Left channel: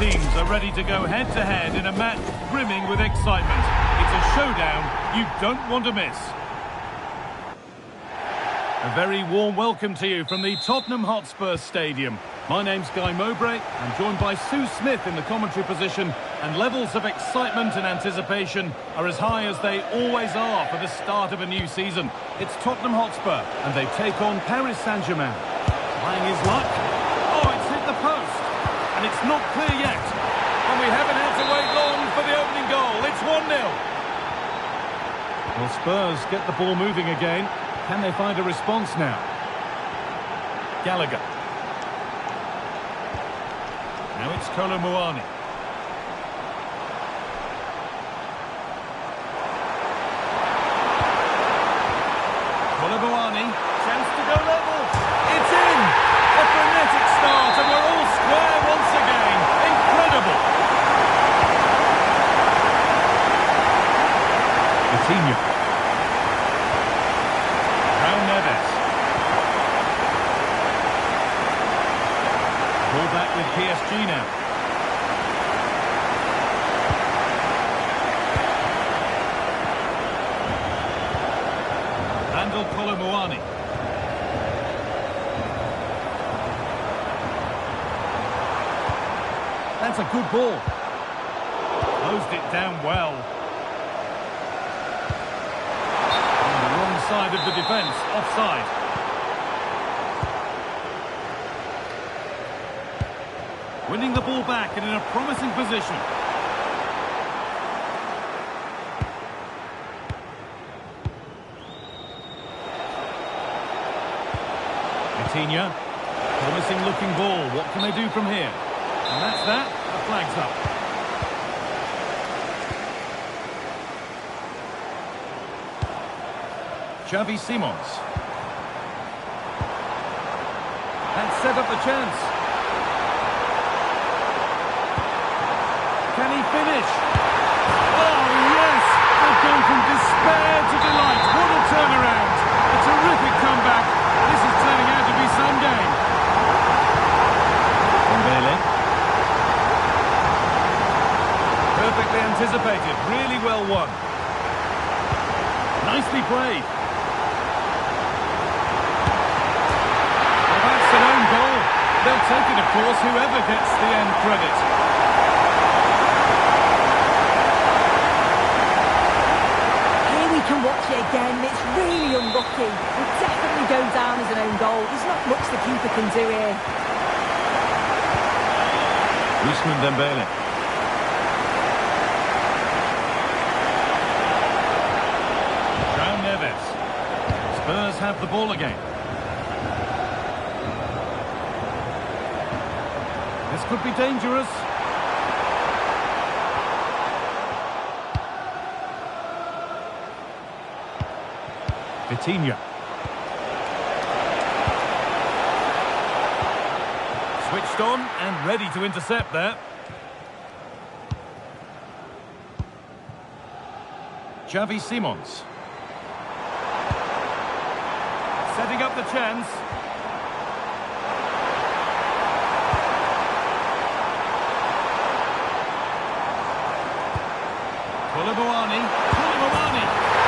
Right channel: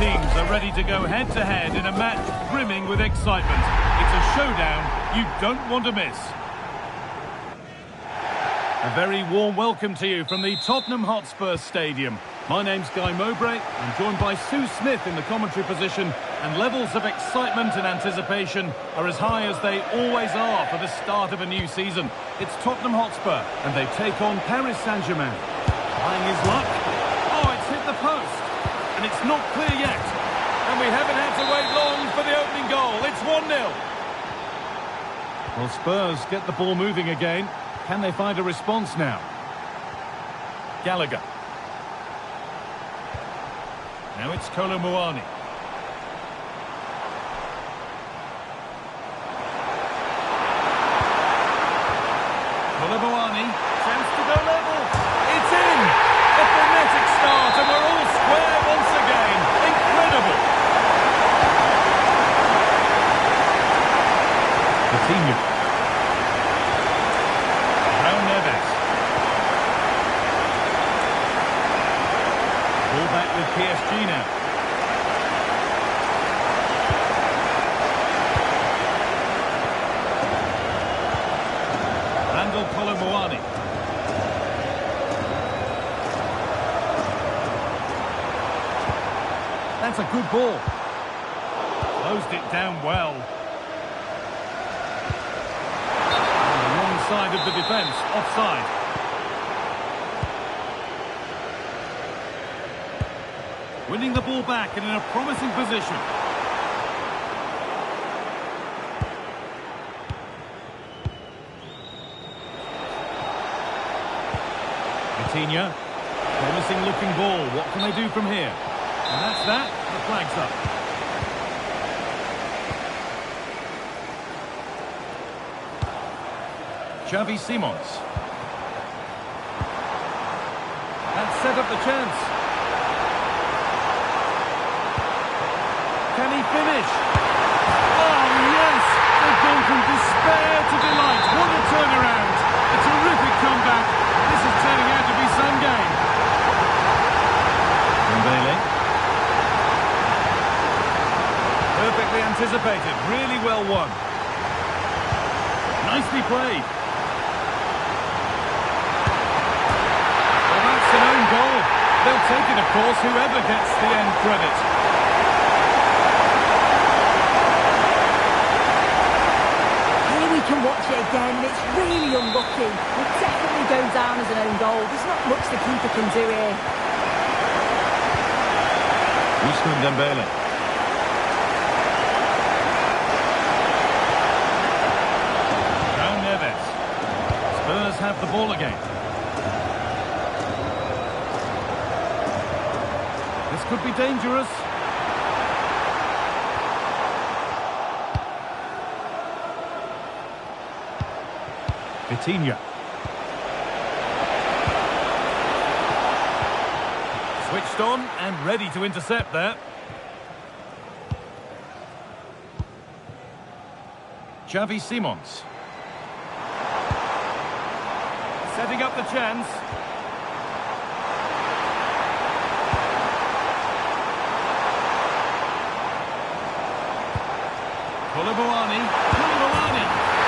teams are ready to go head-to-head in a match brimming with excitement. It's a showdown you don't want to miss. A very warm welcome to you from the Tottenham Hotspur Stadium. My name's Guy Mowbray. I'm joined by Sue Smith in the commentary position, and levels of excitement and anticipation are as high as they always are for the start of a new season. It's Tottenham Hotspur, and they take on Paris Saint-Germain. Trying his luck. Oh, it's hit the post. And it's not clear yet. And we haven't had to wait long for the opening goal. It's 1-0. Well, Spurs get the ball moving again. Can they find a response now? Gallagher. Now it's Kolo Muani. Kolo Muani, chance to go level. It's in! A frenetic start, and we're all square once again. Incredible! Coutinho. Raul Neves. Ball back with PSG now. Randall Kolo Muani. That's a good ball. Closed it down well. On the wrong side of the defence, offside. Winning the ball back and in a promising position. Coutinho. Promising looking ball. What can they do from here? And that's that. The flag's up. Xavi Simons. That set up the chance. Can he finish? Oh, yes! They've gone from despair to delight. What a turnaround. A terrific comeback. This is turning out to be some game. Dembele. Perfectly anticipated. Really well won. Nicely played. Well, that's an own goal. They'll take it, of course, whoever gets the end credit. We can watch it again. It's really unlucky. We'll definitely go down as an own goal. There's not much the keeper can do here. Ousmane Dembele. Raul Neves. Spurs have the ball again. This could be dangerous. Coutinho. Switched on and ready to intercept there. Xavi Simons. Setting up the chance. Kolo Muani.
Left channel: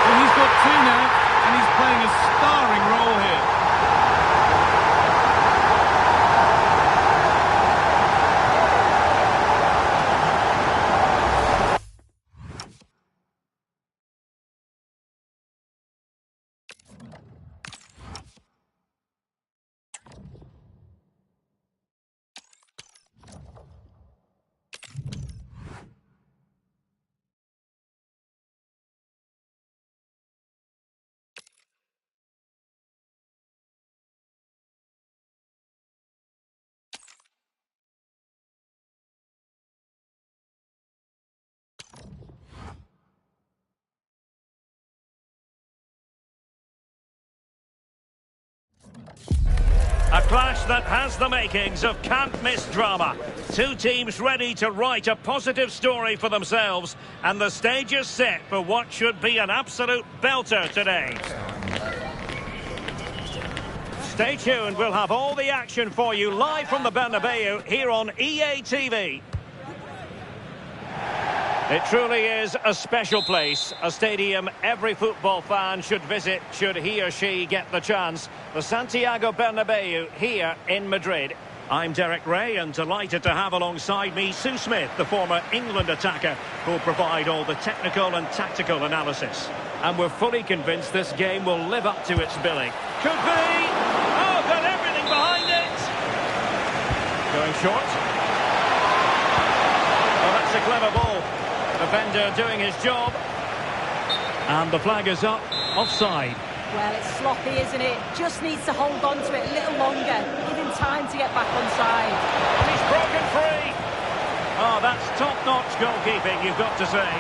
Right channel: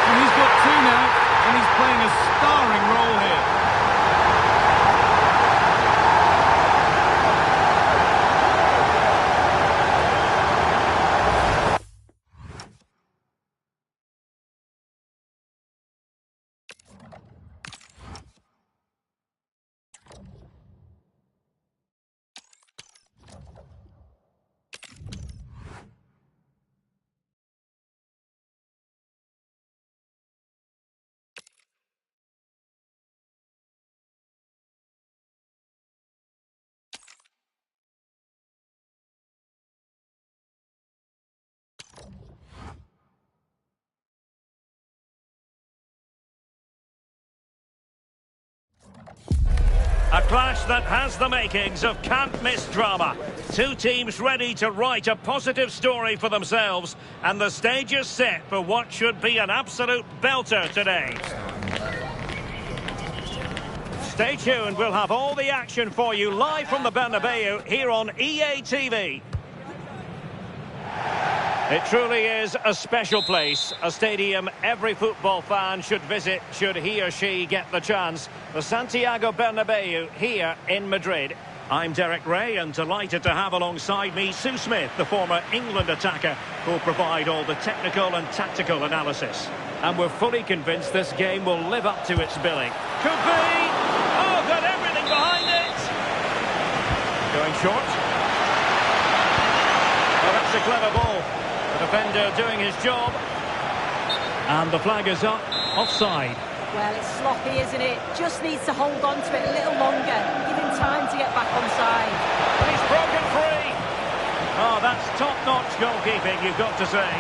And he's got two now. And he's playing a starring role here. A clash that has the makings of can't-miss drama. Two teams ready to write a positive story for themselves, and the stage is set for what should be an absolute belter today. Stay tuned, we'll have all the action for you live from the Bernabeu here on EA TV. It truly is a special place, a stadium every football fan should visit should he or she get the chance. The Santiago Bernabeu here in Madrid. I'm Derek Ray and delighted to have alongside me Sue Smith, the former England attacker, who'll provide all the technical and tactical analysis. And we're fully convinced this game will live up to its billing. Could be! Oh, got everything behind it! Going short. Oh, that's a clever ball. The defender doing his job. And the flag is up, offside. Well, it's sloppy, isn't it? Just needs to hold on to it a little longer. Give him time to get back onside. And he's broken free. Oh, that's top-notch goalkeeping, you've got to say.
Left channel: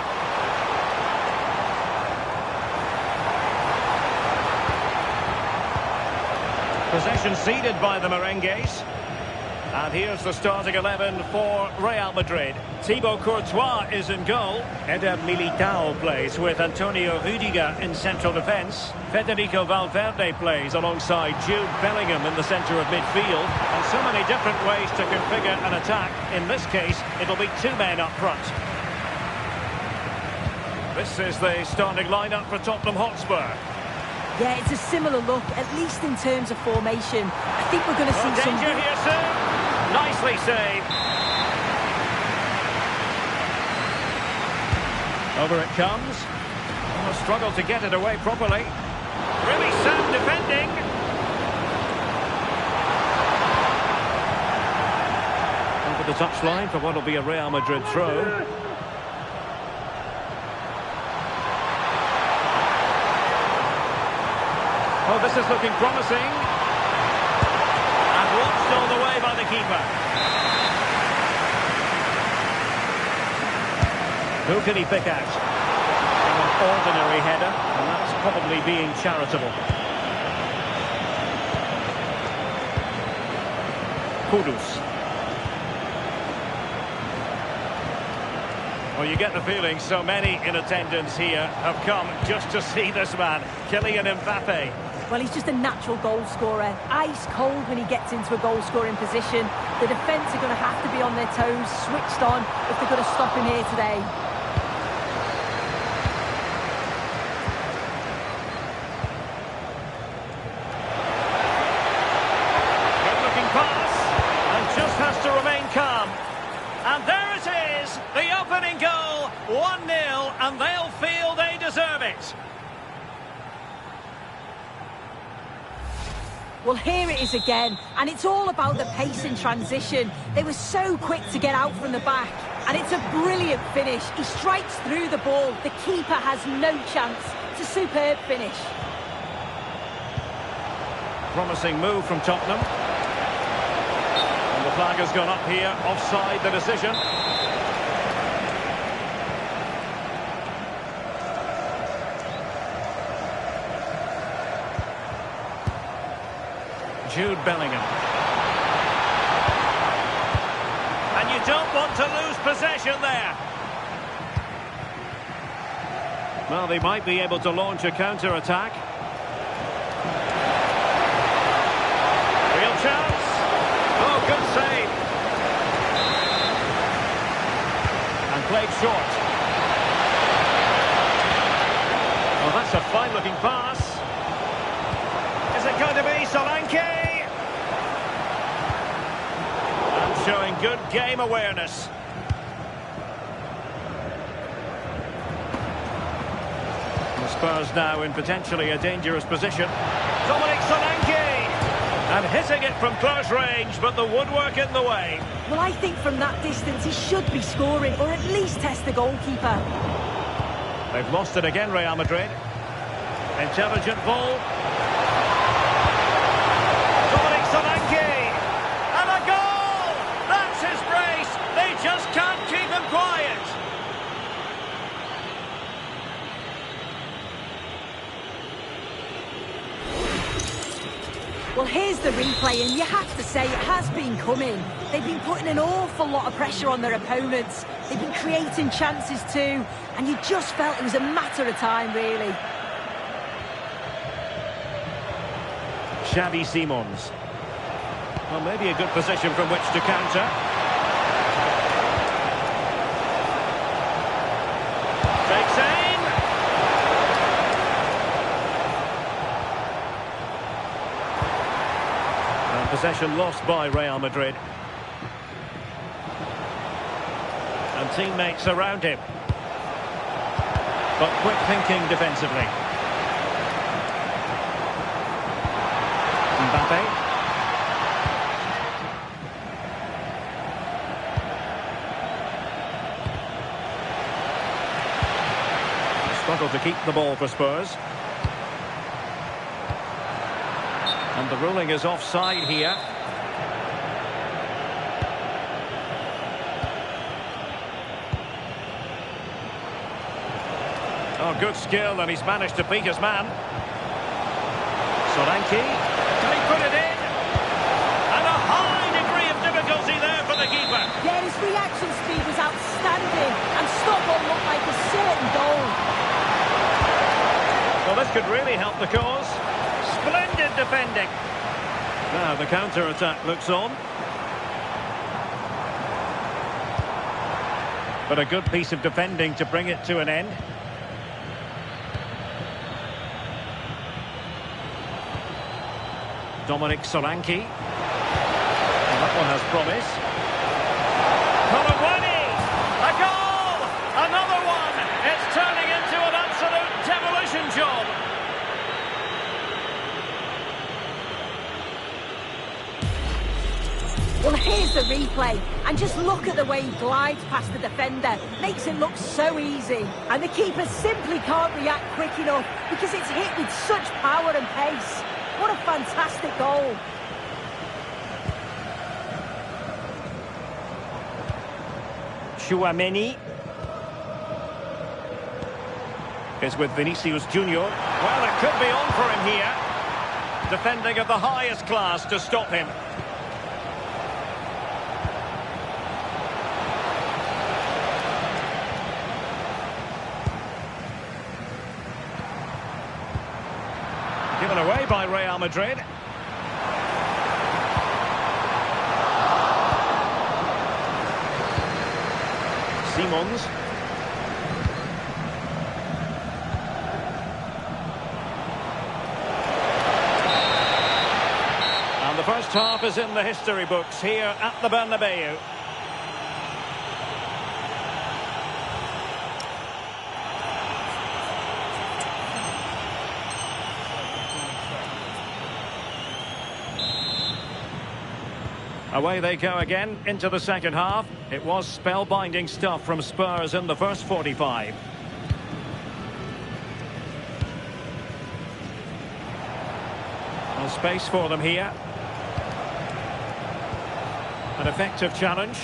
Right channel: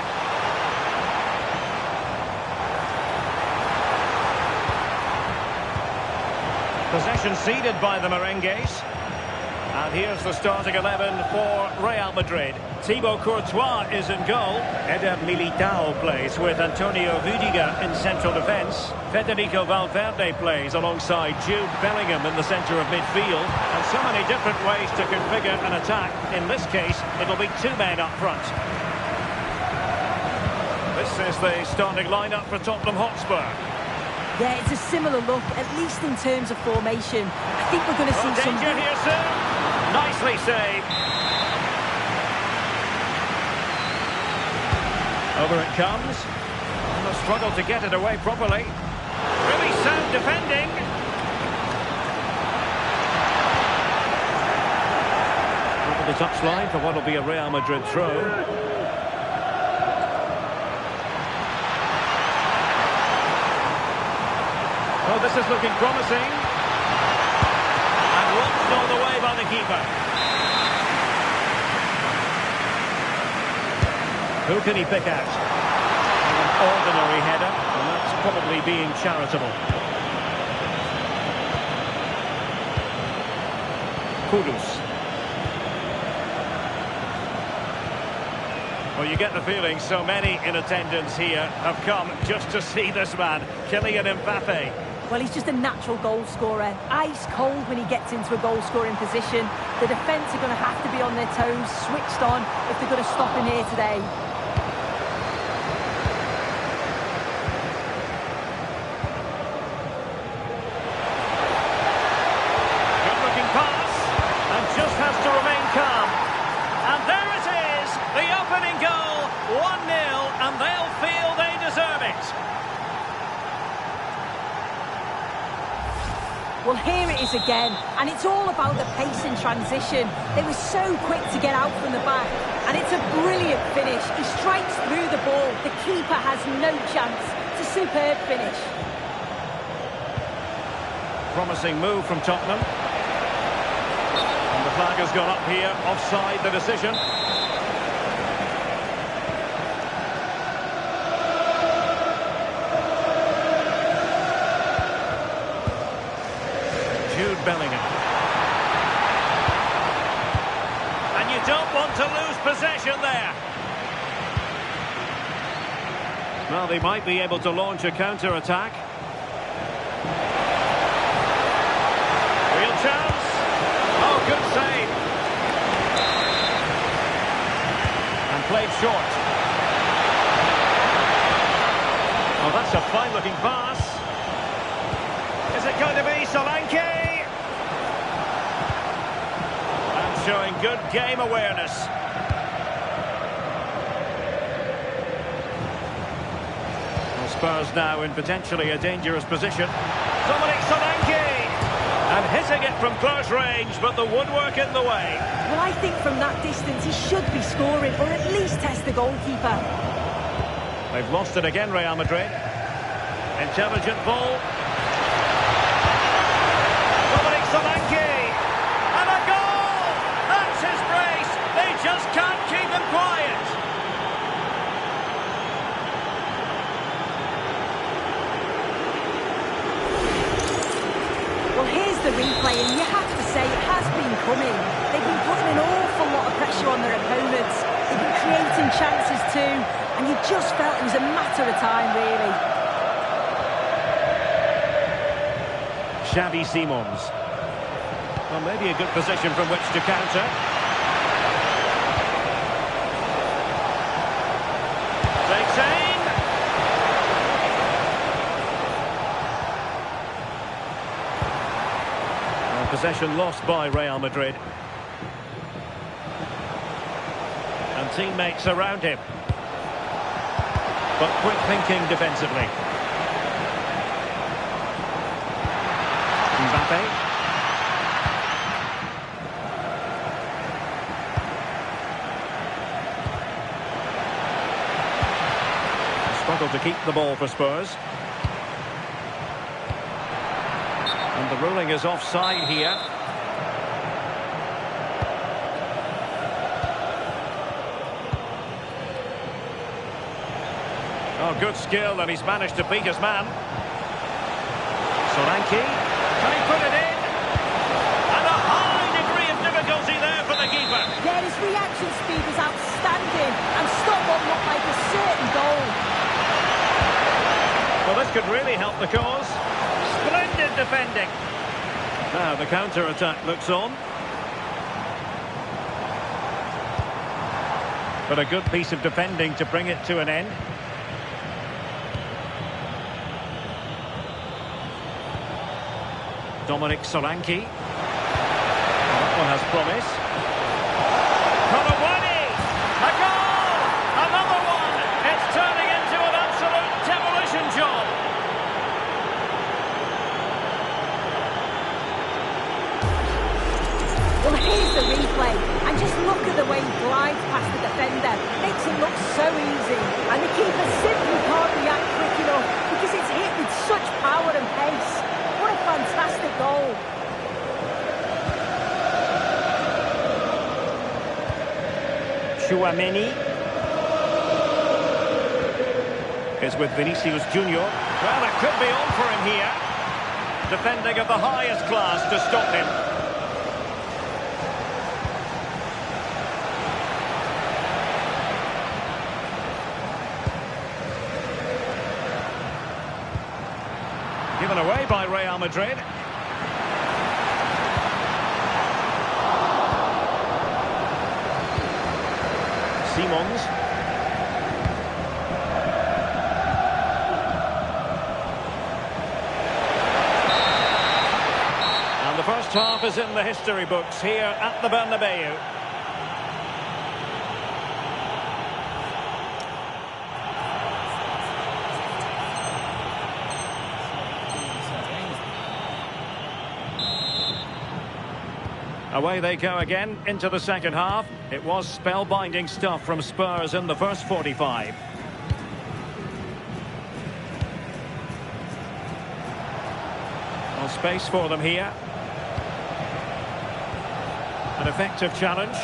Possession ceded by the Merengues. And here's the starting 11 for Real Madrid. Thibaut Courtois is in goal. Eder Militao plays with Antonio Rüdiger in central defence. Federico Valverde plays alongside Jude Bellingham in the centre of midfield. And so many different ways to configure an attack. In this case, it'll be two men up front. This is the starting lineup for Tottenham Hotspur. Yeah, it's a similar look, at least in terms of formation. I think we're going to see some... danger here soon. Nicely saved. Over it comes. And the struggle to get it away properly. Really sound defending. Over the touchline for what will be a Real Madrid throw. Oh, this is looking promising. And watched all the way by the keeper. Who can he pick out? An ordinary header, and that's probably being charitable. Kudus. Well, you get the feeling so many in attendance here have come just to see this man, Kylian Mbappe. Well, he's just a natural goal scorer. Ice cold when he gets into a goal-scoring position. The defence are going to have to be on their toes, switched on, if they're going to stop him here today. Good-looking pass, and just has to remain calm. And there it is, the opening goal, 1-0, and they'll feel they deserve it. Well, here it is again, and it's all about the pace in transition. They were so quick to get out from the back, and it's a brilliant finish. He strikes through the ball. The keeper has no chance. It's a superb finish. Promising move from Tottenham. And the flag has gone up here, offside the decision. Jude Bellingham. And you don't want to lose possession there. Well, they might be able to launch a counter-attack. Real chance. Oh, good save. And played short. Oh, that's a fine-looking pass. Is it going to be Solanke? And showing good game awareness. Well, Spurs now in potentially a dangerous position. Dominic Solanke! And hitting it from close range, but the woodwork in the way. Well, I think from that distance he should be scoring, or at least test the goalkeeper. They've lost it again, Real Madrid. Intelligent ball. Dominic Solanke! And a goal! That's his brace! They just can't keep him quiet! Well, here's the replay, and you have to say it has been coming. They've been putting an awful lot of pressure on their opponents. They've been creating chances too, and you just felt it was a matter of time, really. Xavi Simons. Well, maybe a good position from which to counter. Takes aim. And possession lost by Real Madrid. And teammates around him. But quick thinking defensively. Mbappe. Struggle to keep the ball for Spurs. And the ruling is offside here. Oh, good skill, and he's managed to beat his man. Solanke. Can he put it in? And a high degree of difficulty there for the keeper. Yeah, his reaction speed was outstanding and stopped what looked like a certain goal. Well, this could really help the cause. Splendid defending. Now the counter-attack looks on. But a good piece of defending to bring it to an end. Dominic Solanke. Well, that one has promise. Colawani! A goal! Another one! It's turning into an absolute demolition job. Well, here's the replay, and just look at the way he glides past the defender. Makes it look so easy. And the keeper simply can't react quick enough because it's hit with such power and pace. What a fantastic goal. Tchouaméni is with Vinicius Junior. Well, it could be on for him here. Defending of the highest class to stop him. Given away by Real Madrid. Simons. And the first half is in the history books here at the Bernabeu. Away they go again into the second half. It was spellbinding stuff from Spurs in the first 45. Well, space for them here. An effective challenge.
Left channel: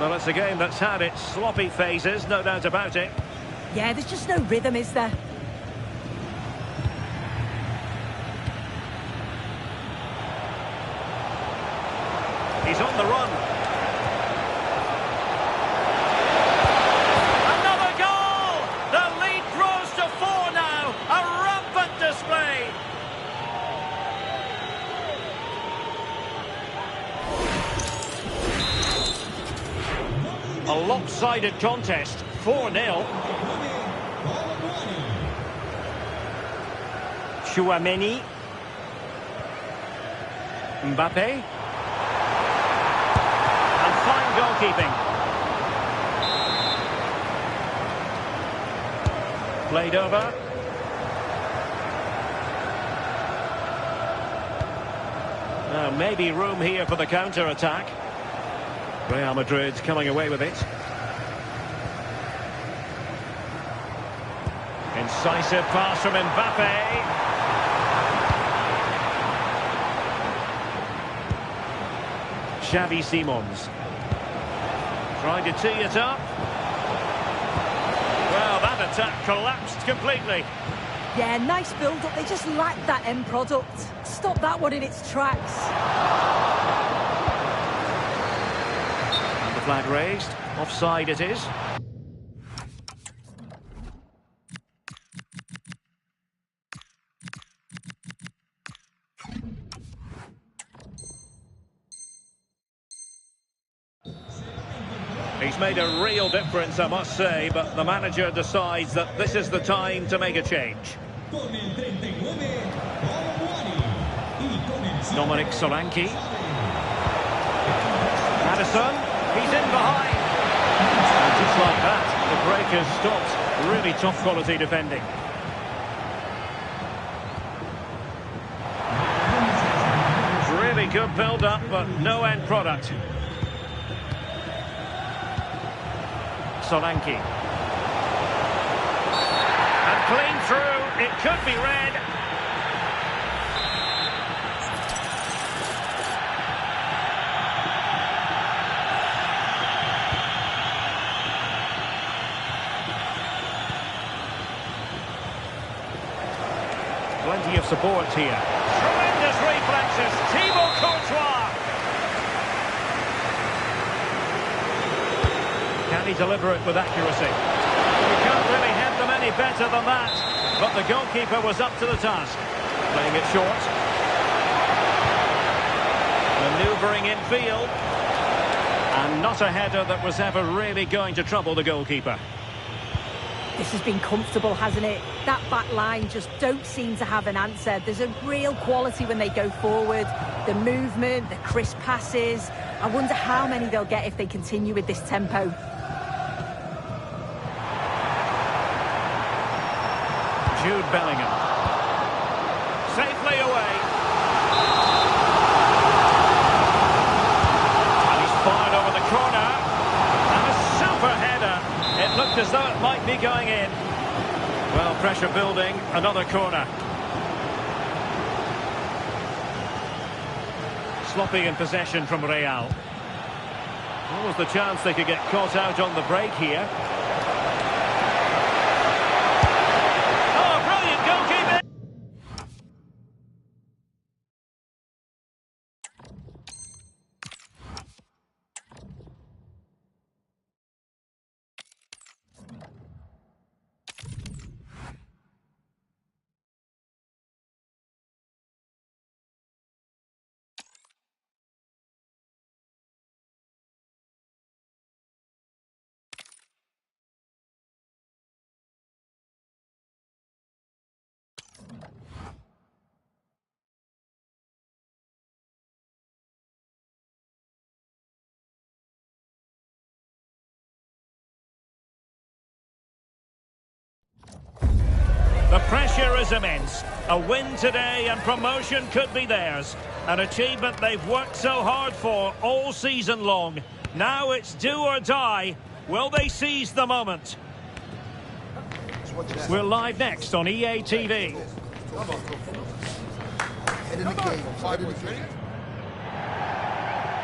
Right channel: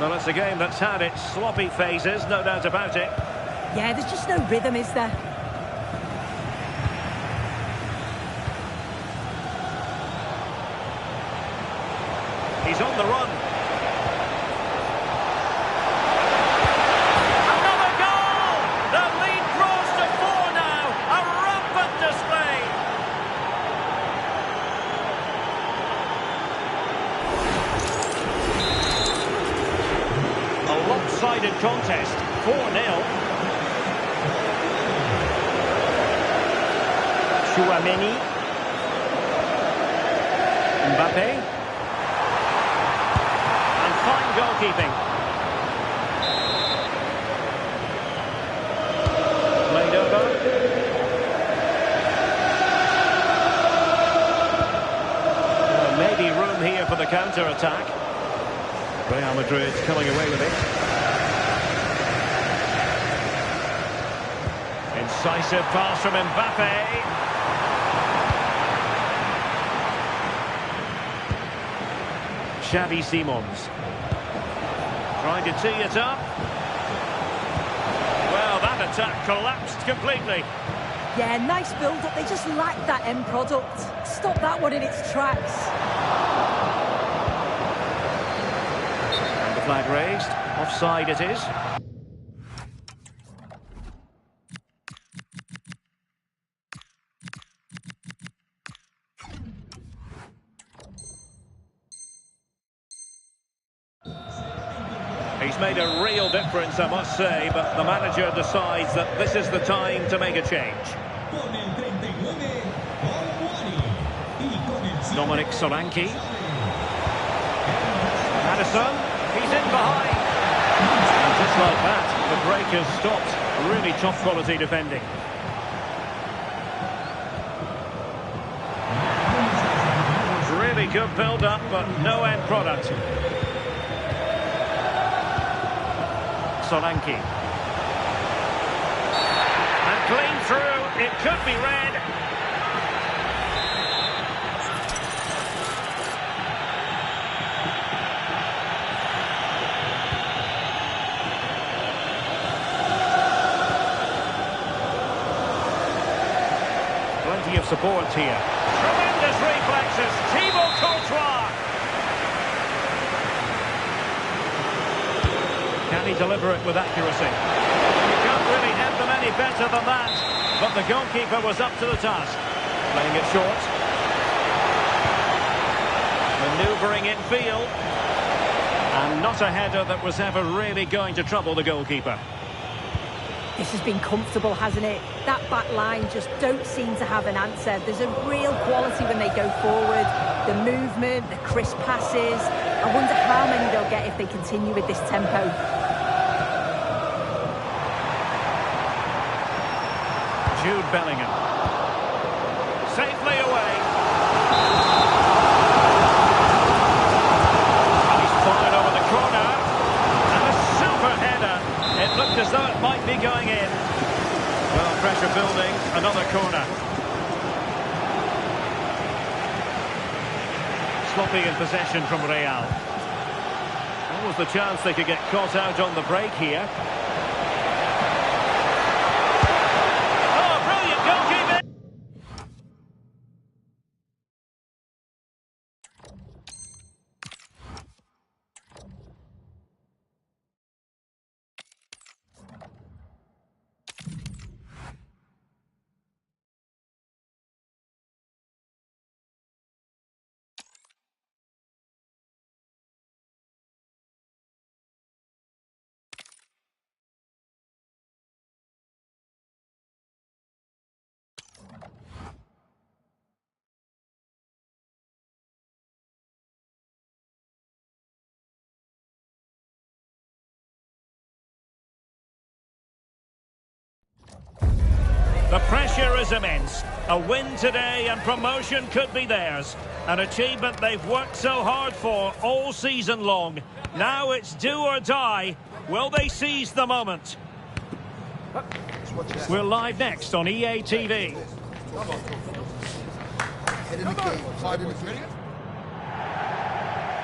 Well, it's a game that's had its sloppy phases, no doubt about it. Yeah, there's just no rhythm, is there? He's on the run. Another goal! The lead grows to 4 now. A rampant display. A lopsided contest. 4-0. Tchouaméni. Mbappe. Fine goalkeeping. Played over. Now maybe room here for the counter-attack. Real Madrid coming away with it. Incisive pass from Mbappe. Xavi Simons. Trying to tee it up. Well, that attack collapsed completely. Yeah, nice build-up. They just lacked that end product. Stop that one in its tracks. And the flag raised. Offside it is. He's made a real difference, I must say, but the manager decides that this is the time to make a change. Dominic Solanke. Madison, he's in behind. And just like that, the break has stopped. Really top quality defending. Really good build-up, but no end product. Solanke. And clean through, it could be red. Plenty of support here. Tremendous reflexes, Thibaut Courtois. Can he deliver it with accuracy? You can't really head them any better than that. But the goalkeeper was up to the task. Playing it short. Manoeuvring in field. And not a header that was ever really going to trouble the goalkeeper. This has been comfortable, hasn't it? That back line just don't seem to have an answer. There's a real quality when they go forward. The movement, the crisp passes. I wonder how many they'll get if they continue with this tempo. Jude Bellingham. Safely away. And he's fired over the corner. And a super header. It looked as though it might be going in. Well, pressure building, another corner. Sloppy in possession from Real. What was the chance they could get caught out on the break here? Oh, brilliant goalkeeping! The pressure is immense. A win today and promotion could be theirs. An achievement they've worked so hard for all season long. Now it's do or die. Will they seize the moment? We're live next on EA TV.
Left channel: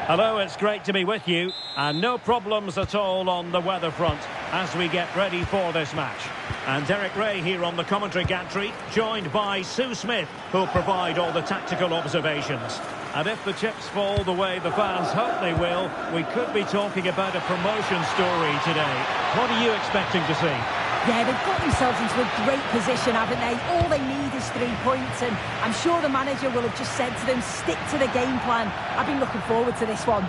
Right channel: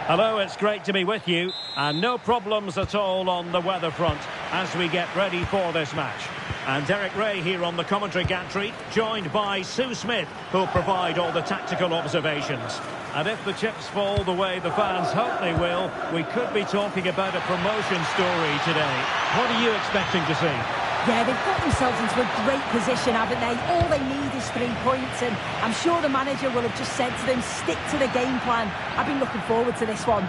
Hello, it's great to be with you. And no problems at all on the weather front as we get ready for this match. And Derek Ray here on the commentary gantry, joined by Sue Smith, who'll provide all the tactical observations. And if the chips fall the way the fans hope they will, we could be talking about a promotion story today. What are you expecting to see? Yeah, they've got themselves into a great position, haven't they? All they need is 3 points, and I'm sure the manager will have just said to them, stick to the game plan. I've been looking forward to this one.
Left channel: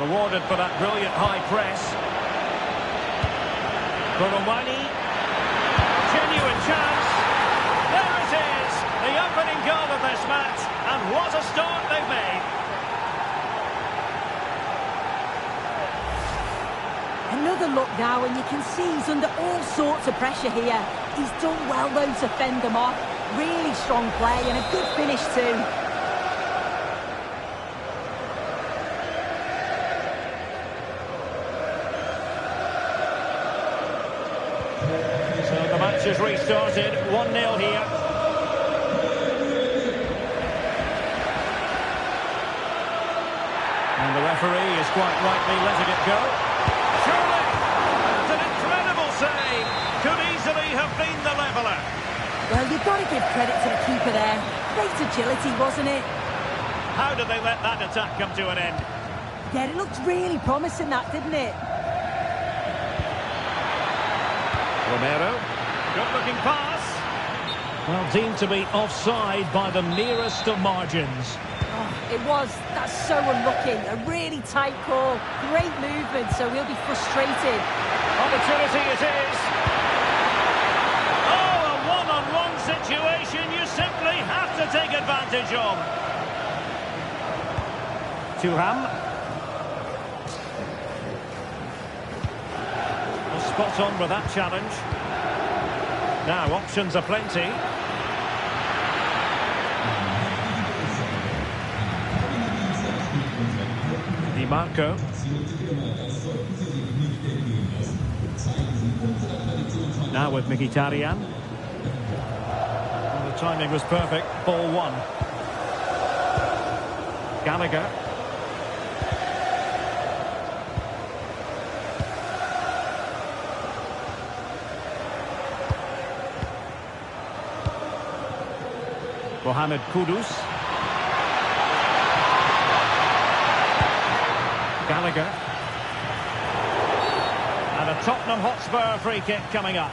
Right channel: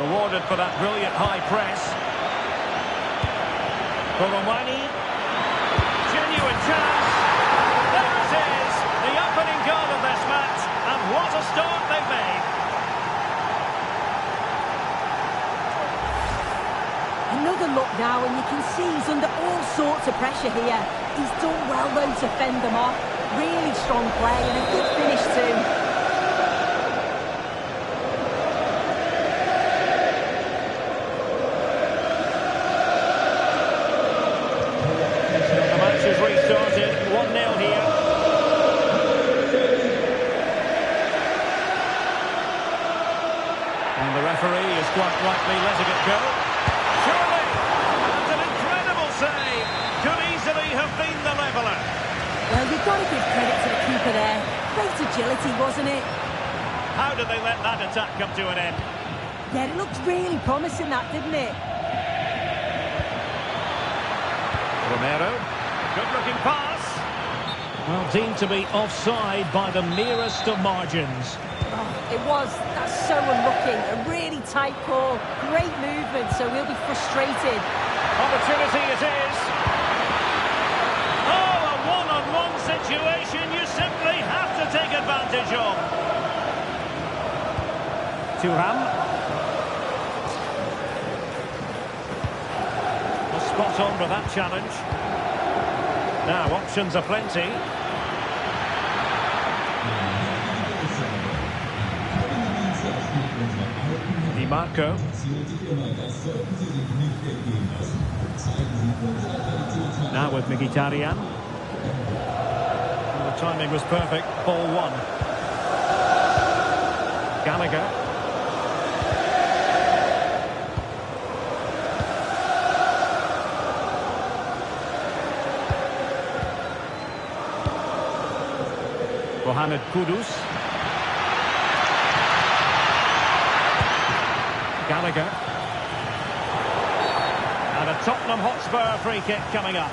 Rewarded for that brilliant high press. Koromani. Genuine chance. There it is. The opening goal of this match. And what a start they've made. Another look now, and you can see he's under all sorts of pressure here. He's done well, though, to fend them off. Really strong play and a good finish, too. So the match has restarted. 1-0 here. And the referee is quite rightly letting it go. Surely! That's an incredible save! Could easily have been the leveller. Well, you've got to give credit to the keeper there. Great agility, wasn't it? How did they let that attack come to an end? Yeah, it looked really promising, that, didn't it? Romero. Good-looking pass. Well, deemed to be offside by the merest of margins. Oh, it was. That's so unlucky. A really tight call. Great movement, so we'll be frustrated. Opportunity it is. Oh, a one-on-one situation you simply have to take advantage of. Thuram. Well, spot on with that challenge. Now, options are plenty. Di Marco. Now with Mkhitaryan. And the timing was perfect. Ball one. Gallagher. Mohamed Kudus. Gallagher. And a Tottenham Hotspur free kick coming up.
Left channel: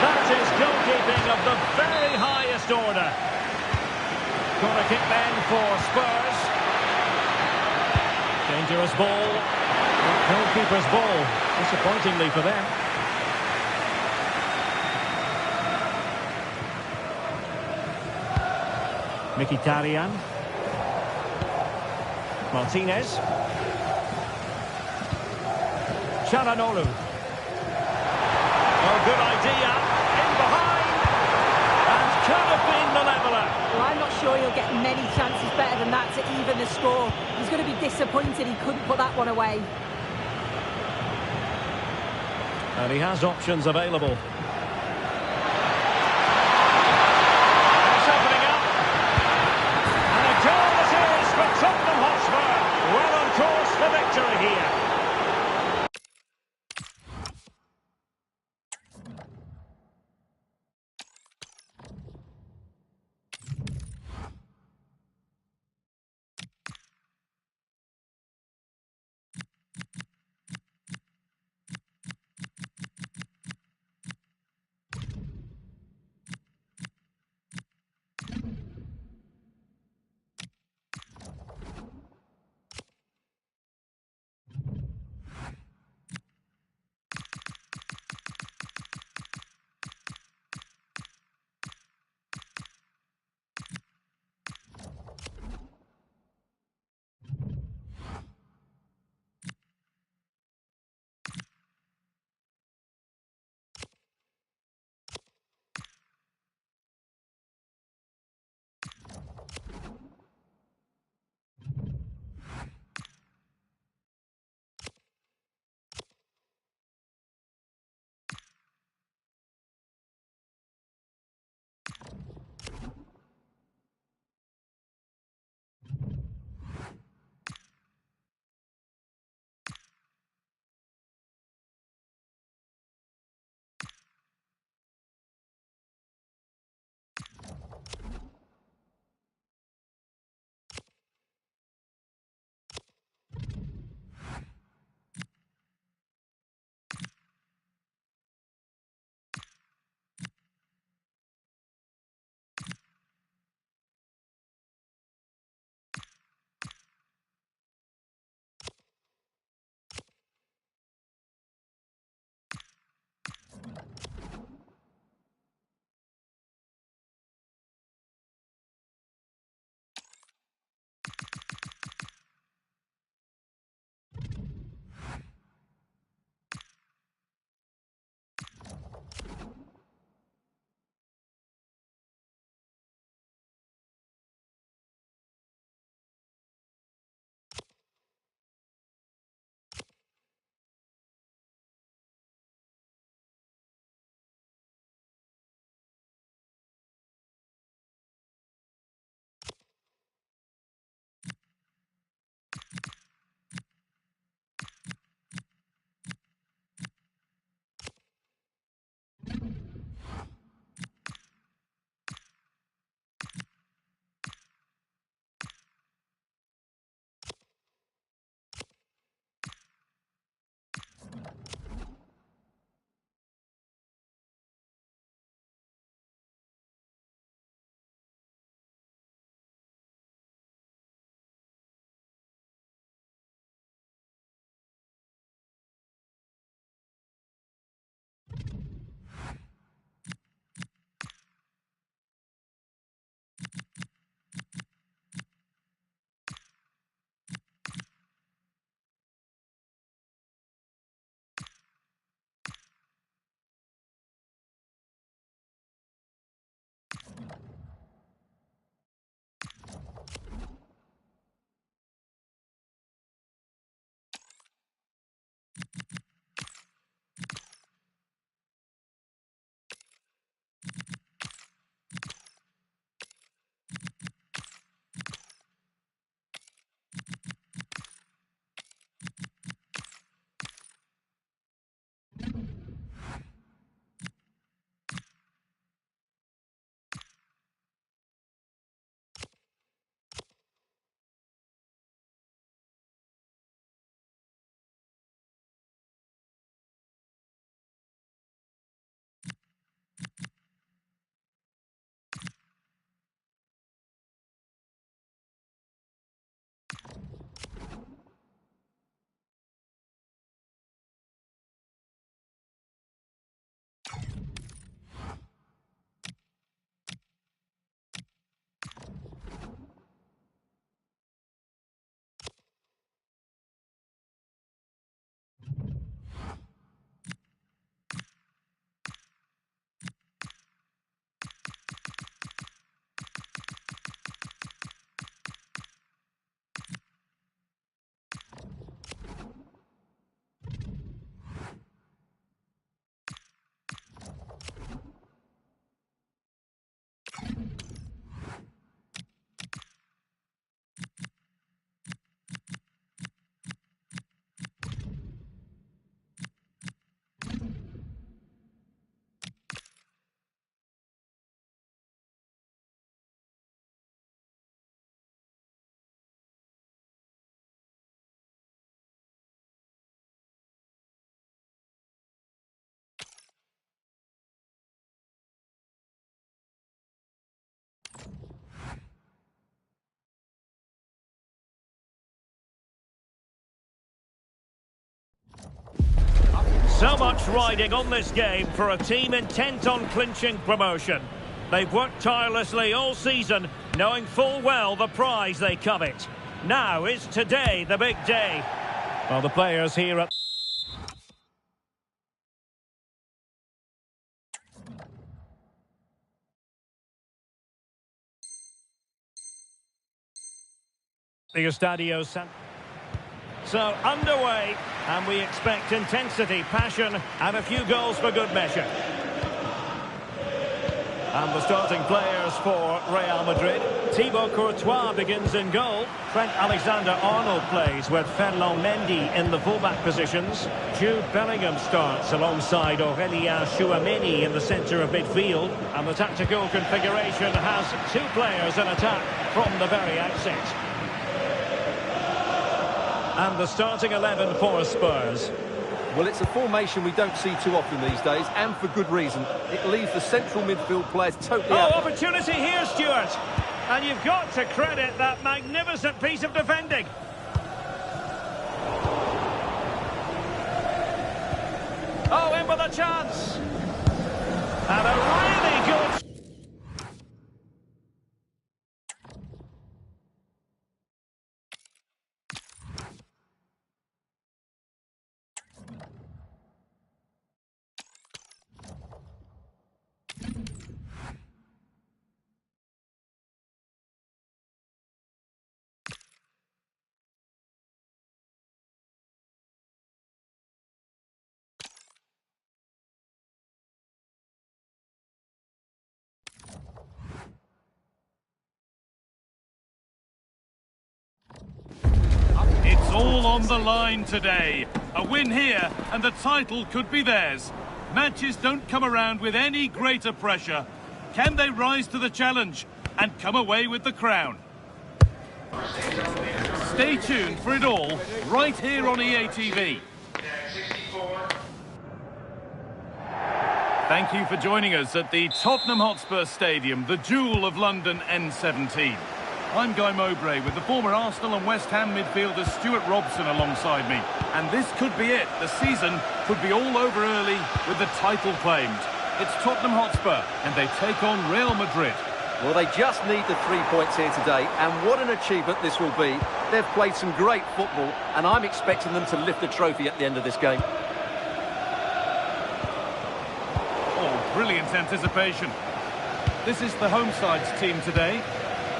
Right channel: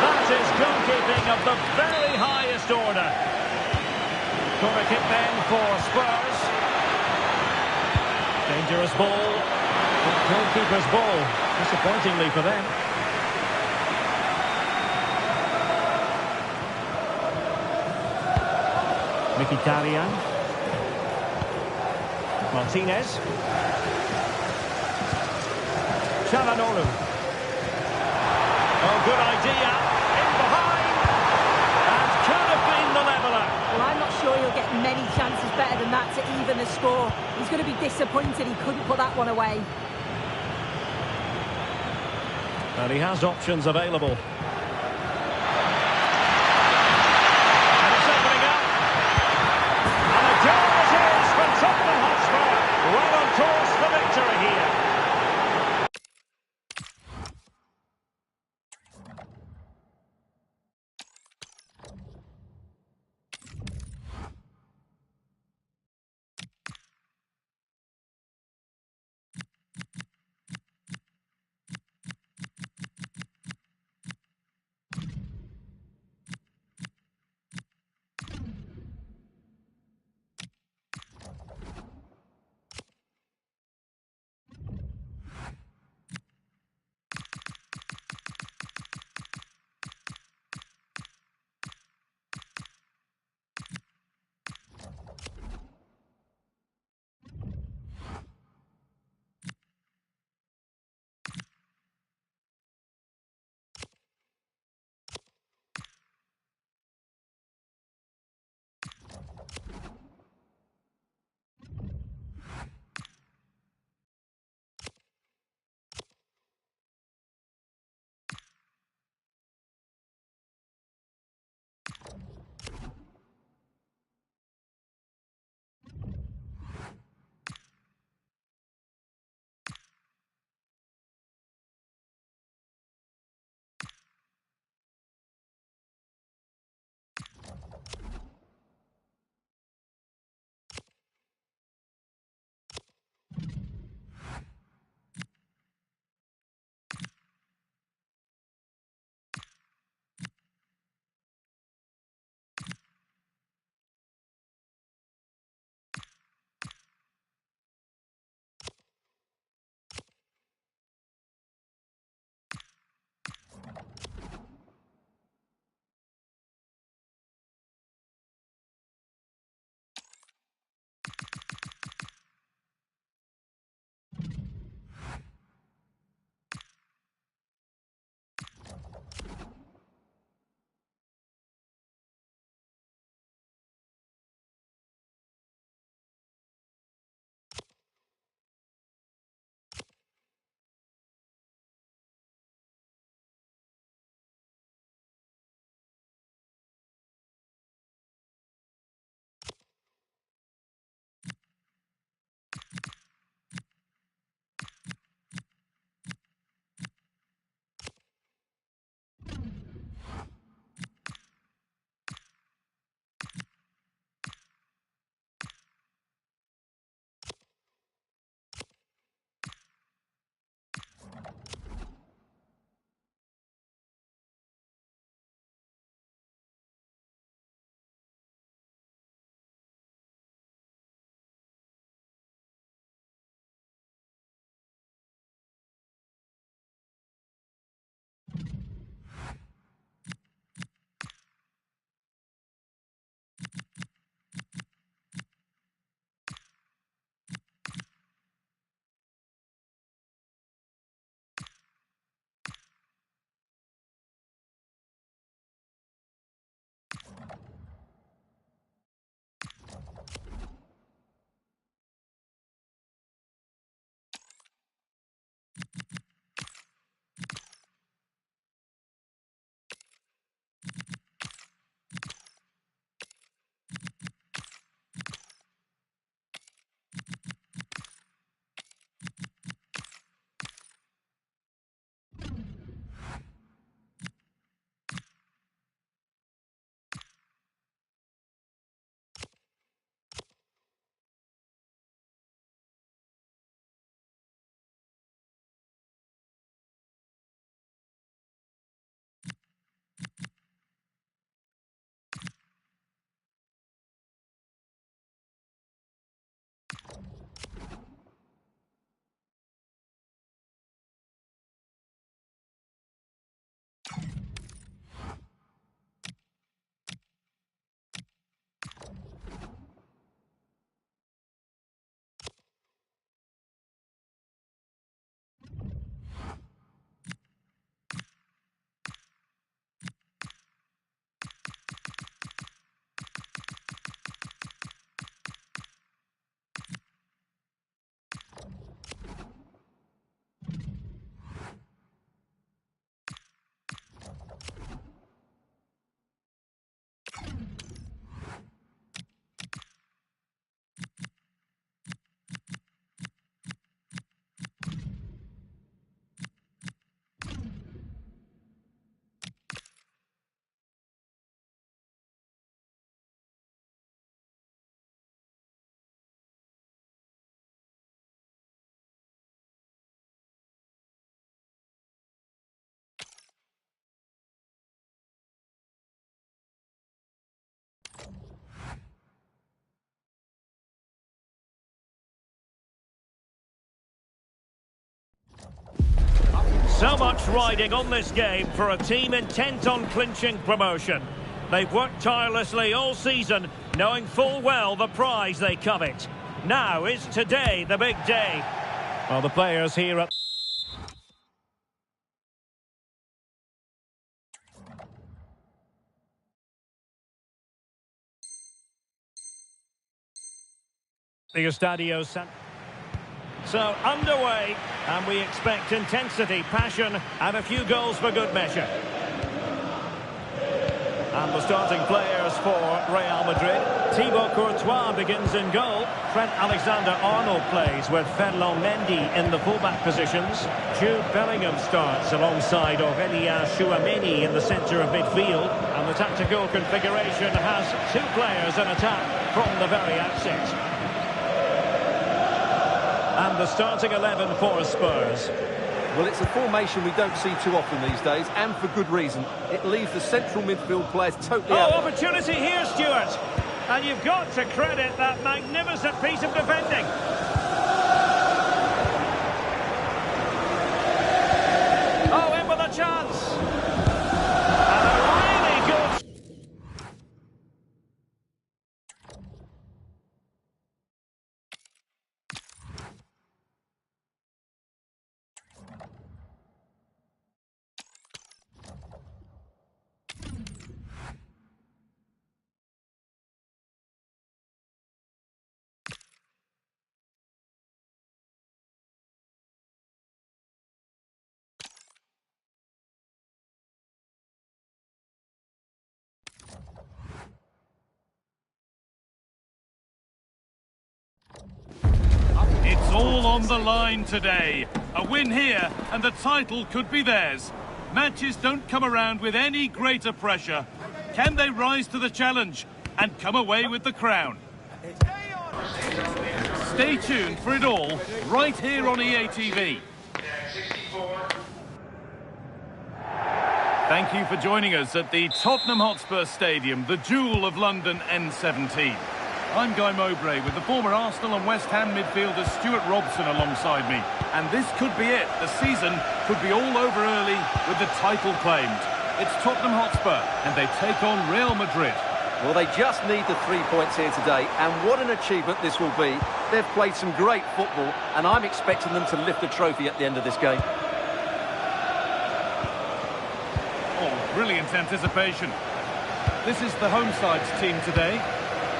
That is goalkeeping of the very highest order. Corner kick then for Spurs. Dangerous ball. Goalkeeper's ball. Disappointingly for them. Mkhitaryan. Martinez. Çalhanoğlu. Oh, good idea. In behind. And could have been the leveller. Well, I'm not sure he'll get many chances better than that to even the score. He's going to be disappointed he couldn't put that one away. And he has options available. And it's opening up. And a goal it is for Tottenham Hotspur. Well on course for victory here. So much riding on this game for a team intent on clinching promotion. They've worked tirelessly all season, knowing full well the prize they covet. Now is today the big day. Well, the players here at... the Estadio San... So, underway, and we expect intensity, passion, and a few goals for good measure. And the starting players for Real Madrid. Thibaut Courtois begins in goal. Trent Alexander-Arnold plays with Ferland Mendy in the fullback positions. Jude Bellingham starts alongside Aurélien Tchouameni in the centre of midfield. And the tactical configuration has two players in attack from the very outset. And the starting 11 for Spurs. Well, it's a formation we don't see too often these days, and for good reason. It leaves the central midfield players totally out. Oh, opportunity here, Stuart. And you've got to credit that magnificent piece of defending. Oh, in with a chance. And a really good... It's all on the line today. A win here and the title could be theirs. Matches don't come around with any greater pressure. Can they rise to the challenge and come away with the crown? Stay tuned for it all right here on EA TV. Thank you for joining us at the Tottenham Hotspur Stadium, the jewel of London N17. I'm Guy Mowbray with the former Arsenal and West Ham midfielder Stuart Robson alongside me. And this could be it. The season could be all over early with the title claimed. It's Tottenham Hotspur and they take on Real Madrid. Well, they just need the 3 points here today, and what an achievement this will be. They've played some great football, and I'm expecting them to lift a trophy at the end of this game. Oh, brilliant anticipation. This is the home side's team today.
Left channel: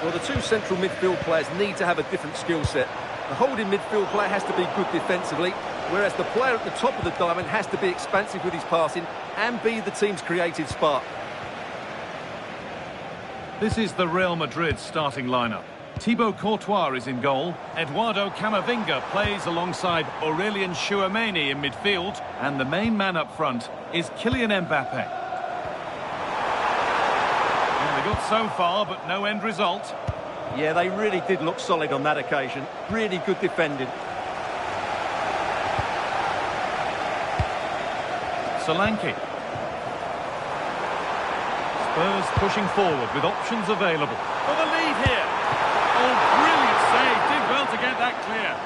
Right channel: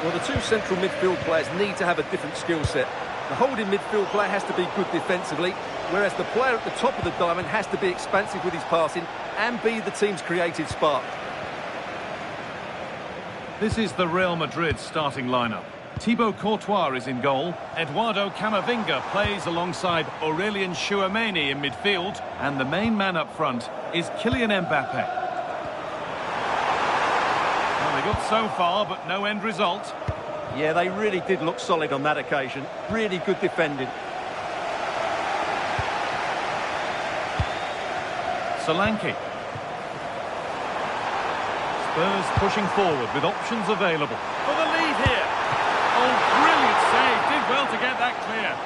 Well, the two central midfield players need to have a different skill set. The holding midfield player has to be good defensively, whereas the player at the top of the diamond has to be expansive with his passing and be the team's creative spark. This is the Real Madrid starting lineup. Thibaut Courtois is in goal. Eduardo Camavinga plays alongside Aurélien Tchouameni in midfield. And the main man up front is Kylian Mbappe. Well, they got so far, but no end result. Yeah, they really did look solid on that occasion. Really good defending. Solanke. Spurs pushing forward with options available. For the lead here. Oh, brilliant save. Did well to get that clear.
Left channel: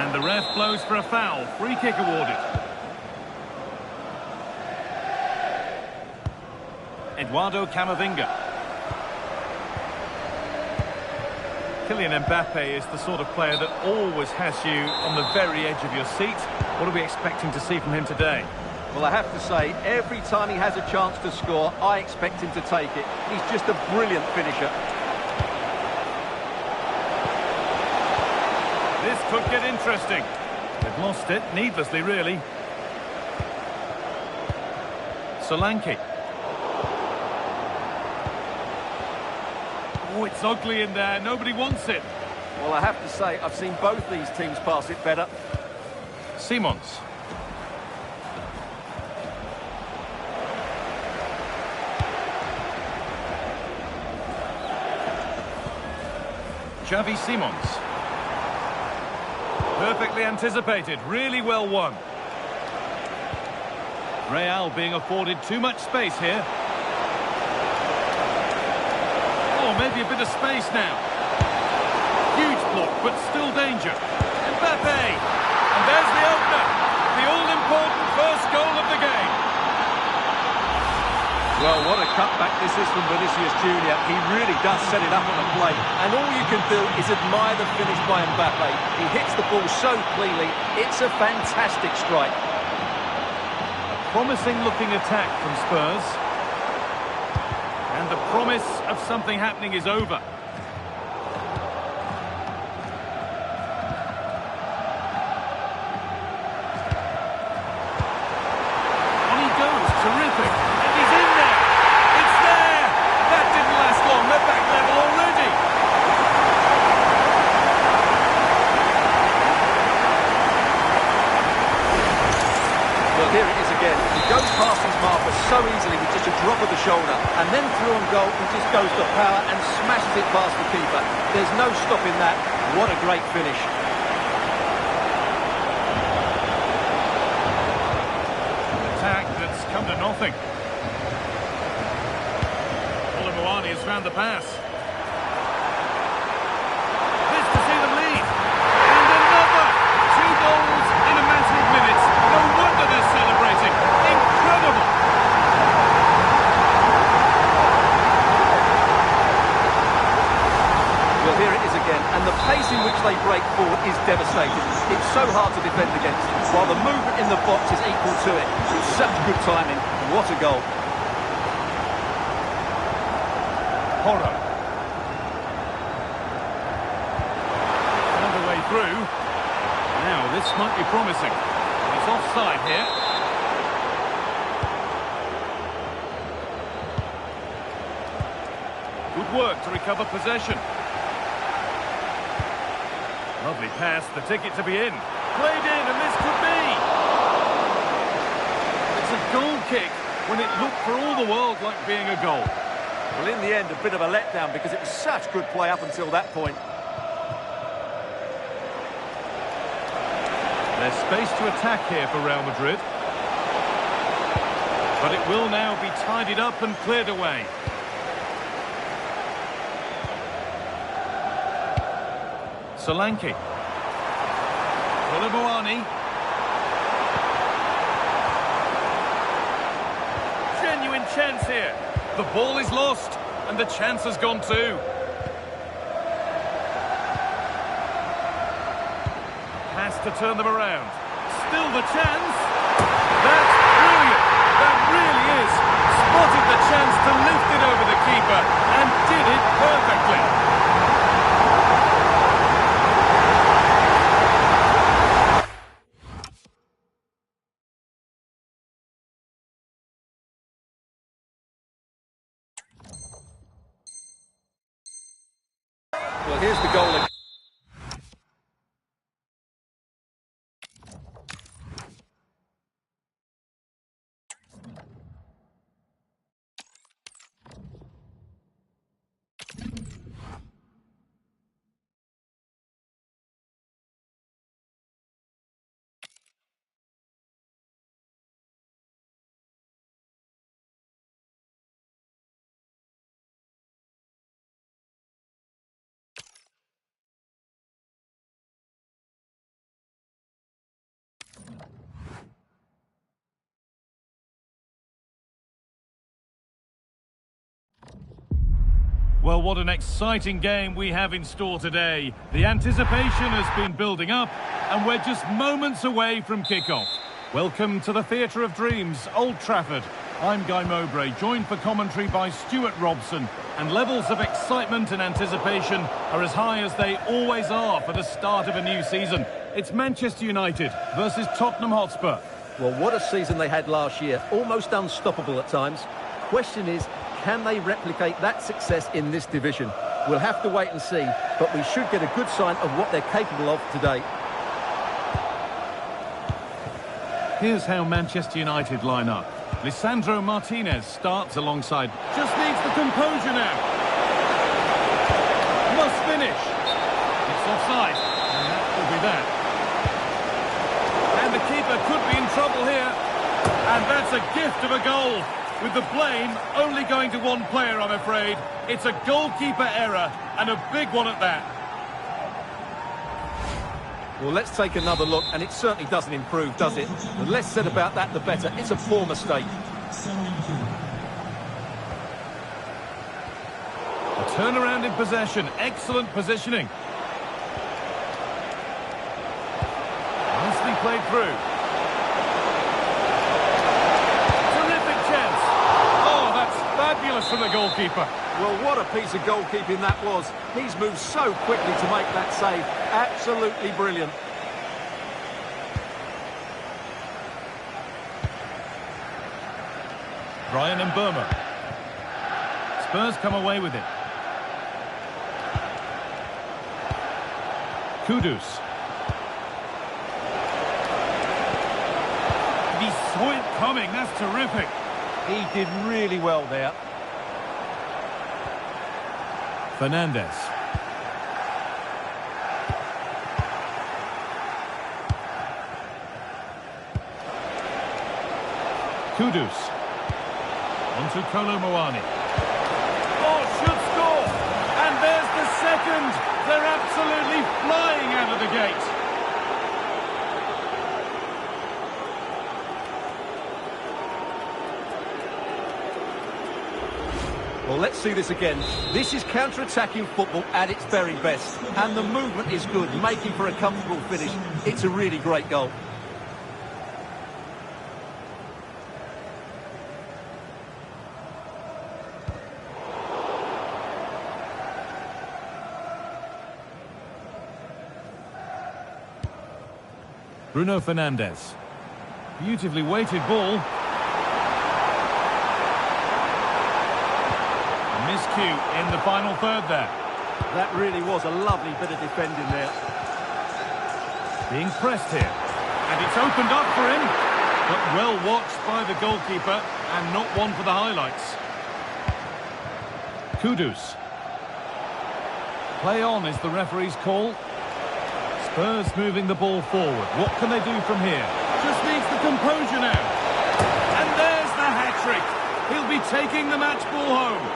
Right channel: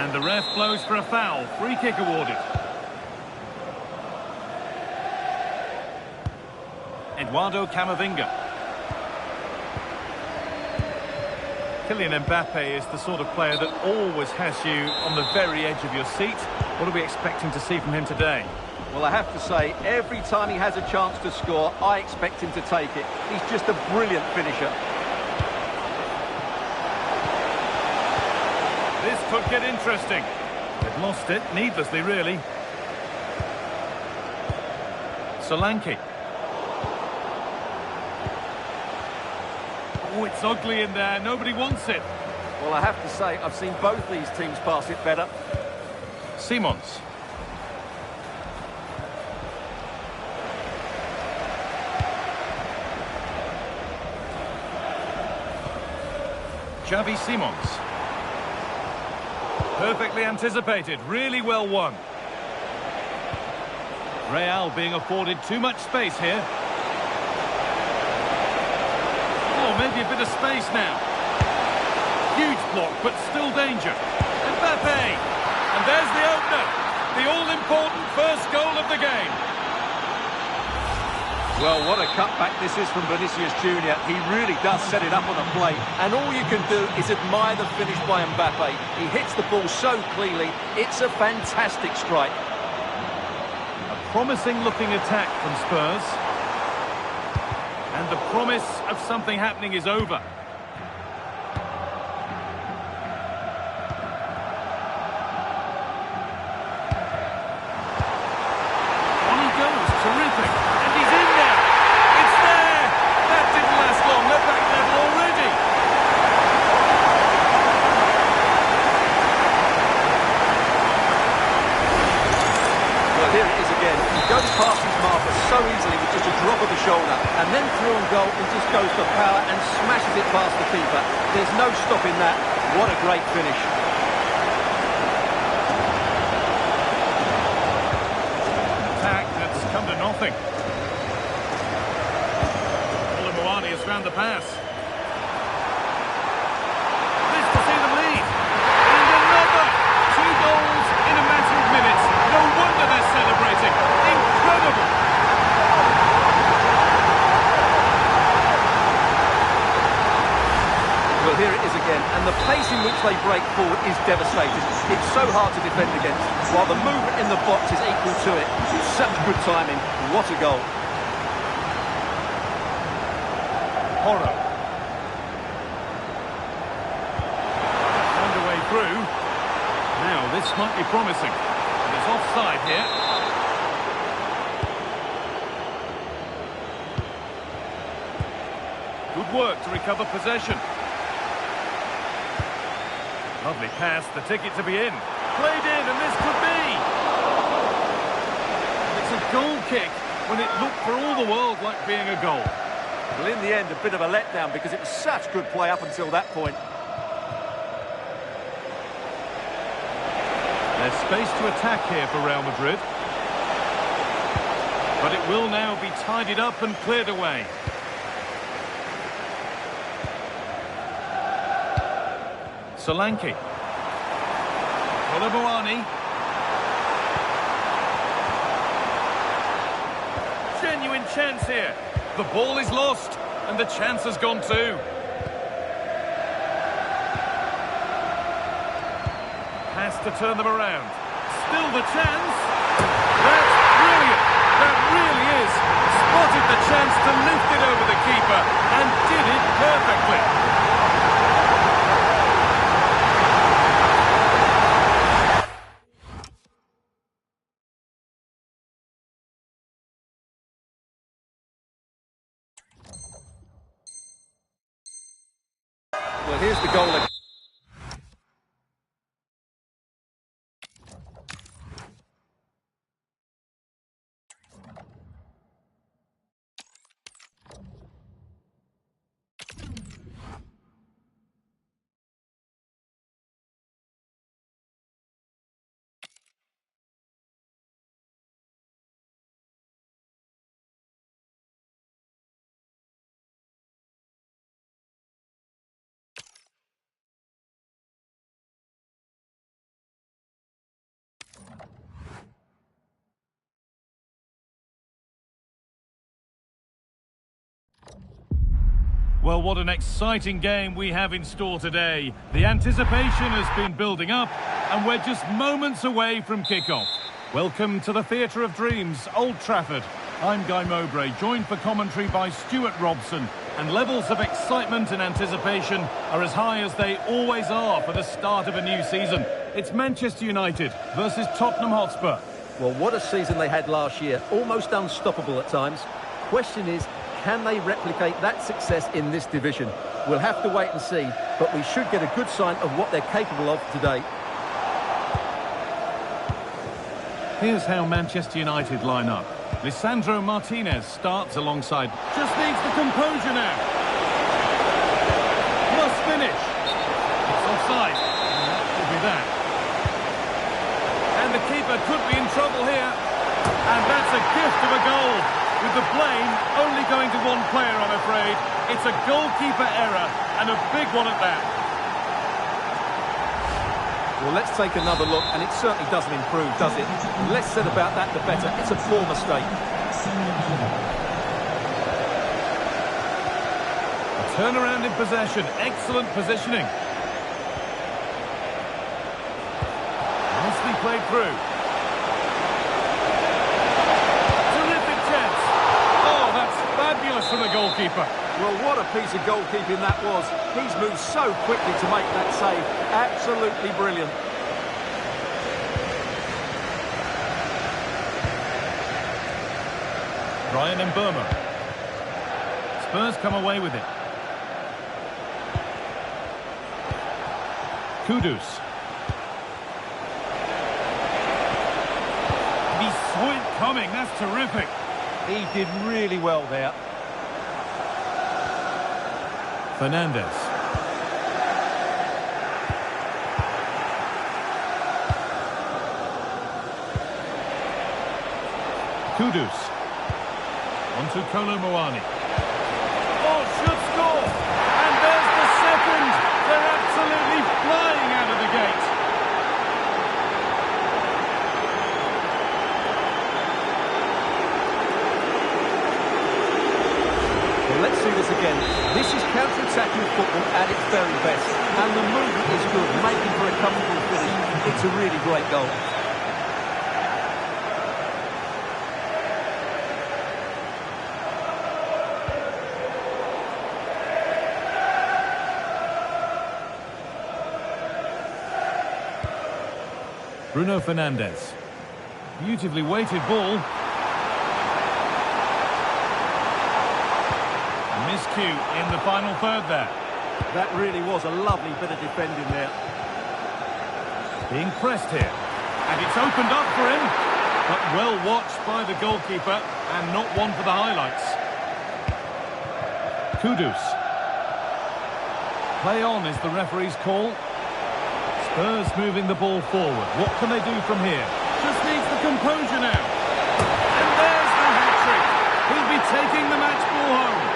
And the ref blows for a foul. Free kick awarded. Eduardo Camavinga. Kylian Mbappe is the sort of player that always has you on the very edge of your seat. What are we expecting to see from him today? Well, I have to say, every time he has a chance to score, I expect him to take it. He's just a brilliant finisher. This could get interesting. They've lost it, needlessly, really. Solanke. Oh, it's ugly in there. Nobody wants it. Well, I have to say, I've seen both these teams pass it better. Simons. Xavi Simons. Perfectly anticipated, really well won. Real being afforded too much space here. Oh, maybe a bit of space now. Huge block, but still danger. Mbappe! And there's the opener. The all-important first goal of the game. Well, what a cutback this is from Vinicius Junior. He really does set it up on a plate. And all you can do is admire the finish by Mbappe. He hits the ball so cleanly. It's a fantastic strike. A promising-looking attack from Spurs. And the promise of something happening is over. On he goes, terrific. And he's in there. It's there. That didn't last long. They're back level already. Well, here it is again. He goes past his marker so easily with just a drop of the shoulder, and then through on goal, he just goes for power and smashes it past the keeper. There's no stopping that. What a great finish. An attack that's come to nothing. Moani has found the pass. This to see them lead. And another! 2 goals in a matter of minutes. No wonder they're celebrating. Incredible! Well, here it is again, and the pace in which they break forward is devastating. It's so hard to defend against, while the movement in the box is equal to it. Such good timing. What a goal. Porro. Found a way through. Now, this might be promising. And it's offside here. Good work to recover possession. Lovely pass, the ticket to be in. Played in, and this could be. And it's a goal kick when it looked for all the world like being a goal. Well, in the end, a bit of a letdown because it was such good play up until that point. There's space to attack here for Real Madrid. But it will now be tidied up and cleared away. Solanke. Moani. Genuine chance here. The ball is lost, and the chance has gone too. Has to turn them around. Still the chance. That's brilliant. That really is. Spotted the chance to lift it over the keeper, and did it perfectly. Well, here's the goal again. Well, what an exciting game we have in store today. The anticipation has been building up, and we're just moments away from kickoff. Welcome to the Theatre of Dreams, Old Trafford. I'm Guy Mowbray, joined for commentary by Stuart Robson, and levels of excitement and anticipation are as high as they always are for the start of a new season. It's Manchester United versus Tottenham Hotspur. Well, what a season they had last year. Almost unstoppable at times. Question is, can they replicate that success in this division? We'll have to wait and see, but we should get a good sign of what they're capable of today. Here's how Manchester United line up. Lisandro Martinez starts alongside. Just needs the composure now. Must finish. It's offside, and that will be that. And the keeper could be in trouble here. And that's a gift of a goal. With the blame only going to one player, I'm afraid. It's a goalkeeper error, and a big one at that. Well, let's take another look, and it certainly doesn't improve, does it? The less said about that, the better. It's a poor mistake. A turnaround in possession. Excellent positioning. Nicely played through. Terrific chance. Oh, that's fabulous from the goalkeeper. Well, what a piece of goalkeeping that was. He's moved so quickly to make that save. Absolutely brilliant. Brian and Burma. Spurs come away with it. Kudus. He saw it coming. That's terrific. He did really well there. Fernandez. Kudus. On to Kolo Muani. Oh, should score! And there's the second! They're absolutely flying out of the gate. Well, let's see this again. This is counter-attacking football at its very best. And the movement is good, making for a comfortable finish. It's a really great goal. Bruno Fernandes. Beautifully weighted ball. A miscue in the final third there. That really was a lovely bit of defending there. Being pressed here. And it's opened up for him. But well watched by the goalkeeper and not one for the highlights. Kudus. Play on is the referee's call. Spurs moving the ball forward. What can they do from here? Just needs the composure now. And there's the hat-trick. He'll be taking the match ball home.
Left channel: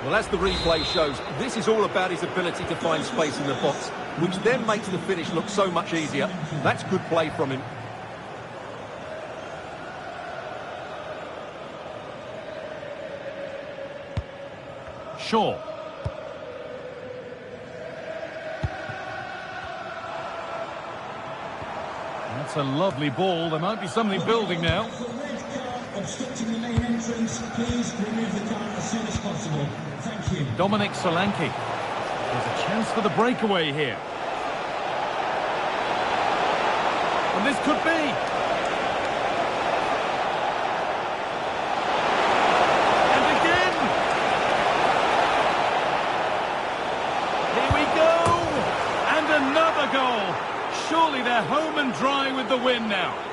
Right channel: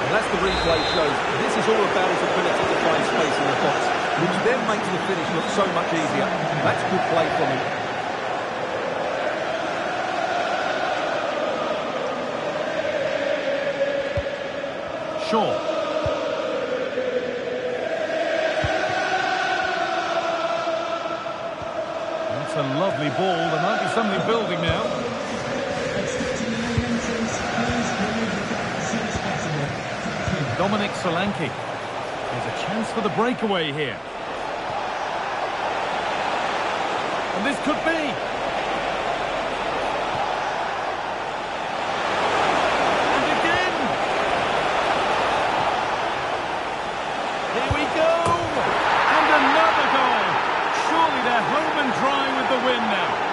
Well, as the replay shows, this is all about his ability to find space in the box, which then makes the finish look so much easier. That's good play from him. Shaw. That's a lovely ball. There might be something building now. Obstructing the main entrance, please remove the car as soon as possible. Thank you. Dominic Solanke. There's a chance for the breakaway here. And this could be. Another goal. Surely they're home and dry with the win now.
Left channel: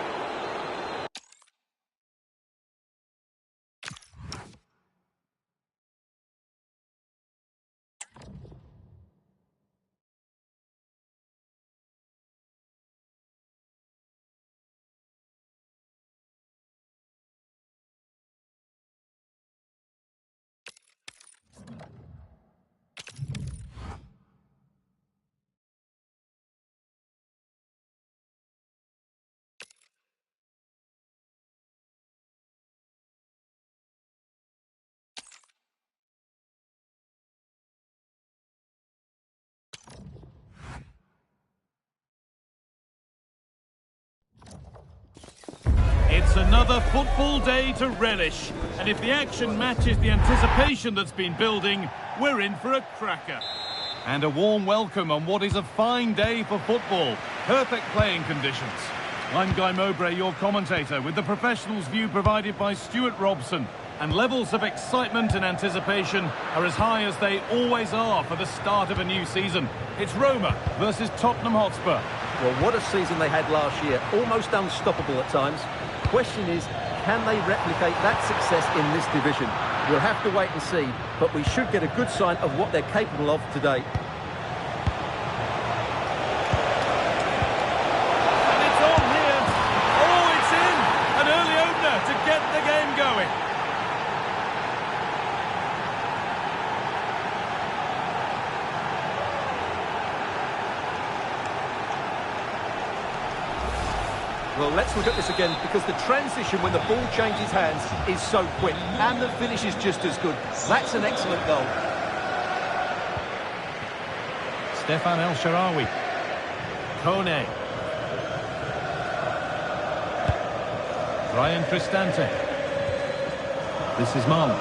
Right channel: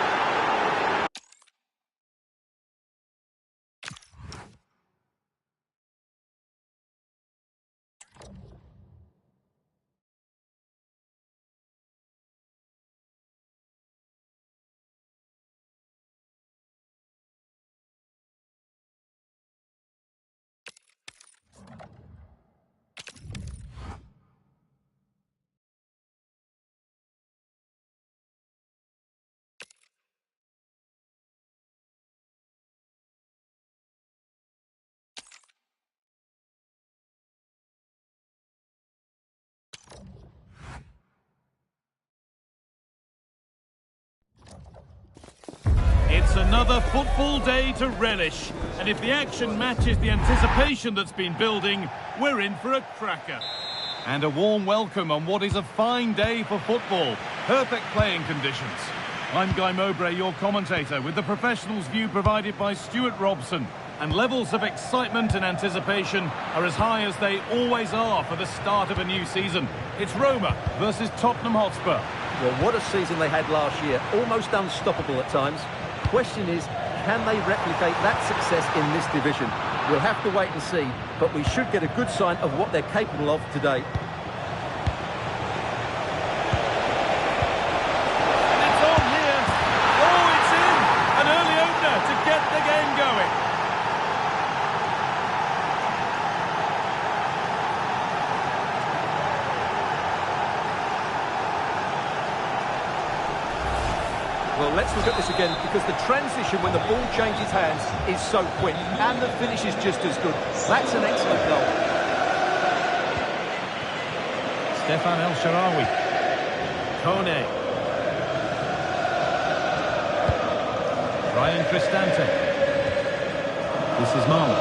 It's another football day to relish. And if the action matches the anticipation that's been building, we're in for a cracker. And a warm welcome on what is a fine day for football. Perfect playing conditions. I'm Guy Mowbray, your commentator, with the professionals' view provided by Stuart Robson. And levels of excitement and anticipation are as high as they always are for the start of a new season. It's Roma versus Tottenham Hotspur. Well, what a season they had last year. Almost unstoppable at times. Question is, can they replicate that success in this division? We'll have to wait and see, but we should get a good sign of what they're capable of today. And it's on here. Oh, it's in! get the game going. Well, let's look at this again, because the transition when the ball changes hands is so quick, and the finish is just as good. That's an excellent goal. Stefan El Shaarawy. Kone. Ryan Cristante. This is Marlon.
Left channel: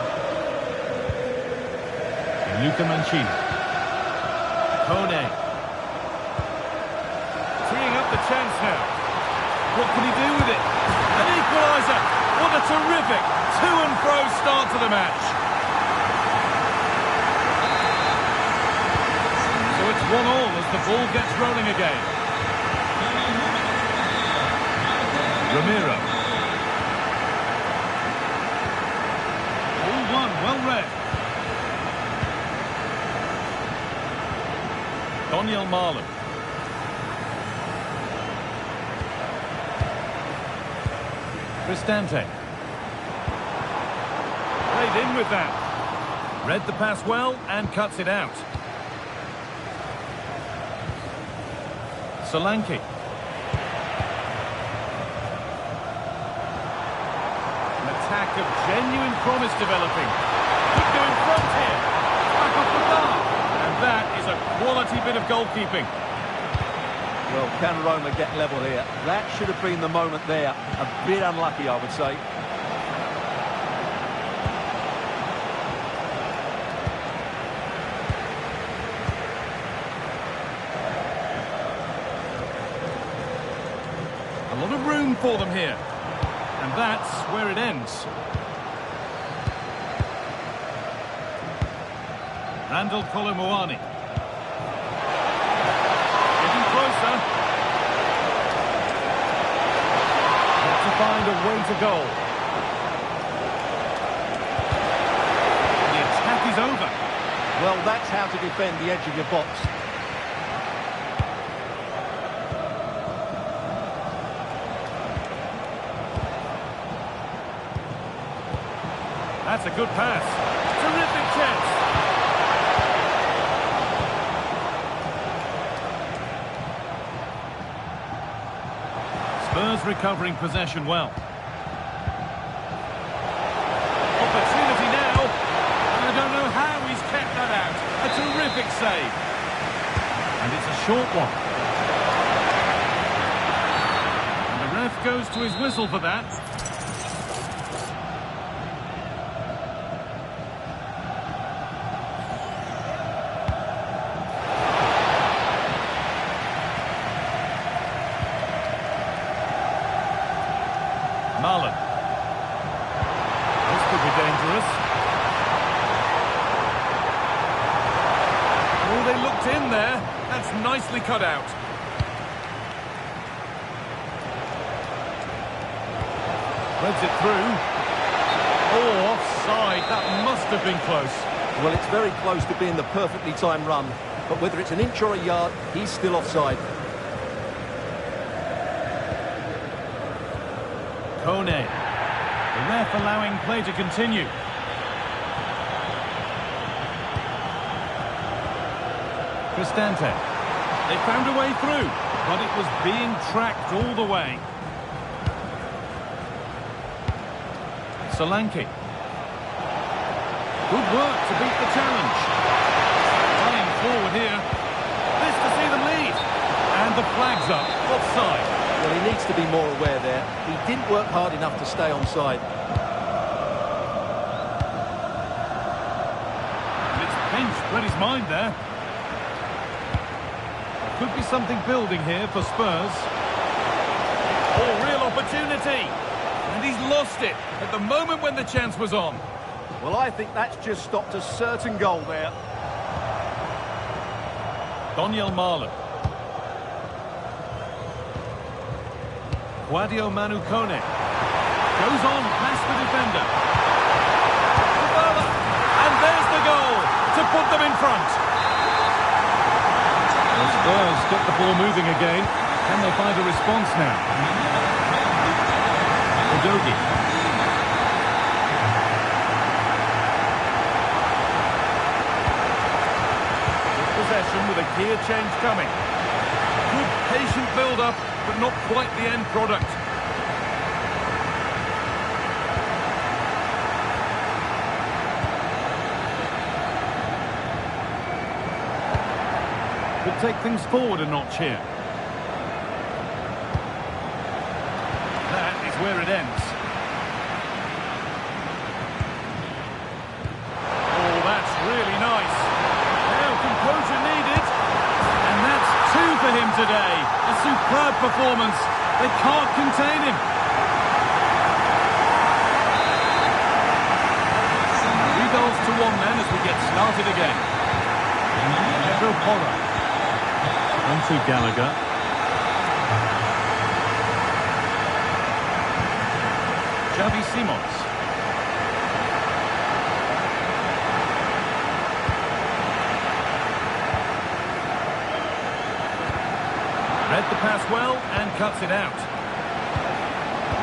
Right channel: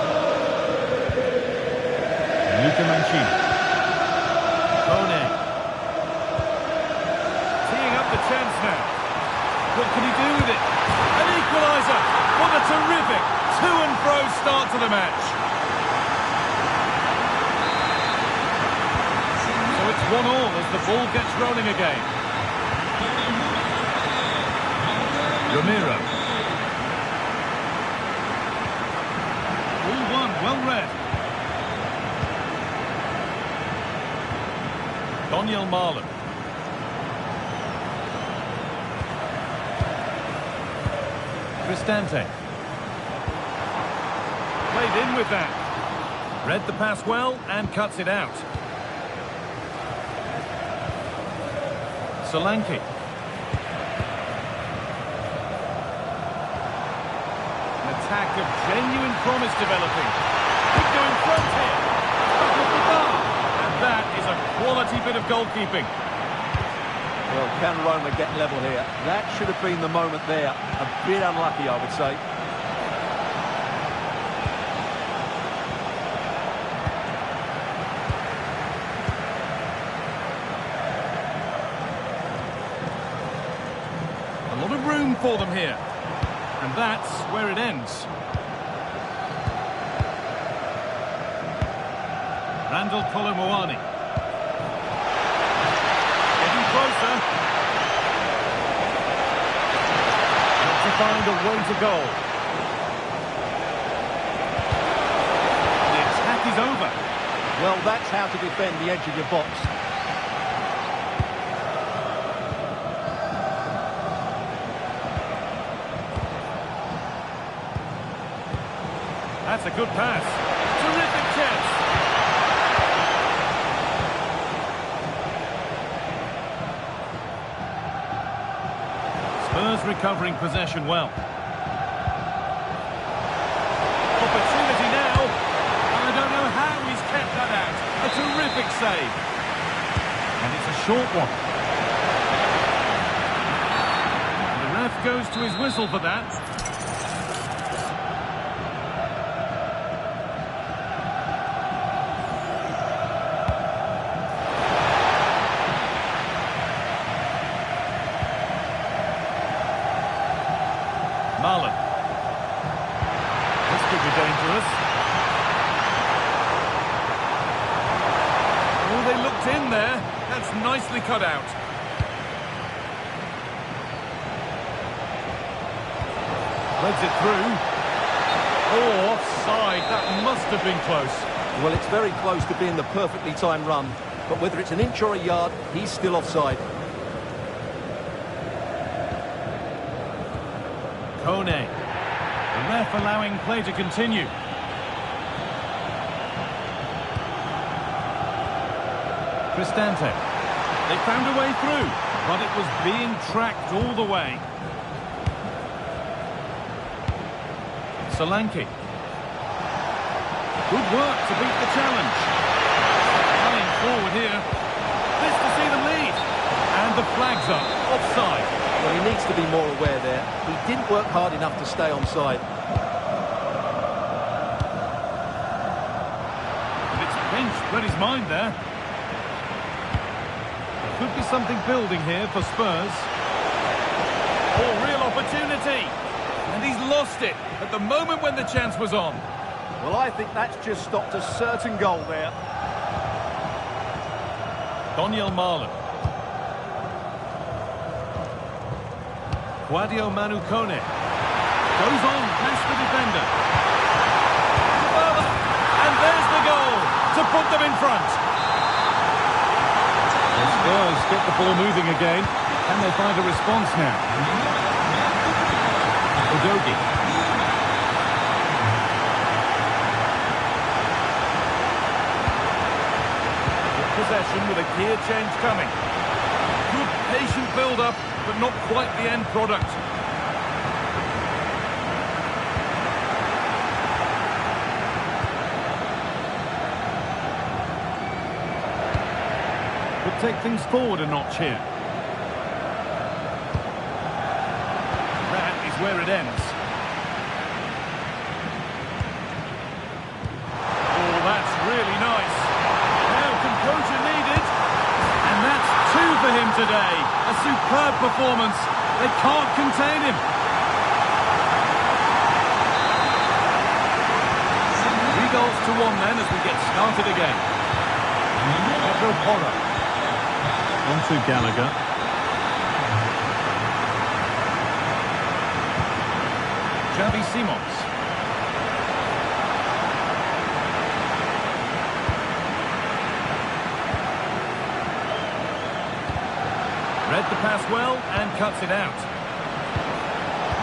And Luca Mancini. Kone. Teeing up the chance now. What can he do with it? An equaliser! What a terrific to-and-fro start to the match. So it's 1-1 as the ball gets rolling again. Ramiro. All one, well read. Donyell Marlon. Cristante. Played in with that. Read the pass well and cuts it out. Solanke. An attack of genuine promise developing. Could go in front here. Back off the bar. And that is a quality bit of goalkeeping. Well, can Roma get level here? That should have been the moment there. A bit unlucky, I would say. A lot of room for them here. And that's where it ends. Randall Kolomoani. Getting closer. Got to find a way to goal. The attack is over. Well, that's how to defend the edge of your box. That's a good pass. Terrific chance. Spurs recovering possession well. Opportunity now. And I don't know how he's kept that out. A terrific save. And it's a short one. And the ref goes to his whistle for that. Marlon. This could be dangerous. Oh, they looked in there. That's nicely cut out. Threads it through. Oh, offside. That must have been close. Well, it's very close to being the perfectly timed run. But whether it's an inch or a yard, he's still offside. Kone. The ref allowing play to continue. Cristante. They found a way through, but it was being tracked all the way. Solanke. Good work to beat the challenge. Running forward here. This to see them lead. And the flag's up. Offside. Well, he needs to be more aware there. He didn't work hard enough to stay onside. And it's Bench read his mind there. There could be something building here for Spurs. Oh, real opportunity. And he's lost it at the moment when the chance was on. Well, I think that's just stopped a certain goal there. Donyell Marlon. Sadio Manu Kone. Goes on past the defender. And there's the goal to put them in front. The Spurs get the ball moving again. Can they find a response now? Udogie. possession with a gear change coming. Good patient build-up, but not quite the end product. Could take things forward a notch here. That is where it ends. Oh, that's really nice. Now composure needed. And that's 2 for him today. A superb performance. They can't contain him. 3 goals to 1 then as we get started again. Pedro Porro. On to Gallagher. Xavi Simons. Read the pass well and cuts it out.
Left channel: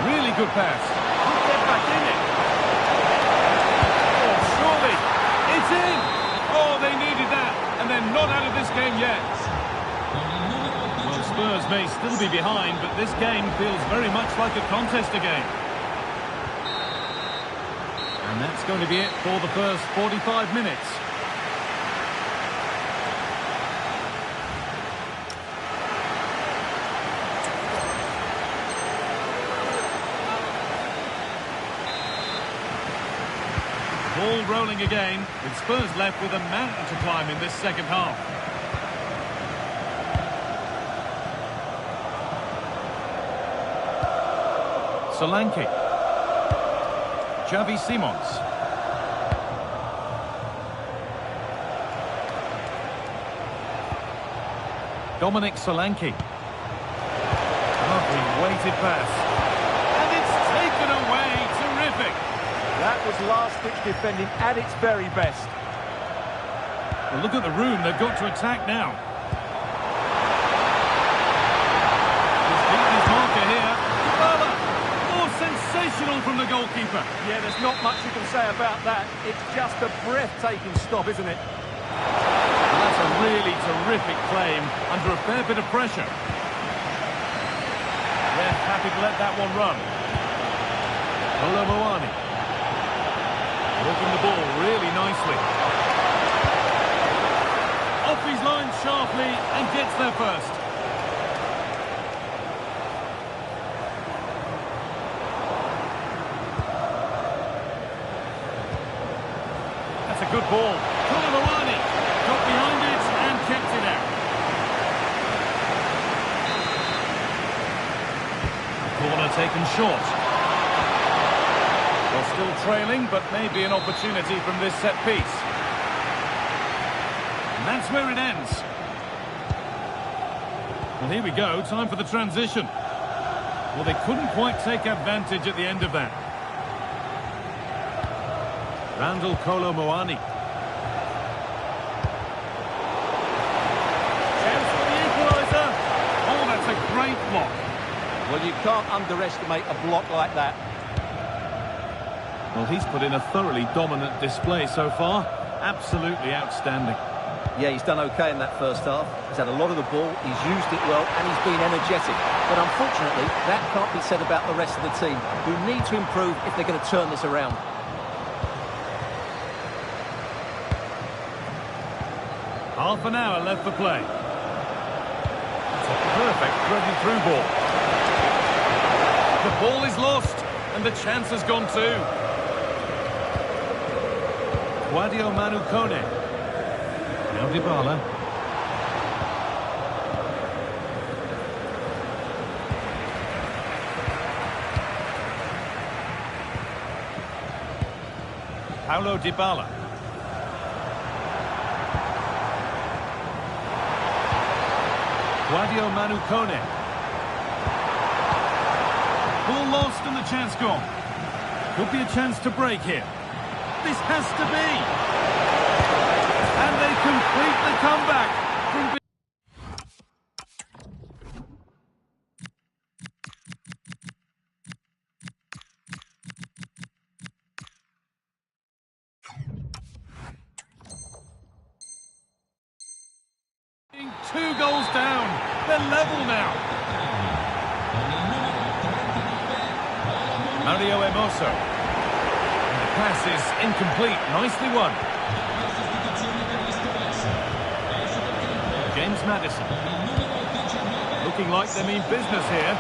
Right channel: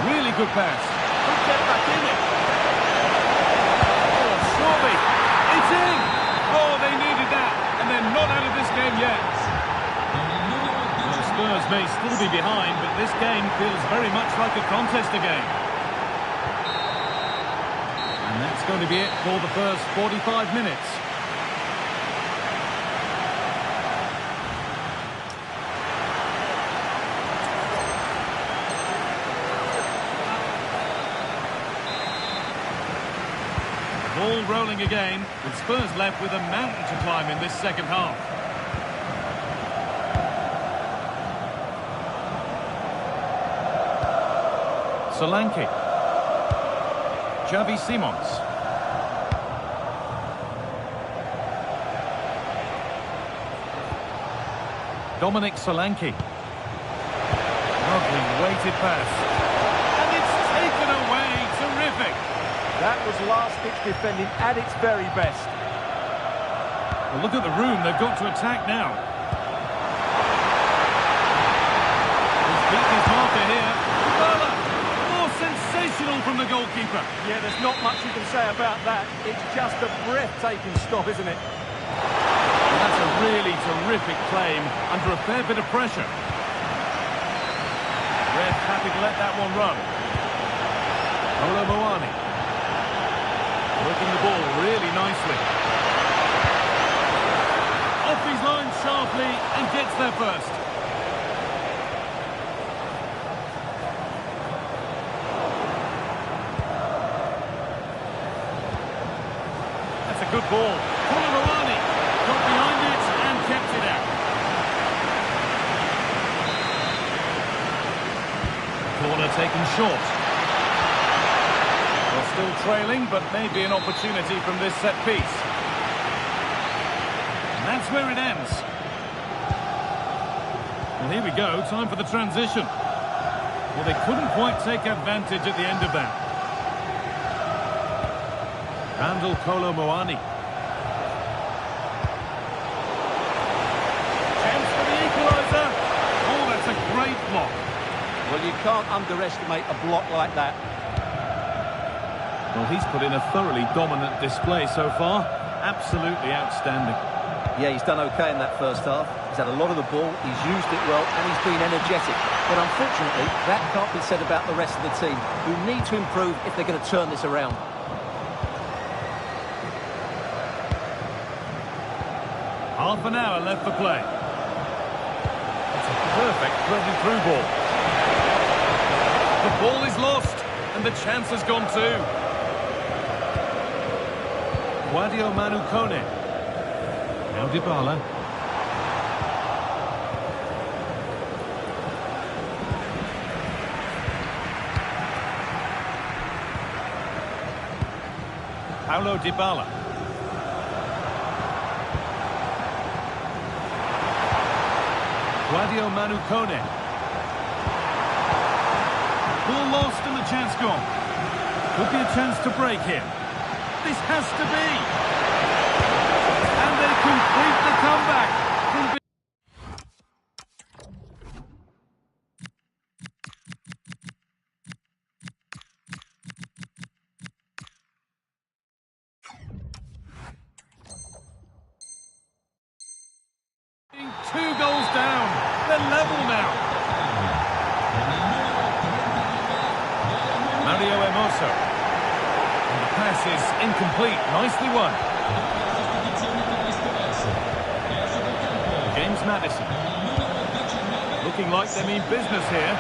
Really good pass. Could get back in it. Oh, surely. It's in. Oh, they needed that. And they're not out of this game yet. Well, Spurs may still be behind, but this game feels very much like a contest again. And that's going to be it for the first 45 minutes. Ball rolling again, with Spurs left with a mountain to climb in this second half. Solanke. Xavi Simons. Dominic Solanke. Lovely weighted pass. And it's taken away. Terrific. That was last-ditch defending at its very best. Well, look at the room they've got to attack now. He's beaten his marker here. Dybala! More sensational from the goalkeeper. Yeah, there's not much you can say about that. It's just a breathtaking stop, isn't it? Well, that's a really terrific claim under a fair bit of pressure. Ref happy to let that one run. Kolo Muani. Working the ball really nicely. Off his line sharply and gets there first. That's a good ball. Kolo Muani got behind it and kept it out. Corner taken short. Well, still trailing, but maybe an opportunity from this set piece. And that's where it ends. Well, here we go, time for the transition. Well, they couldn't quite take advantage at the end of that. Randall Kolo Muani. Chance for the equaliser. Oh, that's a great block. Well, you can't underestimate a block like that. Well, he's put in a thoroughly dominant display so far. Absolutely outstanding. Yeah, he's done okay in that first half. He's had a lot of the ball, he's used it well, and he's been energetic. But unfortunately, that can't be said about the rest of the team, who need to improve if they're going to turn this around. Half an hour left for play. That's a perfect threaded through ball. The ball is lost, and the chance has gone too. Guadio Manu Kone. Now Dybala. Paulo Dybala. Guadio Manu Kone. Ball lost and the chance gone. Could be a chance to break here. This has to be. And they complete the comeback from 2 goals down. They're level now. Mario Hermoso. And the pass is incomplete. Nicely won. James Maddison. Looking like they mean business here.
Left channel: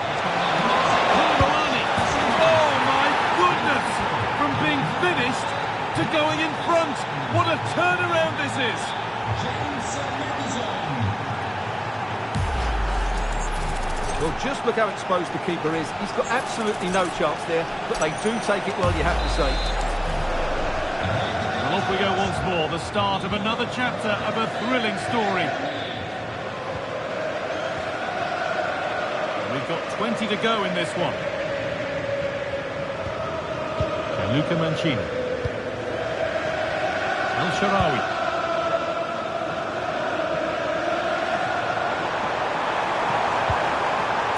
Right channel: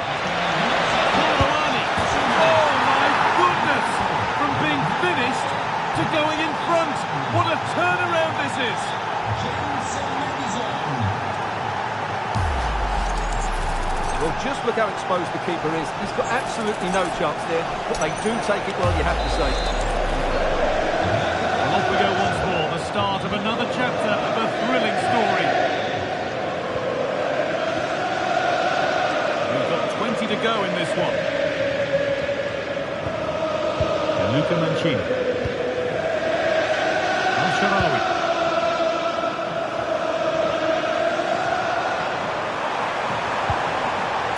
Oh my goodness! From being finished to going in front. What a turnaround this is! Well, just look how exposed the keeper is. He's got absolutely no chance there, but they do take it well, you have to say. Well, off we go once more. The start of another chapter of a thrilling story. We've got 20 to go in this one. Luca Mancini. El Shaarawy.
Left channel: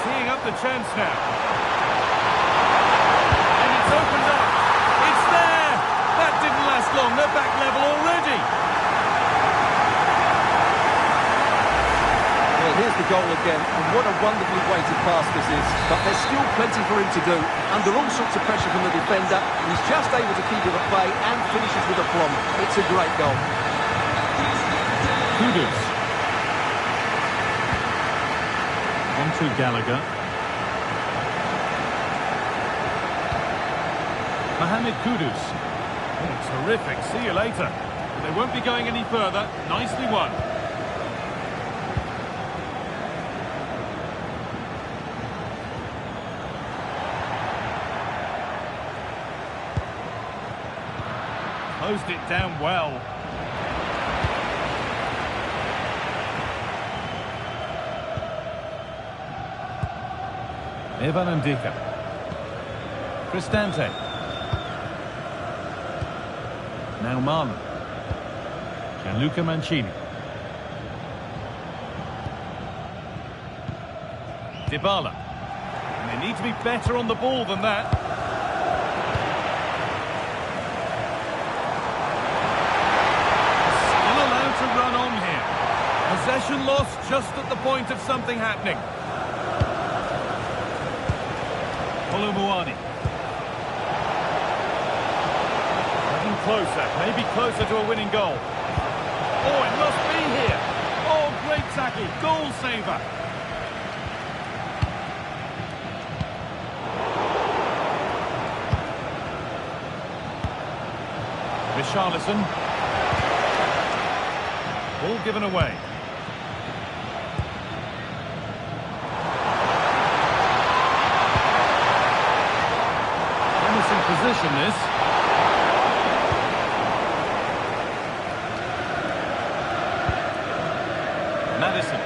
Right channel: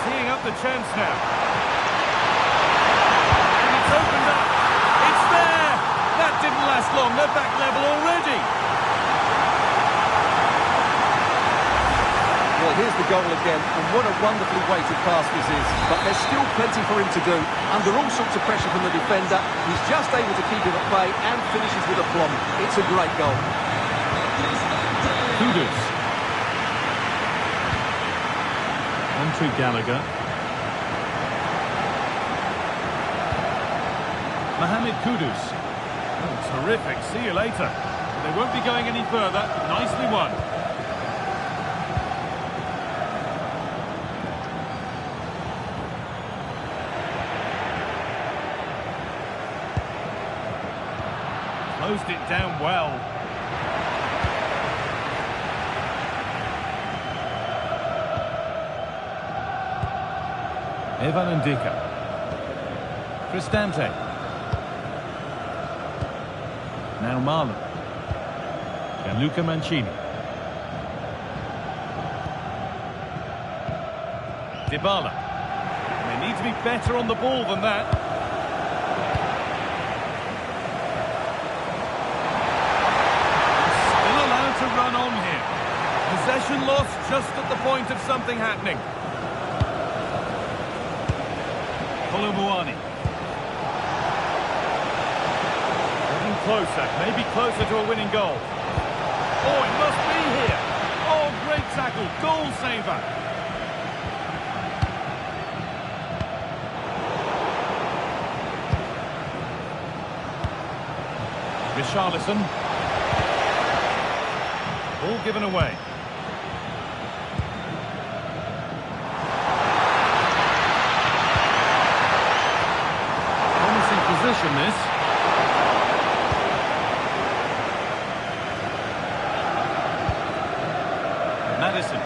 Teeing up the chance now. And it's opened up. It's there. That didn't last long. They're back level already. Well, here's the goal again, and what a wonderfully weighted pass this is. But there's still plenty for him to do. Under all sorts of pressure from the defender, he's just able to keep him at bay and finishes with aplomb. It's a great goal. Kudus. On to Gallagher. Mohamed Kudus. Oh, terrific. See you later. But they won't be going any further. Nicely won. Closed it down well. Evan Ndika. Cristante. Now Marlon. Gianluca Mancini. Dybala. And they need to be better on the ball than that. To run on here. Possession lost just at the point of something happening. Kolumuani. Getting closer, maybe closer to a winning goal. Oh, it must be here. Oh, great tackle, goal saver. Richarlison. Ball given away. Promising position, this. Maddison.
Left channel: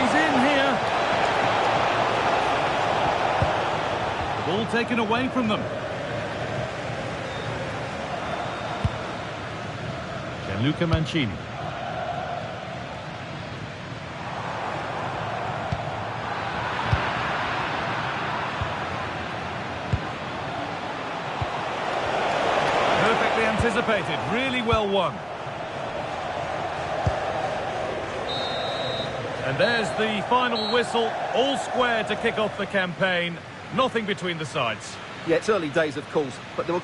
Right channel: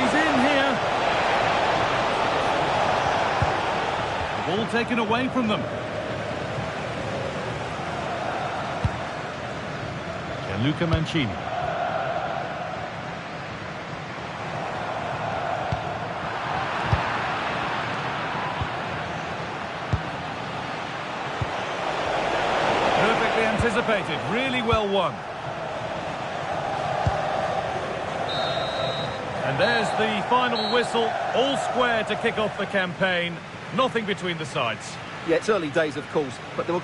He's in here. The ball taken away from them. Gianluca Mancini. Perfectly anticipated, really well won. And there's the final whistle, all square to kick off the campaign. Nothing between the sides. Yeah, it's early days, of course, but there were...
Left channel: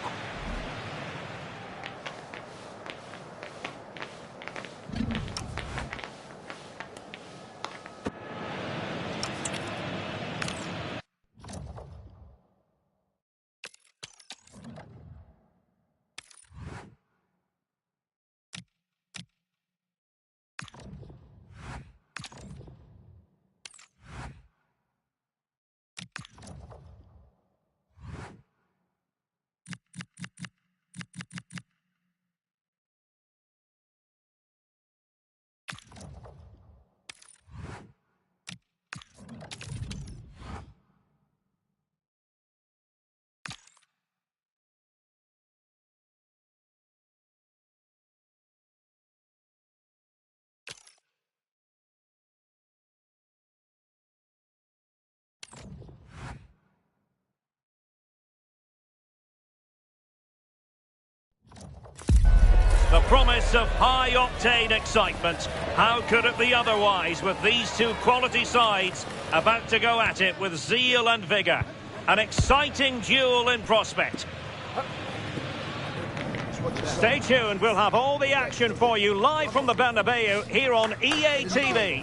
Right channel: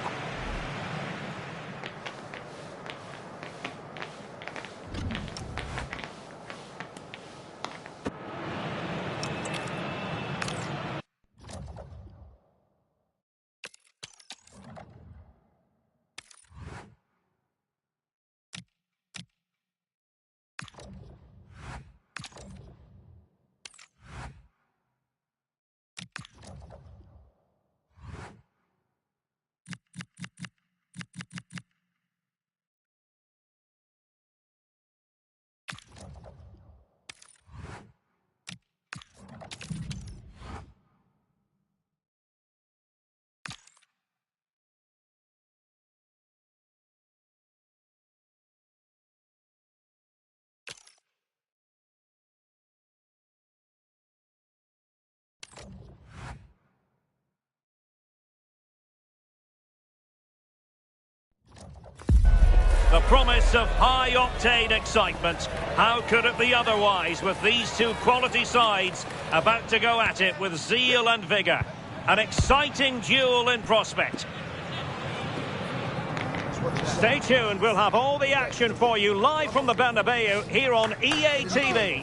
The promise of high-octane excitement. How could it be otherwise with these two quality sides about to go at it with zeal and vigour? An exciting duel in prospect. Stay tuned, we'll have all the action for you live from the Bernabeu here on EA TV.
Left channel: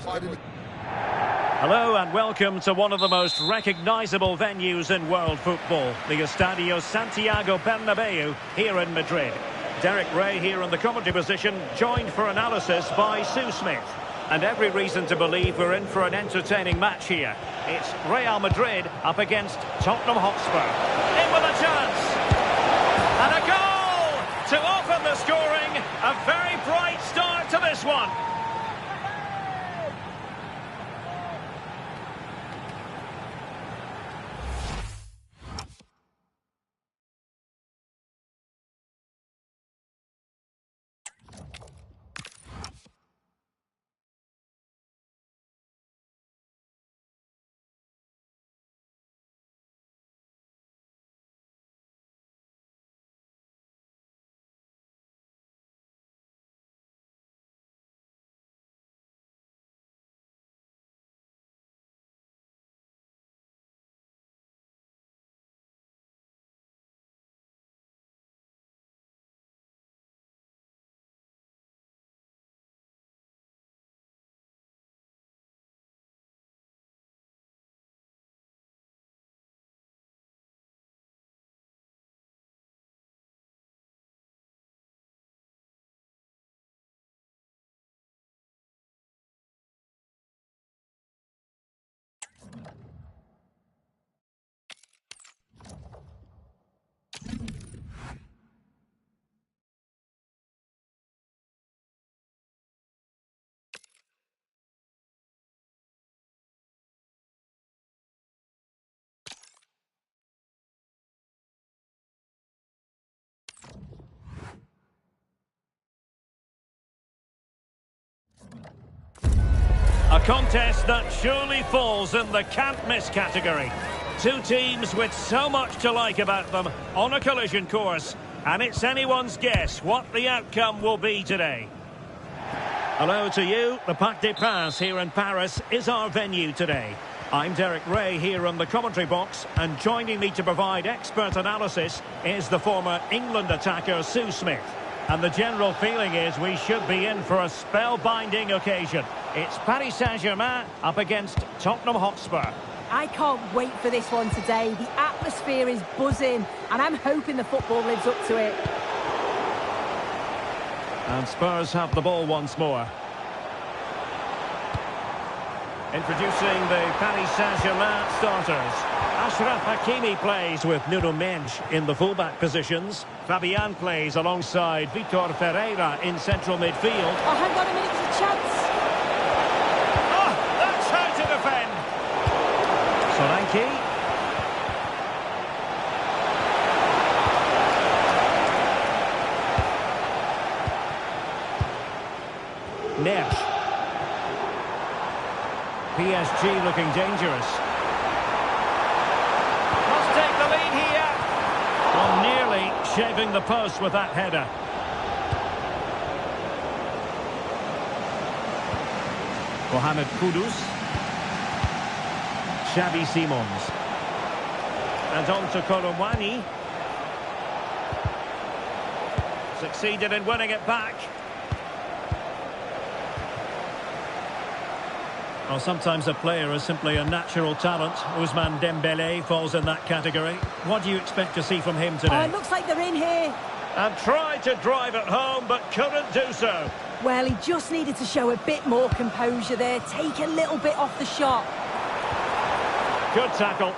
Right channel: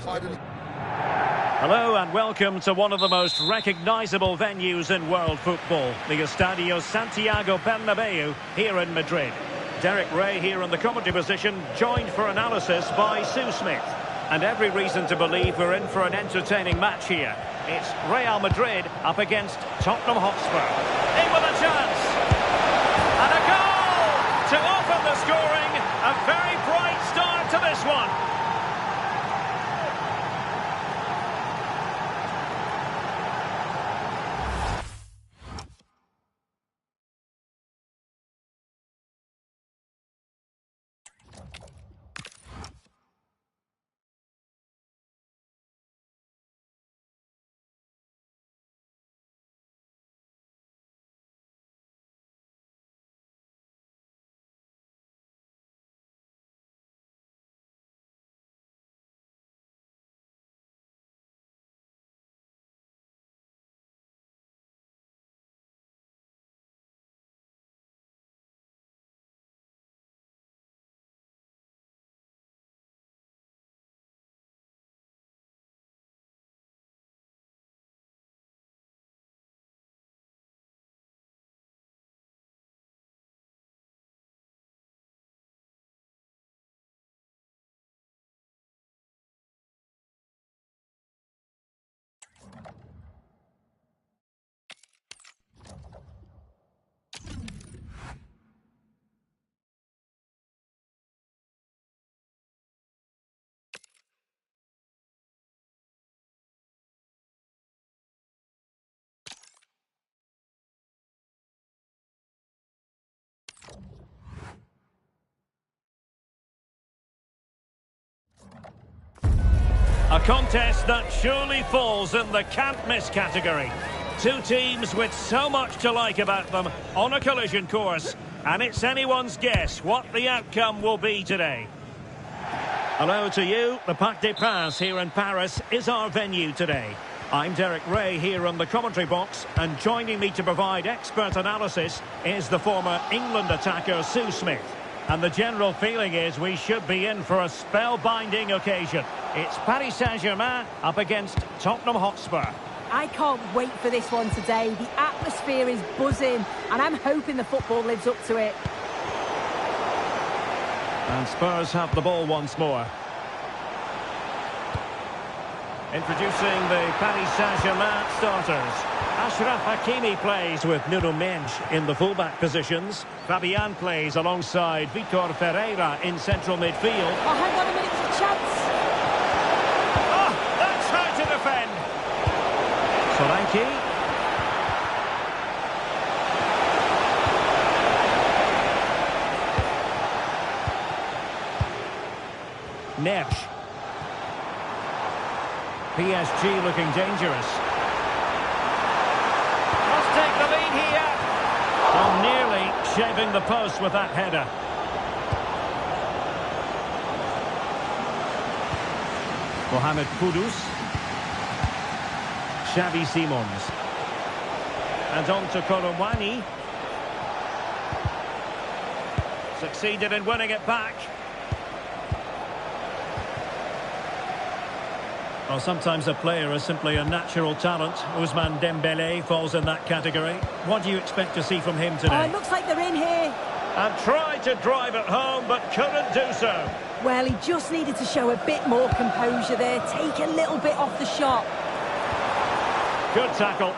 Hello and welcome to one of the most recognisable venues in world football, the Estadio Santiago Bernabeu here in Madrid. Derek Ray here in the commentary position, joined for analysis by Sue Smith. And every reason to believe we're in for an entertaining match here. It's Real Madrid up against Tottenham Hotspur. In with a chance! And a goal! To open the scoring, a very bright start to this one. A contest that surely falls in the can't-miss category. Two teams with so much to like about them on a collision course, and it's anyone's guess what the outcome will be today. Hello to you. The Parc des Princes here in Paris is our venue today. I'm Derek Ray here on the commentary box, and joining me to provide expert analysis is the former England attacker Sue Smith. And the general feeling is we should be in for a spellbinding occasion. It's Paris Saint-Germain up against Tottenham Hotspur. I can't wait for this one today. The atmosphere is buzzing, and I'm hoping the football lives up to it. And Spurs have the ball once more. Introducing the Paris Saint-Germain starters. Achraf Hakimi plays with Nuno Mendes in the fullback positions. Fabian plays alongside Vitor Ferreira in central midfield. Oh, hang on a minute, there's a chance. Oh, that's how to defend. Solanke. Neves. PSG looking dangerous. Must take the lead here. Well, nearly shaving the post with that header. Mohamed Kudus. Xavi Simons. And on to Kolomwani. Succeeded in winning it back. Well, sometimes a player is simply a natural talent. Ousmane Dembélé falls in that category. What do you expect to see from him today? Oh, it looks like they're in here. And tried to drive it home, but couldn't do so. Well, he just needed to show a bit more composure there. Take a little bit off the shot. Good tackle.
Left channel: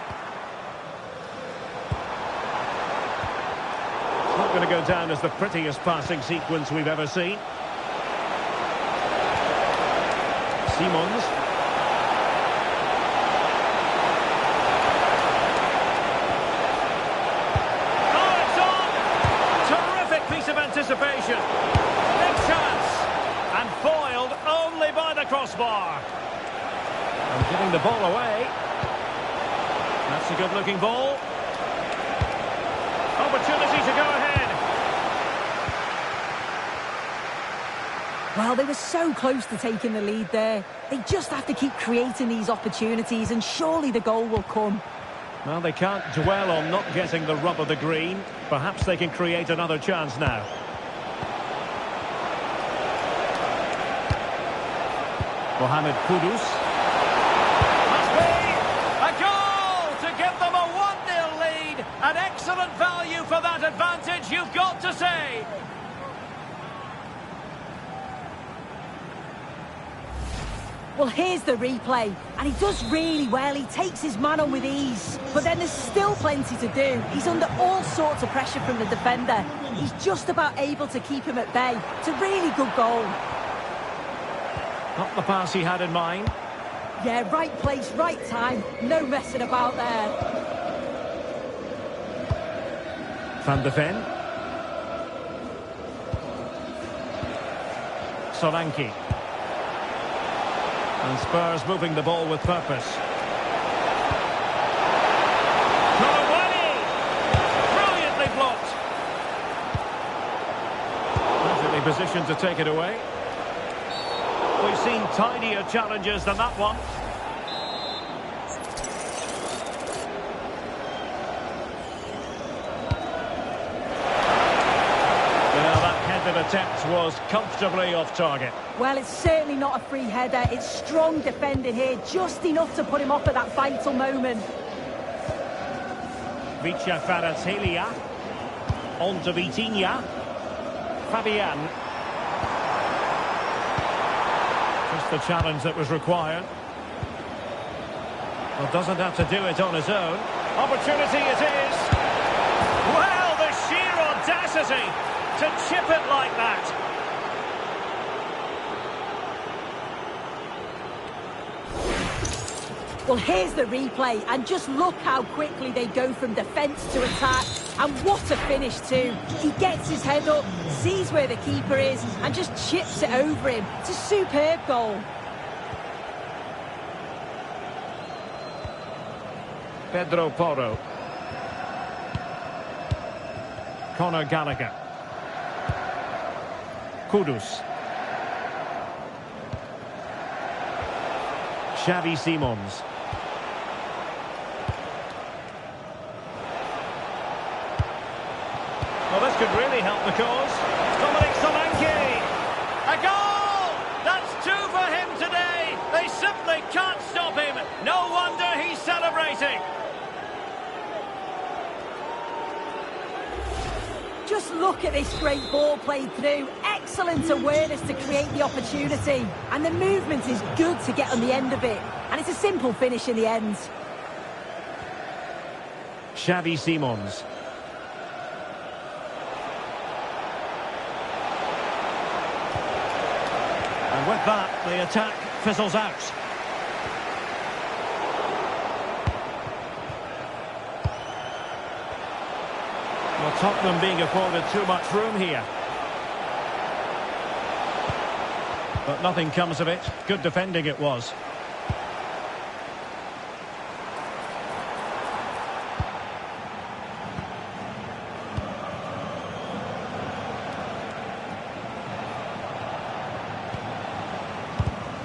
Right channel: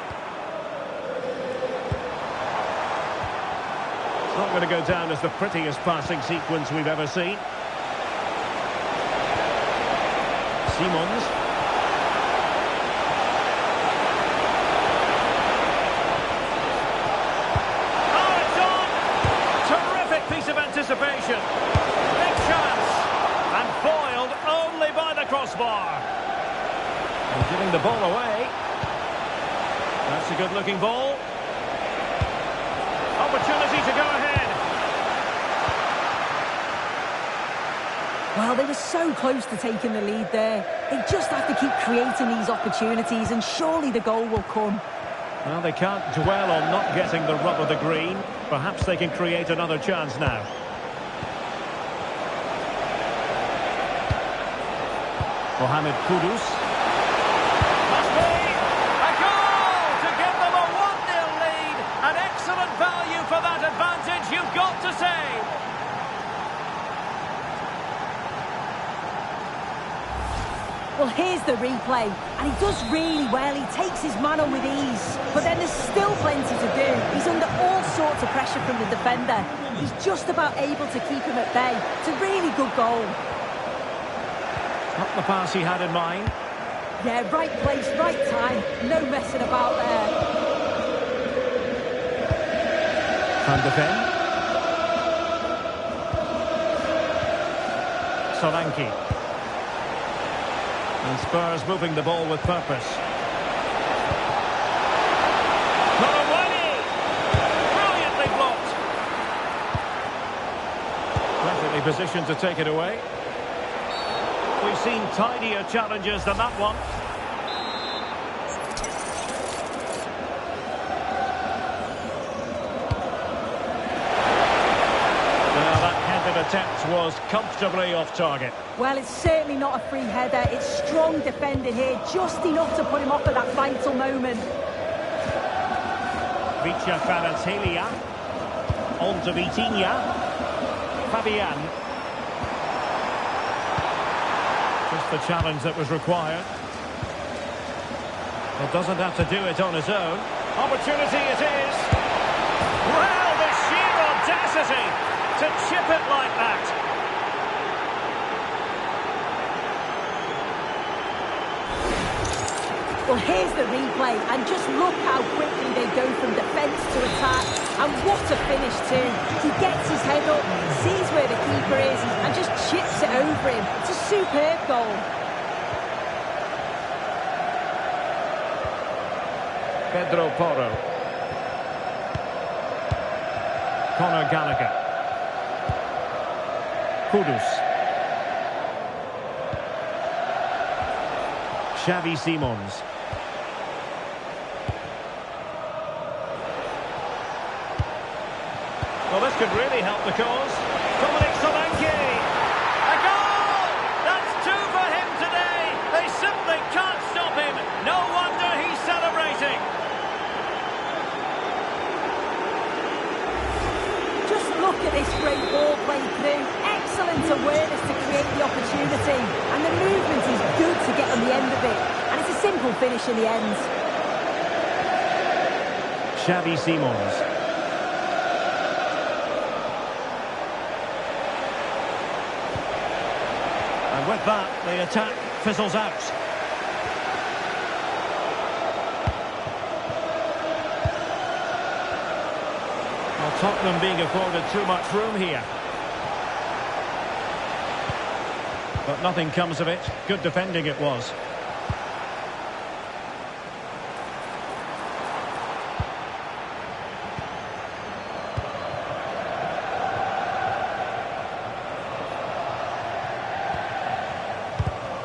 It's not going to go down as the prettiest passing sequence we've ever seen. Simons. Anticipation. Big chance. And foiled only by the crossbar. And giving the ball away. That's a good-looking ball. Opportunity to go ahead. Well, they were so close to taking the lead there. They just have to keep creating these opportunities, and surely the goal will come. Well, they can't dwell on not getting the rub of the green. Perhaps they can create another chance now. Mohamed Kudus. Must be a goal to give them a 1-0 lead. An excellent value for that advantage, you've got to say. Well, here's the replay, and he does really well. He takes his man on with ease, but then there's still plenty to do. He's under all sorts of pressure from the defender. He's just about able to keep him at bay. It's a really good goal. Not the pass he had in mind. Yeah, right place, right time. No messing about there. Van de Ven. Solanke. And Spurs moving the ball with purpose. Korawani! Brilliantly blocked. Perfectly positioned to take it away. We've seen tidier challenges than that one. Well, that headed attempt was comfortably off target. Well, it's certainly not a free header. It's strong defending here, just enough to put him off at that vital moment. Vicha Kvaratskhelia. On to Vitinha. Fabian. Just the challenge that was required. Well, doesn't have to do it on his own. Opportunity it is. Well, the sheer audacity to chip it like that. Well, here's the replay, and just look how quickly they go from defence to attack. And what a finish too. He gets his head up, sees where the keeper is, and just chips it over him. It's a superb goal. Pedro Porro. Conor Gallagher. Kudus. Xavi Simons. Well, this could really help the cause. Dominic Solanke. A goal! That's 2 for him today. They simply can't stop him. No wonder he's celebrating. Just look at this great ball played through. Excellent awareness to create the opportunity. And the movement is good to get on the end of it. And it's a simple finish in the end. Xavi Simons. And with that, the attack fizzles out. Well, Tottenham being afforded too much room here. But nothing comes of it. Good defending it was.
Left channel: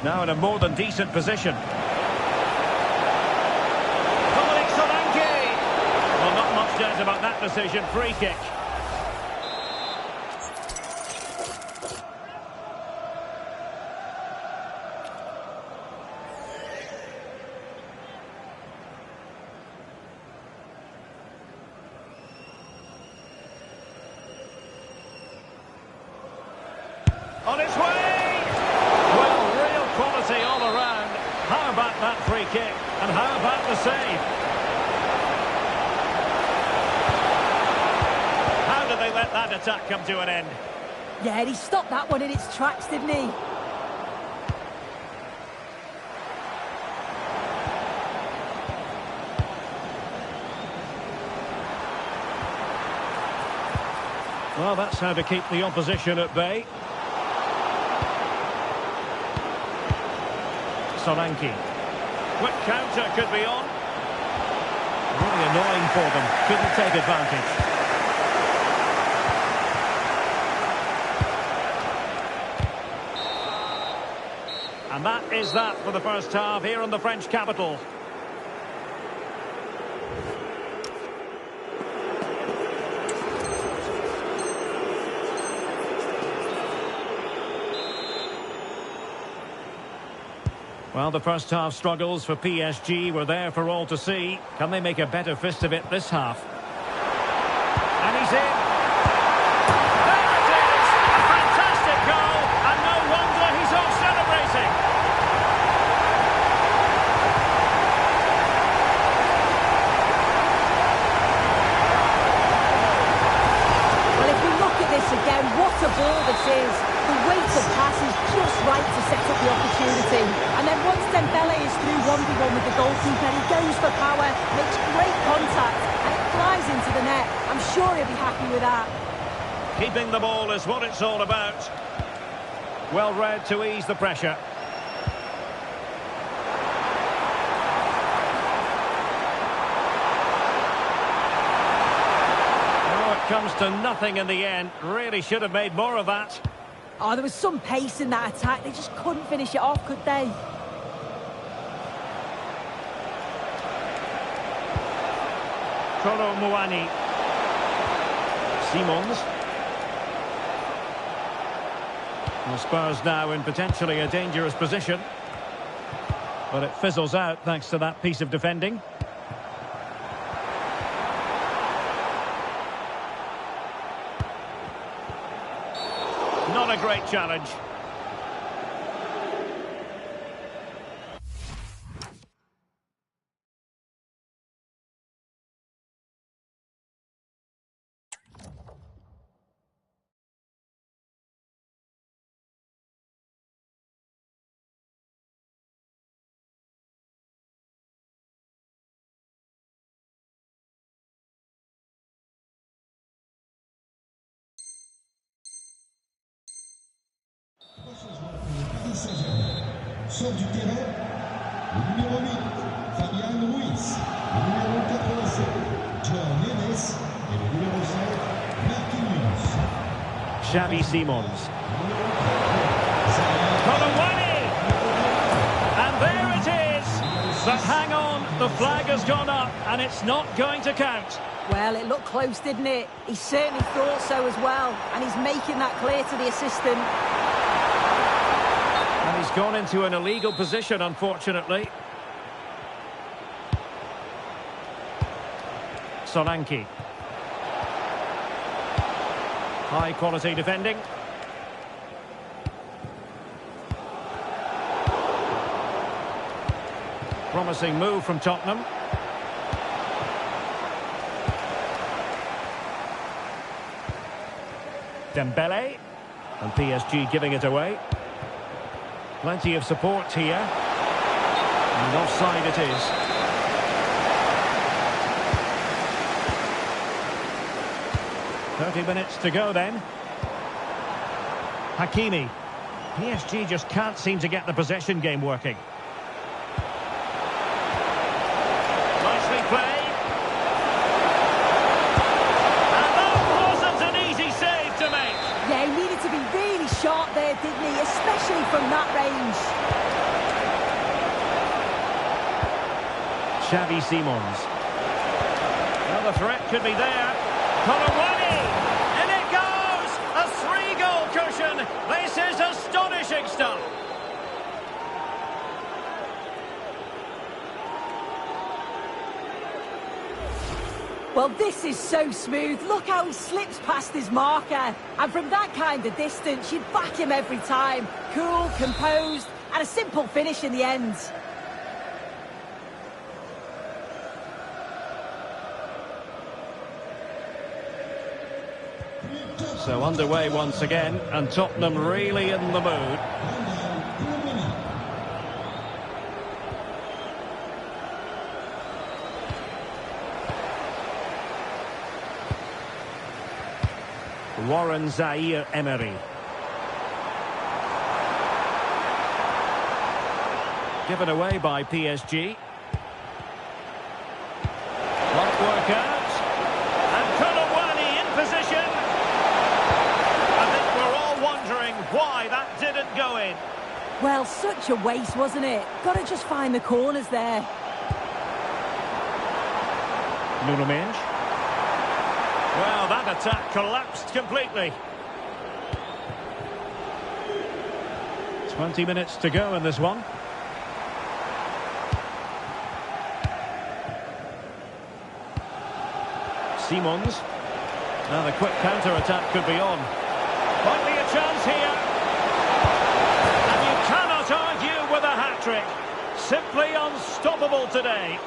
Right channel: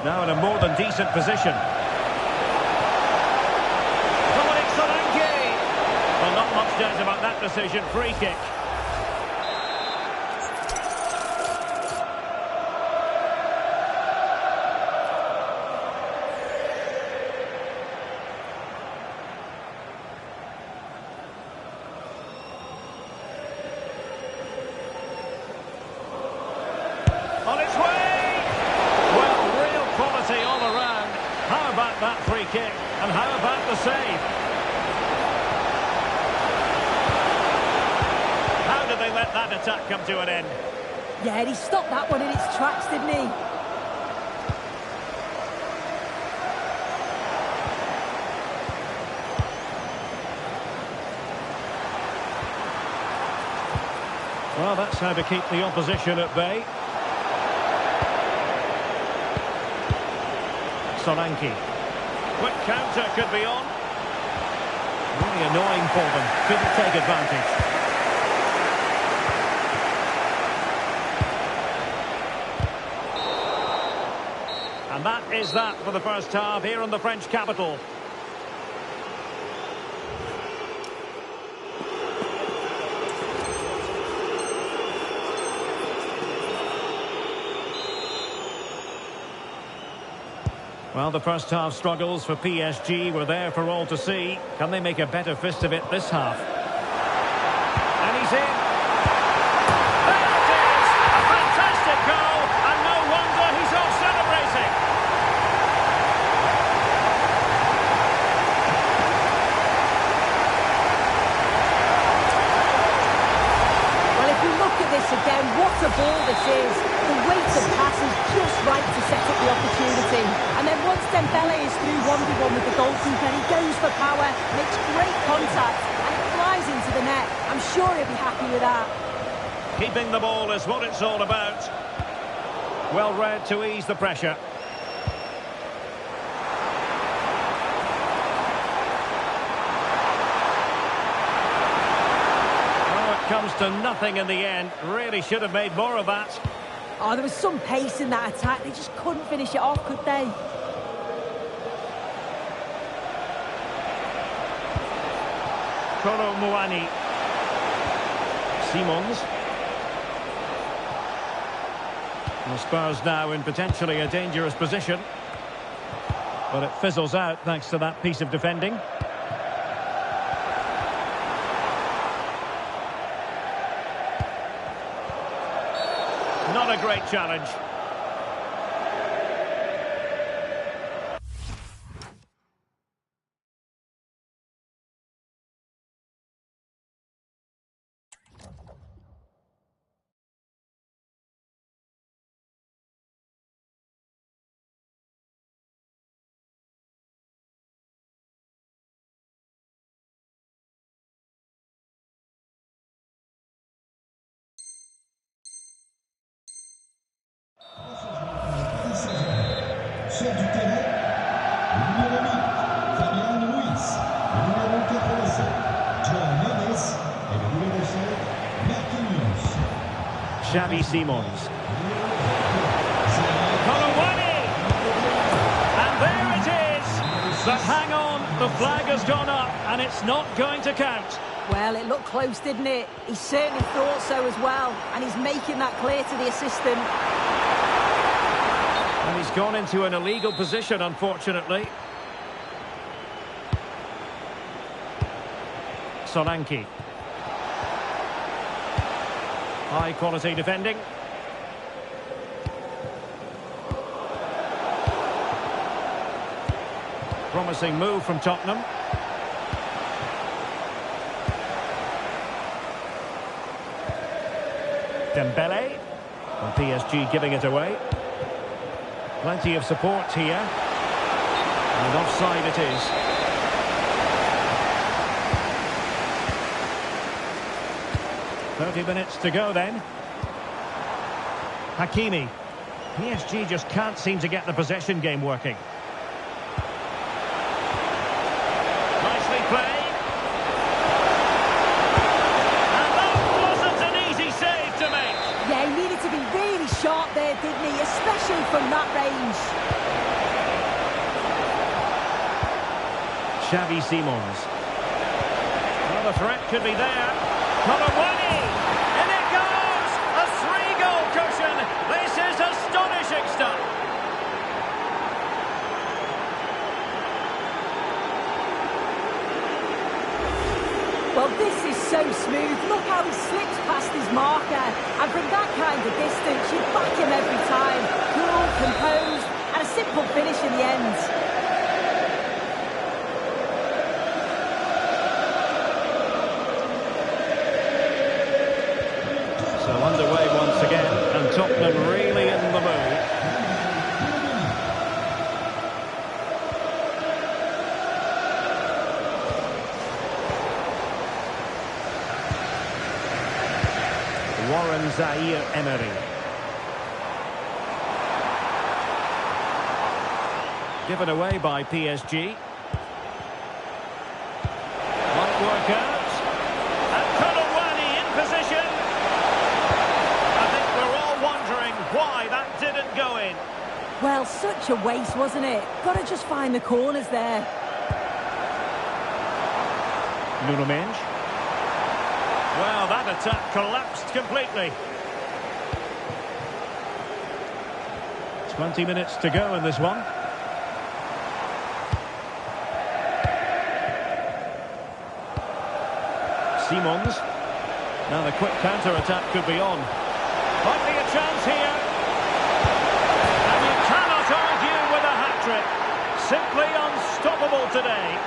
Now in a more than decent position. Dominic Solanke! Well, not much doubt about that decision. Free kick. On its way! Quality all around. How about that free kick? And how about the save? How did they let that attack come to an end? Yeah, he stopped that one in its tracks, didn't he? Well, that's how to keep the opposition at bay. Solanke. Quick counter could be on. Really annoying for them. Couldn't take advantage. And that is that for the first half here in the French capital. Well, the first half struggles for PSG were there for all to see. Can they make a better fist of it this half? And he's in. There it is! A fantastic goal, and no wonder he's off celebrating. Well, if we look at this again, what a ball this is. The weight of pass is just right to set up the opportunity. And then once Dembele is through 1v1 with the goalkeeper, he goes for power, makes great contact, and it flies into the net. I'm sure he'll be happy with that. Keeping the ball is what it's all about. Well read to ease the pressure. Oh, it comes to nothing in the end. Really should have made more of that. Oh, there was some pace in that attack. They just couldn't finish it off, could they? Kolo Muani. Simons. Well, Spurs now in potentially a dangerous position. But it fizzles out thanks to that piece of defending. Not a great challenge. Sort du terrain, le numéro 8, Fabian Ruiz, le numéro 87, John Neves et le numéro 5, Marquinhos. Xavi Simons. Colomwani! And there it is! But hang on, the flag has gone up and it's not going to count. Well, it looked close, didn't it? He certainly thought so as well. And he's making that clear to the assistant. And he's gone into an illegal position, unfortunately. Solanke. High quality defending. Promising move from Tottenham. Dembele. And PSG giving it away. Plenty of support here. And offside it is. "30 minutes to go then. Hakimi. PSG just can't seem to get the possession game working. Nicely played. And that wasn't an easy save to make. Yeah, he needed to be really sharp there, didn't he? Especially from that range. Xavi Simons. Well, the threat could be there. Colomwani! In it goes! A 3-goal cushion! This is astonishing stuff! Well, this is so smooth. Look how he slips past his marker. And from that kind of distance, you'd back him every time. Cool, composed, and a simple finish in the end. So underway once again, and Tottenham really in the mood. Warren Zaire-Emery. Given away by PSG. Won't work out. And Colomwani in position. I think we're all wondering why that didn't go in. Well, such a waste, wasn't it? Got to just find the corners there. Nuno Mendes. Well, that attack collapsed completely. 20 minutes to go in this one. Simons. Now the quick counter-attack could be on. Might be a chance here. And you cannot argue with a hat-trick. Simply unstoppable today.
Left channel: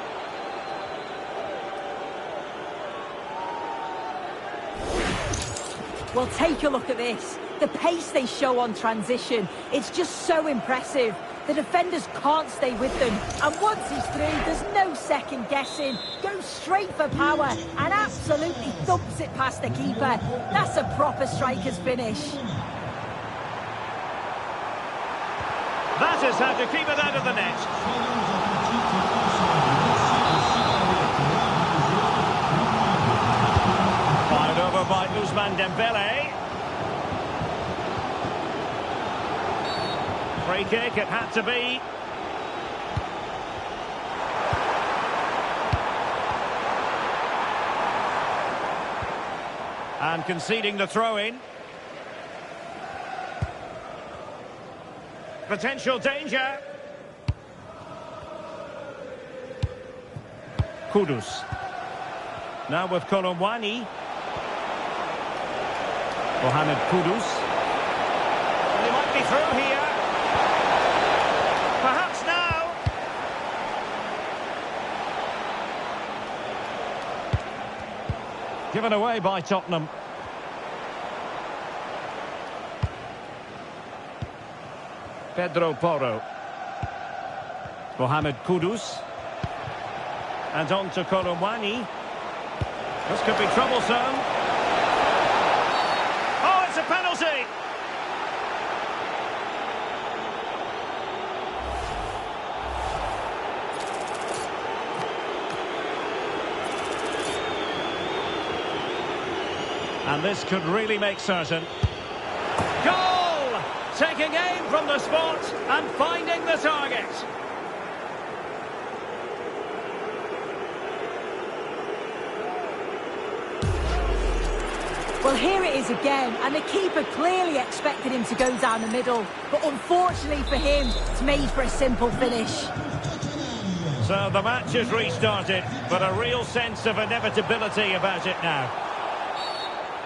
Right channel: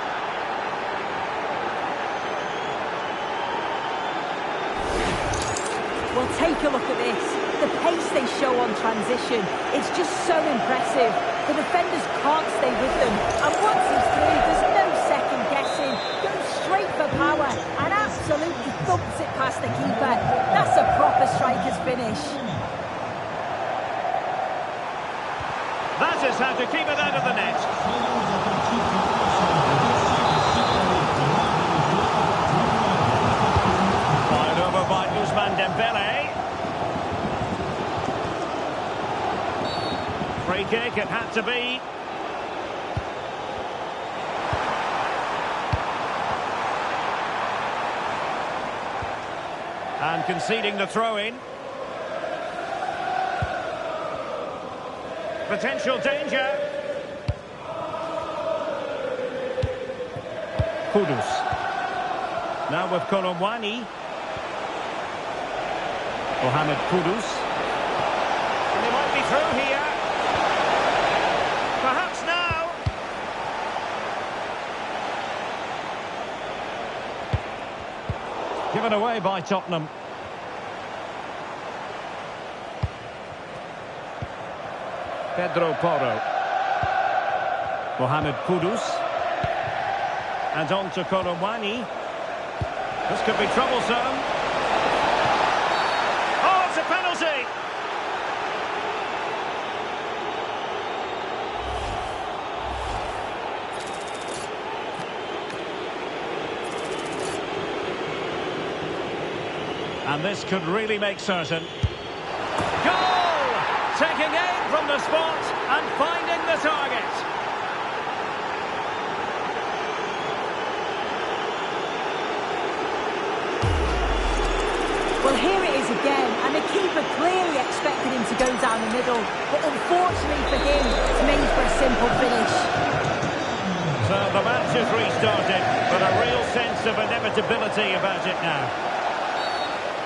Well, take a look at this. The pace they show on transition, it's just so impressive. The defenders can't stay with them. And once he's through, there's no second guessing. Goes straight for power and absolutely thumps it past the keeper. That's a proper striker's finish. That is how to keep it out of the net. Fired over by Ousmane Dembele. Free kick, it had to be. And conceding the throw-in. Potential danger. Kudus. Now with Kolomwani. Mohamed Kudus. And he might be through here. Perhaps now. Given away by Tottenham. Pedro Porro. Mohamed Kudus. And on to Kolomwani. This could be troublesome. Oh, it's a penalty! And this could really make certain. Goal! Taking aim from the spot and finding the target. Well, here it is again, and the keeper clearly expected him to go down the middle. But unfortunately for him, it's made for a simple finish. So the match has restarted, but a real sense of inevitability about it now.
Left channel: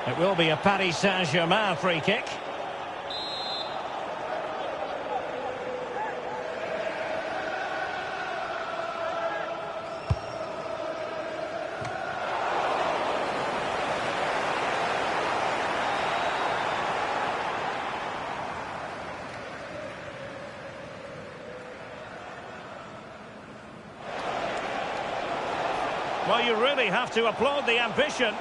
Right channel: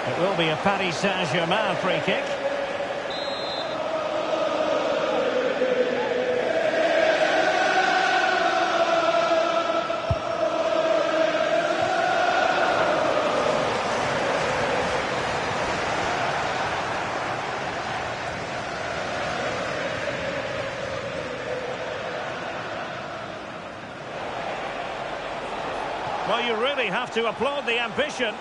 It will be a Paris Saint-Germain free kick. Well, you really have to applaud the ambition.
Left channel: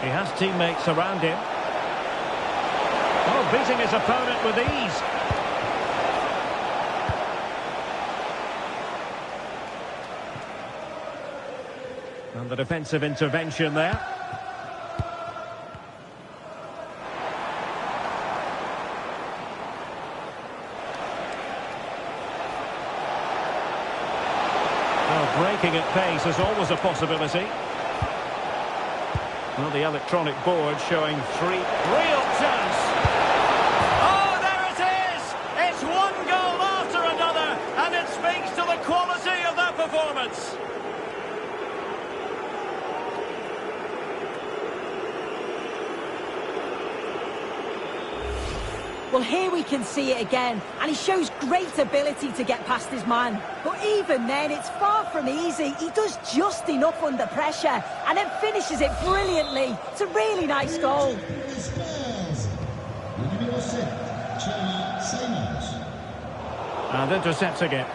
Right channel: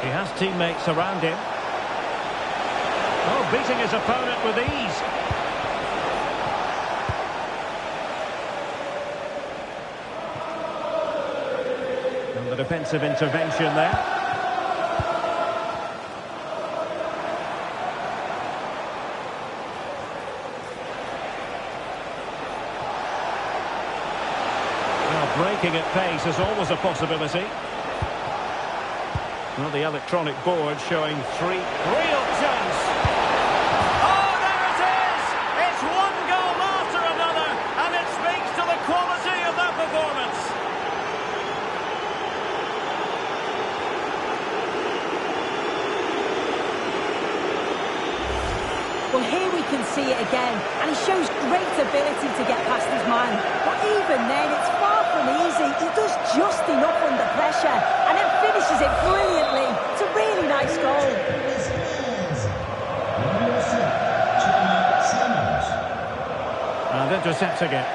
He has teammates around him. Oh, beating his opponent with ease. And the defensive intervention there. Well, breaking at pace is always a possibility. Well, the electronic board showing three real chance. Oh, there it is! It's one goal after another, and it speaks to the quality of that performance. Well, here we can see it again, and he shows great ability to get past his man. But even then, it's far from easy. He does just enough under pressure, and then finishes it brilliantly. It's a really nice goal. And intercepting it.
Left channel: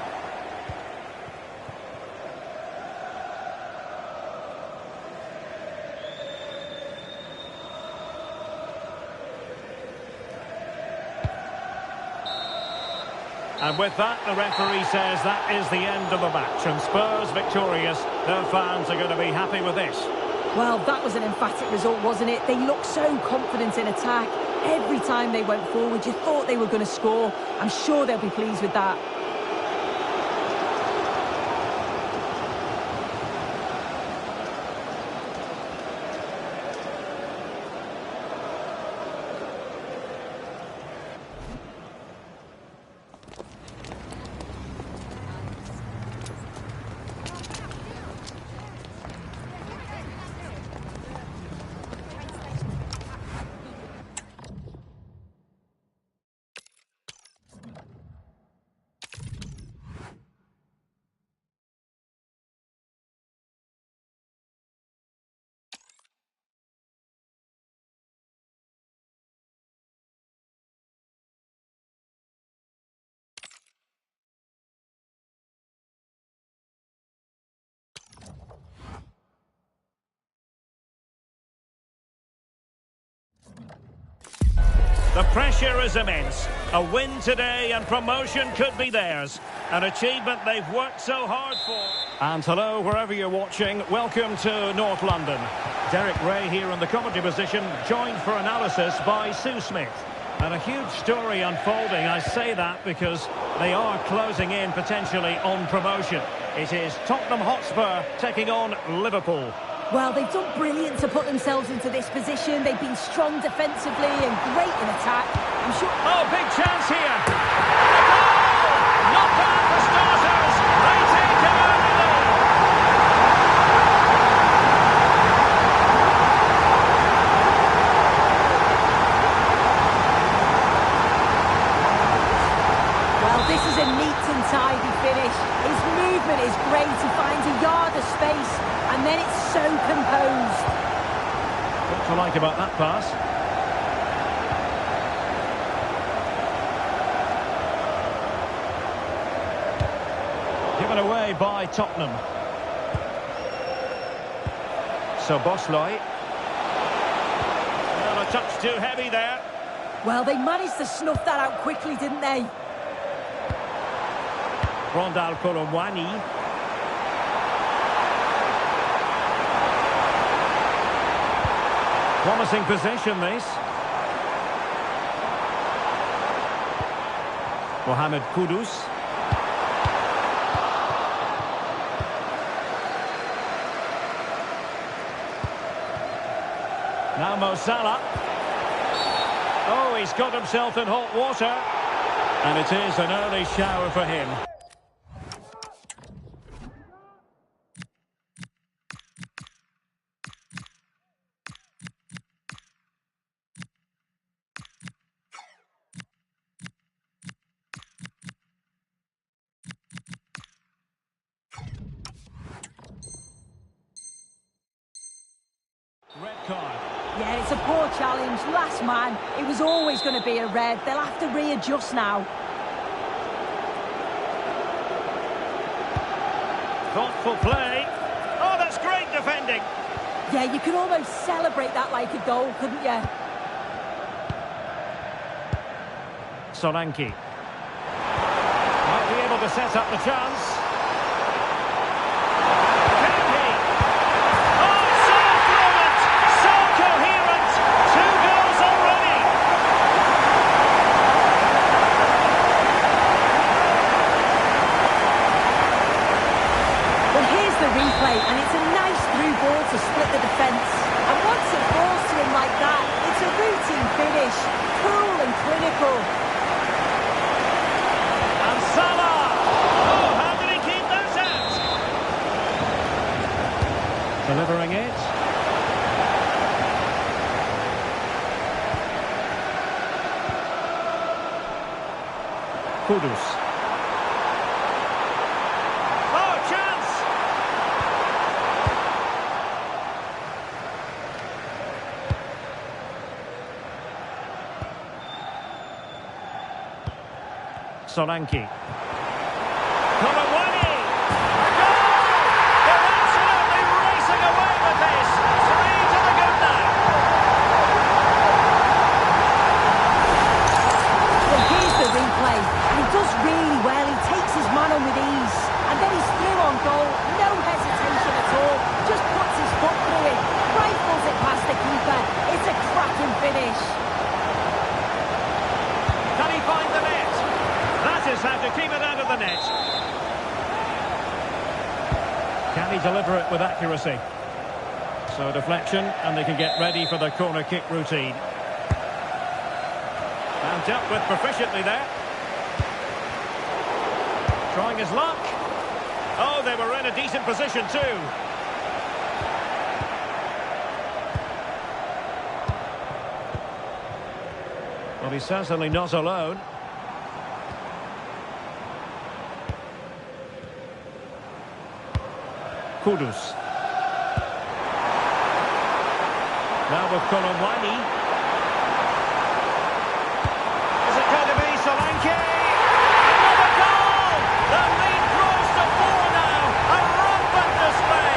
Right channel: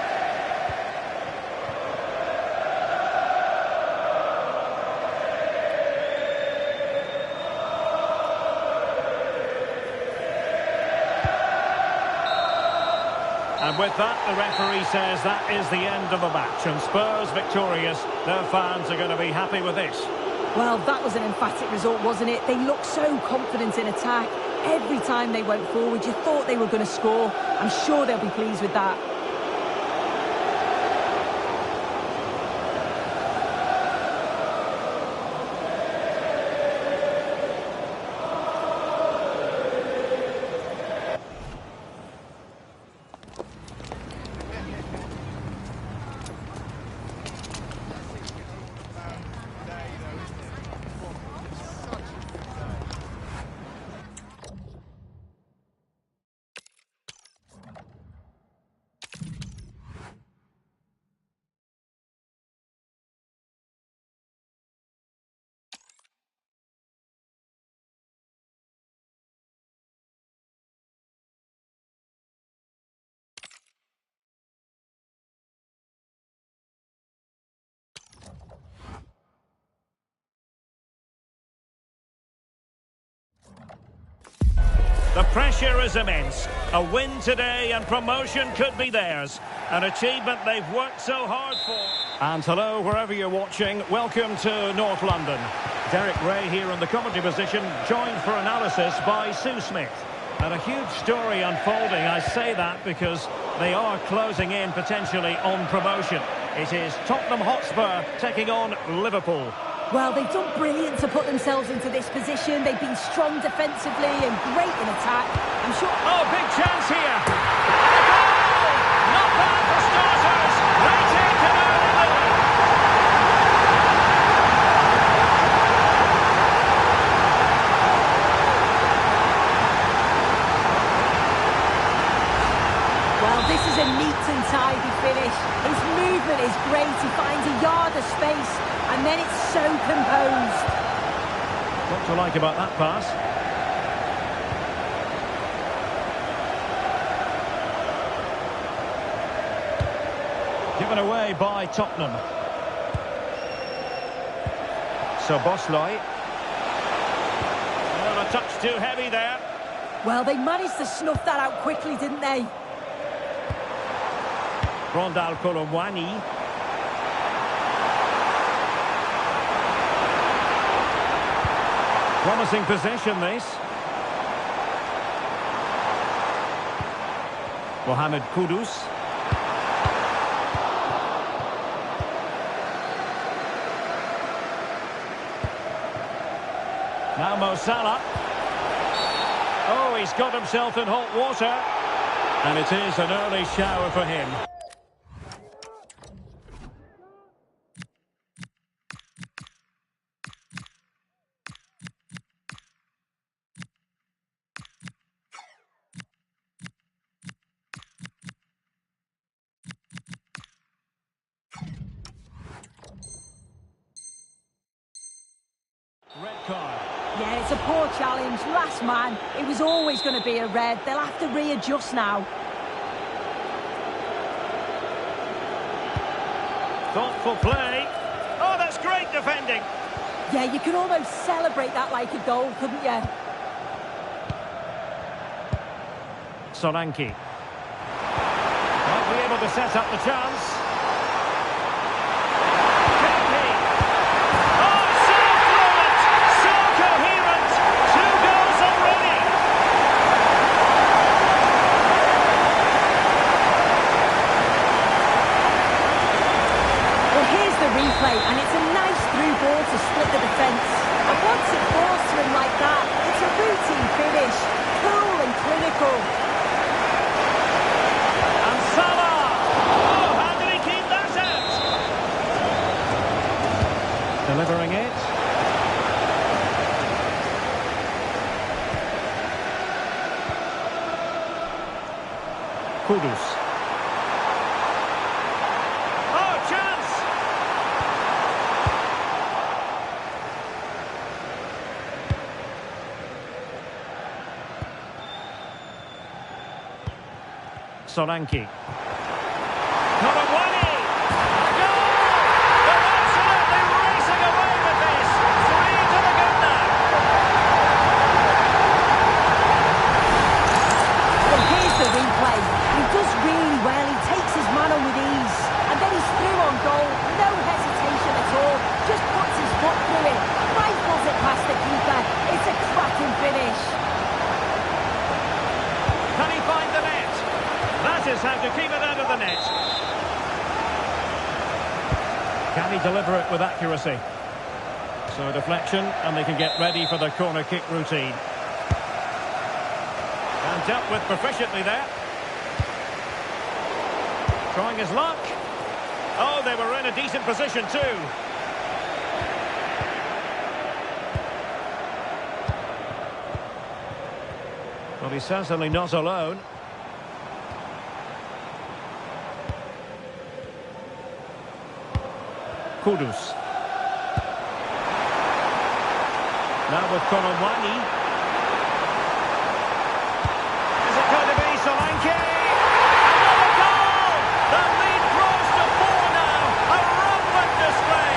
And with that, the referee says that is the end of the match. And Spurs victorious. Their fans are going to be happy with this. Well, that was an emphatic result, wasn't it? They looked so confident in attack. Every time they went forward, you thought they were going to score. I'm sure they'll be pleased with that. The pressure is immense. A win today and promotion could be theirs. An achievement they've worked so hard for. And hello, wherever you're watching, welcome to North London. Derek Ray here in the commentary position, joined for analysis by Sue Smith. And a huge story unfolding. I say that because they are closing in potentially on promotion. It is Tottenham Hotspur taking on Liverpool. Well, they've done brilliant to put themselves into this position. They've been strong defensively and great in attack. I'm sure... Oh, big chance here! And a goal! Not bad for starters. They take an early lead. Well, this is a neat and tidy finish. His movement is great. He finds a yard of space, and then it's so composed. What to like about that pass? Given away by Tottenham. So Bosloy. Well, a touch too heavy there. Well, they managed to snuff that out quickly, didn't they? Rondal Colomwani. Promising possession, this. Mohamed Kudus. Now Mo Salah. Oh, he's got himself in hot water. And it is an early shower for him. Red card. Yeah, it's a poor challenge. Last man. It was always going to be a red. They'll have to readjust now. Thoughtful play. Oh, that's great defending. Yeah, you could almost celebrate that like a goal, couldn't you? Solanke. Might be able to set up the chance. Replay, and it's a nice through ball to split the defence. And once it falls to him like that, it's a routine finish, cool and clinical. And Salah! Oh, how did he keep that out? Delivering it. Kudus. Solanke. Colomwani! A goal! They're absolutely racing away with this. 3 to the good now. Well, here's the replay. And he does really well. He takes his man on with ease. And And then he's through on goal. No hesitation at all. Just puts his foot through it. Rifles it past the keeper. It's a cracking finish. Can he find the net? That is how to keep it out of the net. Can he deliver it with accuracy? So a deflection, and they can get ready for the corner kick routine. And dealt with proficiently there. Trying his luck. Oh, they were in a decent position too. Well, he's certainly not alone. Kudus. Now with Kolomwani. Is it going to be Solanke? Another goal! The lead grows to 4 now. A rampant display.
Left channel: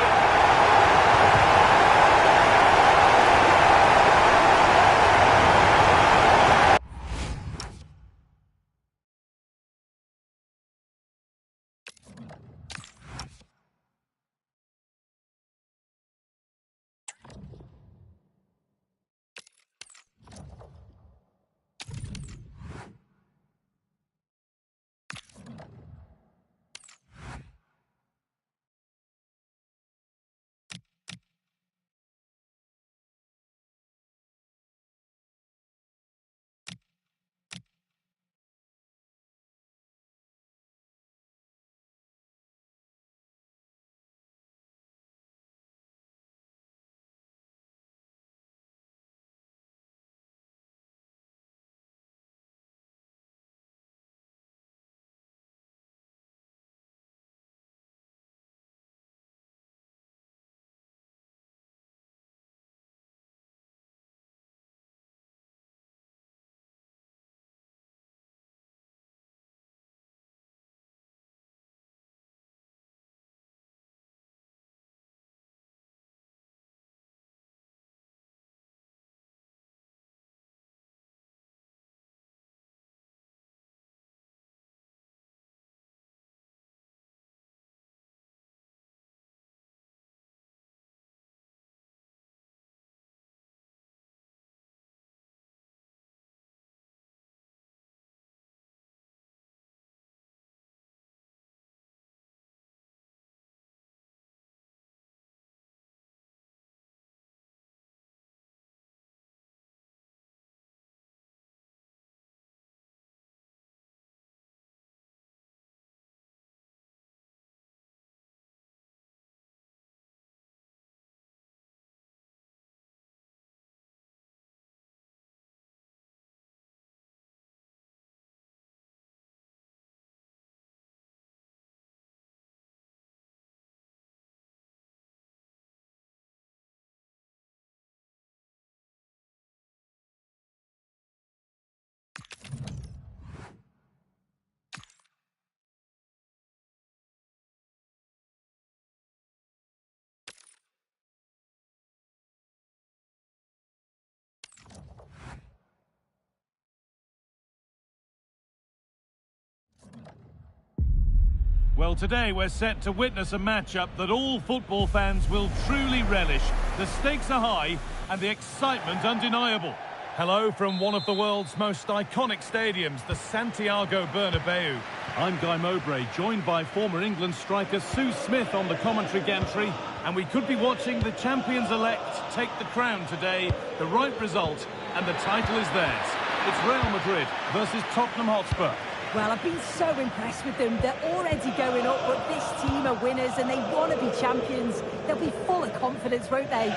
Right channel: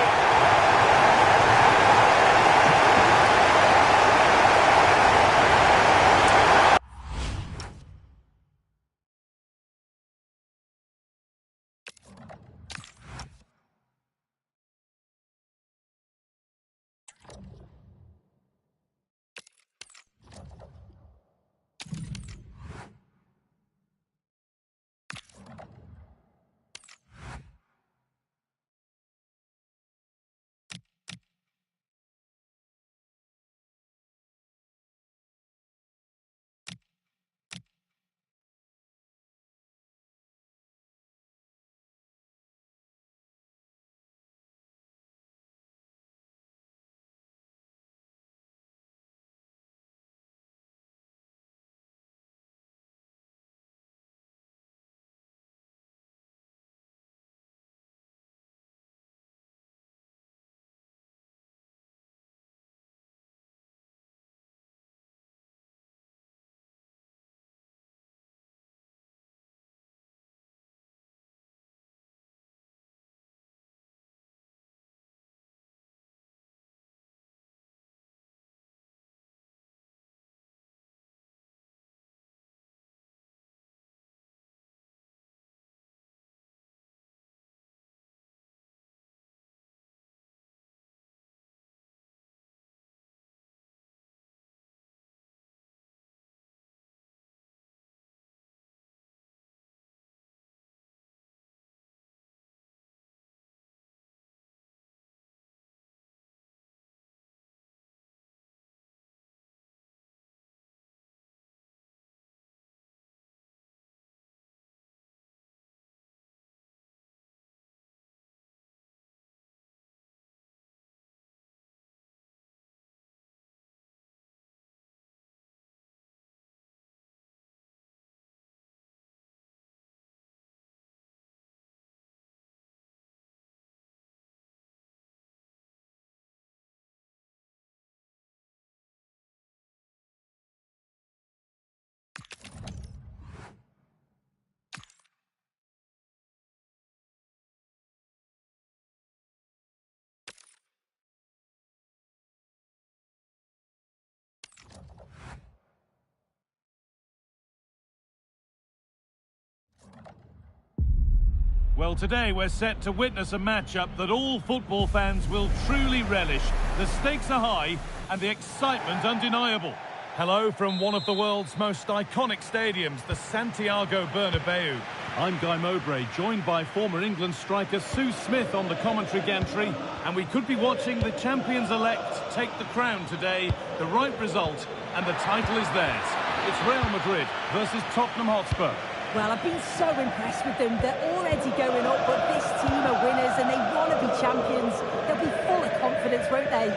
Well, today we're set to witness a matchup that all football fans will truly relish. The stakes are high and the excitement undeniable. Hello from one of the world's most iconic stadiums, the Santiago Bernabeu. I'm Guy Mowbray, joined by former England striker Sue Smith on the commentary gantry, and we could be watching the champions-elect take the crown today. The right result, and the title is theirs. It's Real Madrid versus Tottenham Hotspur. Well, I've been so impressed with them. They're already going up, but this team are winners and they want to be champions. They'll be full of confidence, won't they?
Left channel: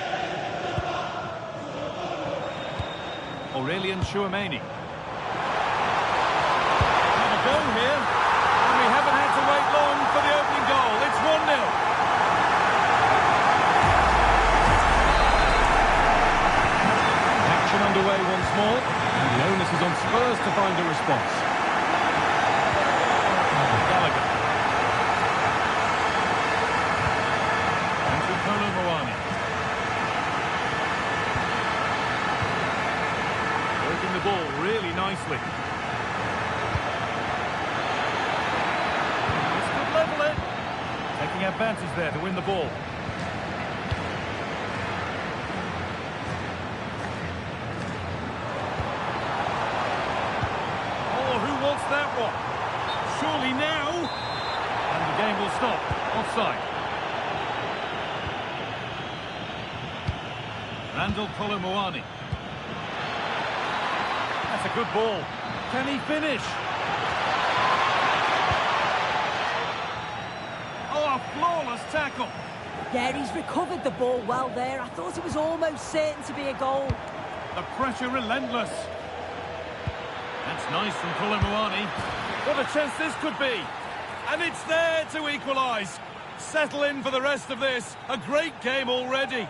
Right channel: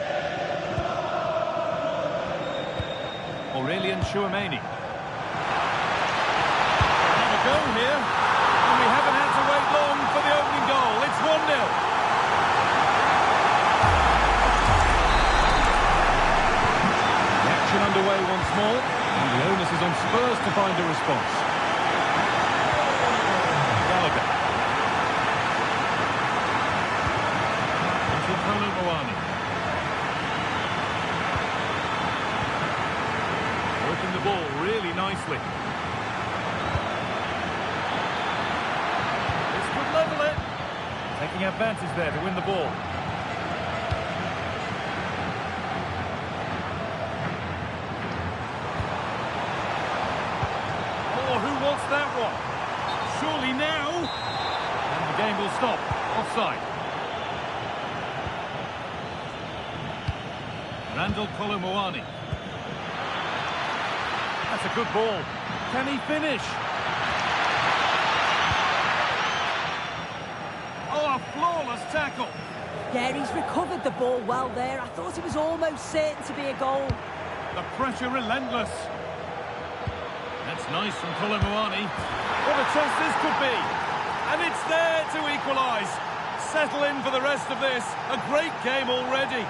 Aurelian Chouameni. Have a go here. And we haven't had to wait long for the opening goal. It's 1-0. The action underway once more. And the onus is on Spurs to find a response. Gallagher. Into Kolomwani. Working the ball really nicely. This could level it. Taking advantage there to win the ball. Oh, who wants that one? Surely now. And the game will stop. Offside. Randall Kolomoani. That's a good ball. Can he finish? Oh, a flawless tackle. Yeah, he's recovered the ball well there. I thought it was almost certain to be a goal. The pressure relentless. That's nice from Kolomoani. What a chance this could be. And it's there to equalise. Settle in for the rest of this. A great game already.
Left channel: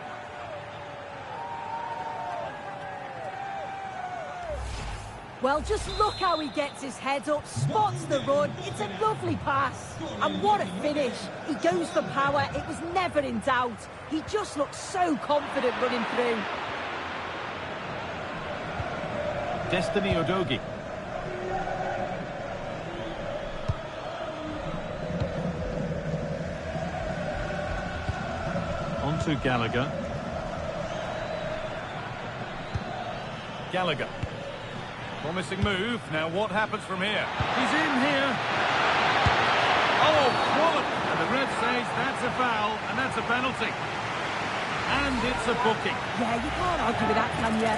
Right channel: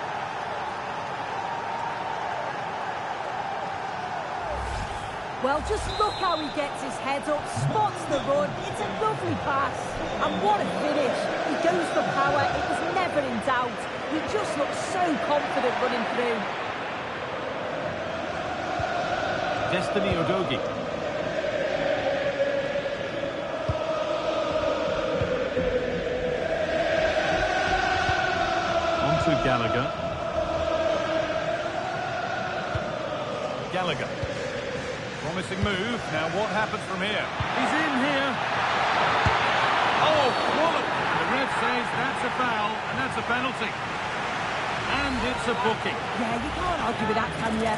Well, just look how he gets his head up, spots the run. It's a lovely pass. And what a finish. He goes for power. It was never in doubt. He just looks so confident running through. Destiny Udogie. On to Gallagher. Gallagher. Promising move. Now what happens from here? He's in here. Oh, quality. And the ref says that's a foul and that's a penalty. And it's a booking. Yeah, you can't argue with that, can you?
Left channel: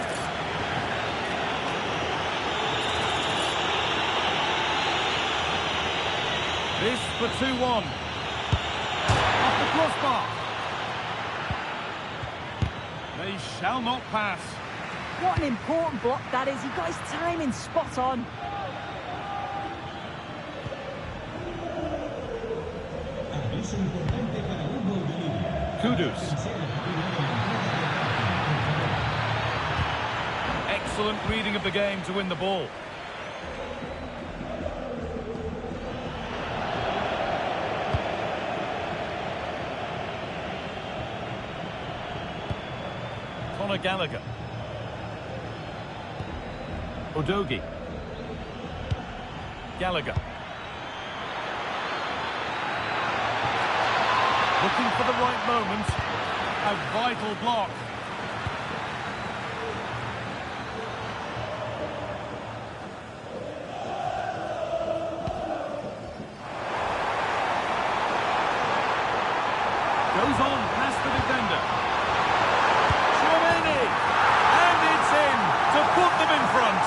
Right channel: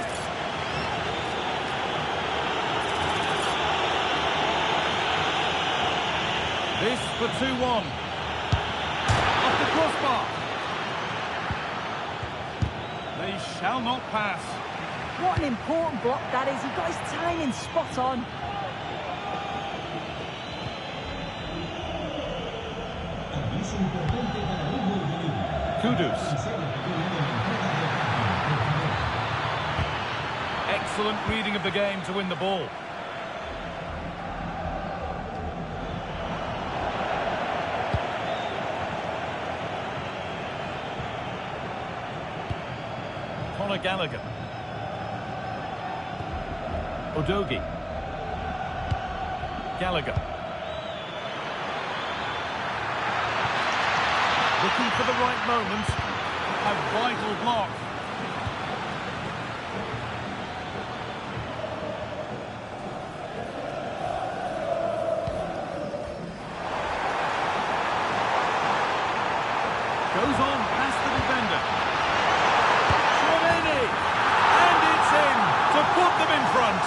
This for 2-1. Off the crossbar. They shall not pass. What an important block that is. He got his timing spot on. Aviso importante para un gol de línea. Kudus. Tercera cabina de la entrada de parking, por favor. Excellent reading of the game to win the ball. Conor Gallagher. Udogie. Gallagher. Looking for the right moment. A vital block. Goes on past the defender. Chouameni. And it's in to put them in front.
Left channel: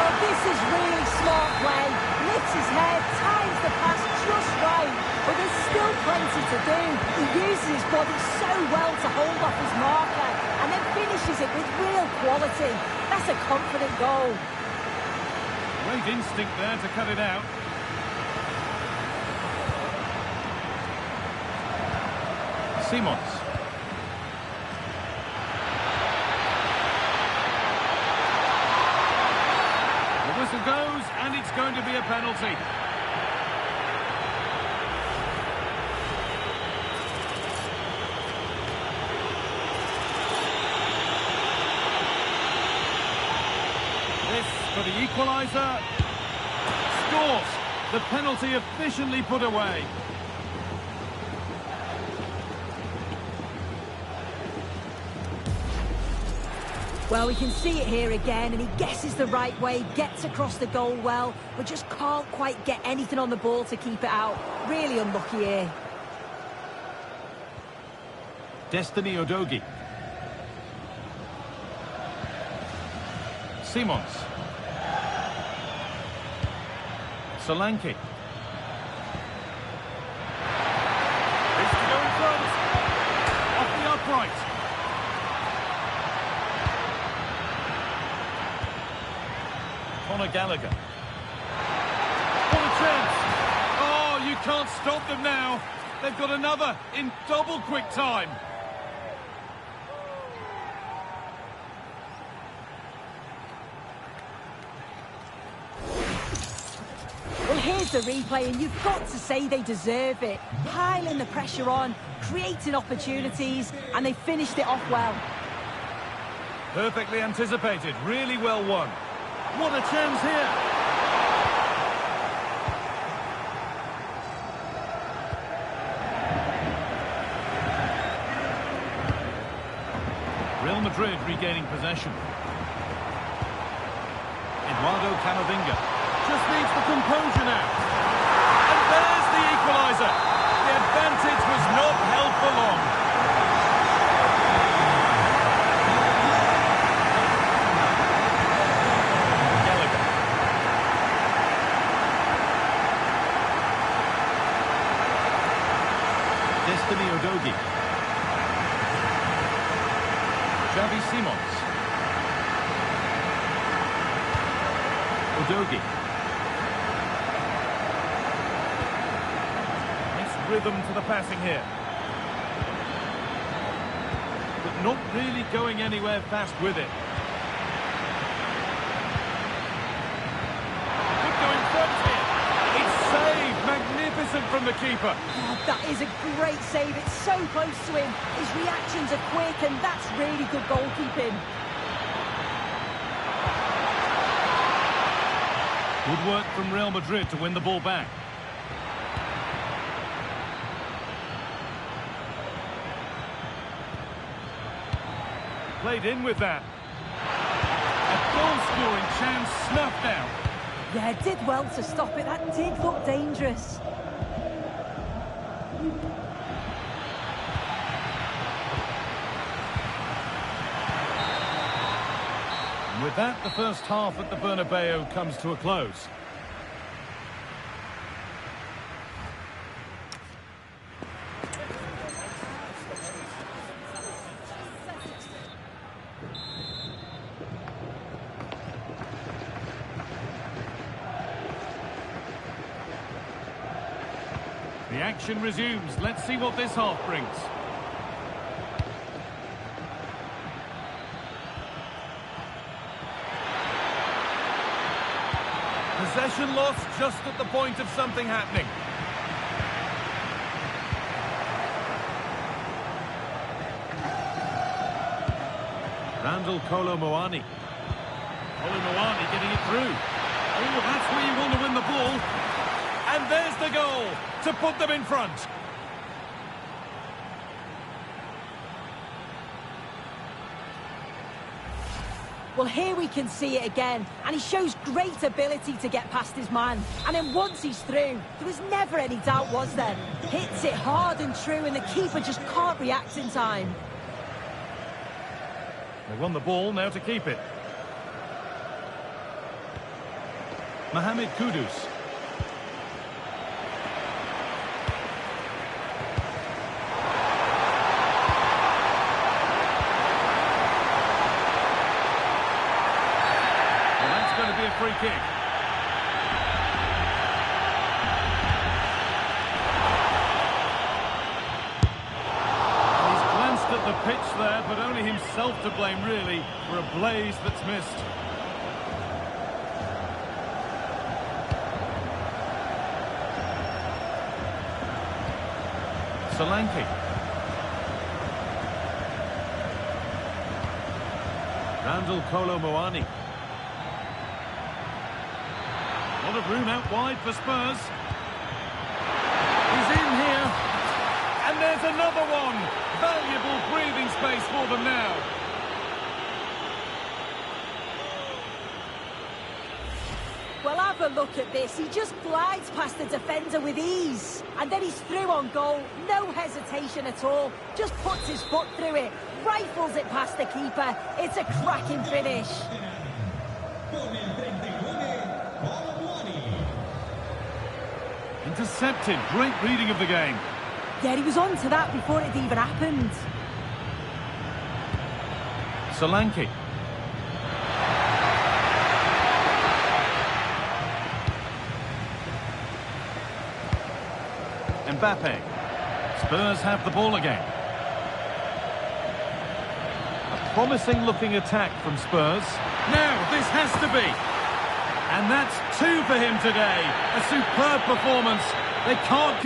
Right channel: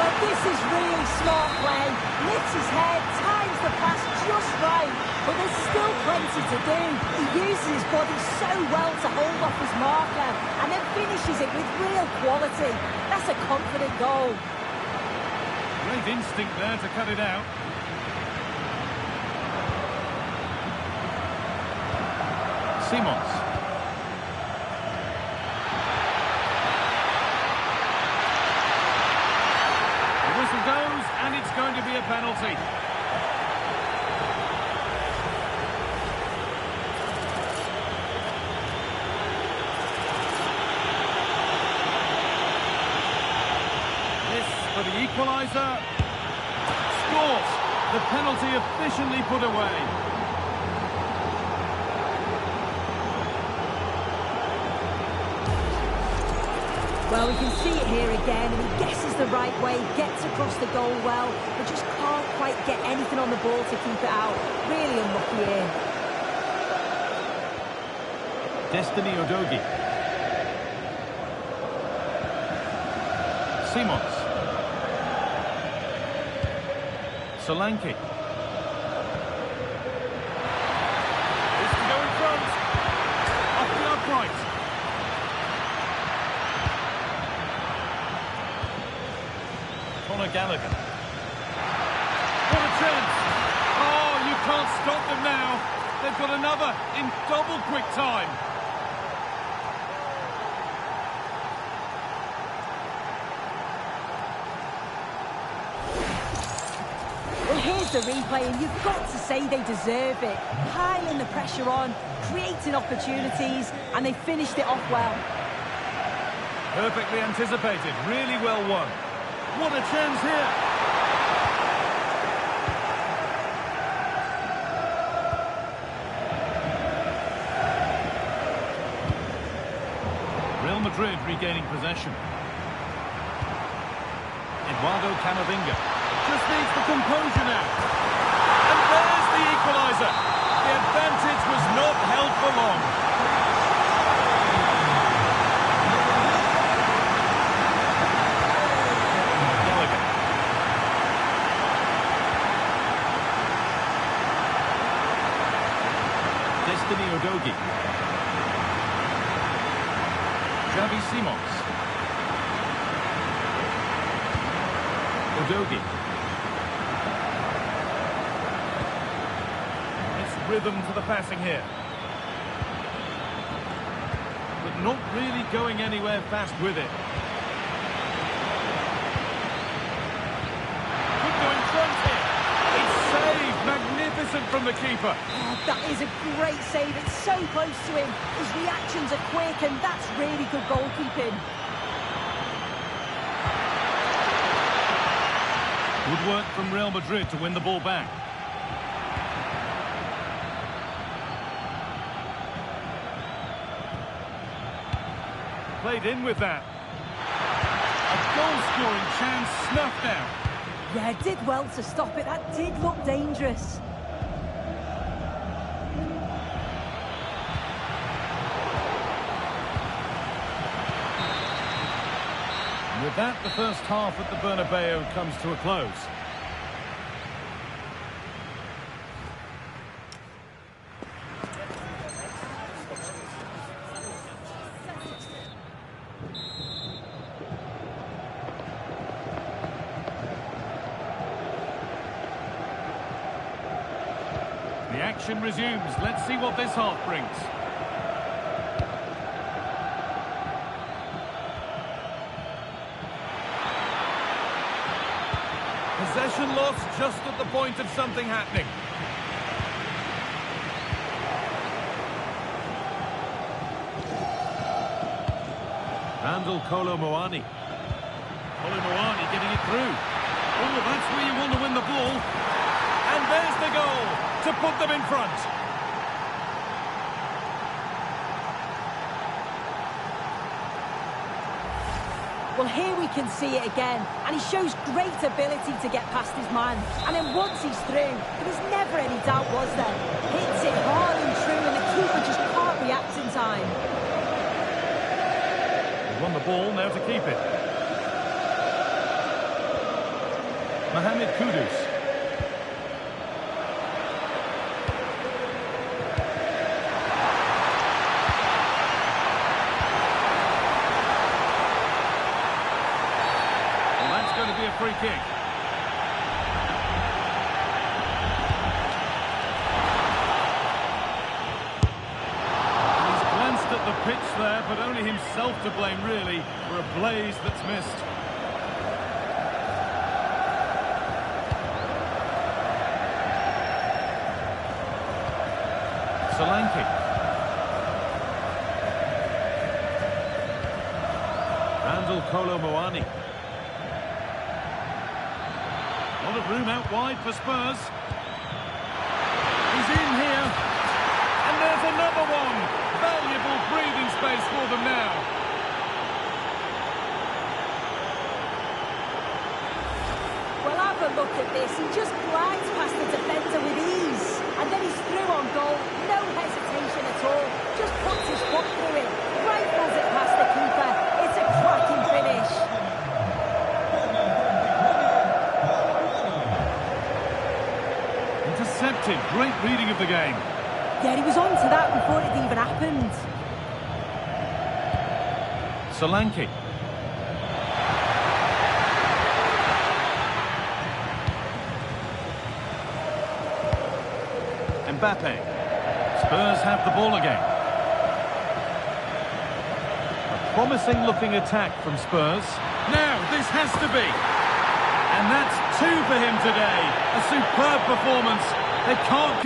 Well, this is really smart play. Lifts his head, times the pass just right. But there's still plenty to do. He uses his body so well to hold off his marker and then finishes it with real quality. That's a confident goal. Great instinct there to cut it out. Simons. The whistle goes, and it's going to be a penalty. This for the equaliser. Scores. The penalty efficiently put away. Well, we can see it here again, and he guesses the right way, gets across the goal well, but just can't quite get anything on the ball to keep it out. Really unlucky here. Destiny Udogie. Simons. Solanke. This to go in front. Off the upright. Conor Gallagher. What a chance. Oh, you can't stop them now. They've got another in double quick time. Well, here's the replay, and you've got to say they deserve it. Piling the pressure on, creating opportunities, and they finished it off well. Perfectly anticipated, really well won. What a chance here. Real Madrid regaining possession. Eduardo Camavinga just needs the composure now. And there's the equaliser. The advantage was not held for long. Gallagher. Destiny Udogie. Xavi Simons. Udogie. Nice rhythm to the passing here. But not really going anywhere fast with it. Could go in front here. It's saved. Magnificent from the keeper. Oh, that is a great save. It's so close to him. His reactions are quick, and that's really good goalkeeping. Good work from Real Madrid to win the ball back. Played in with that. A goal-scoring chance snuffed out. Yeah, did well to stop it. That did look dangerous. And with that, the first half at the Bernabeu comes to a close. The action resumes. Let's see what this half brings. Possession lost just at the point of something happening. Randall Kolo Muani. Kolo Muani getting it through. Oh, that's where you want to win the ball. And there's the goal to put them in front. Well, here we can see it again, and he shows great ability to get past his man. And then once he's through, there was never any doubt, was there? Hits it hard and true, and the keeper just can't react in time. They won the ball, now to keep it. Mohamed Kudus. Going to be a free kick. And he's glanced at the pitch there, but only himself to blame really for a blaze that's missed. Solanke. Randall Kolo Muani. A lot of room out wide for Spurs. He's in here. And there's another one. Valuable breathing space for them now. Well, have a look at this. He just glides past the defender with ease. And then he's through on goal. No hesitation at all. Just puts his foot through it. Rifles it past the keeper. It's a cracking finish. Intercepted. Great reading of the game. Yeah, he was on to that before it even happened. Solanke. Mbappe. Spurs have the ball again. A promising looking attack from Spurs. Now, this has to be. And that's 2 for him today. A superb performance. They can't...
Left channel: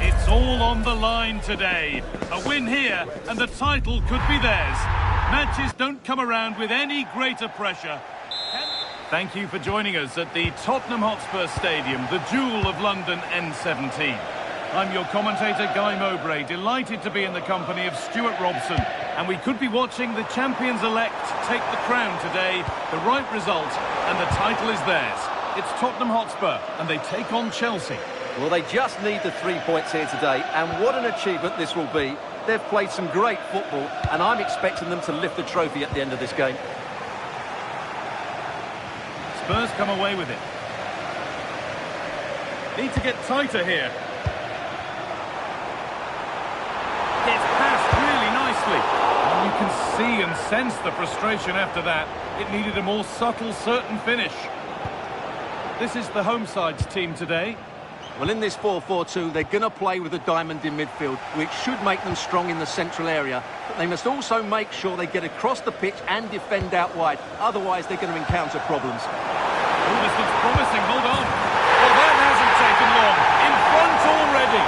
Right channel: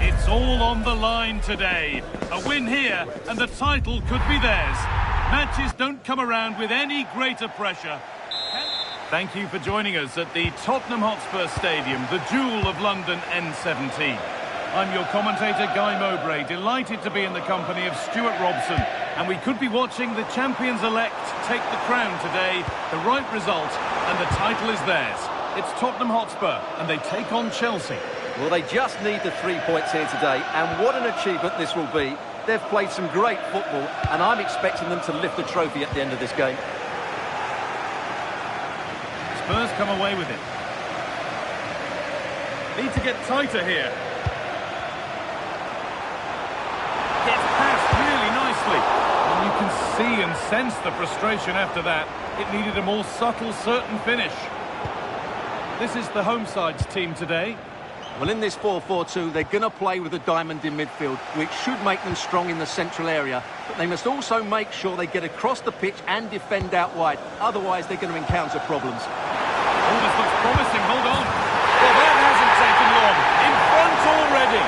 It's all on the line today. A win here and the title could be theirs. Matches don't come around with any greater pressure. Thank you for joining us at the Tottenham Hotspur Stadium, the jewel of London N17. I'm your commentator, Guy Mowbray, delighted to be in the company of Stuart Robson. And we could be watching the champions-elect take the crown today, the right result, and the title is theirs. It's Tottenham Hotspur, and they take on Chelsea. Well, they just need the 3 points here today, and what an achievement this will be. They've played some great football, and I'm expecting them to lift the trophy at the end of this game. Spurs come away with it. Need to get tighter here. Gets past really nicely. And you can see and sense the frustration after that. It needed a more subtle, certain finish. This is the home side's team today. Well, in this 4-4-2, they're going to play with a diamond in midfield, which should make them strong in the central area. But they must also make sure they get across the pitch and defend out wide. Otherwise, they're going to encounter problems. Oh, this looks promising. Hold on. Well, that hasn't taken long. In front already.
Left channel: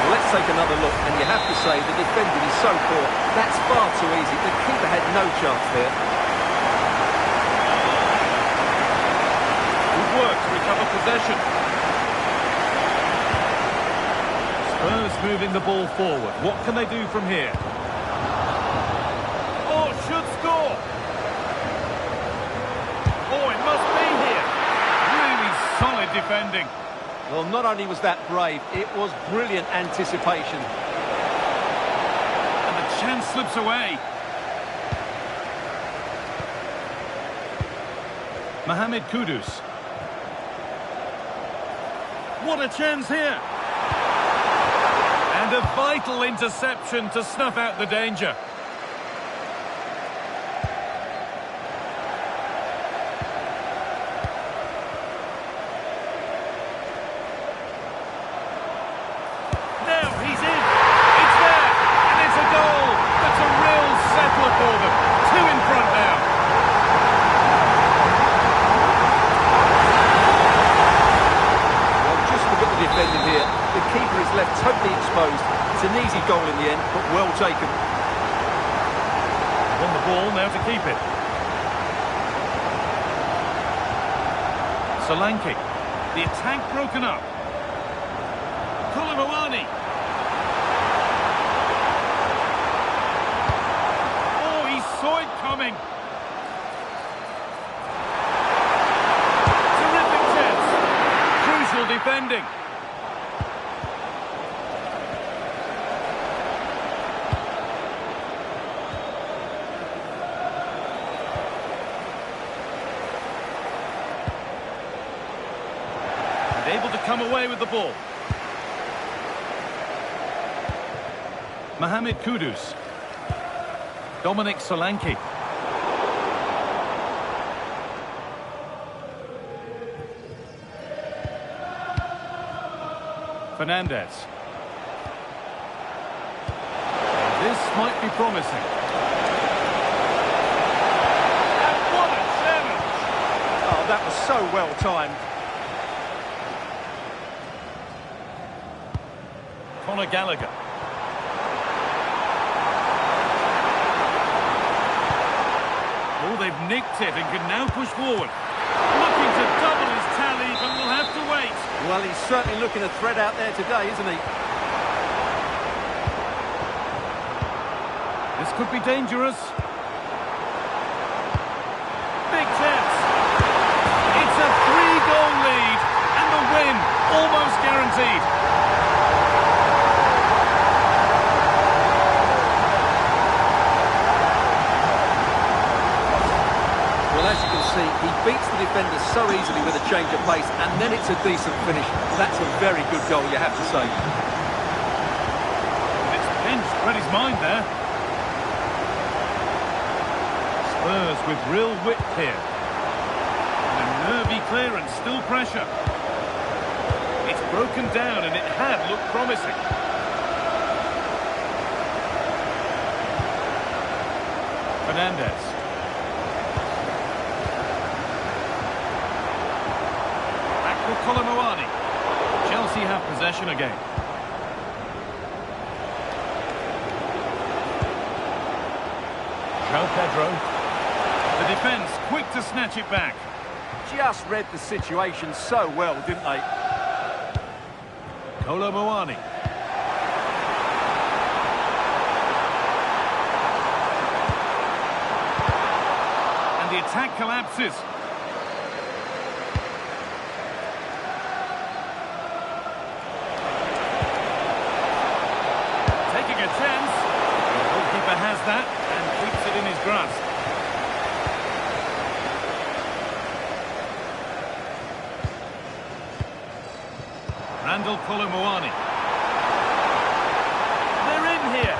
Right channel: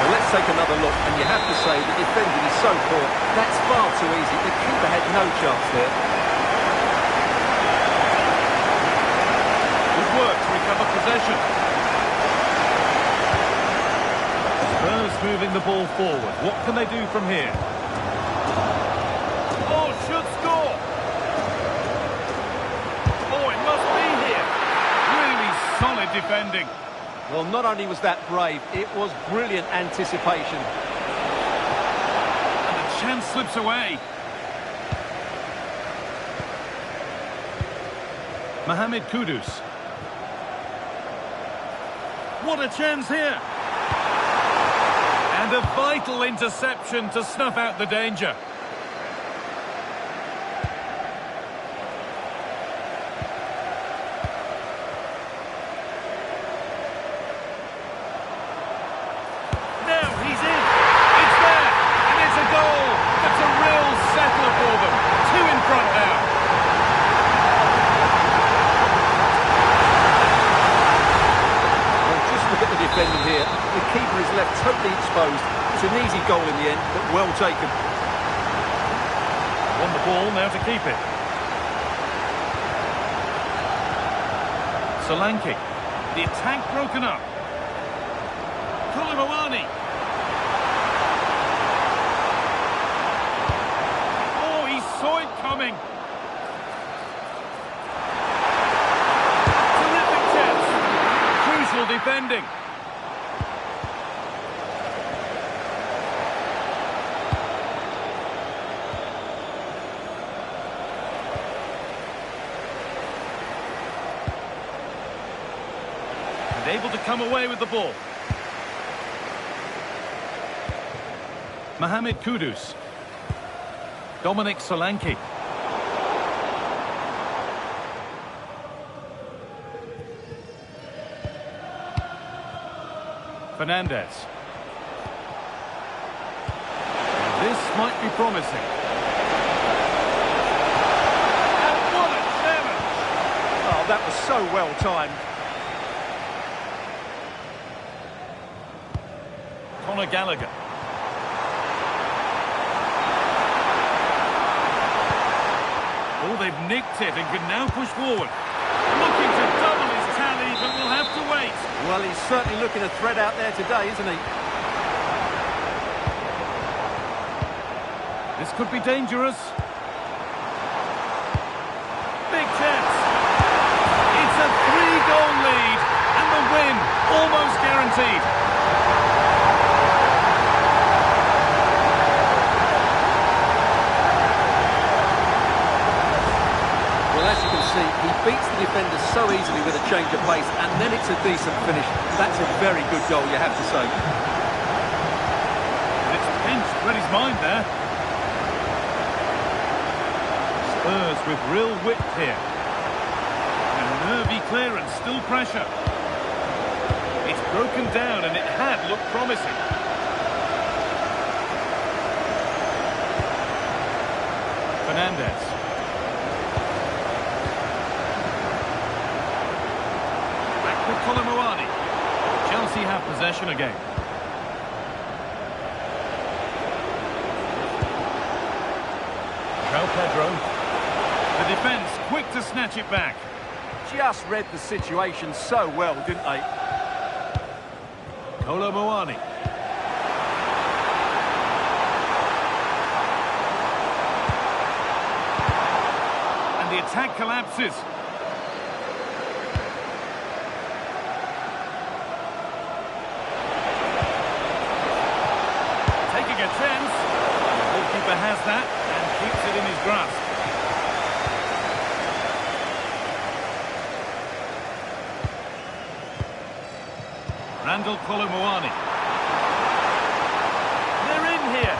Well, let's take another look. And you have to say the defending is so poor. That's far too easy. The keeper had no chance there. Work to recover possession. Spurs moving the ball forward. What can they do from here? Oh, should score. Oh, it must be here. Really solid defending. Well, not only was that brave, it was brilliant anticipation. And the chance slips away. Mohamed Kudus. What a chance here. And a vital interception to snuff out the danger. Now he's in. It's there. And it's a goal. That's a real settler for them. 2 in front now. Look at the defending here. The keeper is left totally exposed. It's an easy goal in the end, but well taken. Won the ball, now to keep it. Solanke. The attack broken up. Koulibaly. Oh, he saw it coming. Crucial defending. And able to come away with the ball. Mohamed Kudus. Dominic Solanke. Fernandez. This might be promising. And what a challenge! Oh, that was so well timed. Conor Gallagher. Oh, they've nicked it and can now push forward. Looking to double his tally, but we'll have to wait. Well, he's certainly looking a threat out there today, isn't he? This could be dangerous. Big chance. It's a 3-goal lead, and the win almost guaranteed. Well, as you can see, he beats the defender so easily with a change of pace, and then it's a decent finish. That's a very good goal, you have to say. And it's pinched, read his mind there. Spurs with real width here. And a nervy clearance, still pressure. It's broken down, and it had looked promising. Fernandez. Back with Colomboani. Chelsea have possession again. João Pedro. The defence quick to snatch it back. Just read the situation so well, didn't they? Colomboani. And the attack collapses. Taking a chance. The goalkeeper has that and keeps it in his grasp. Randall Colomboani. They're in here.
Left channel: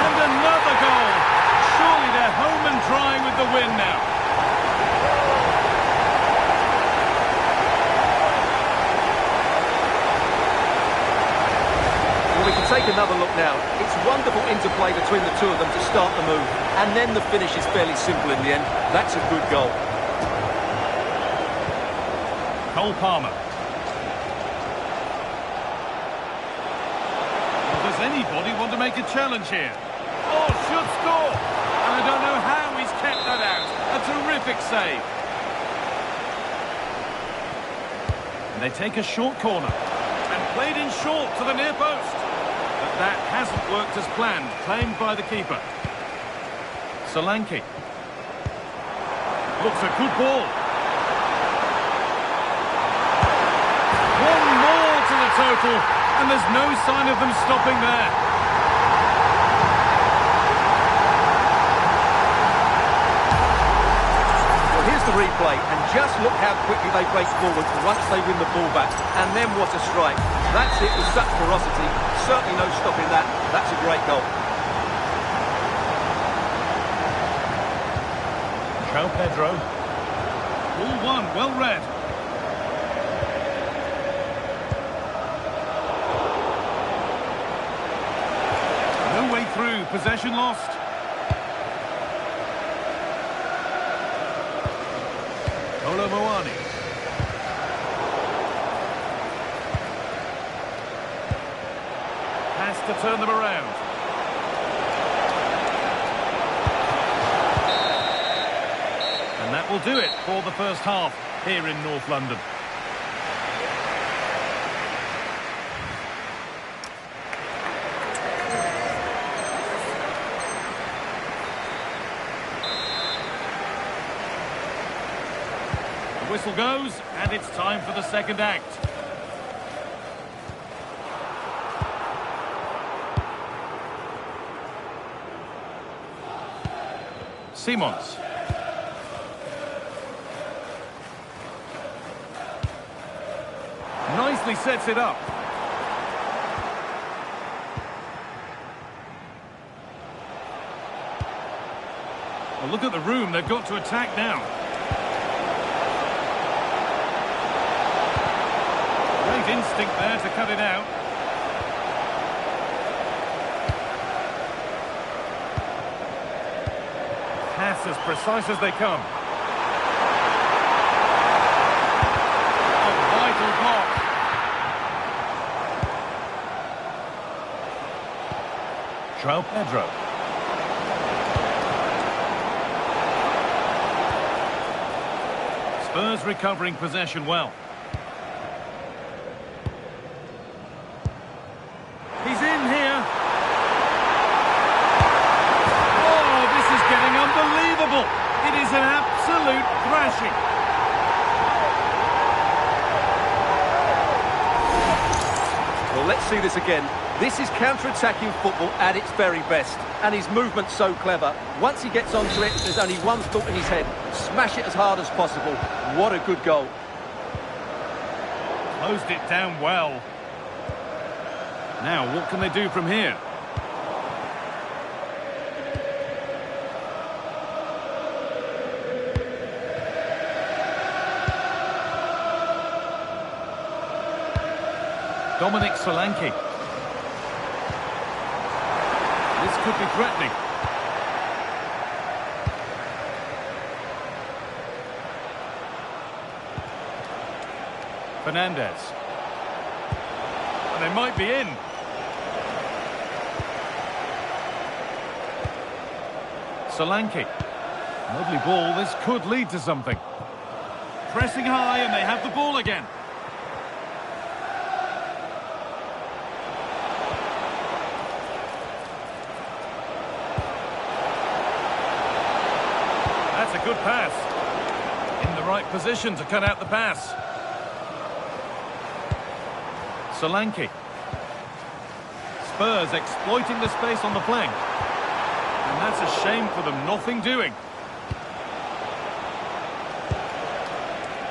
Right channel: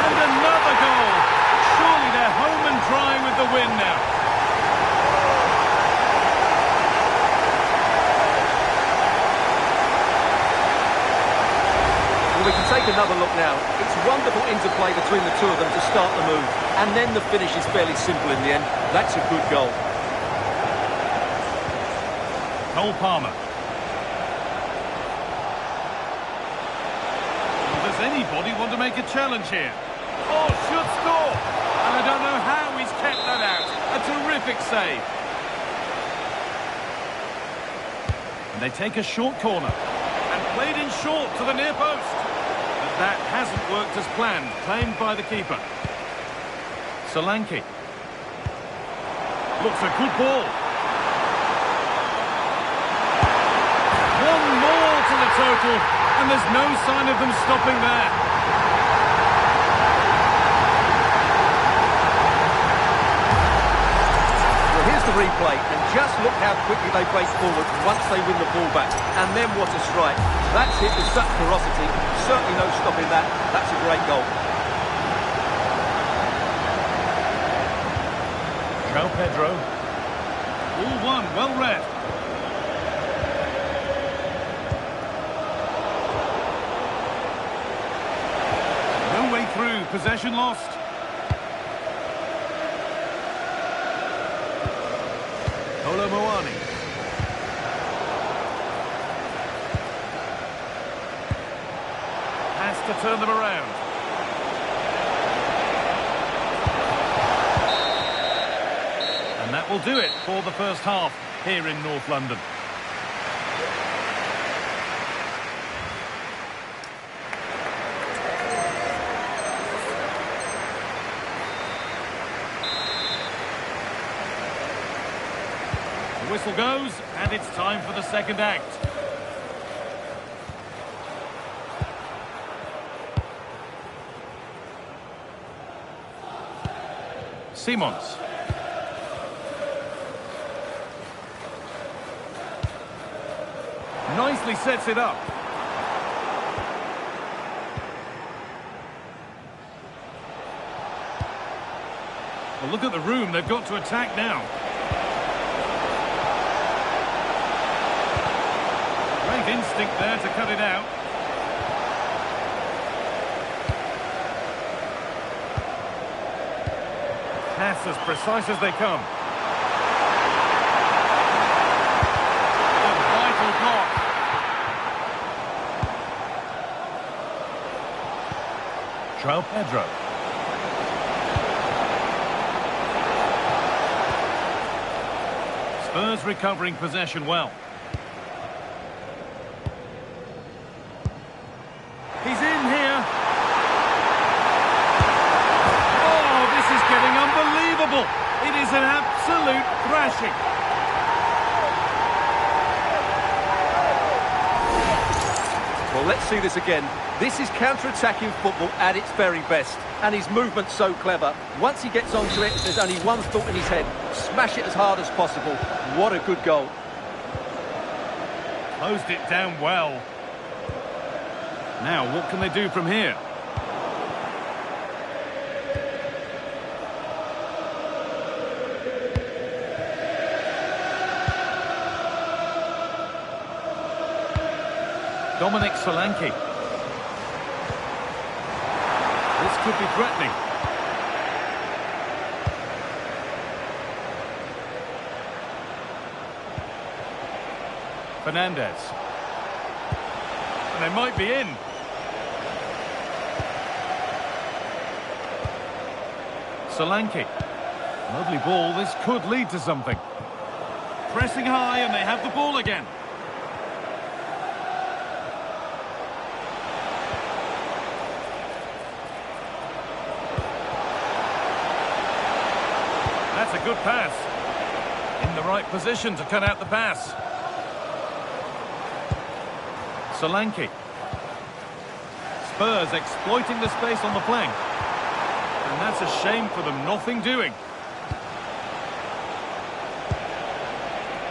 And another goal. Surely they're home and dry with the win now. Well, we can take another look now. It's wonderful interplay between the two of them to start the move. And then the finish is fairly simple in the end. That's a good goal. Cole Palmer. Does anybody want to make a challenge here? Oh, should score! And I don't know how he's kept that out. A terrific save. And they take a short corner. And played in short to the near post. But that hasn't worked as planned. Claimed by the keeper. Solanke. Looks a good ball. One more to the total. And there's no sign of them stopping there. Well, here's the replay, and just look how quickly they break forward once they win the ball back. And then what a strike. That's it with such ferocity. Certainly no stopping that. That's a great goal. João Pedro. All one, well read. No way through, possession lost. Colomboani. Has to turn them around. And that will do it for the first half here in North London. The whistle goes, and it's time for the second act. Simons. Nicely sets it up. Well, look at the room they've got to attack now. Great instinct there to cut it out. Pass as precise as they come. A vital block. João Pedro. Spurs recovering possession well. He's in here. Oh, this is getting unbelievable. It is an absolute thrashing. Well, let's see this again. This is counter-attacking football at its very best. And his movement's so clever. Once he gets onto it, there's only one thought in his head. Smash it as hard as possible. What a good goal. Closed it down well. Now, what can they do from here? Dominic Solanke. This could be threatening. Fernandez. And they might be in. Solanke. Lovely ball, this could lead to something. Pressing high and they have the ball again. That's a good pass. In the right position to cut out the pass. Solanke. Spurs exploiting the space on the flank. And that's a shame for them, nothing doing.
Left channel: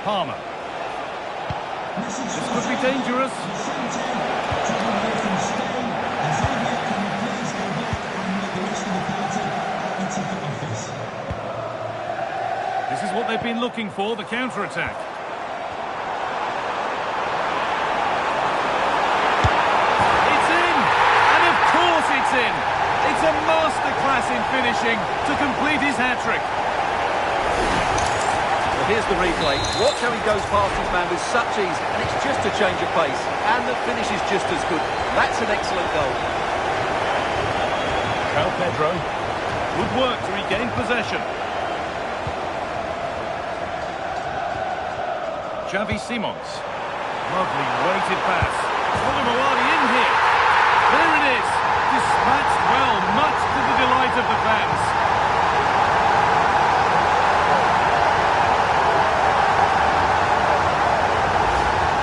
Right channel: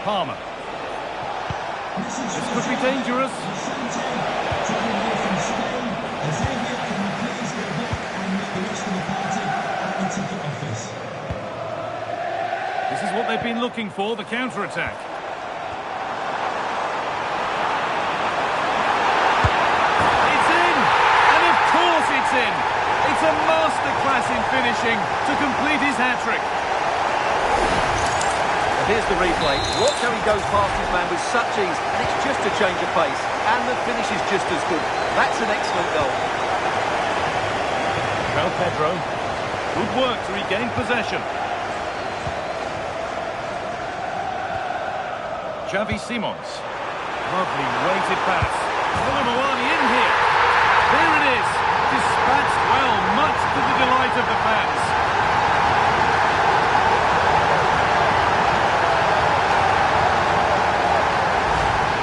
Palmer. This could be dangerous. This is what they've been looking for, the counter-attack. It's in! And of course it's in! It's a masterclass in finishing to complete his hat-trick. Well, here's the replay. Watch how he goes past his man with such ease, and it's just a change of pace. And the finish is just as good. That's an excellent goal. Well, Pedro, good work to regain possession. Xavi Simons. Lovely weighted pass. Colomboani in here. There it is. Dispatched well, much to the delight of the fans.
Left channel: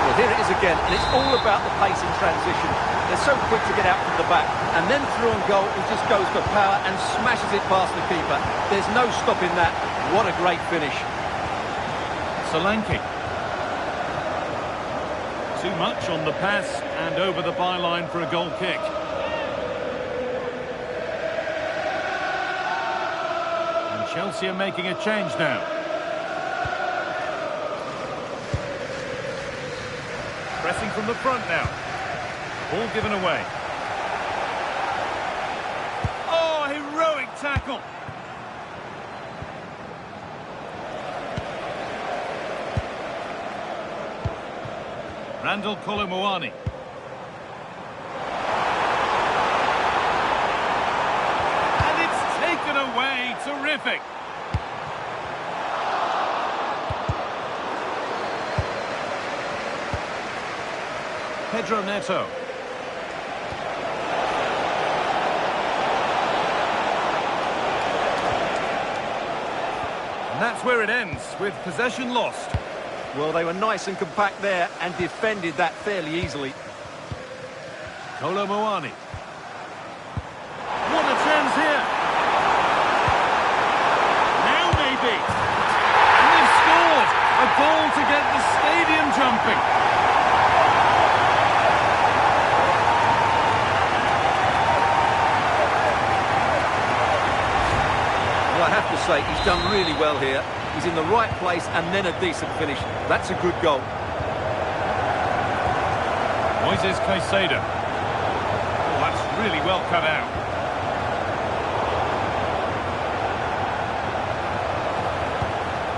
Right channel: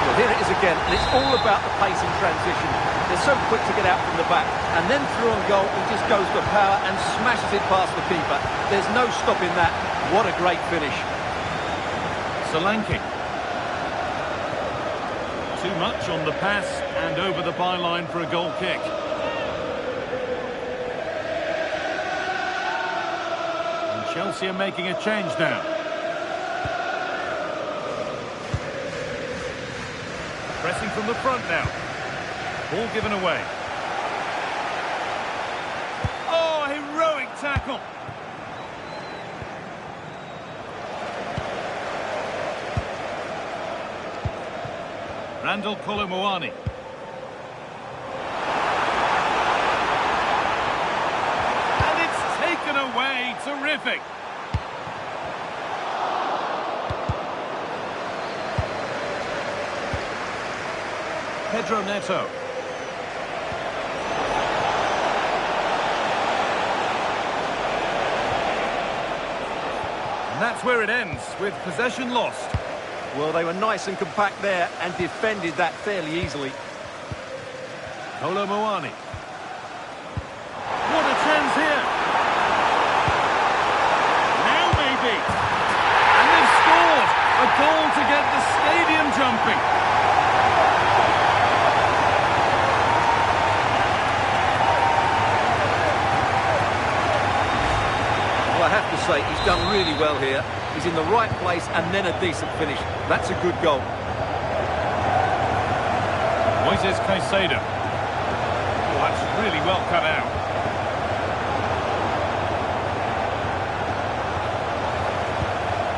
Well, here it is again, and it's all about the pace in transition. They're so quick to get out from the back, and then through on goal, he just goes for power and smashes it past the keeper. There's no stopping that. What a great finish. Solanke. Too much on the pass and over the byline for a goal kick. And Chelsea are making a change now. Pressing from the front now. Ball given away. Oh, heroic tackle. Randall Colomboani. And it's taken away. Terrific. Pedro Neto. And that's where it ends, with possession lost. Well, they were nice and compact there and defended that fairly easily. Colomboani. What a chance here. Now maybe. And they've scored. A goal to get the stadium jumping. Well, I have to say, he's done really well here. He's in the right place and then a decent finish. That's a good goal. Moises Caicedo. Oh, that's really well cut out.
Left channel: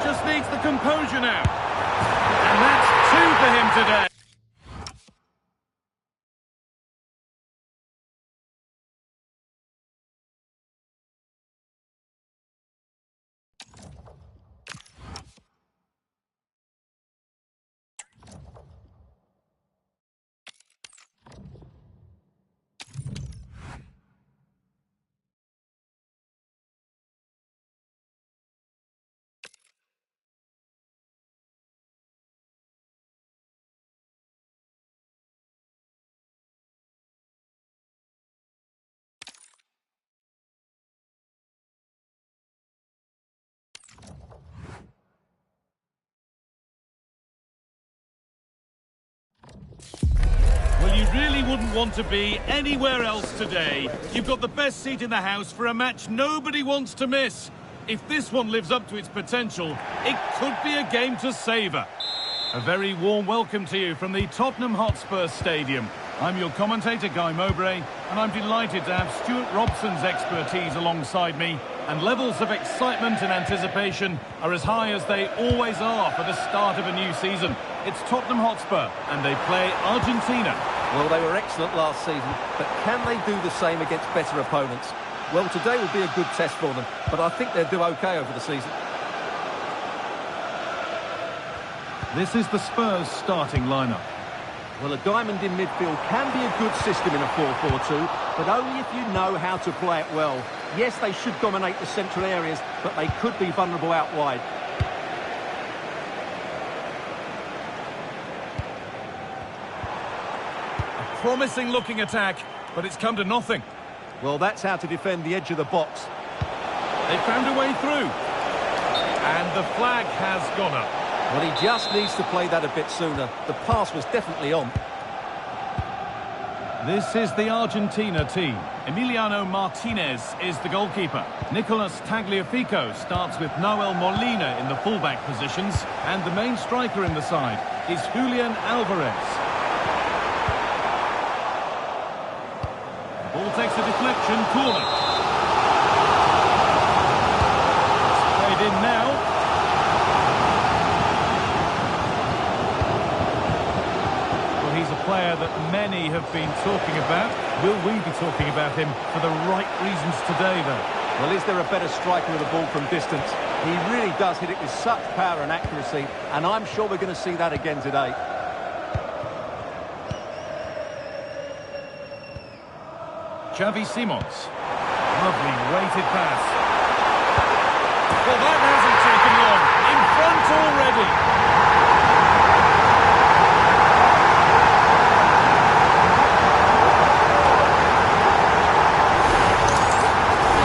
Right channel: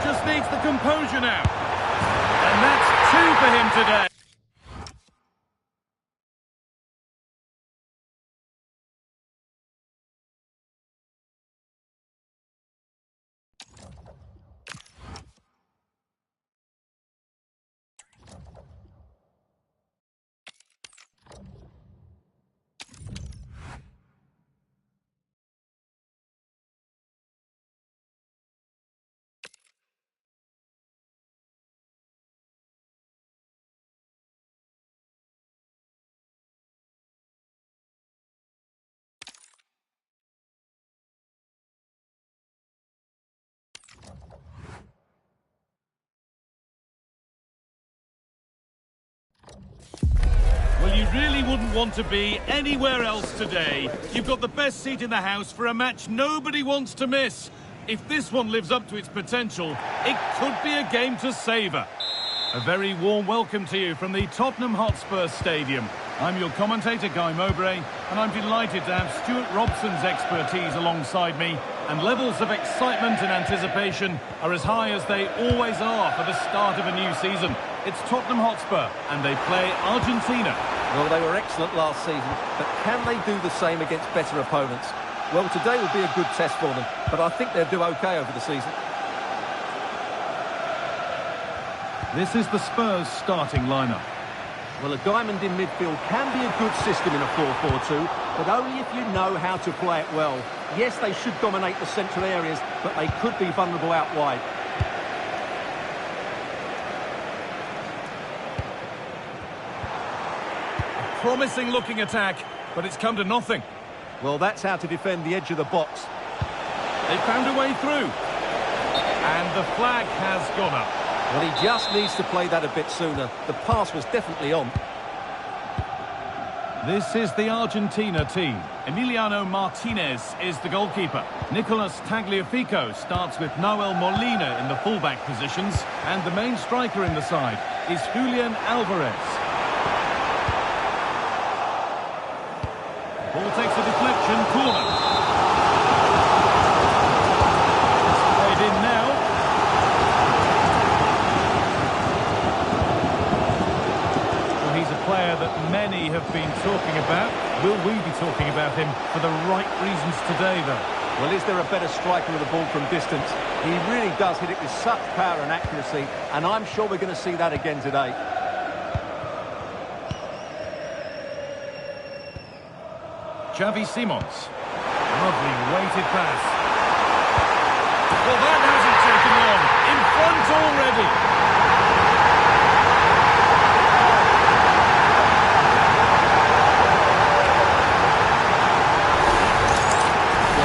Just needs the composure now. And that's two for him today. Well, you really wouldn't want to be anywhere else today. You've got the best seat in the house for a match nobody wants to miss. If this one lives up to its potential, it could be a game to savour. A very warm welcome to you from the Tottenham Hotspur Stadium. I'm your commentator, Guy Mowbray, and I'm delighted to have Stuart Robson's expertise alongside me, and levels of excitement and anticipation are as high as they always are for the start of a new season. It's Tottenham Hotspur, and they play Argentina. Well, they were excellent last season, but can they do the same against better opponents? Well, today will be a good test for them, but I think they'll do okay over the season. This is the Spurs starting lineup. Well, a diamond in midfield can be a good system in a 4-4-2, but only if you know how to play it well. Yes, they should dominate the central areas, but they could be vulnerable out wide. A promising looking attack, but it's come to nothing. Well, that's how to defend the edge of the box. They found a way through. And the flag has gone up. Well, he just needs to play that a bit sooner. The pass was definitely on. This is the Argentina team. Emiliano Martinez is the goalkeeper. Nicolas Tagliafico starts with Nahuel Molina in the fullback positions. And the main striker in the side is Julian Alvarez. The ball takes a deflection, corner. It's played in now. He's a player that many have been talking about. Will we be talking about him for the right reasons today, though? Well, is there a better striker with the ball from distance? He really does hit it with such power and accuracy, and I'm sure we're going to see that again today. Xavi Simons. Lovely weighted pass. Well, that hasn't taken long. In front already.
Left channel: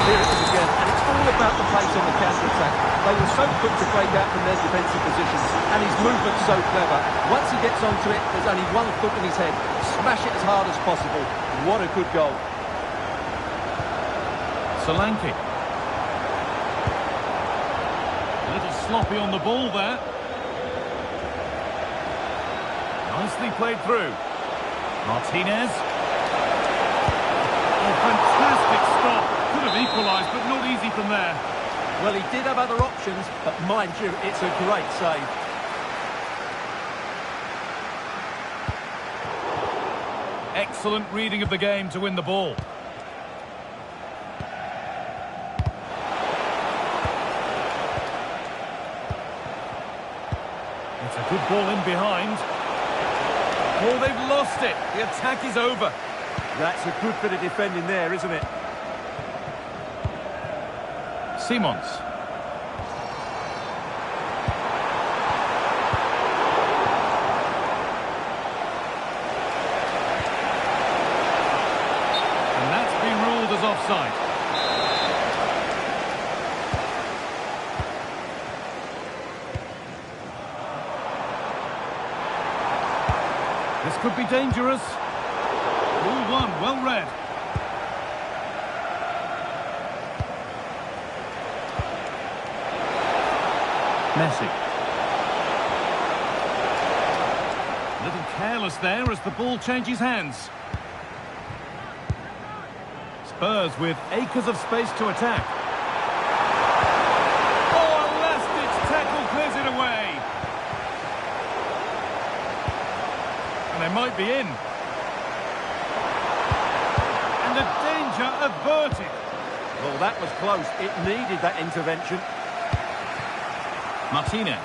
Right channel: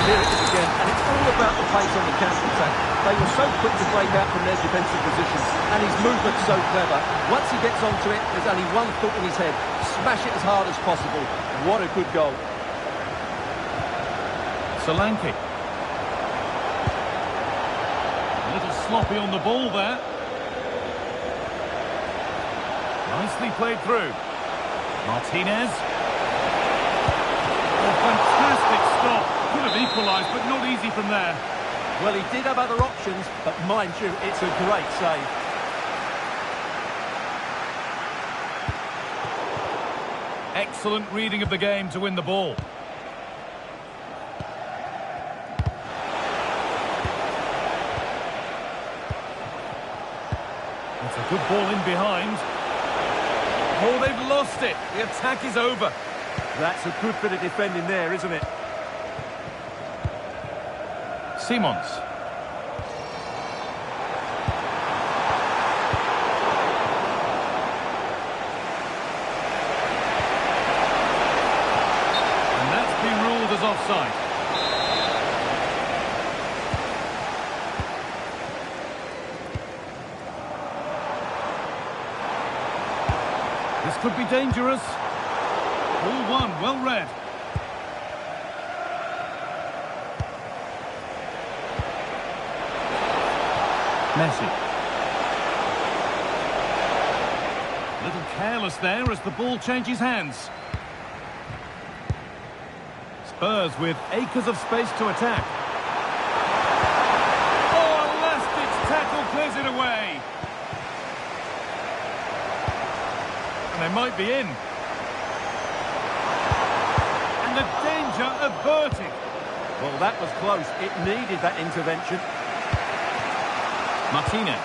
Here it is again, and it's all about the pace on the counter-attack. They were so quick to break out from their defensive positions, and his movement's so clever. Once he gets onto it, there's only one thought in his head: smash it as hard as possible. What a good goal. Solanke. A little sloppy on the ball there. Nicely played through. Martinez. Oh, fantastic stop. Could have equalised, but not easy from there. Well, he did have other options, but mind you, it's a great save. Excellent reading of the game to win the ball. It's a good ball in behind. Oh, they've lost it. The attack is over. That's a good bit of defending there, isn't it? Simons. And that's been ruled as offside. This could be dangerous. Ball one, well read. Messi. A little careless there as the ball changes hands. Spurs with acres of space to attack. Oh, a last-ditch tackle clears it away. And they might be in. And the danger averted. Well, that was close. It needed that intervention. Martinez.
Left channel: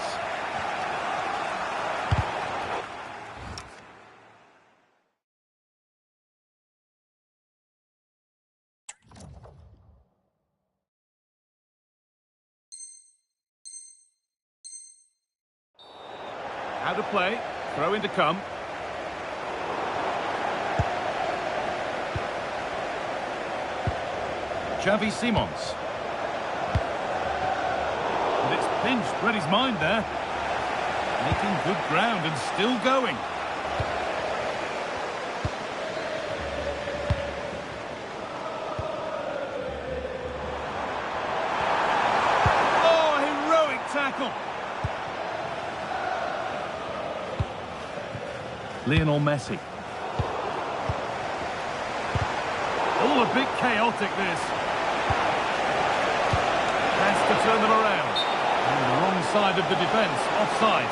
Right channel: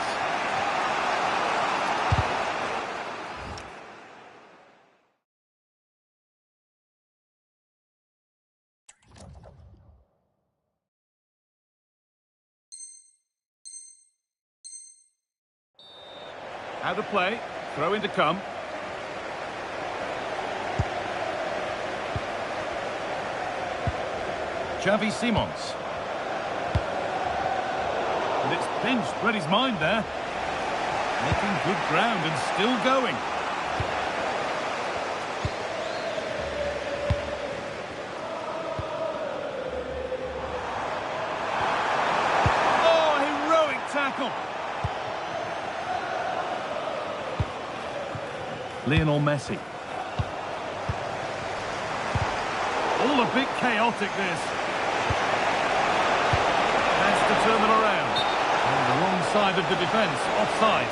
Out of play. Throw in to come. Xavi Simons. And it's pinched, read his mind there. Making good ground and still going. Oh, heroic tackle. Lionel Messi. All a bit chaotic, this. Has to turn them around. And the wrong side of the defence, offside.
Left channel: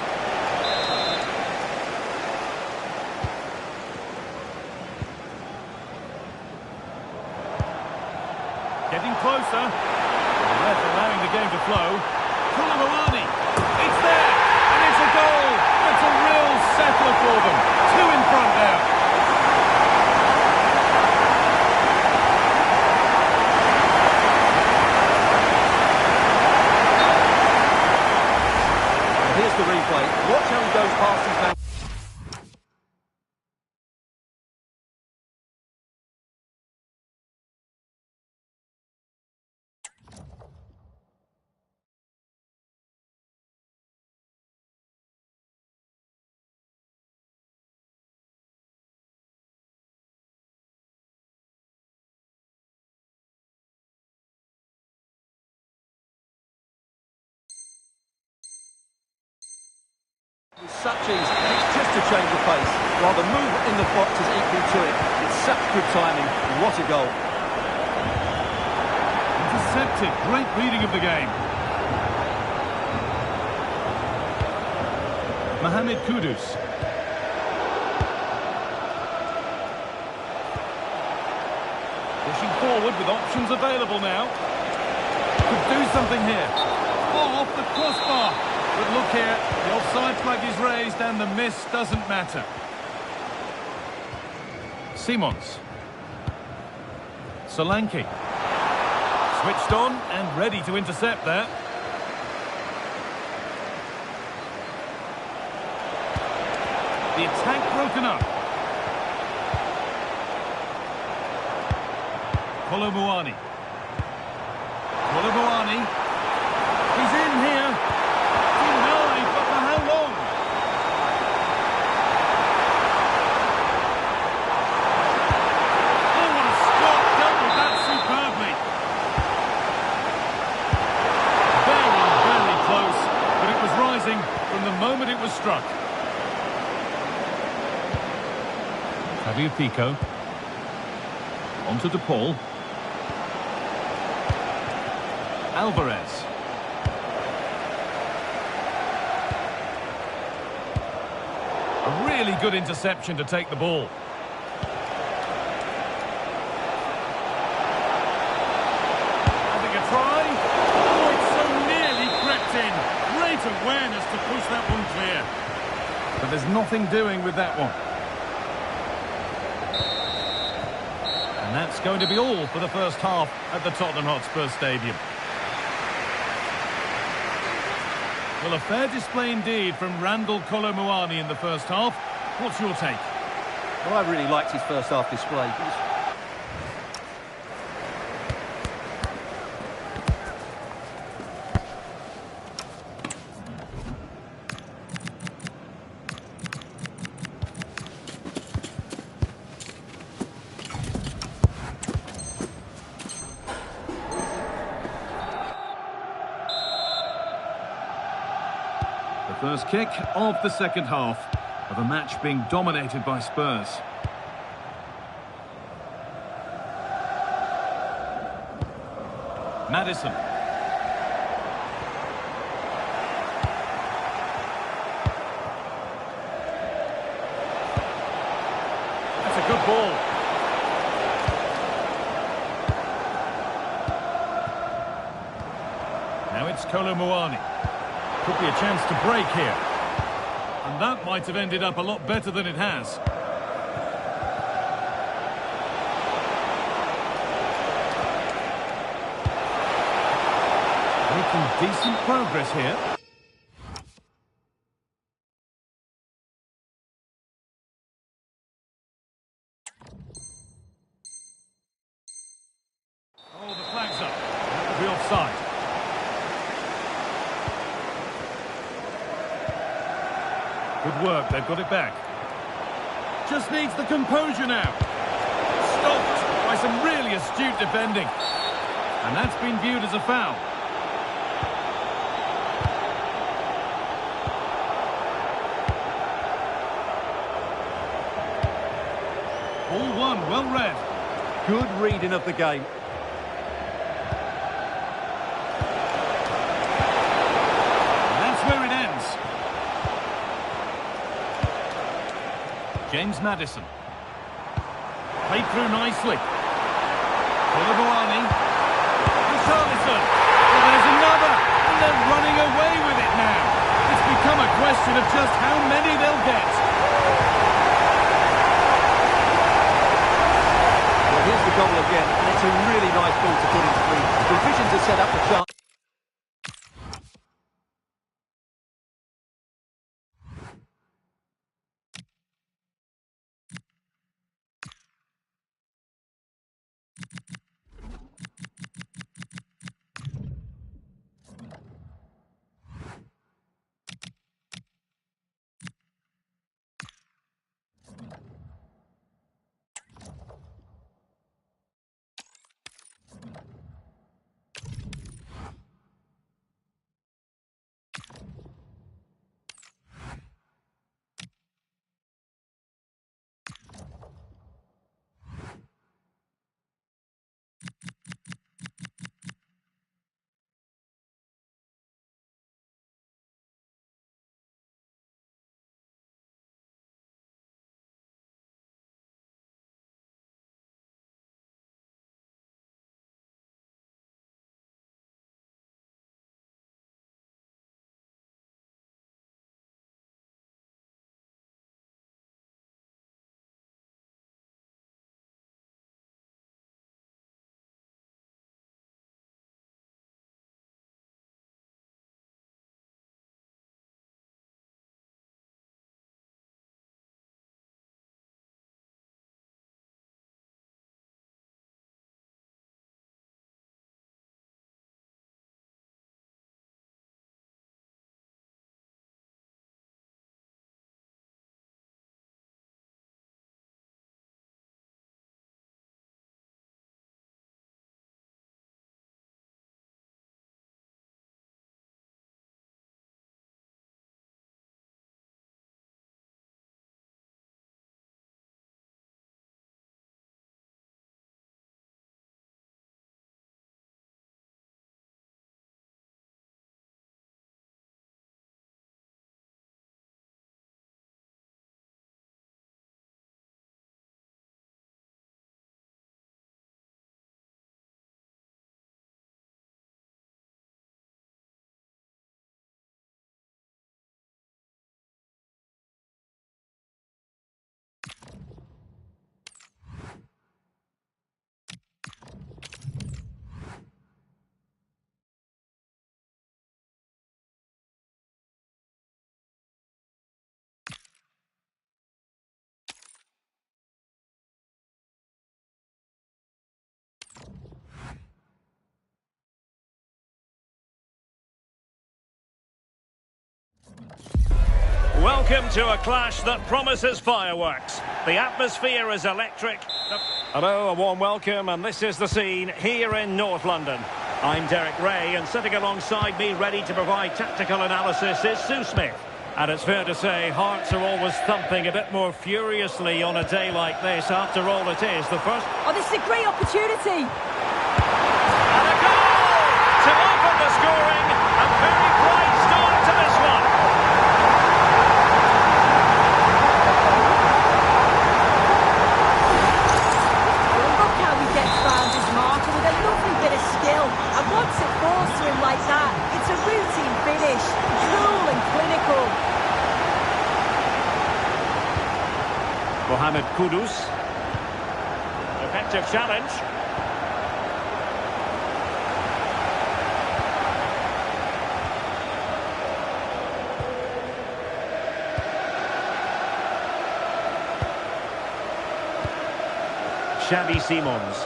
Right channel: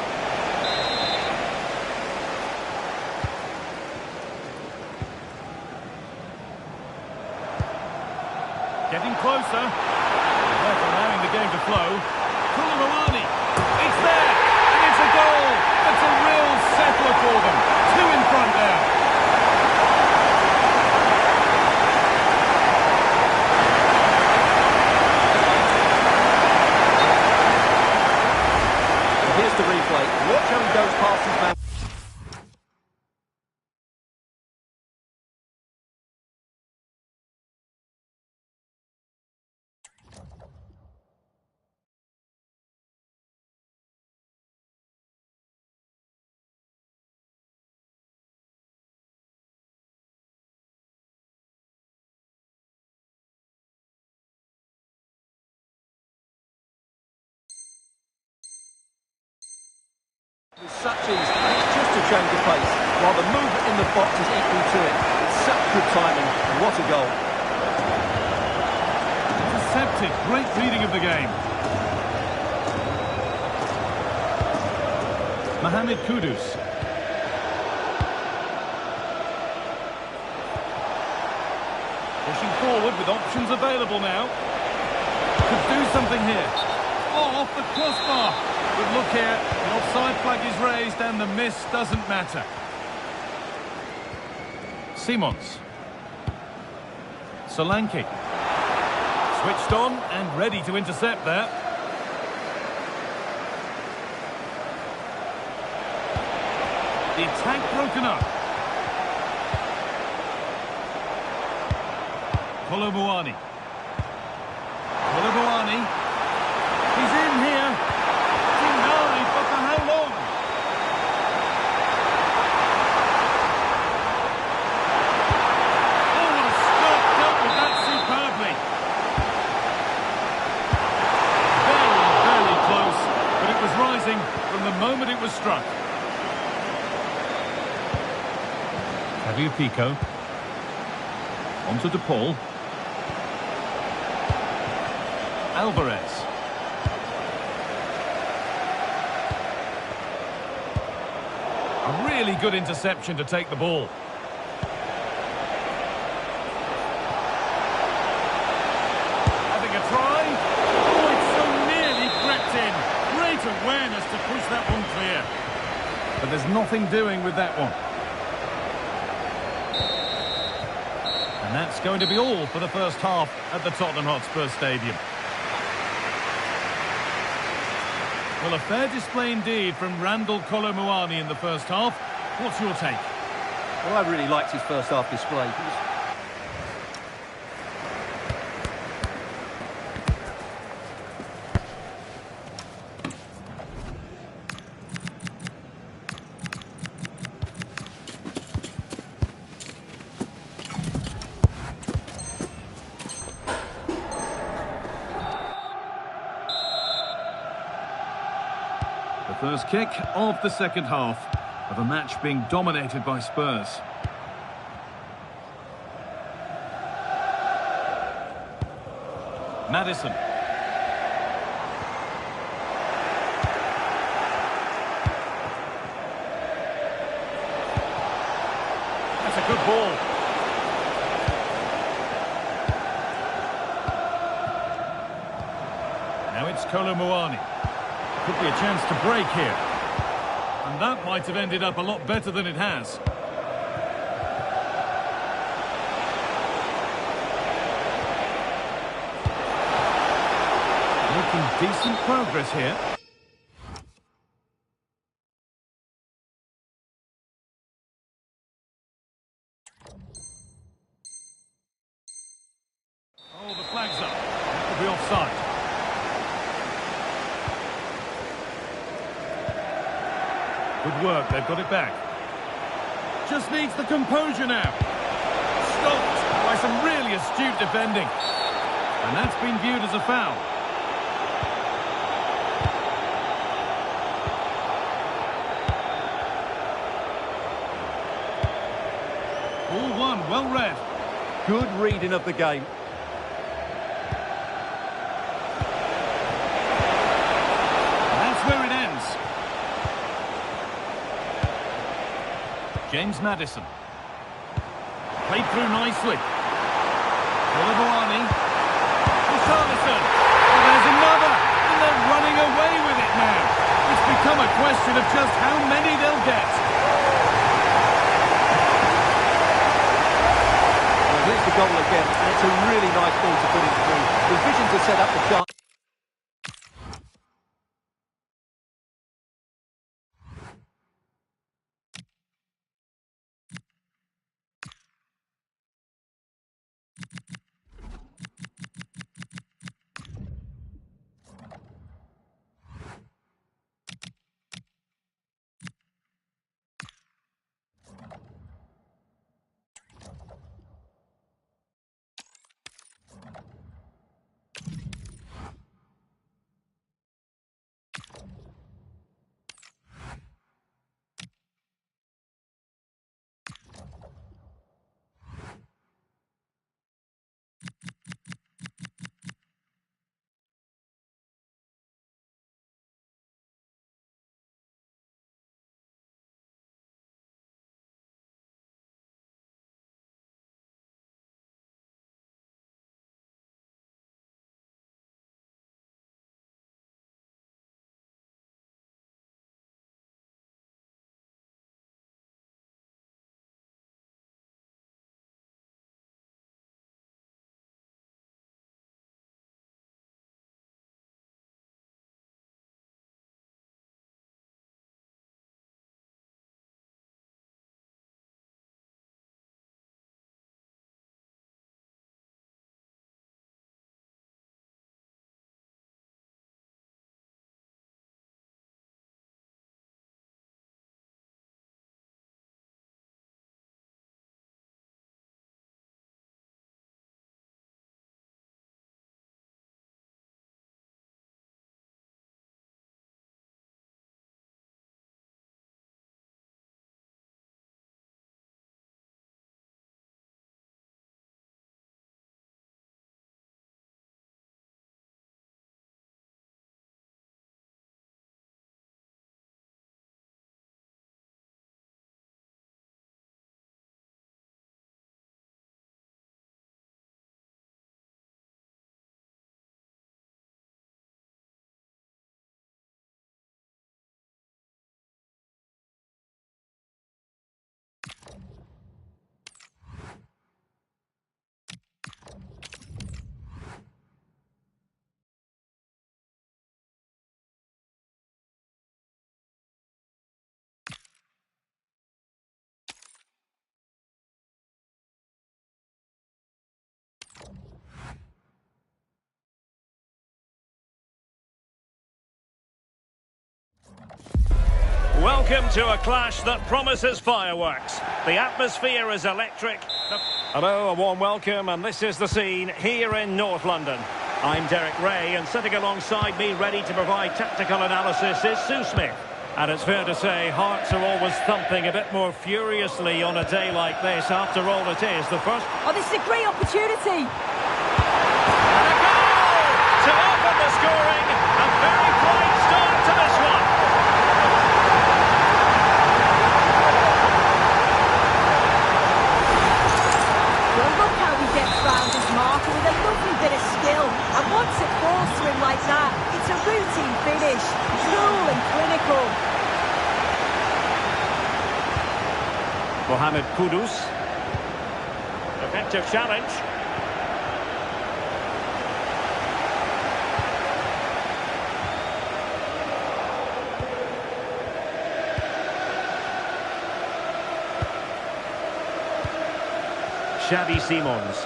Getting closer. The ref allowing the game to flow. Koulibaly. It's there. And it's a goal. That's a real settler for them. 2 in front now. Here's the replay. Watch how he goes past his man. With such ease, and it's just a change of pace, while the movement in the box is equal to it. It's such good timing, and what a goal. Intercepted, great reading of the game. Mohamed Kudus. Pushing forward with options available now. Could do something here. Oh, off the crossbar. But look here, the offside flag is raised and the miss doesn't matter. Simons. Solanke. Switched on and ready to intercept there. The attack broken up. Koulibaly. Koulibaly. He's in here. Denied, but for how long? Oh, what a stop. Dealt with that superbly. Very, very close. But it was rising from the moment it was struck. Fabio Pico. On to De Paul. Alvarez. A really good interception to take the ball. Having a try. Oh, it's so nearly crept in. Great awareness to push that one clear. But there's nothing doing with that one. And that's going to be all for the first half at the Tottenham Hotspur Stadium. Well, a fair display indeed from Randall Koulibaly in the first half. What's your take? Well, I really liked his first half display. The first kick of the second half of a match being dominated by Spurs. Maddison. That's a good ball. Now it's Koulibaly. Could be a chance to break here. And that might have ended up a lot better than it has. Making decent progress here. Oh, the flag's up. That will be offside. Good work, they've got it back. Just needs the composure now. Stopped by some really astute defending. And that's been viewed as a foul. Ball one, well read. Good reading of the game. And that's where it ends. James Maddison. Played through nicely. Koulibaly. Richarlison. Well, there's another, and they're running away with it now. It's become a question of just how many they'll get. Well, here's the goal again, and it's a really nice ball to put him through. The vision to set up the chance. Welcome to a clash that promises fireworks. The atmosphere is electric. Hello, a warm welcome, and this is the scene here in North London. I'm Derek Ray, and sitting alongside me, ready to provide tactical analysis, is Sue Smith. And it's fair to say, hearts are always thumping a bit more furiously on a day like this. After all, it is the first... Oh, this is a great opportunity. And a goal to open the scoring. A very bright start to this one. He gets round his marker with a lovely bit of skill, and once it falls to him like that, it's a routine finish, cool and clinical. Mohamed Kudus. Effective challenge. Xavi Simons.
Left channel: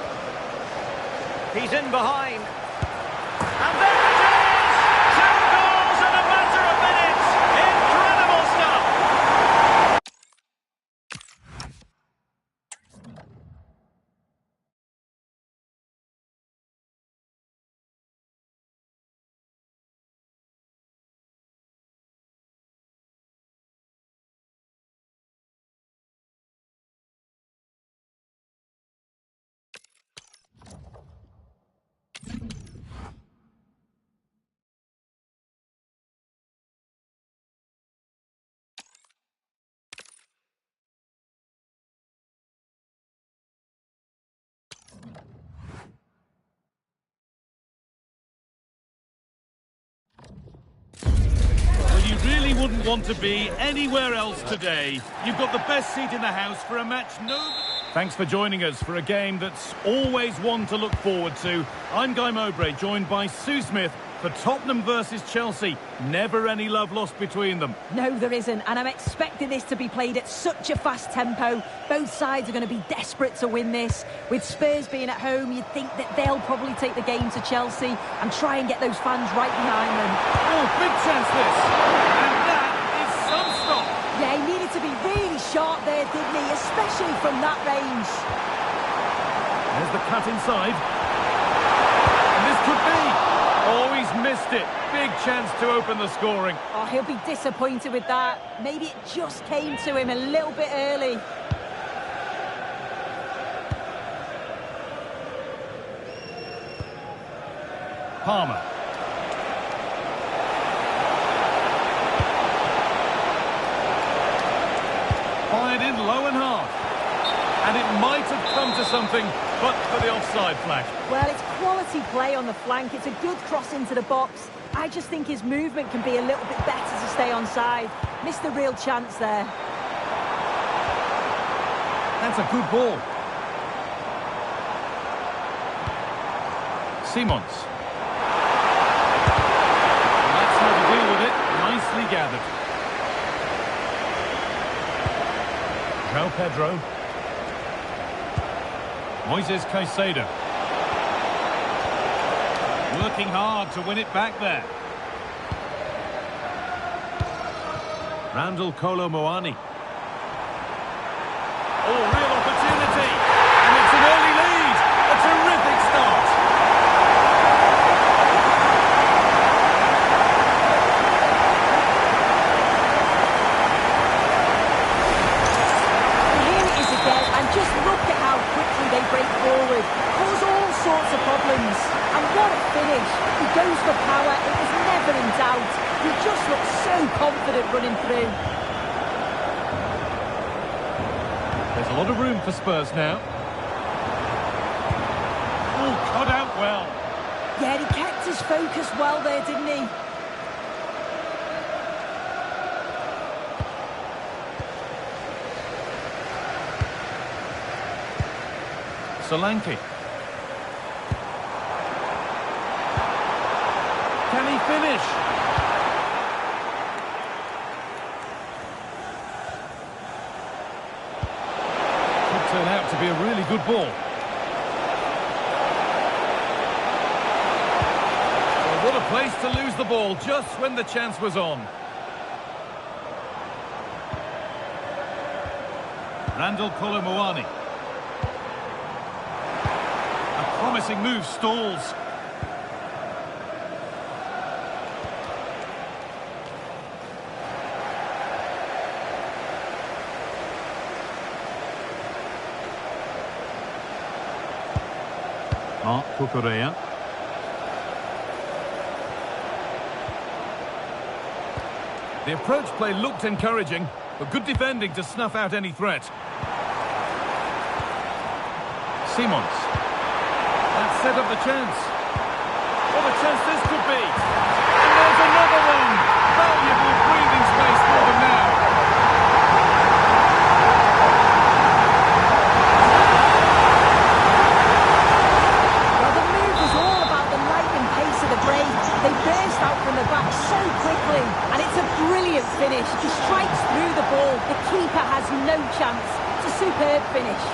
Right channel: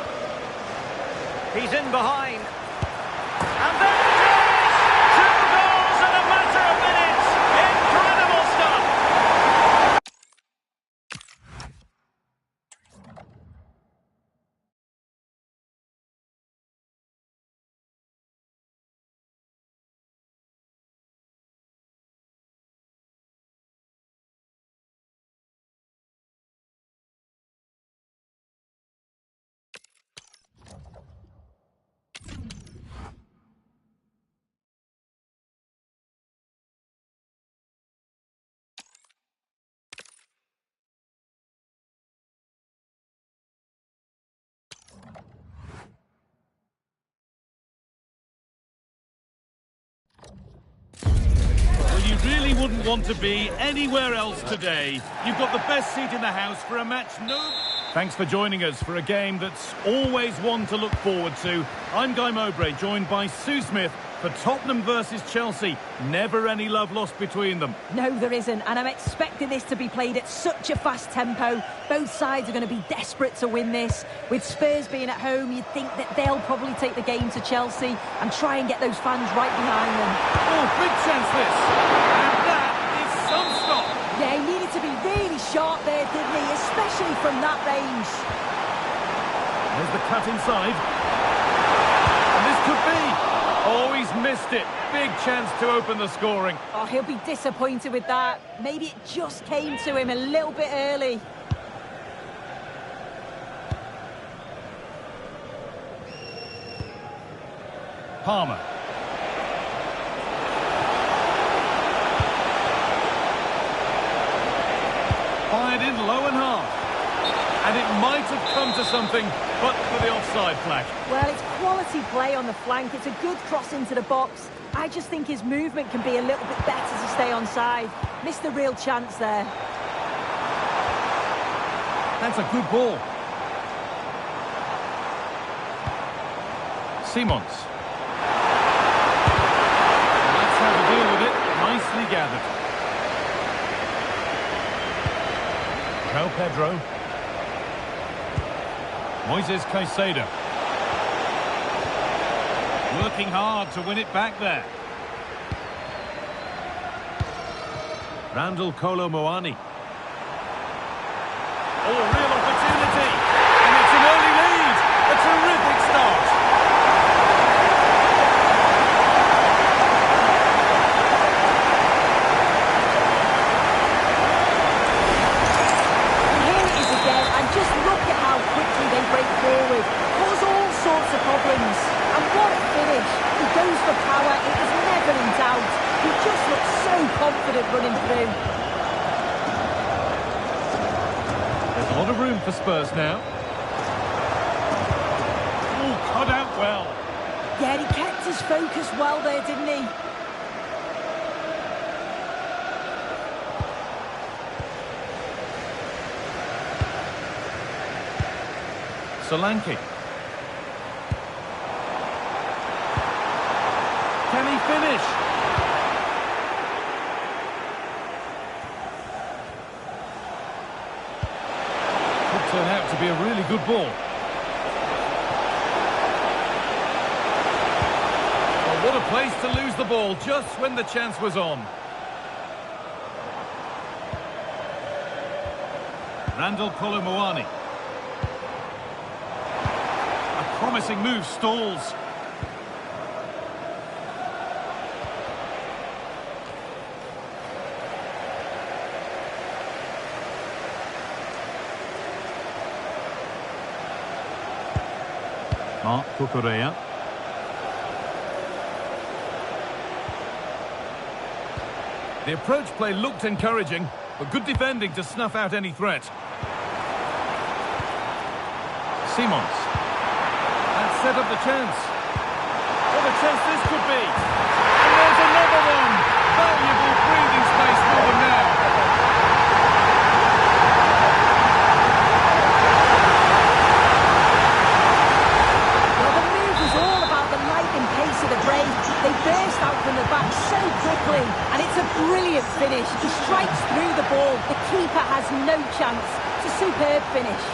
He's in behind. And there it is! 2 goals in a matter of minutes! Incredible stuff! really wouldn't want to be anywhere else today. You've got the best seat in the house for a match Thanks for joining us for a game that's always one to look forward to. I'm Guy Mowbray, joined by Sue Smith for Tottenham versus Chelsea. Never any love lost between them. No, there isn't, and I'm expecting this to be played at such a fast tempo. Both sides are going to be desperate to win this. With Spurs being at home, you'd think that they'll probably take the game to Chelsea and try and get those fans right behind them. Oh, big chance this! And that is some stop! Yeah, he needed to be really sharp there, didn't he? Especially from that range. There's the cut inside. And this could be... Oh, he's missed it. Big chance to open the scoring. Oh, he'll be disappointed with that. Maybe it just came to him a little bit early. Palmer. Fired in low and hard. And it might have come to something, but for the offside flag. Well, it's quality play on the flank. It's a good cross into the box. I just think his movement can be a little bit better to stay onside. Missed a real chance there. That's a good ball. Simons. And that's how to deal with it. Nicely gathered. João Pedro. Moises Caicedo. Working hard to win it back there. Randall Kolo Muani. Oh, real opportunity. And it's an early lead. A terrific start. And just look at how quickly they break forward, cause all sorts of problems. And what a finish. He goes for power, it was never in doubt. He just looked so confident running through. There's a lot of room for Spurs now. Oh, cut out well. Yeah, he kept his focus well there, didn't he? Solanke. Can he finish? Could turn out to be a really good ball. Well, what a place to lose the ball just when the chance was on. Randall Kolo Muani. A promising move stalls. Marc Cucurella. The approach play looked encouraging, but good defending to snuff out any threat. Simons. That set up the chance. What a chance this could be. And there's another one. Valuable breathing space for them now. Well, the move was all about the lightning pace of the break. They burst out from the back so quickly. And it's a brilliant finish. He strikes through the ball. The keeper has no chance. It's a superb finish.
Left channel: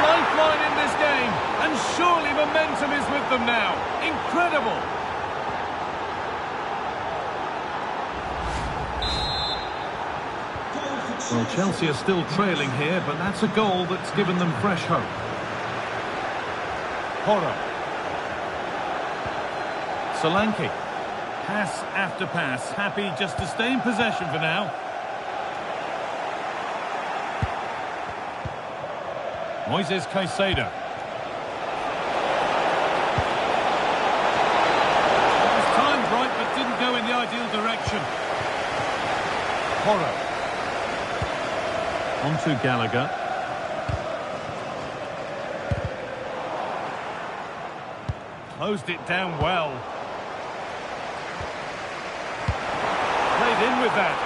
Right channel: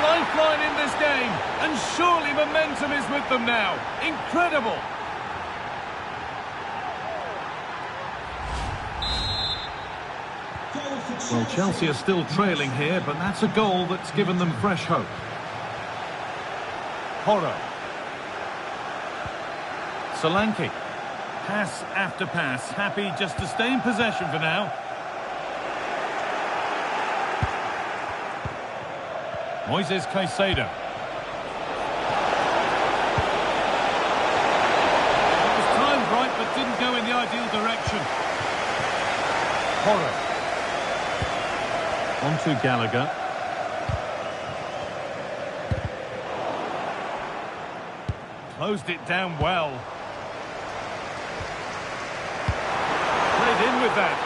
Lifeline in this game, and surely momentum is with them now. Incredible. Well, Chelsea are still trailing here, but that's a goal that's given them fresh hope. Porro. Solanke. Pass after pass, happy just to stay in possession for now. Moises Caicedo. It was timed right, but didn't go in the ideal direction. Porro. On to Closed it down well. Played in with that.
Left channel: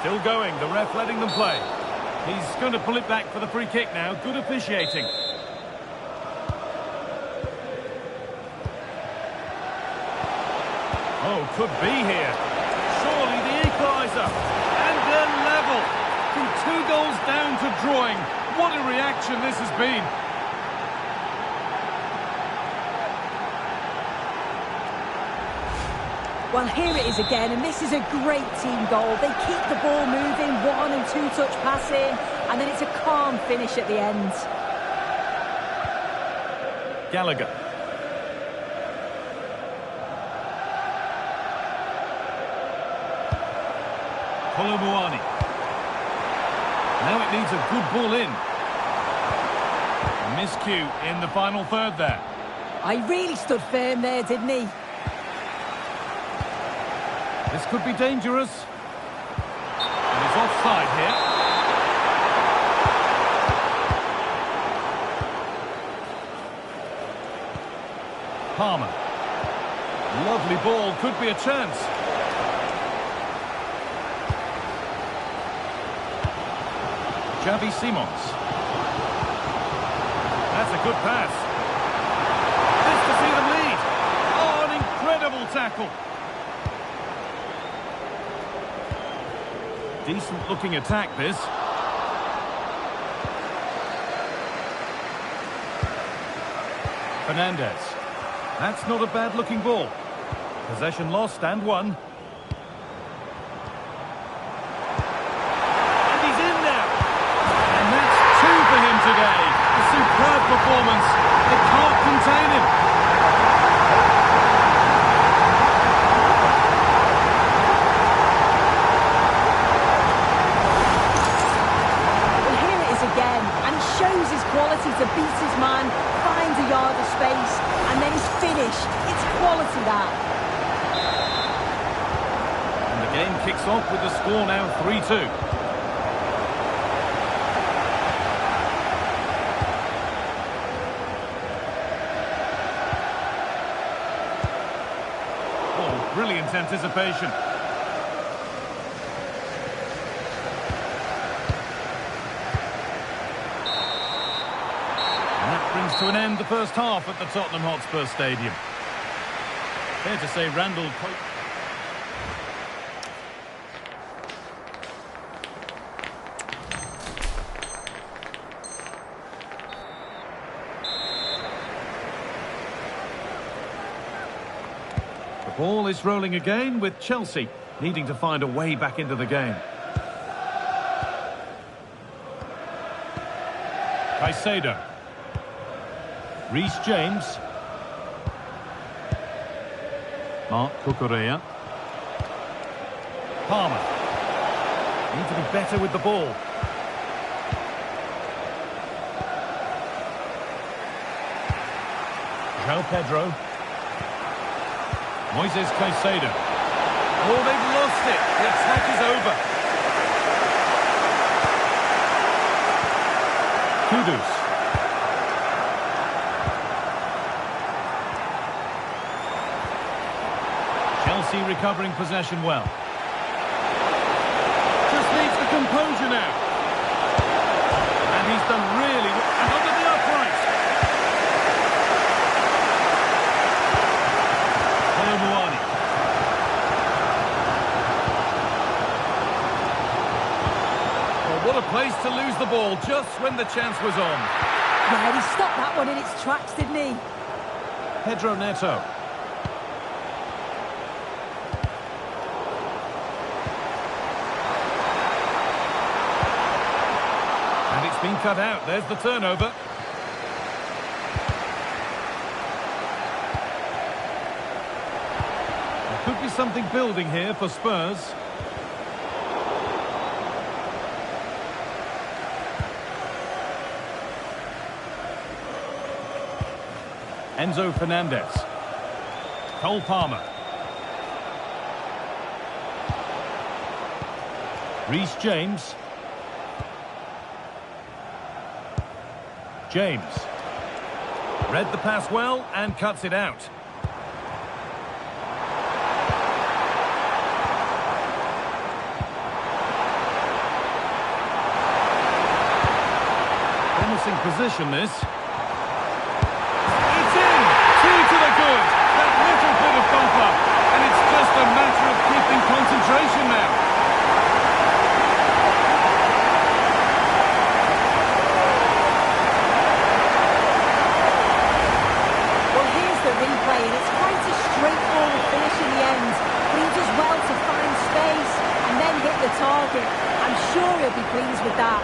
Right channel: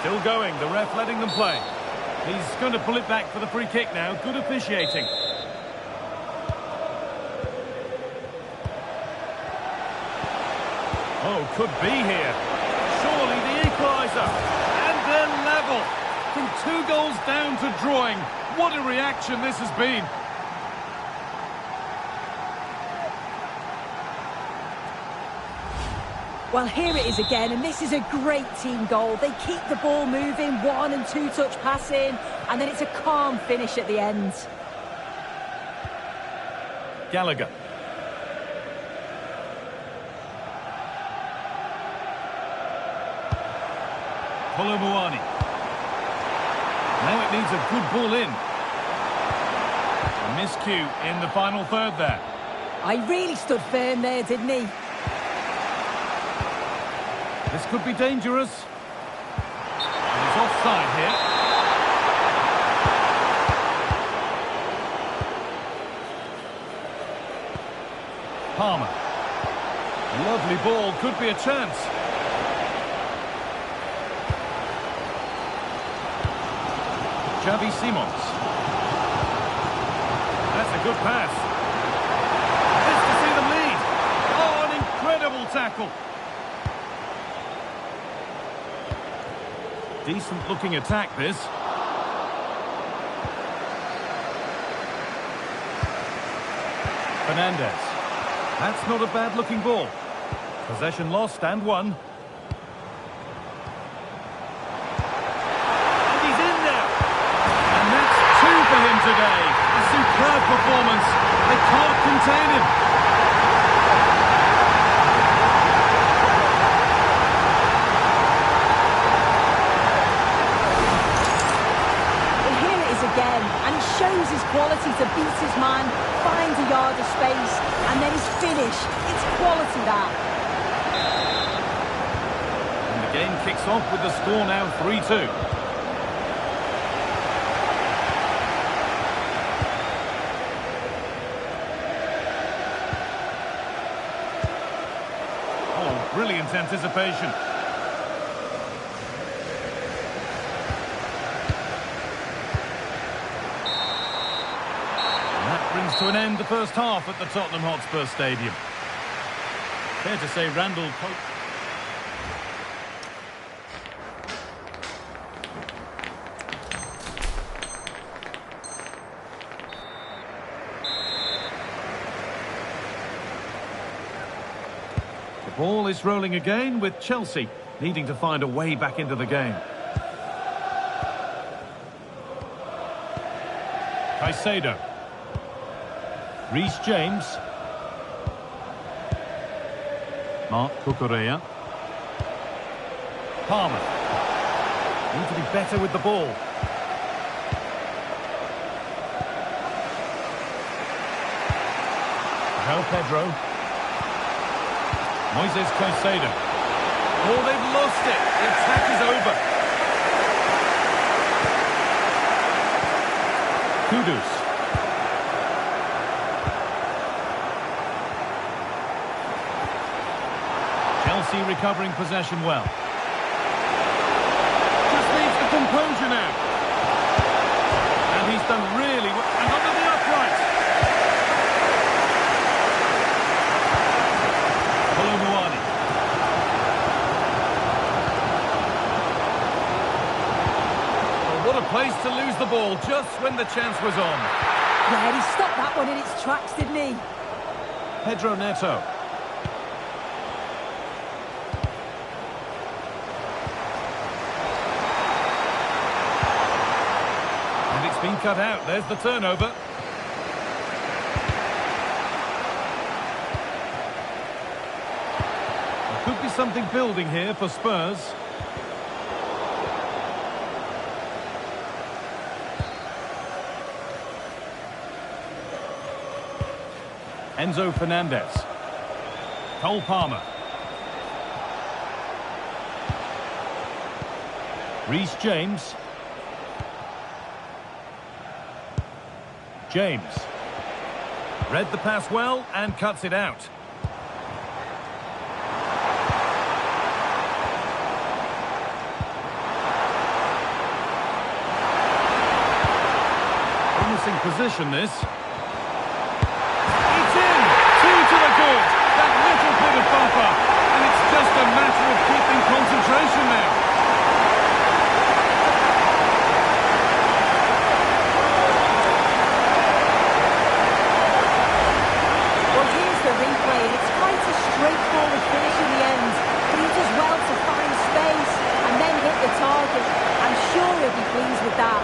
Still going, the ref letting them play. He's going to pull it back for the free kick now. Good officiating. Oh, could be here. Surely the equaliser. And they're level. From 2 goals down to drawing. What a reaction this has been. Well, here it is again, and this is a great team goal. They keep the ball moving, 1 and 2 touch passing, and then it's a calm finish at the end. Gallagher. Kolomuani. Now it needs a good ball in. A miscue in the final third there. I really stood firm there, didn't he? This could be dangerous. And he's offside here. Palmer. Lovely ball, could be a chance. Xavi Simons. That's a good pass. This to see them lead. Oh, an incredible tackle. Decent looking attack, this. Fernandez. That's not a bad looking ball. Possession lost and won. And he's in there. And that's 2 for him today. A superb performance. They can't contain him. Again, and he shows his quality to beat his man, finds a yard of space, and then his finish. It's quality, that. And the game kicks off with the score now 3-2. Oh, brilliant anticipation. Brings to an end the first half at the Tottenham Hotspur Stadium. Fair to say Randall... The ball is rolling again with Chelsea needing to find a way back into the game. Caicedo. Reece James. Mark Cucurella. Palmer. Need to be better with the ball. João Pedro. Moises Caicedo. Oh, they've lost it. The attack is over. Kudus. Chelsea recovering possession well. Just needs the composure now. And he's done really well. And under the upright. Kolomuani. Oh, what a place to lose the ball just when the chance was on. Yeah, he stopped that one in its tracks, didn't he? Pedro Neto. And it's been cut out. There's the turnover. There could be something building here for Spurs. Enzo Fernandez. Cole Palmer. Reece James. James. Read the pass well and cuts it out. Promising position, this. It's in! 2 to the good. That little bit of buffer. And it's just a matter of keeping concentration now. Well, here's the replay, and it's quite a straightforward finish in the end. But he does well to find space and then hit the target. I'm sure he'll be pleased with that.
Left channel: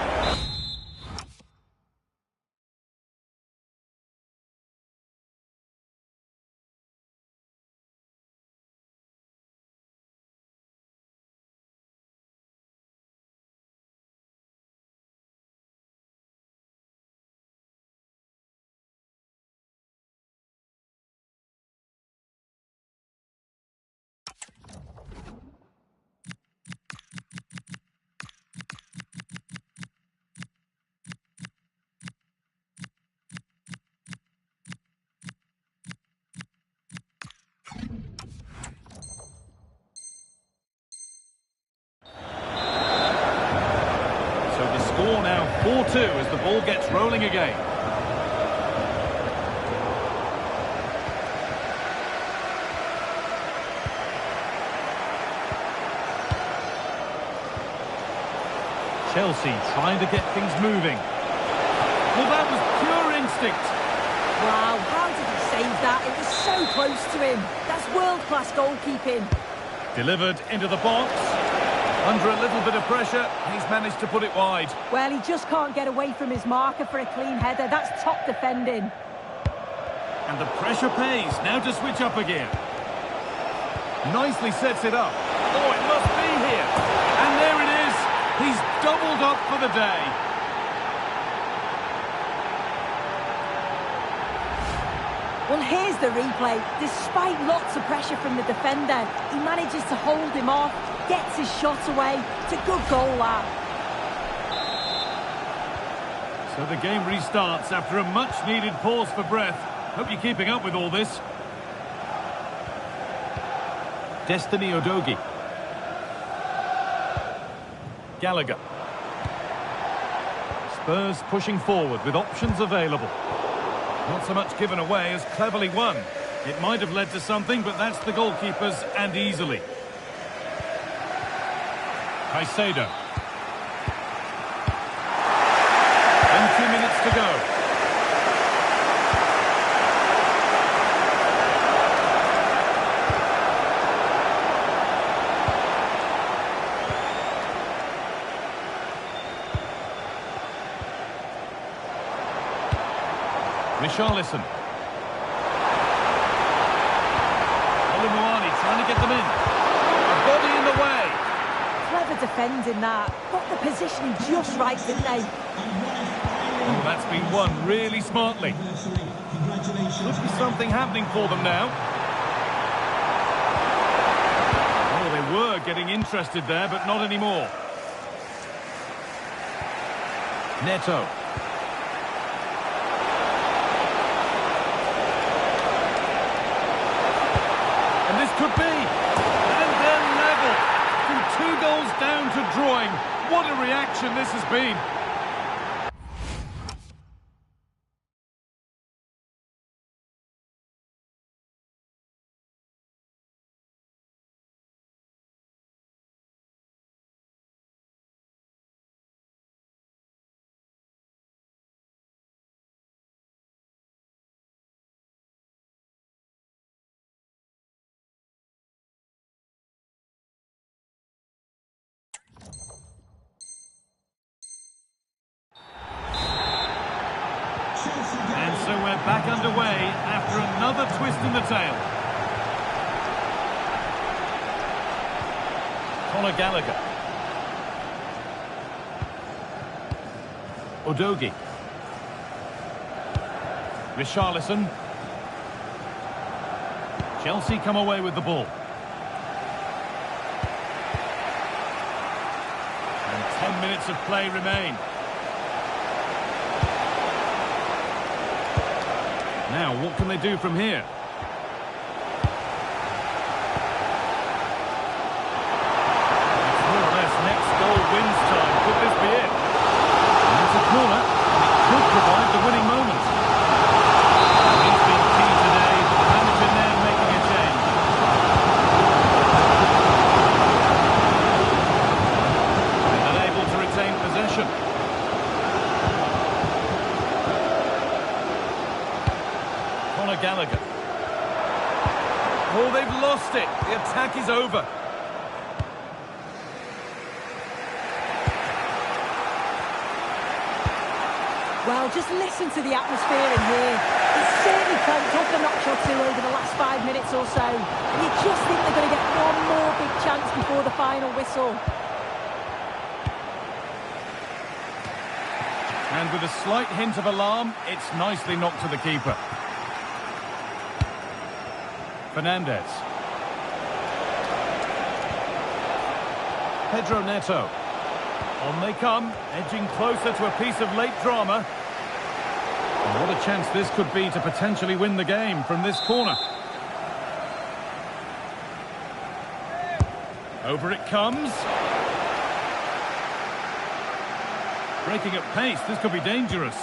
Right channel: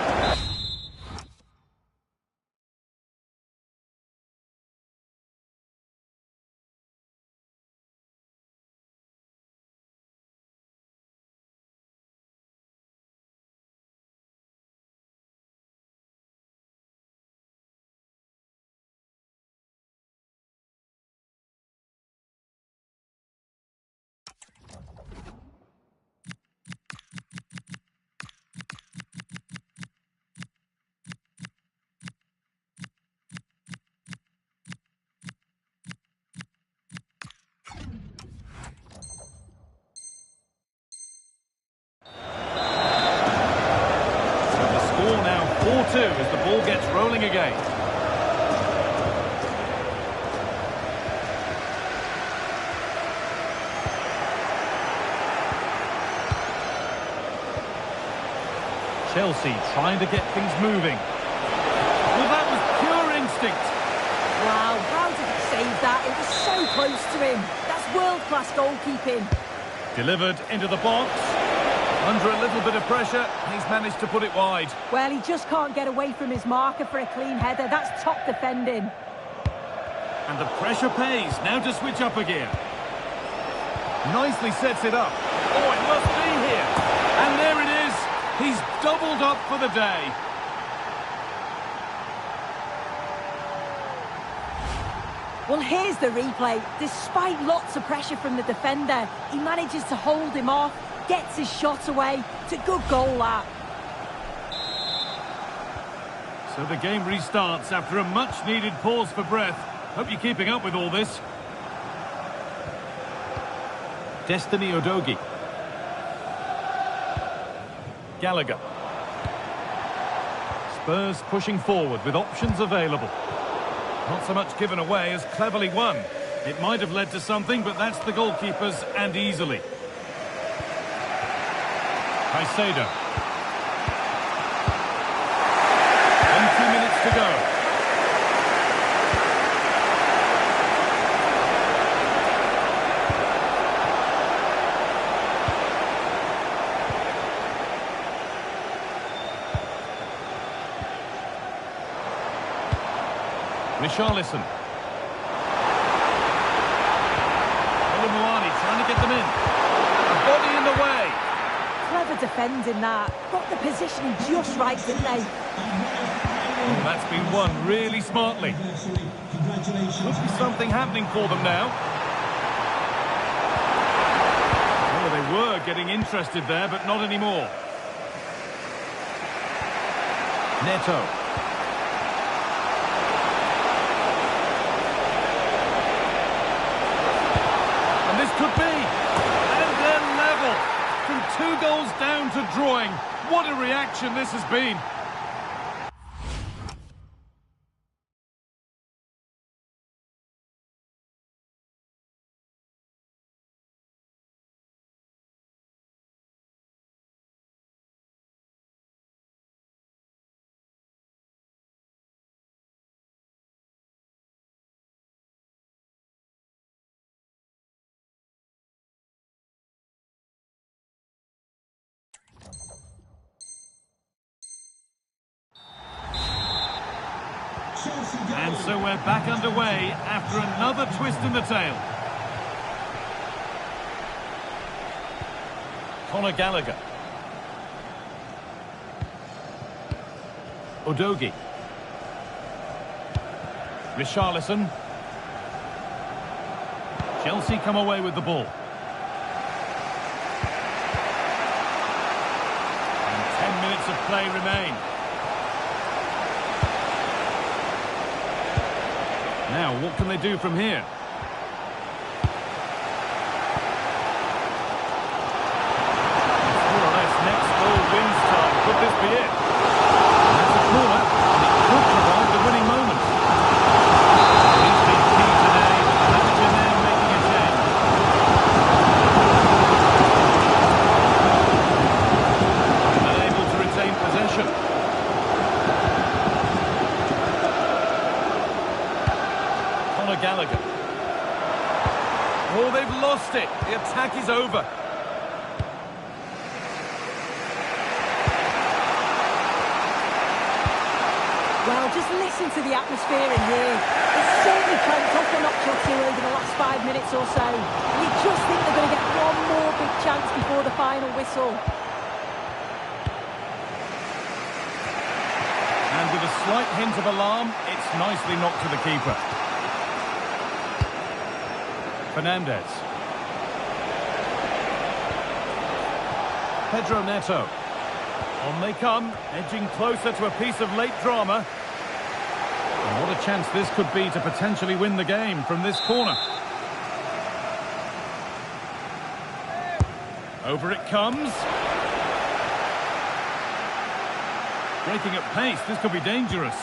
Score now 4-2 as the ball gets rolling again. Chelsea trying to get things moving. Well, that was pure instinct. Wow, how did he save that? It was so close to him. That's world-class goalkeeping. Delivered into the box. Under a little bit of pressure, he's managed to put it wide. Well, he just can't get away from his marker for a clean header. That's top defending. And the pressure pays. Now to switch up again. Nicely sets it up. Oh, it must be here. And there it is. He's doubled up for the day. Well, here's the replay. Despite lots of pressure from the defender, he manages to hold him off. Gets his shot away. It's a good goal, that. So the game restarts after a much-needed pause for breath. Hope you're keeping up with all this. Destiny Udogie. Gallagher. Spurs pushing forward with options available. Not so much given away as cleverly won. It might have led to something, but that's the goalkeepers, and easily. Caicedo. 20 minutes to go. Richarlison. Oluwani trying to get them in. A body in the way. Clever defending that. Got the positioning just right, didn't they? Oh, that's been won really smartly. Could be something happening for them now. Oh, they were getting interested there, but not anymore. Neto. And this could be. And they're level. From 2 goals down to drawing. What a reaction this has been. And so we're back underway after another twist in the tail. Conor Gallagher. Udogie. Richarlison. Chelsea come away with the ball. And 10 minutes of play remain. Now, what can they do from here? It's more or less next goal wins time. Could this be it? And that's a corner, and it could provide the winning moment. He's been key today. The manager now making a change. And unable to retain possession. Gallagher. Oh, they've lost it. The attack is over. Well, just listen to the atmosphere in here. It's certainly cranked up a notch or two over the last 5 minutes or so. And you just think they're going to get one more big chance before the final whistle. And with a slight hint of alarm, it's nicely knocked to the keeper. Fernandez. Pedro Neto. On they come, edging closer to a piece of late drama. And what a chance this could be to potentially win the game from this corner. Over it comes. Breaking at pace, this could be dangerous.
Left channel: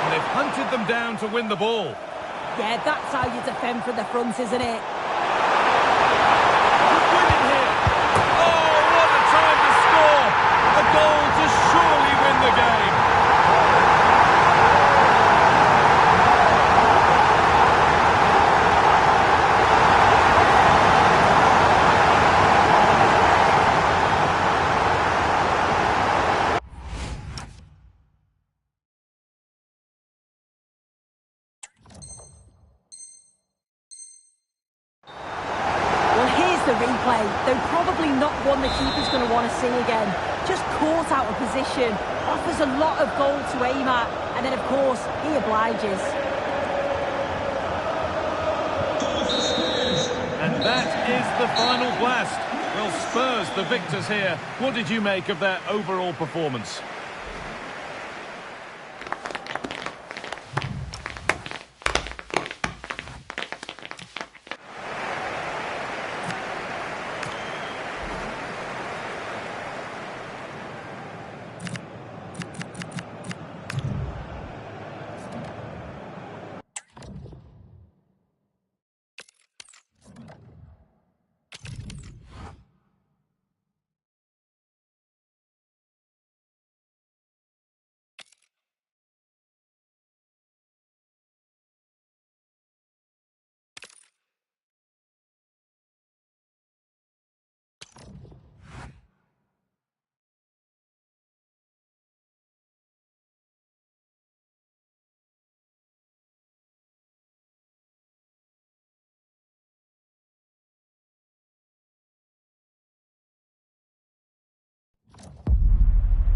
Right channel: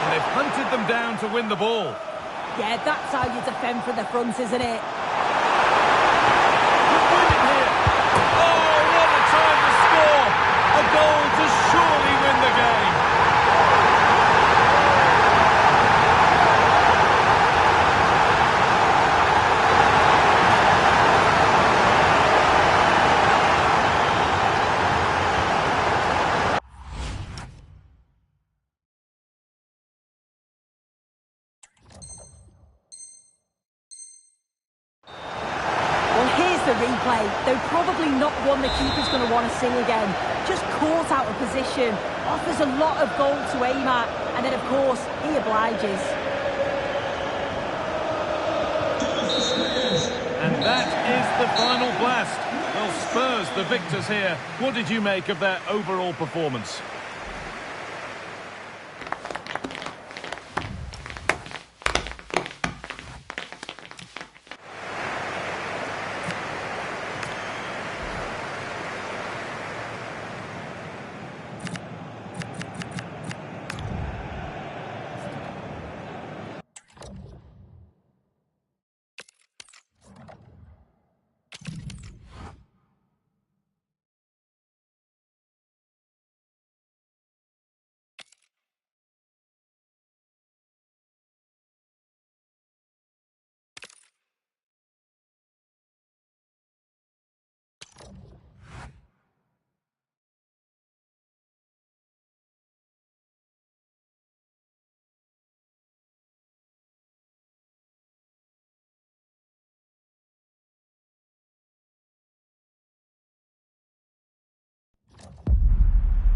And they've hunted them down to win the ball. Yeah, that's how you defend from the front, isn't it? Could win it here. Oh, what a time to score! A goal to surely win the game. Well, here's the replay. Though probably not one the keeper's going to want to see again. Just caught out of position. Offers a lot of goal to aim at. And then, of course, he obliges. And that is the final blast. Well, Spurs, the victors here. What did you make of their overall performance?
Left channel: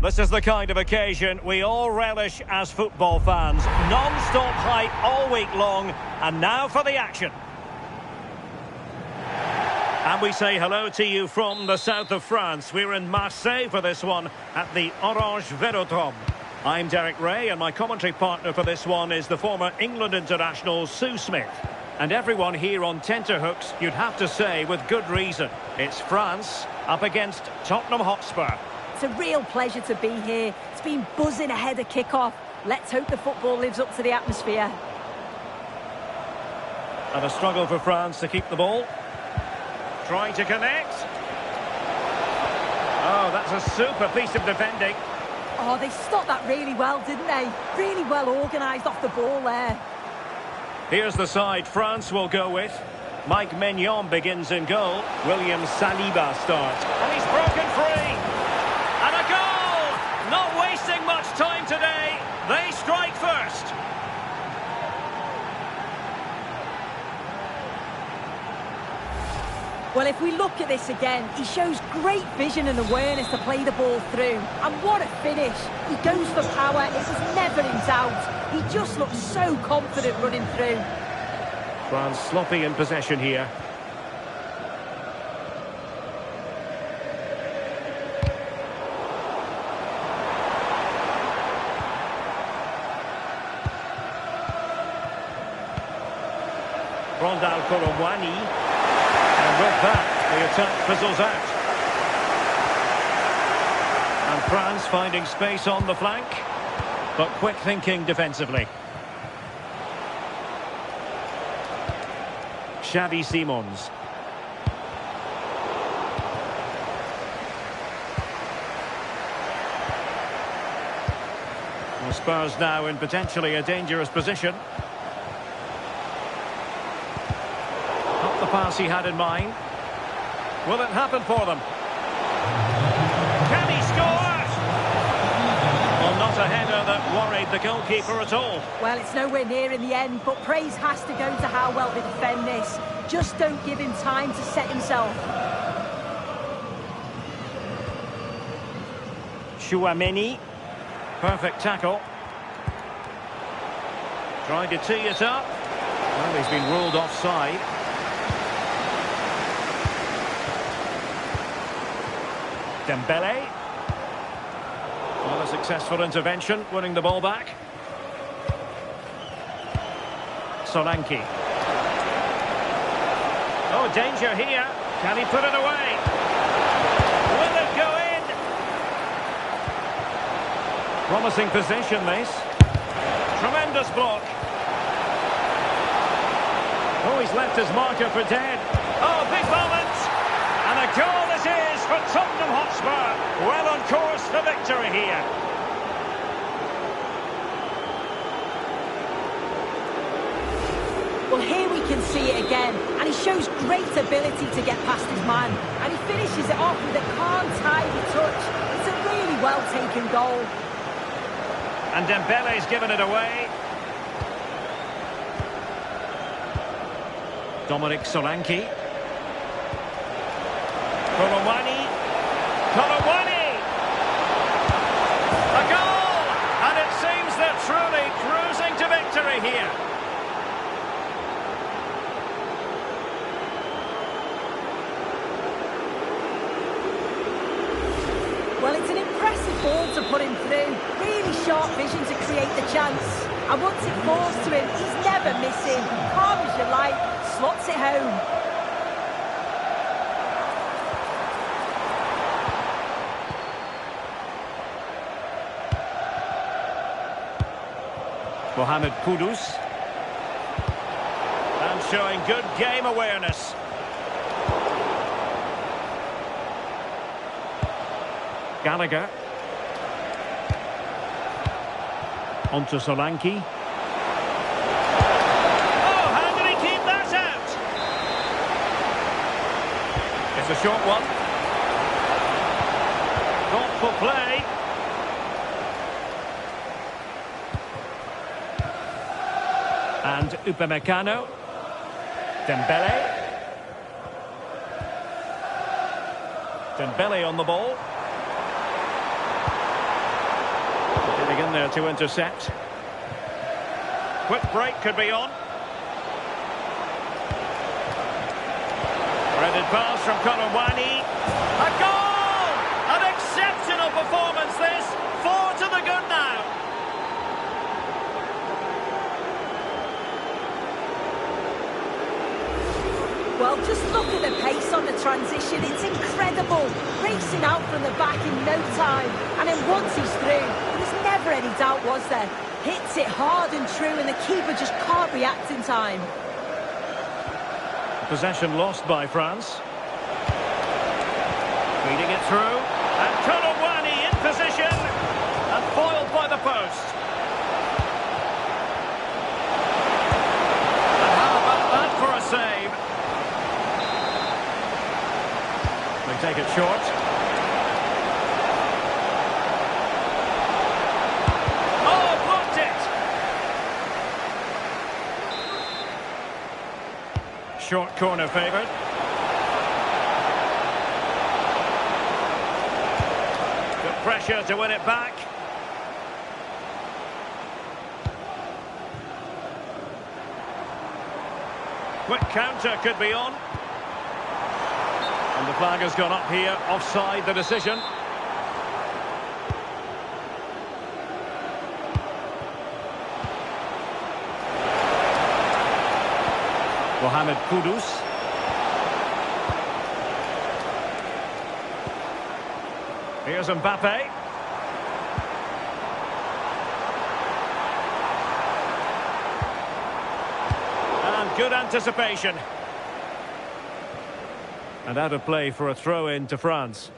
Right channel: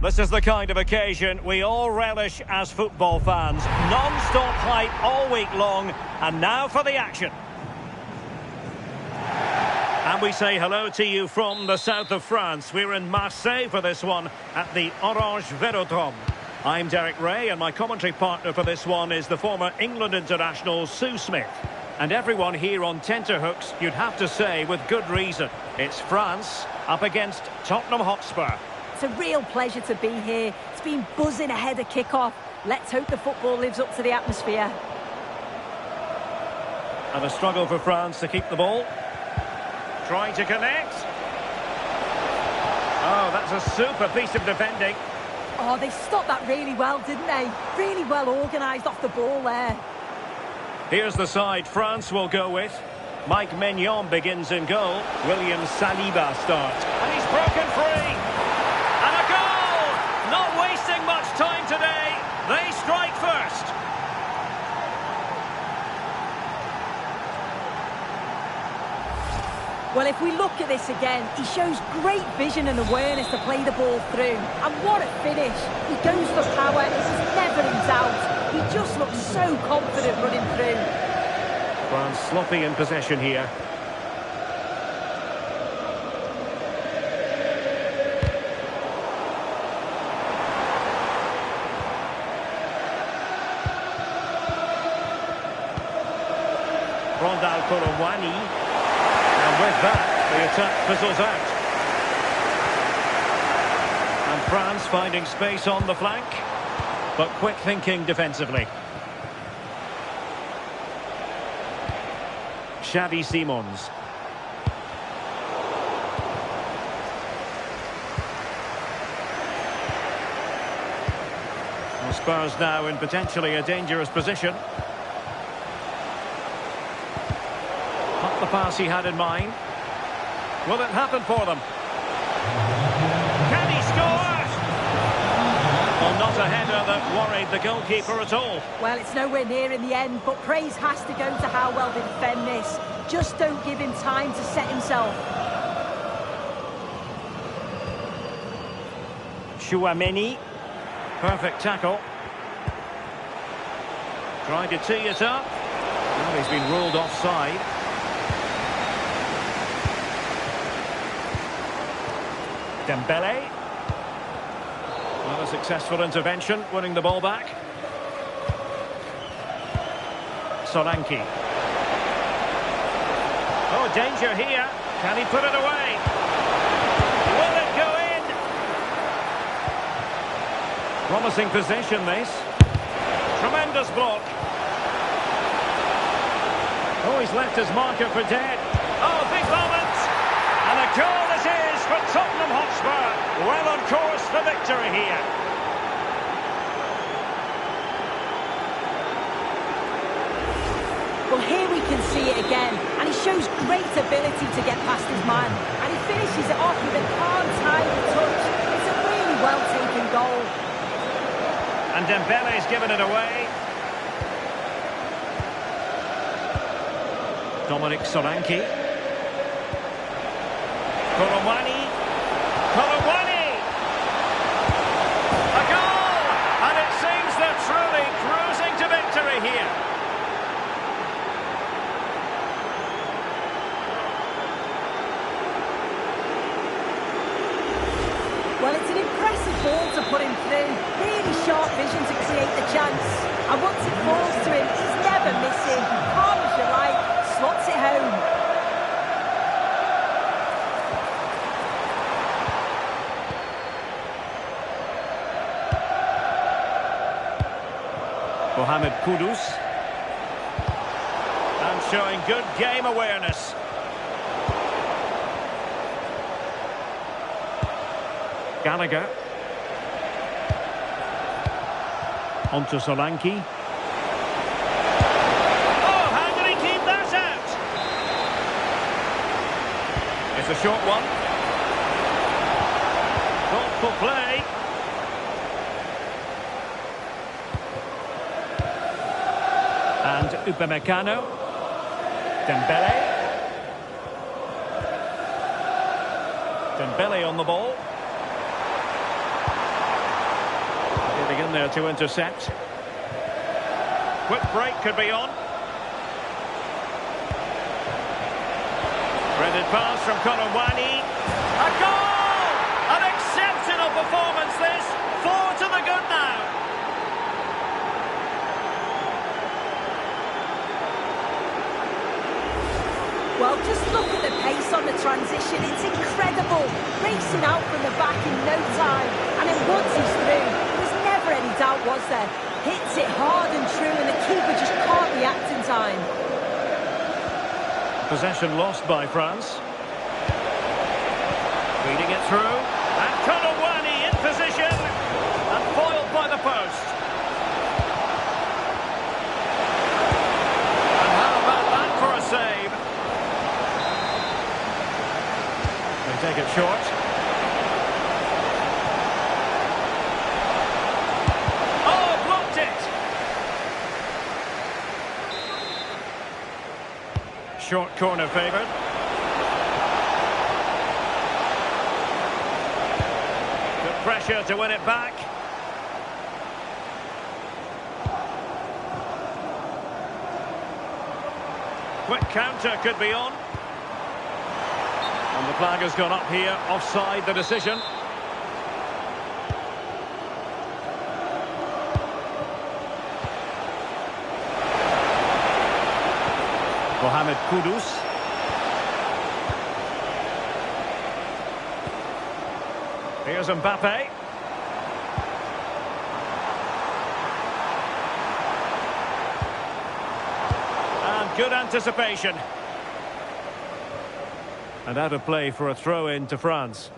This is the kind of occasion we all relish as football fans. Non-stop hype all week long, and now for the action. And we say hello to you from the south of France. We're in Marseille for this one at the Orange Velodrome. I'm Derek Ray, and my commentary partner for this one is the former England international Sue Smith. And everyone here on tenterhooks, you'd have to say with good reason. It's France up against Tottenham Hotspur. It's a real pleasure to be here. It's been buzzing ahead of kick-off. Let's hope the football lives up to the atmosphere. And a struggle for France to keep the ball. Trying to connect. Oh, that's a super piece of defending. Oh, they stopped that really well, didn't they? Really well organised off the ball there. Here's the side France will go with. Mike Maignan begins in goal. William Saliba starts. And he's broken free. And a goal! Not wasting much time today. They strike first. Well, if we look at this again, he shows great vision and awareness to play the ball through. And what a finish. He goes for power. It was never in doubt. He just looks so confident running through. France sloppy in possession here. Rondal Korowani. And with that, the attack fizzles out. And France finding space on the flank, but quick thinking defensively. Xavi Simons. Well, Spurs now in potentially a dangerous position. Not the pass he had in mind. Will it happen for them? Can he score? Well, not a header that worried the goalkeeper at all. Well, it's nowhere near in the end, but praise has to go to how well they defend this. Just don't give him time to set himself. Chouameni. Perfect tackle. Trying to tee it up. Well, he's been ruled offside. Dembele. Well, a successful intervention, winning the ball back. Solanke. Oh, danger here. Can he put it away? Will it go in? Promising position, this. Tremendous block. Oh, he's left his marker for dead. Oh, big moment. And a goal this is for Tottenham Hotspur. Well on course for victory here. Well, here we can see it again, and he shows great ability to get past his man, and he finishes it off with a calm, tidy touch. It's a really well-taken goal. And Dembele's given it away. Dominic Solanke. Korowani. Korowani! A goal! And it seems they're truly cruising to victory here. Well, it's an impressive ball to put him through. Really sharp vision to create the chance. And once it falls to him, he's never missing. Calm as you like, slots it home. Mohamed Kudus. And showing good game awareness. Gallagher. On to Solanke. Oh, how did he keep that out? It's a short one. Thoughtful play. And Upamecano. Dembele. Dembele on the ball. Getting in there to intercept. Quick break could be on. Threaded pass from Korowani. A goal! An exceptional performance this. 4 to the good now. Well, just look at the pace on the transition. It's incredible. Racing out from the back in no time. And then once he's through, there was never any doubt, was there? Hits it hard and true, and the keeper just can't react in time. Possession lost by France. Feeding it through. And Korowani in position. And foiled by the post. And how about that for a save? They take it short. Oh, blocked it! Short corner favoured. Good pressure to win it back. Quick counter could be on. And the flag has gone up here, offside the decision. Mohamed Kudus. Here's Mbappe. And good anticipation. And out of play for a throw-in to France.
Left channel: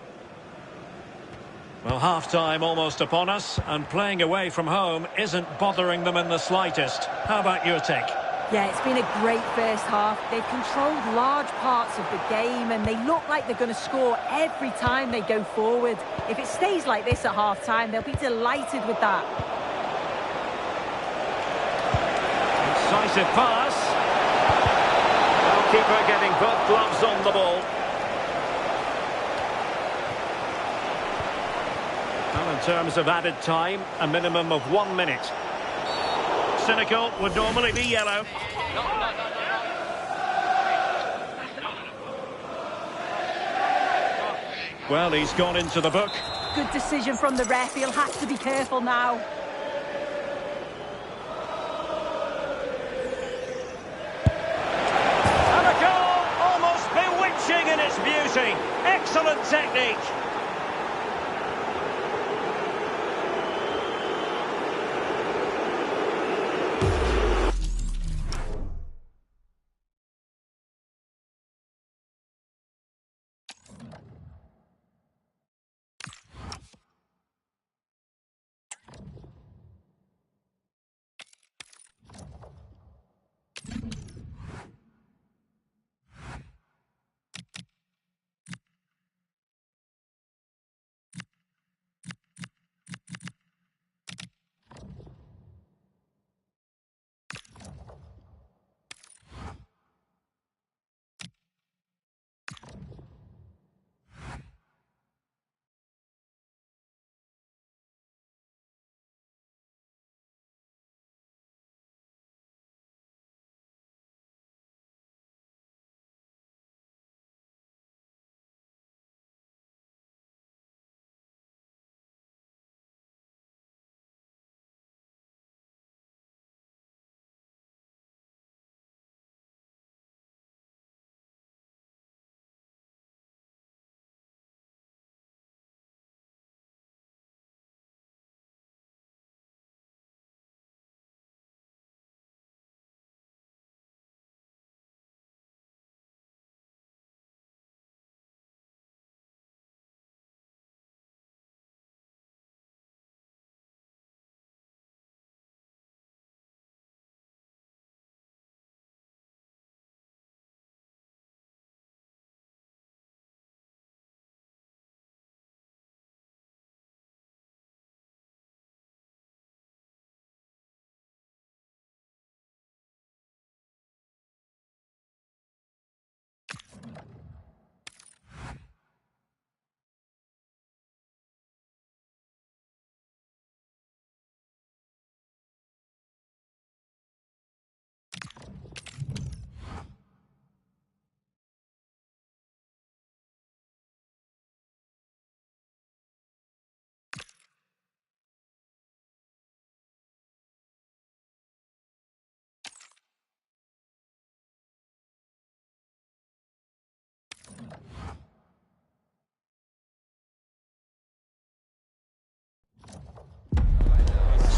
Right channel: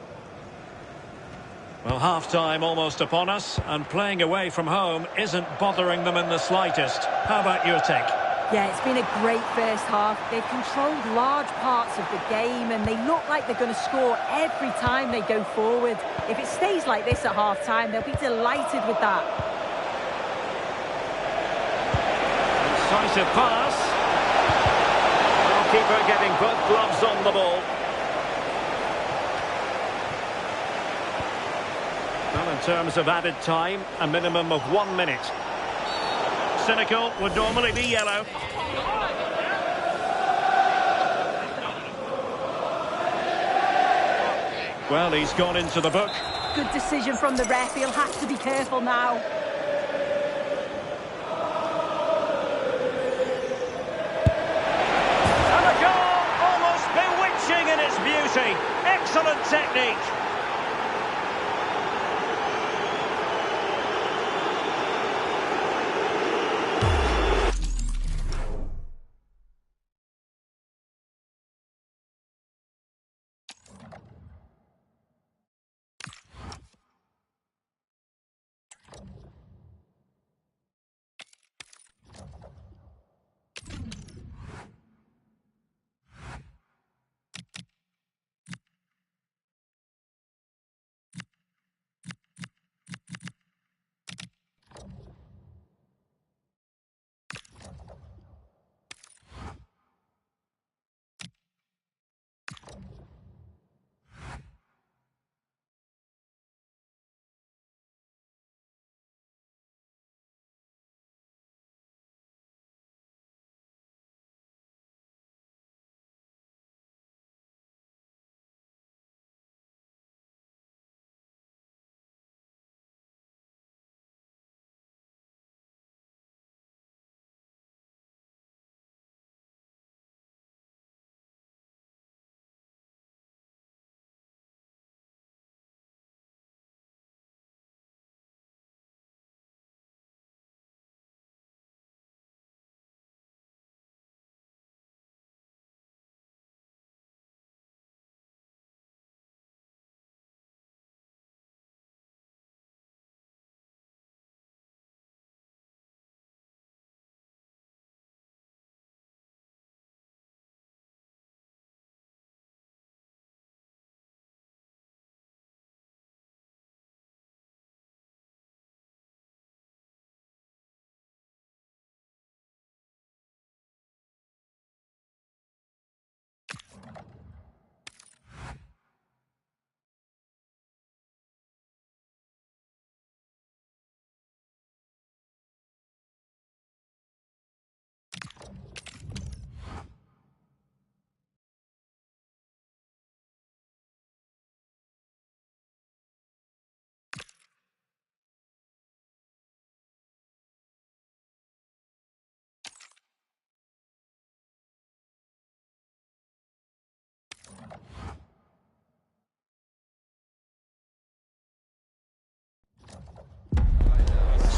Well, half-time almost upon us, and playing away from home isn't bothering them in the slightest. How about your take? Yeah, it's been a great first half. They've controlled large parts of the game, and they look like they're going to score every time they go forward. If it stays like this at half-time, they'll be delighted with that. Incisive pass. Well, keeper getting both gloves on the ball. Well, in terms of added time, a minimum of 1 minute. Cynical would normally be yellow. Well, he's gone into the book. Good decision from the ref. He'll have to be careful now. And a goal, almost bewitching in its beauty. Excellent technique.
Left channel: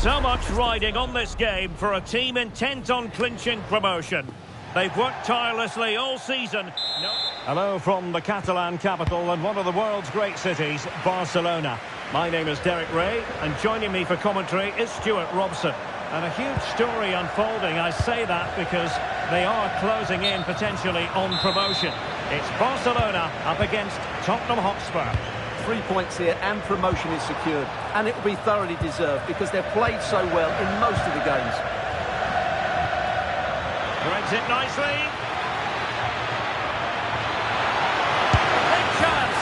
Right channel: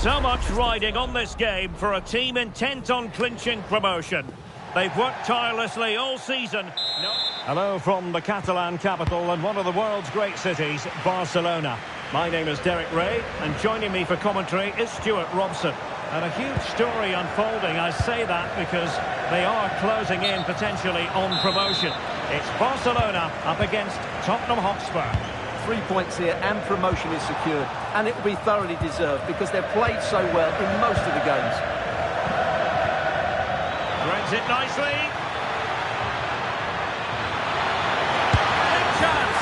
So much riding on this game for a team intent on clinching promotion. They've worked tirelessly all season. Hello from the Catalan capital and one of the world's great cities, Barcelona. My name is Derek Ray, and joining me for commentary is Stuart Robson. And a huge story unfolding. I say that because they are closing in potentially on promotion. It's Barcelona up against Tottenham Hotspur. 3 points here and promotion is secured, and it will be thoroughly deserved because they've played so well in most of the games. Threads it nicely. Big chance.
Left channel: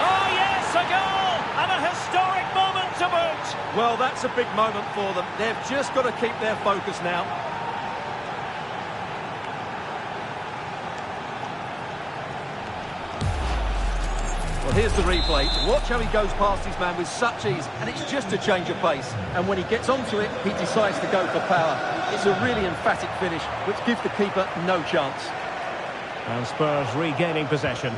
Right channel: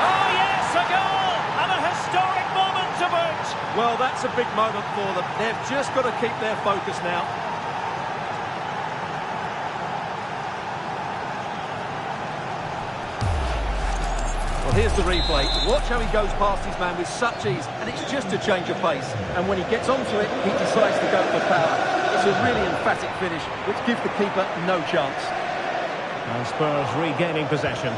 Oh yes, a goal and a historic moment to boot. Well, that's a big moment for them. They've just got to keep their focus now. Well, here's the replay. Watch how he goes past his man with such ease, and it's just a change of pace. And when he gets onto it, he decides to go for power. It's a really emphatic finish, which gives the keeper no chance. And Spurs regaining possession.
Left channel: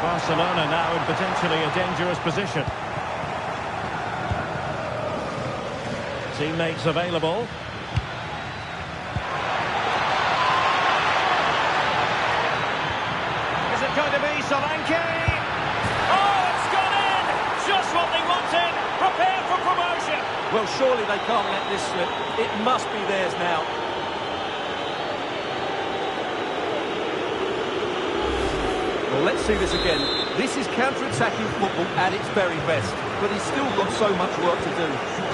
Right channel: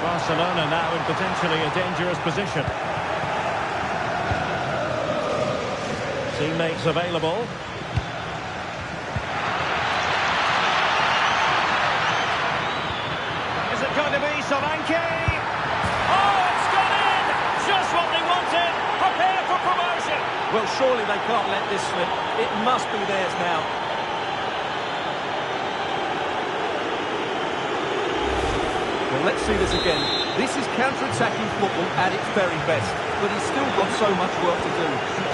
Barcelona now in potentially a dangerous position. Teammates available. Is it going to be Solanke? Oh, it's gone in! Just what they wanted. Prepare for promotion. Well, surely they can't let this slip. It must be theirs now. Well, let's see this again. This is counter-attacking football at its very best. But he's still got so much work to do.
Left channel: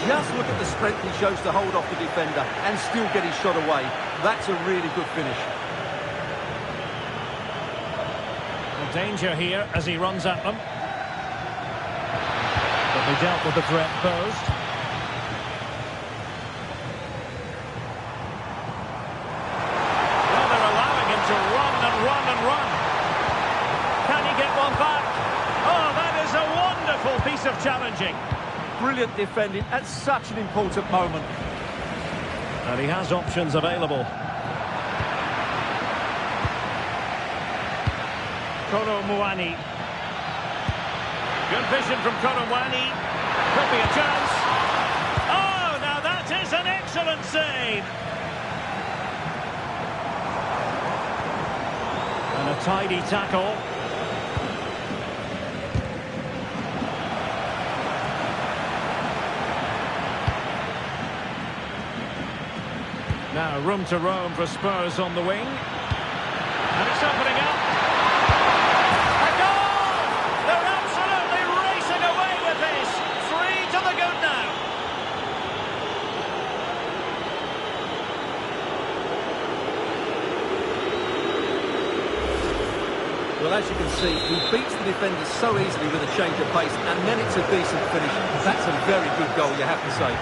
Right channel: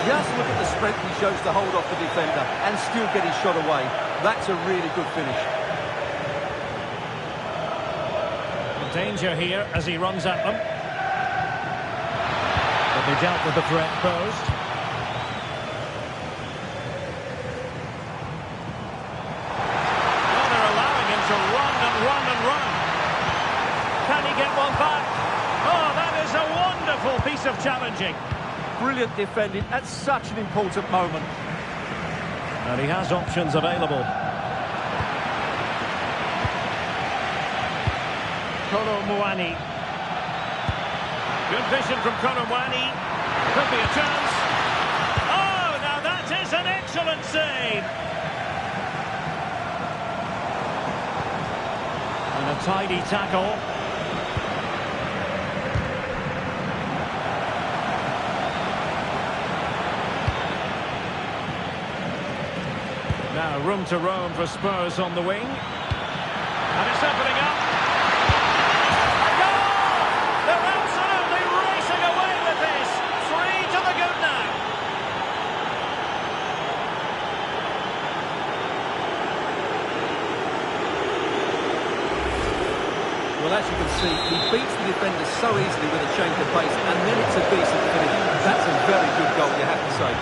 Just look at the strength he shows to hold off the defender and still get his shot away. That's a really good finish. Well, danger here as he runs at them. But they dealt with the threat posed. Well, they're allowing him to run and run and run. Can he get one back? Oh, that is a wonderful piece of challenging. Brilliant defending at such an important moment. And he has options available. Kolo Muani. Good vision from Kolo Muani. Could be a chance. Oh, now that is an excellent save. And a tidy tackle. Now room to roam for Spurs on the wing. And it's opening up. A goal! They're absolutely racing away with this. 3 to the good now. Well, as you can see, he beats the defender so easily with a change of pace, and then it's a decent finish. That's a very good goal, you have to say.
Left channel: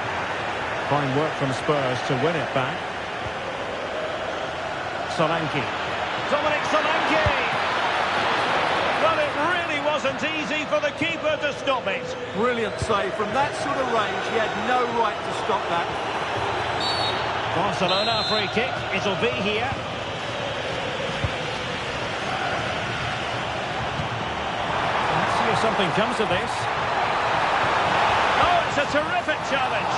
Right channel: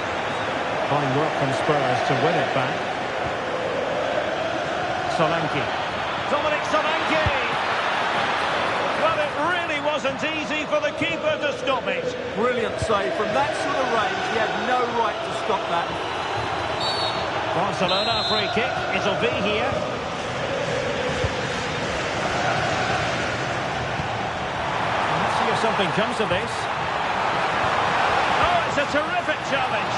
Fine work from Spurs to win it back. Solanke. Dominic Solanke! Well, it really wasn't easy for the keeper to stop it. Brilliant save. From that sort of range, he had no right to stop that. Barcelona, free kick. It'll be here. Let's see if something comes of this. Oh, it's a terrific challenge.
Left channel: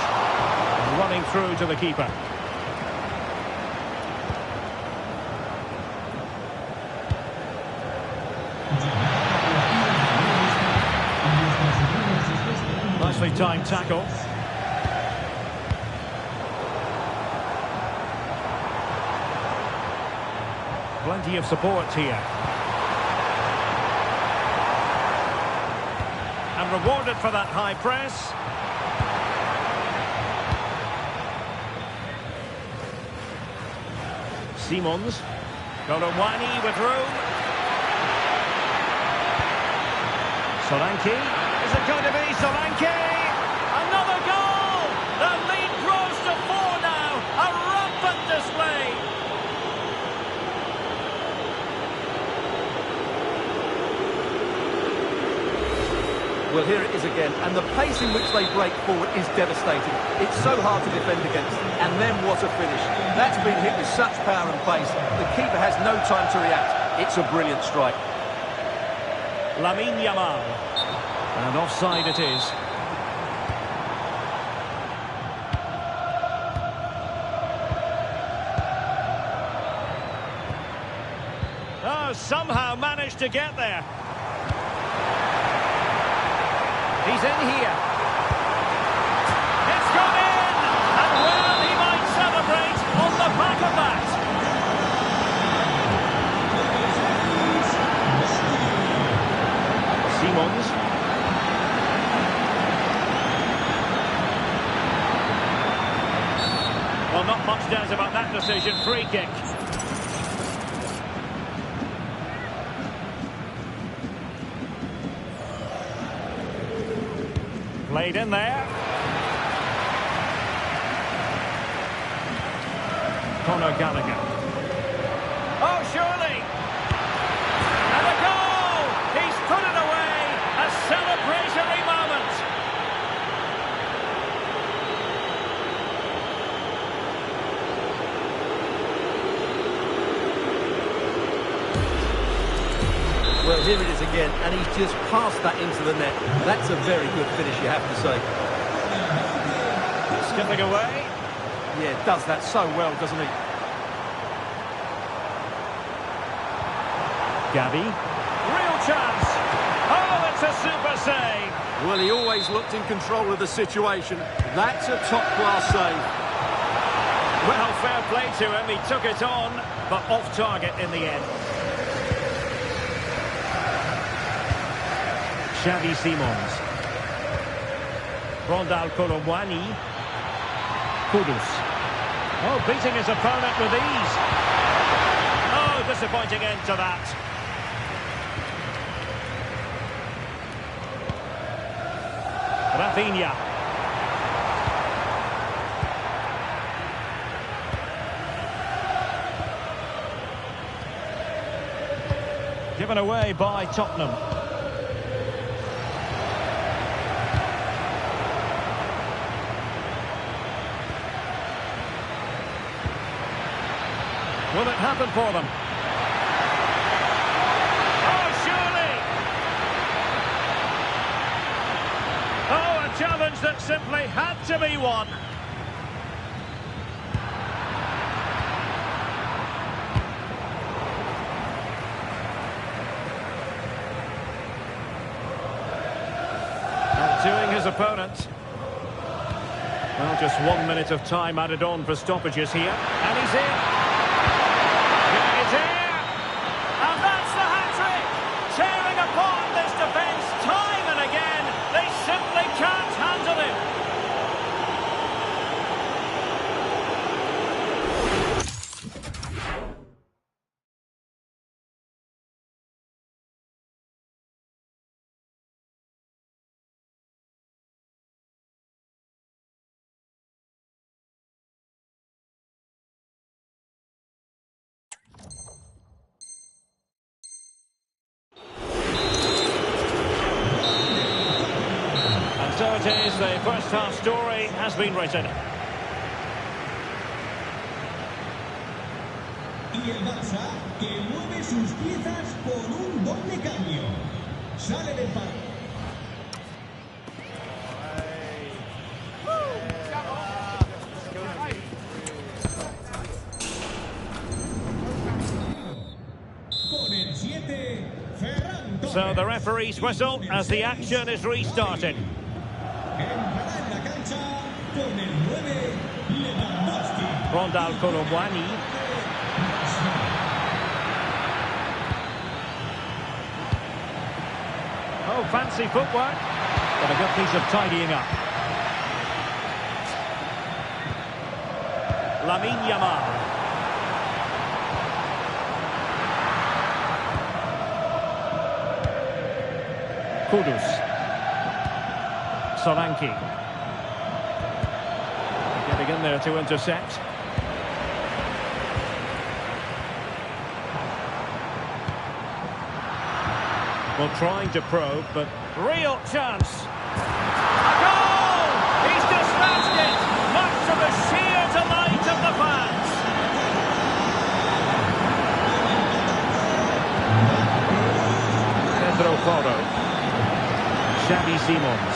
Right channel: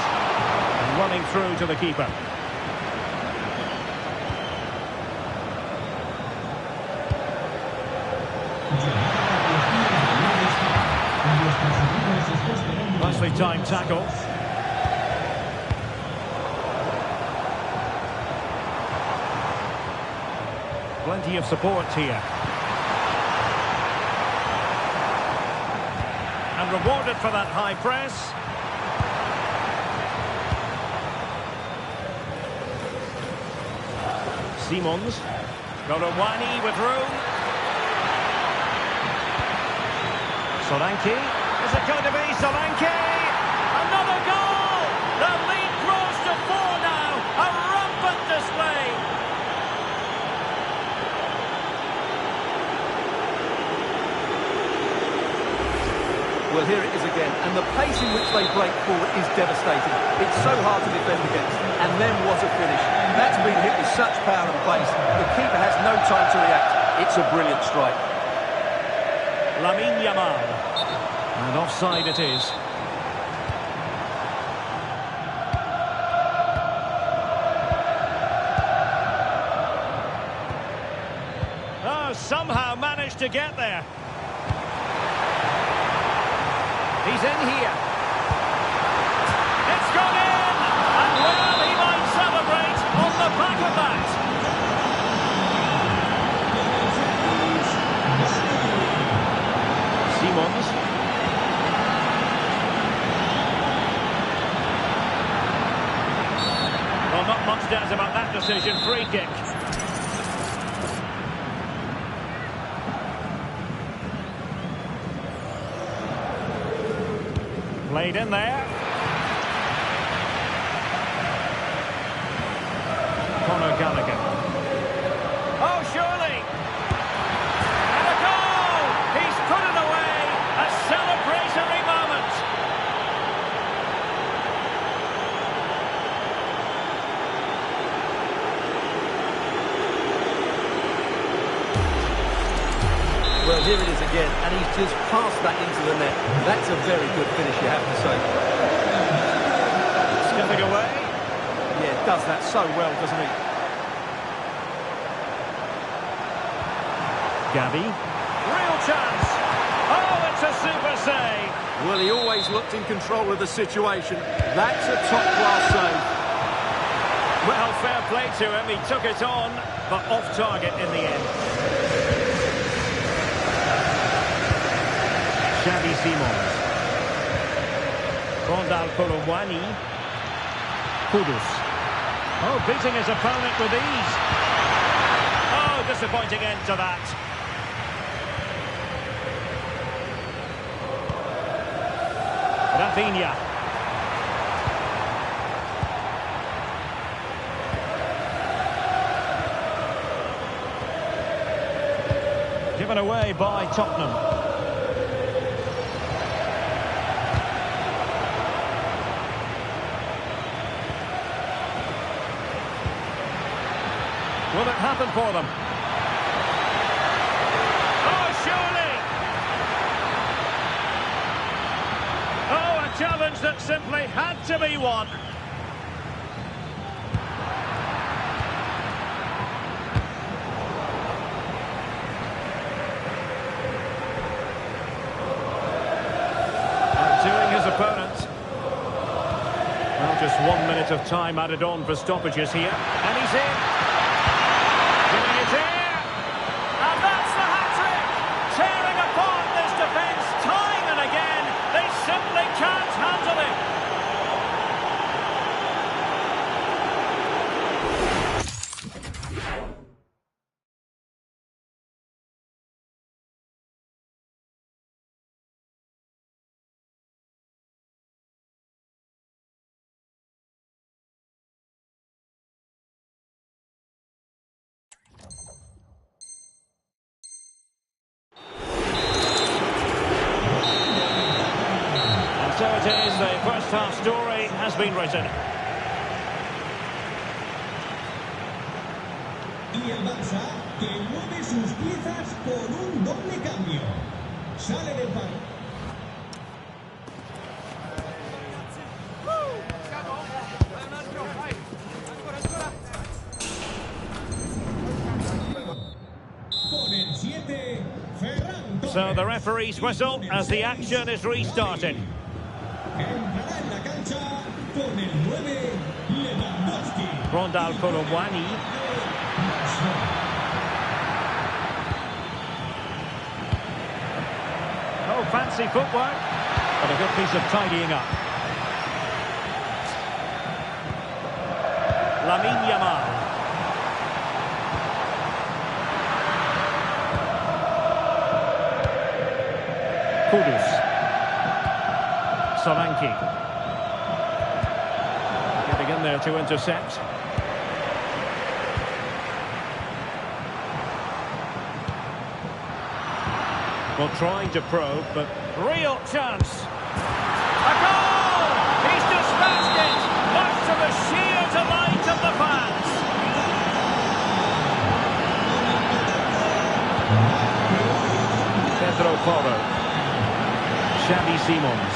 And running through to the keeper. Nicely timed tackle. Plenty of support here. And rewarded for that high press. Simons. Golowani with room. Solanke. Is it going to be Solanke? Another goal! The lead grows to 4 now. A rampant display. Well, here it is again, and the pace in which they break forward is devastating. It's so hard to defend against, and then what a finish. That's been hit with such power and pace. The keeper has no time to react. It's a brilliant strike. Lamine Yamal. And offside it is. Oh, somehow managed to get there. He's in here. It's gone in! And well, he might celebrate on the back of that. Simons. Well, not much doubt about that decision. Free kick. Played in there. Conor Gallagher. Oh, surely! And a goal! He's put it away! A celebratory moment! Well, here it is again, and he's just passed that into the net. That's a very good finish, you have to say. Skipping away. Yeah, does that so well, doesn't he? Gavi. Real chance. Oh, it's a super save. Well, he always looked in control of the situation. That's a top-class save. Well, fair play to him. He took it on, but off target in the end. Xavi Simons. Rondal Colomwani. Kudus. Oh, beating his opponent with ease. Oh, disappointing end to that. Rafinha. Given away by Tottenham. Will it happen for them? Oh, surely! Oh, a challenge that simply had to be won. Outdoing his opponent. Well, just 1 minute of time added on for stoppages here. And he's in. Giving it here, and that's the hat-trick! Tearing apart this defence time and again. They simply can't handle him. So it is, the first half story has been written. Y el Barça que mueve sus piezas por un doble cambio. Sale del par. Con el 7, Ferran Torres. So the referee's whistle as the action is restarted. Entrará en la cancha con el 9, Lewandowski. Rondal Colomwani. Oh, fancy footwork, but a good piece of tidying up. Lamine Yamal. Kudus. Solanke. Getting in there to intercept. Well, trying to probe, but real chance. A goal! He's dispatched it, much to the sheer delight of the fans. Pedro Porro. Xavi Simons.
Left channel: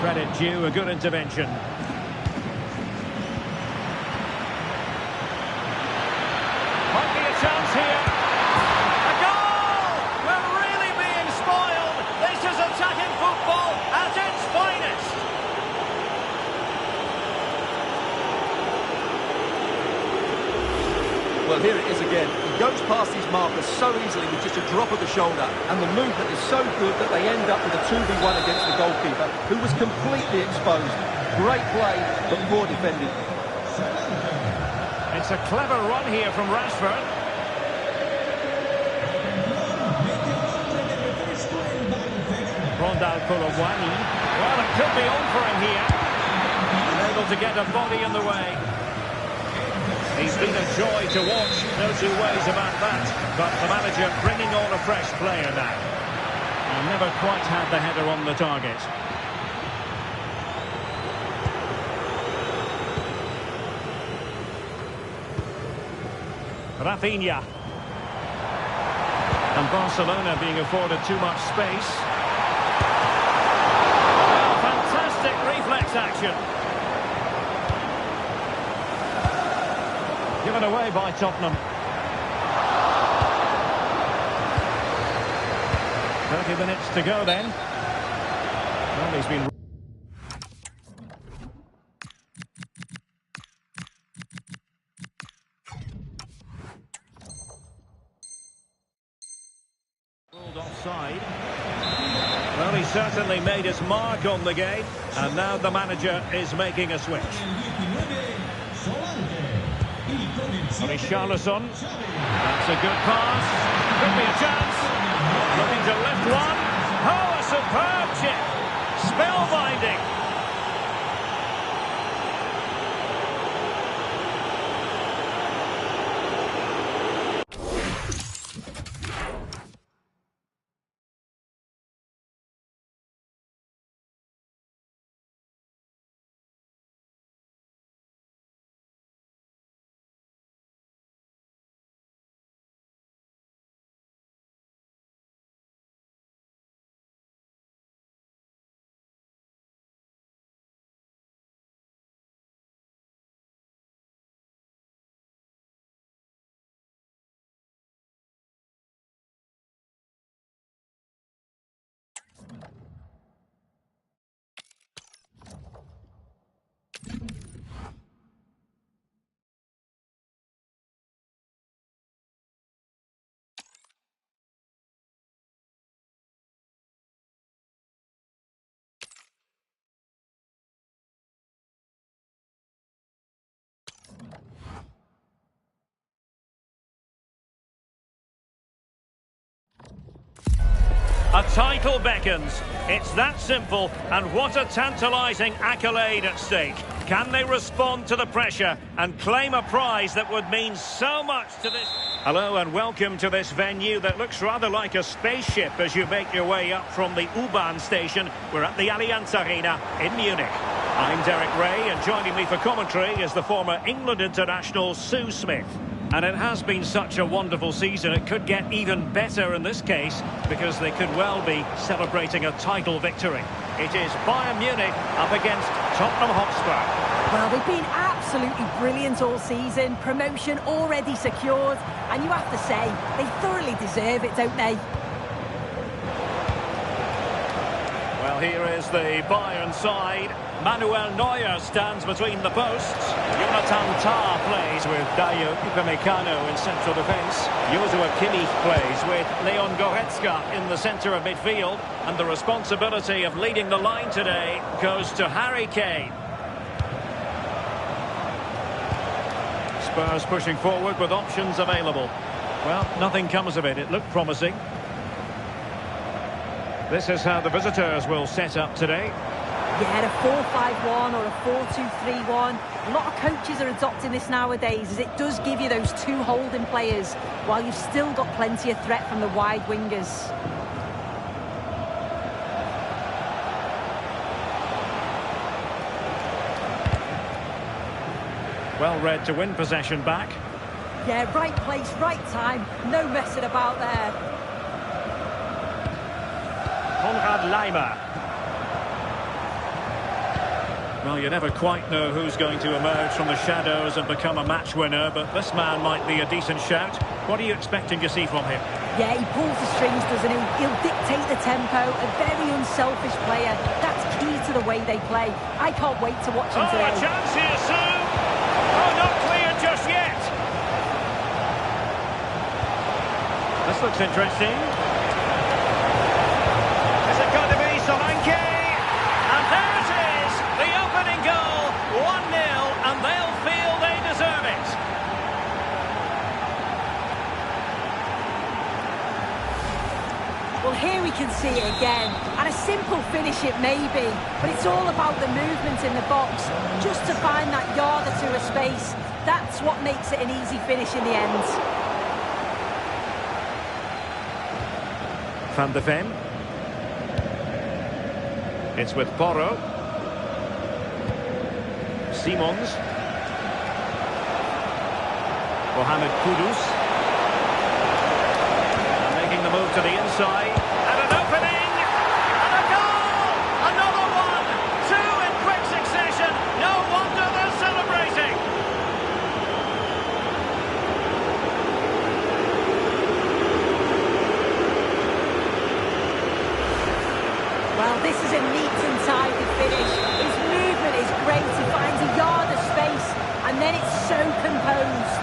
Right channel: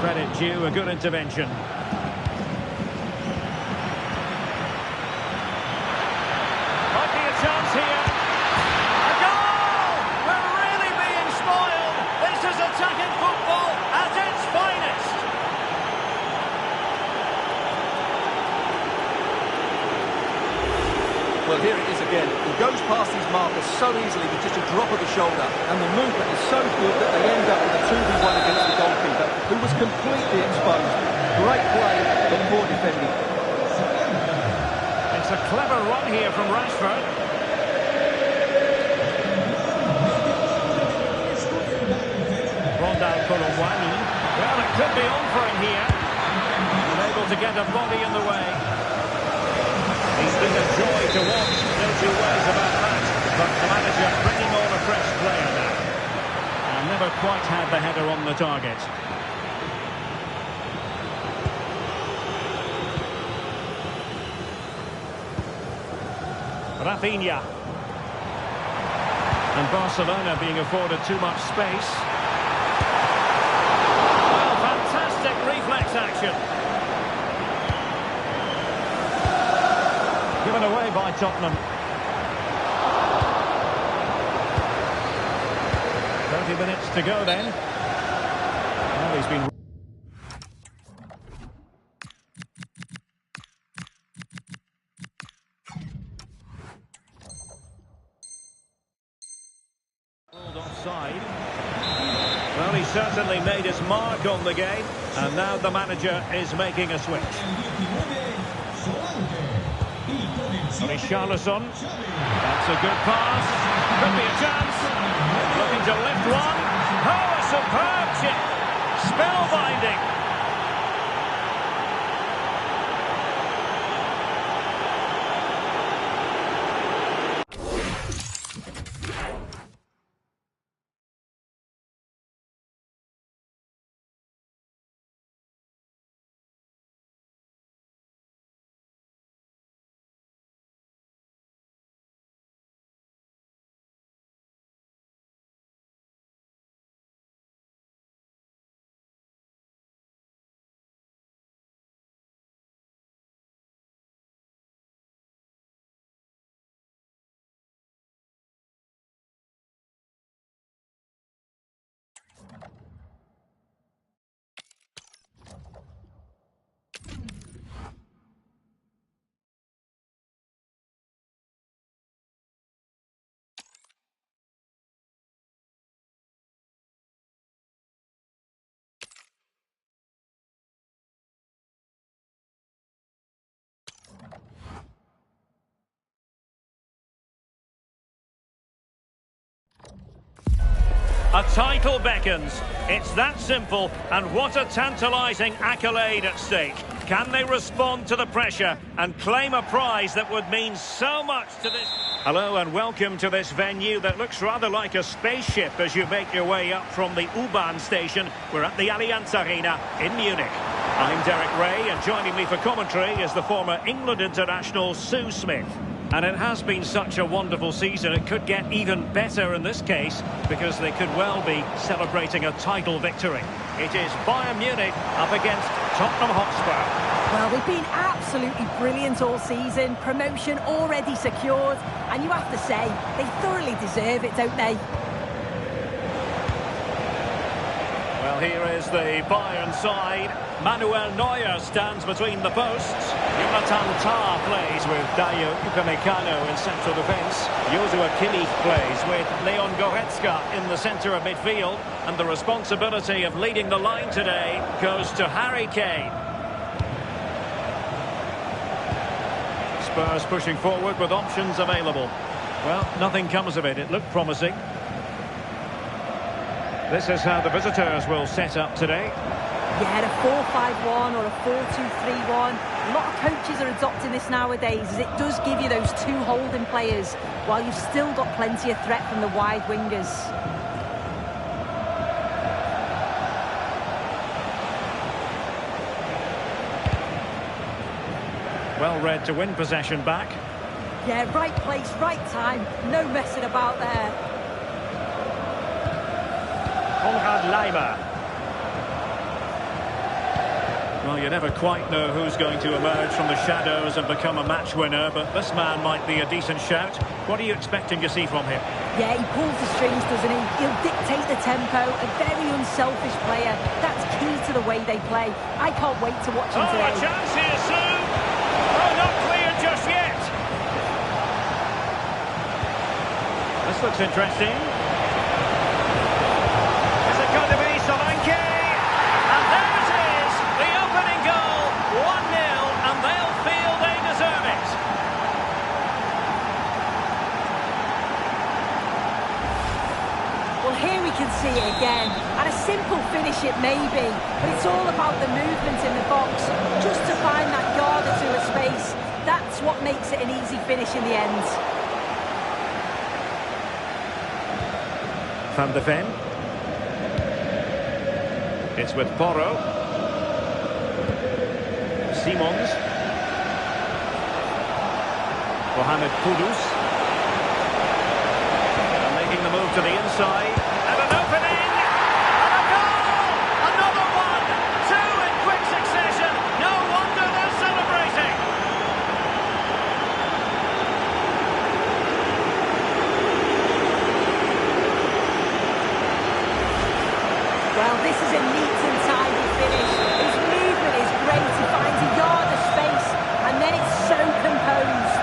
Credit due, a good intervention. Might be a chance here. A goal! We're really being spoiled. This is attacking football at its finest. Well, here it is again. He goes past his marker so easily with just a drop of the shoulder, and the movement is so good that they end up with a 2v1 against the goalkeeper, who was completely exposed. Great play, but poor defending. It's a clever run here from Rashford. Rondal Colomwani. Well, it could be on for him here. And Unable to get a body in the way. He's been a joy to watch, no two ways about that. But the manager bringing on a fresh player now. And never quite had the header on the target. Rafinha. And Barcelona being afforded too much space. Well, fantastic reflex action. Given away by Tottenham. 30 minutes to go then. Well, he's been... ruled offside. Well, he certainly made his mark on the game. And now the manager is making a switch. Richarlison. That's a good pass. Could be a chance. Looking to lift one. Oh, a superb chip. Spellbinding. A title beckons. It's that simple, and what a tantalising accolade at stake. Can they respond to the pressure and claim a prize that would mean so much to this... Hello and welcome to this venue that looks rather like a spaceship as you make your way up from the U-Bahn station. We're at the Allianz Arena in Munich. I'm Derek Ray, and joining me for commentary is the former England international Sue Smith. And it has been such a wonderful season. It could get even better in this case because they could well be celebrating a title victory. It is Bayern Munich up against Tottenham Hotspur. Well, they've been absolutely brilliant all season. Promotion already secured. And you have to say, they thoroughly deserve it, don't they? Well, here is the Bayern side. Manuel Neuer stands between the posts. Jonathan Tah plays with Dayo Upamecano in central defence. Joshua Kimmich plays with Leon Goretzka in the centre of midfield. And the responsibility of leading the line today goes to Harry Kane. Spurs pushing forward with options available. Well, nothing comes of it. It looked promising. This is how the visitors will set up today. Yeah, a 4-5-1 or a 4-2-3-1. A lot of coaches are adopting this nowadays as it does give you those two holding players while you've still got plenty of threat from the wide wingers. Well read to win possession back. Yeah, right place, right time. No messing about there. Konrad Laimer. Well, you never quite know who's going to emerge from the shadows and become a match winner, but this man might be a decent shout. What are you expecting to see from him? Yeah, he pulls the strings, doesn't he? He'll dictate the tempo, a very unselfish player. That's key to the way they play. I can't wait to watch him today. Oh, a chance here, Sue! Oh, not clear just yet! This looks interesting. Is it going to be Solanke? And there it is! The opening goal, 1-0, and they'll feel they deserve it. Well, here we can see it again. And a simple finish it may be, but it's all about the movement in the box. Just to find that yard or two of space. That's what makes it an easy finish in the end. Van de Ven. It's with Porro. Simons. Mohamed Kudus. And making the move to the inside. And an opening! And a goal! Another one! Two in quick succession! No wonder they're celebrating! Well, this is a neat and tidy finish. His movement is great. He finds a yard of space, and then it's so composed.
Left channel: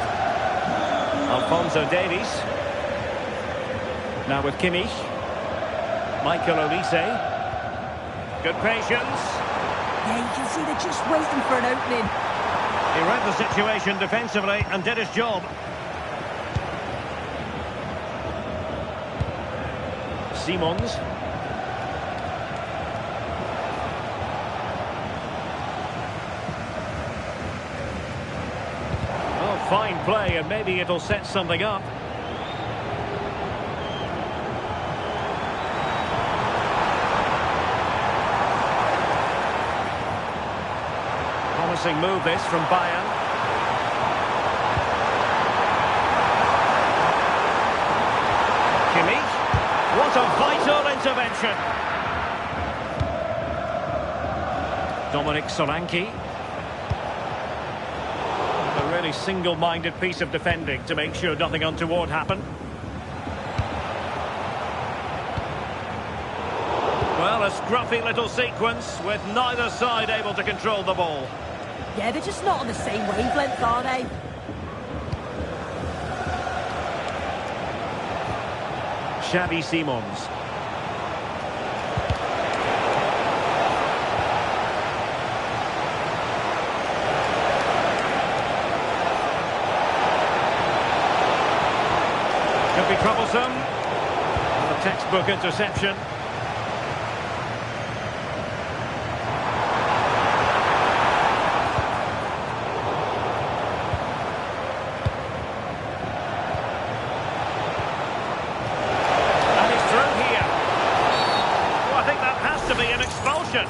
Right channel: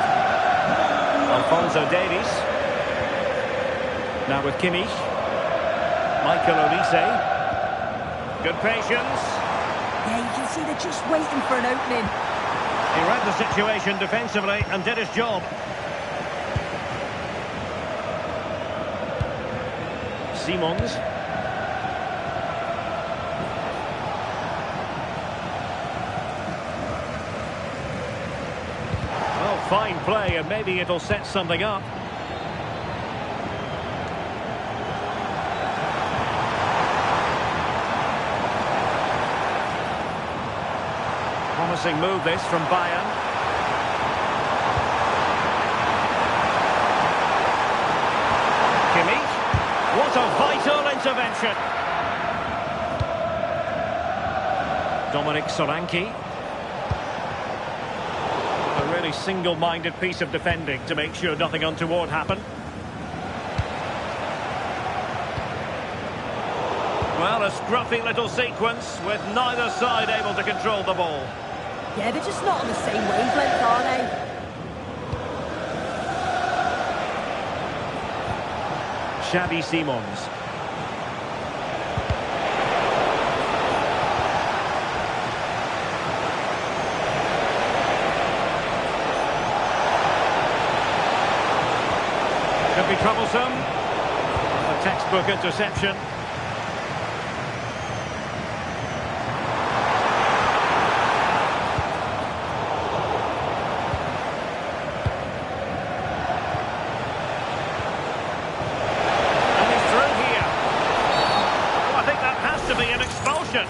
Alphonso Davies. Now with Kimmich. Michael Olise. Good patience. Yeah, you can see they're just waiting for an opening. He read the situation defensively and did his job. Simons. Oh, fine play, and maybe it'll set something up. Promising move this from Bayern. Kimmich. What a vital intervention. Dominic Solanke. A really single-minded piece of defending to make sure nothing untoward happened. Well, a scruffy little sequence with neither side able to control the ball. Yeah, they're just not on the same wavelength, are they? Xavi Simons. Could be troublesome. A textbook interception. And he's through here. Oh, I think that has to be an expulsion.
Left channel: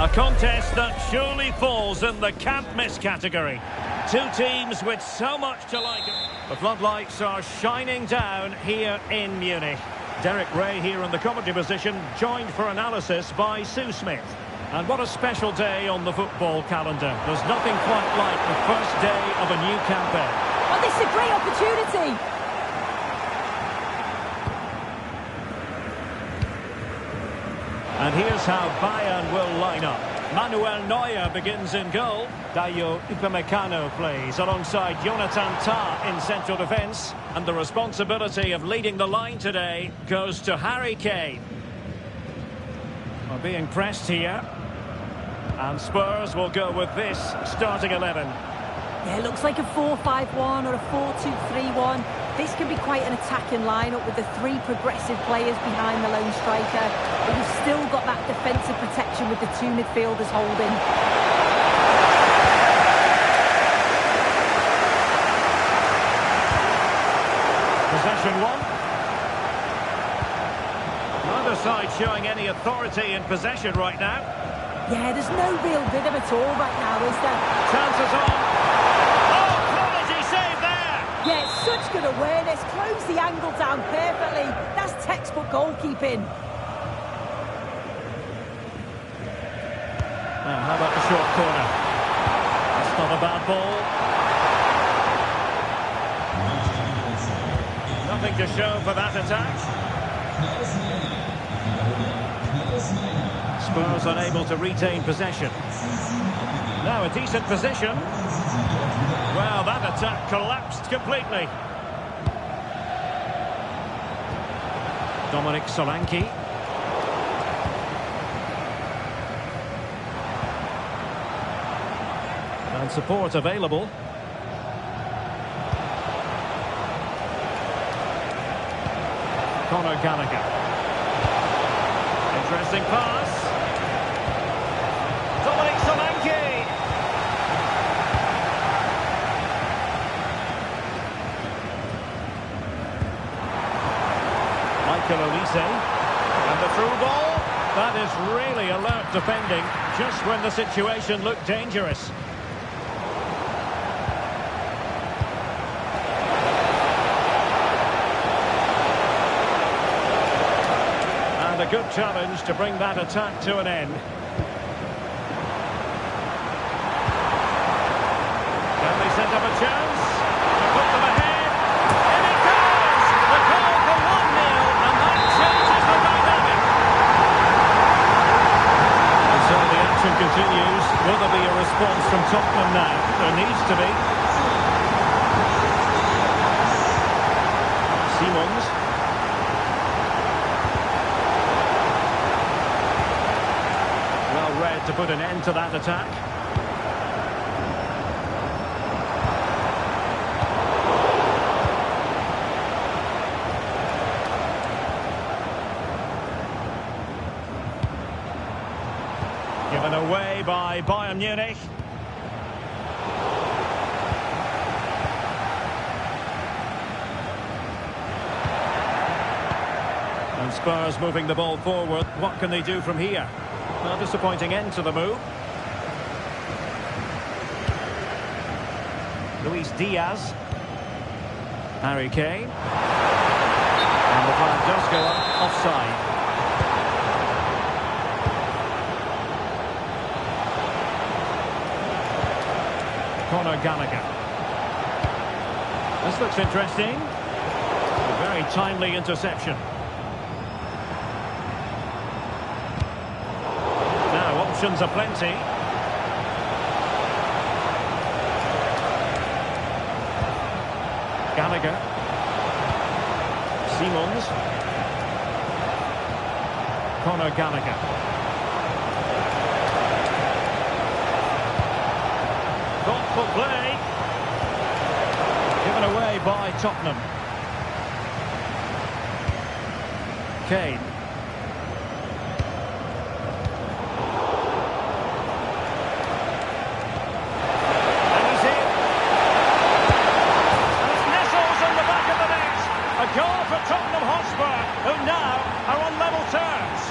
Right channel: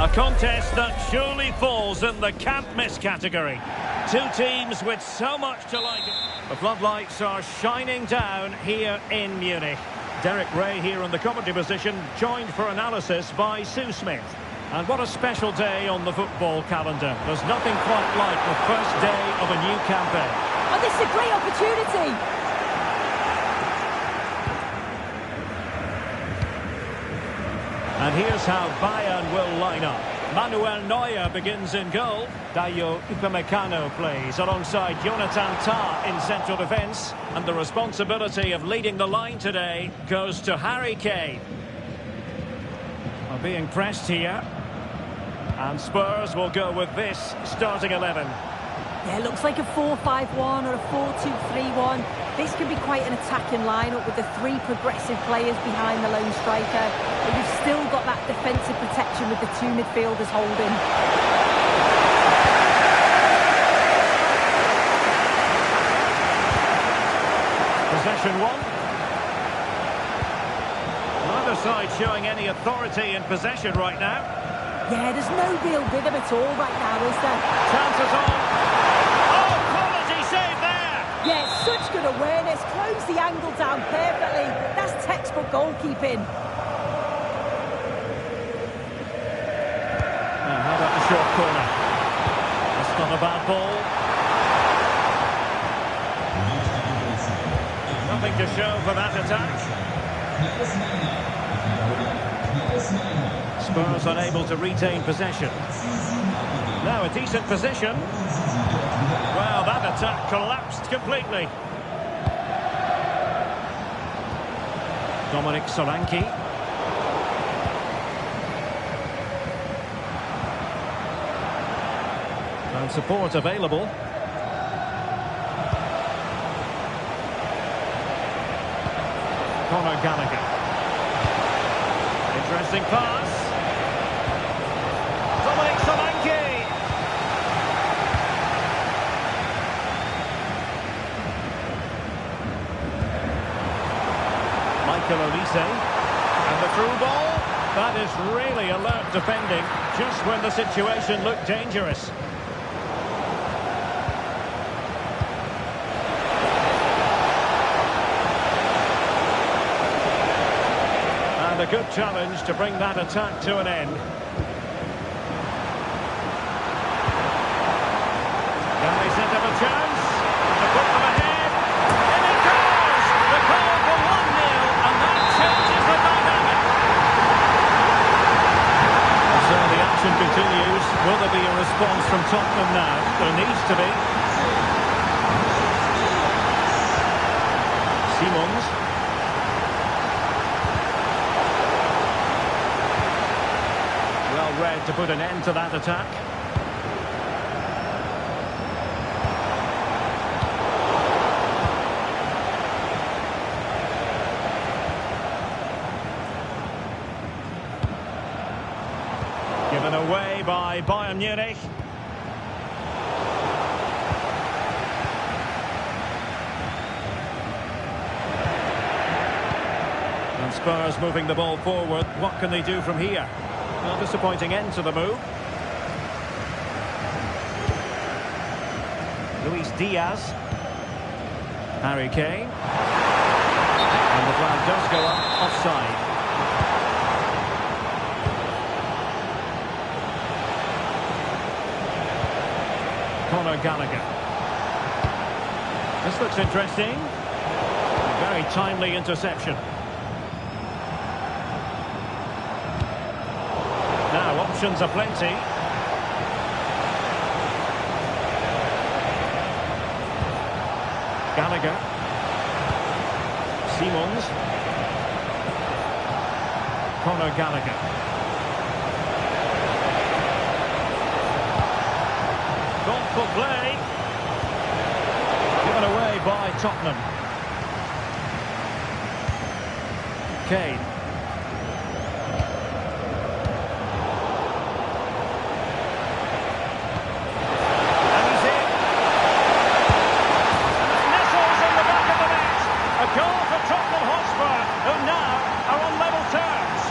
A contest that surely falls in the can't-miss category. Two teams with so much to like. The floodlights are shining down here in Munich. Derek Ray here in the commentary position, joined for analysis by Sue Smith. And what a special day on the football calendar. There's nothing quite like the first day of a new campaign. Oh, this is a great opportunity. And here's how Bayern will line up. Manuel Neuer begins in goal. Dayo Upamecano plays alongside Jonathan Tah in central defence. And the responsibility of leading the line today goes to Harry Kane. Are being pressed here. And Spurs will go with this starting 11. Yeah, it looks like a 4-5-1 or a 4-2-3-1. This can be quite an attacking lineup with the three progressive players behind the lone striker. But you've still got that defensive protection with the two midfielders holding. Possession one. Neither side showing any authority in possession right now. Yeah, there's no real rhythm at all right now, is there? Chances on. Oh, quality save there! Yeah, such good awareness. Close the angle down perfectly. That's textbook goalkeeping. Now, how about the short corner? That's not a bad ball. Nothing to show for that attack. Spurs unable to retain possession. Now a decent position. Well, that attack collapsed completely. Dominic Solanke. And support available. Conor Gallagher. Interesting pass. Dominic Solanke. Michael Olise. And the through ball. That is really alert defending, just when the situation looked dangerous. A good challenge to bring that attack to an end. Can they set up a chance to put them ahead? In it goes! The goal for 1-0, and that changes the dynamic. And so the action continues. Will there be a response from Tottenham now? There needs to be. Simons. Well read to put an end to that attack. Given away by Bayern Munich. And Spurs moving the ball forward. What can they do from here? Well, disappointing end to the move. Luis Diaz. Harry Kane. And the flag does go up offside. Conor Gallagher. This looks interesting. A very timely interception. Now, options are plenty. Gallagher. Simons. Conor Gallagher. Thoughtful play. Given away by Tottenham. Kane. And he's in. And it nestles in the back of the net. A goal for Tottenham Hotspur, who now are on level terms.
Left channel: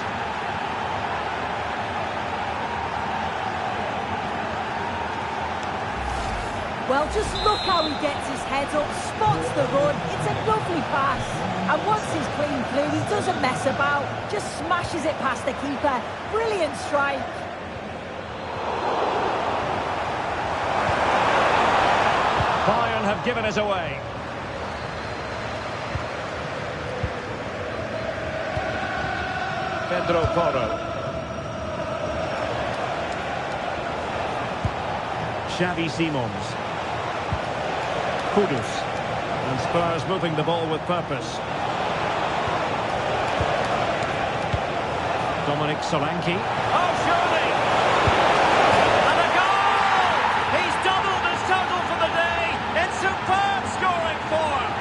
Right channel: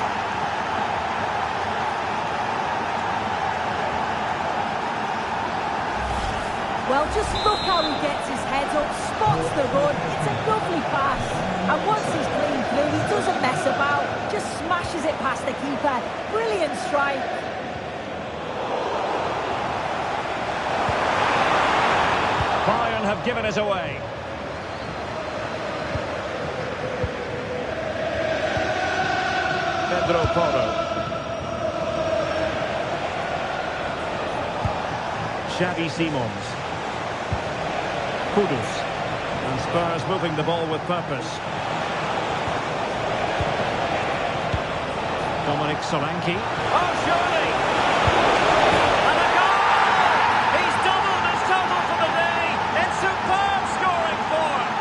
Well, just look how he gets his head up, spots the run. It's a lovely pass. And once he's clean through, he doesn't mess about. Just smashes it past the keeper. Brilliant strike. Bayern have given us away. Pedro Porro. Xavi Simons. Kudus. And Spurs moving the ball with purpose. Dominic Solanke. Oh, surely! And a goal! He's doubled his total for the day in superb scoring form.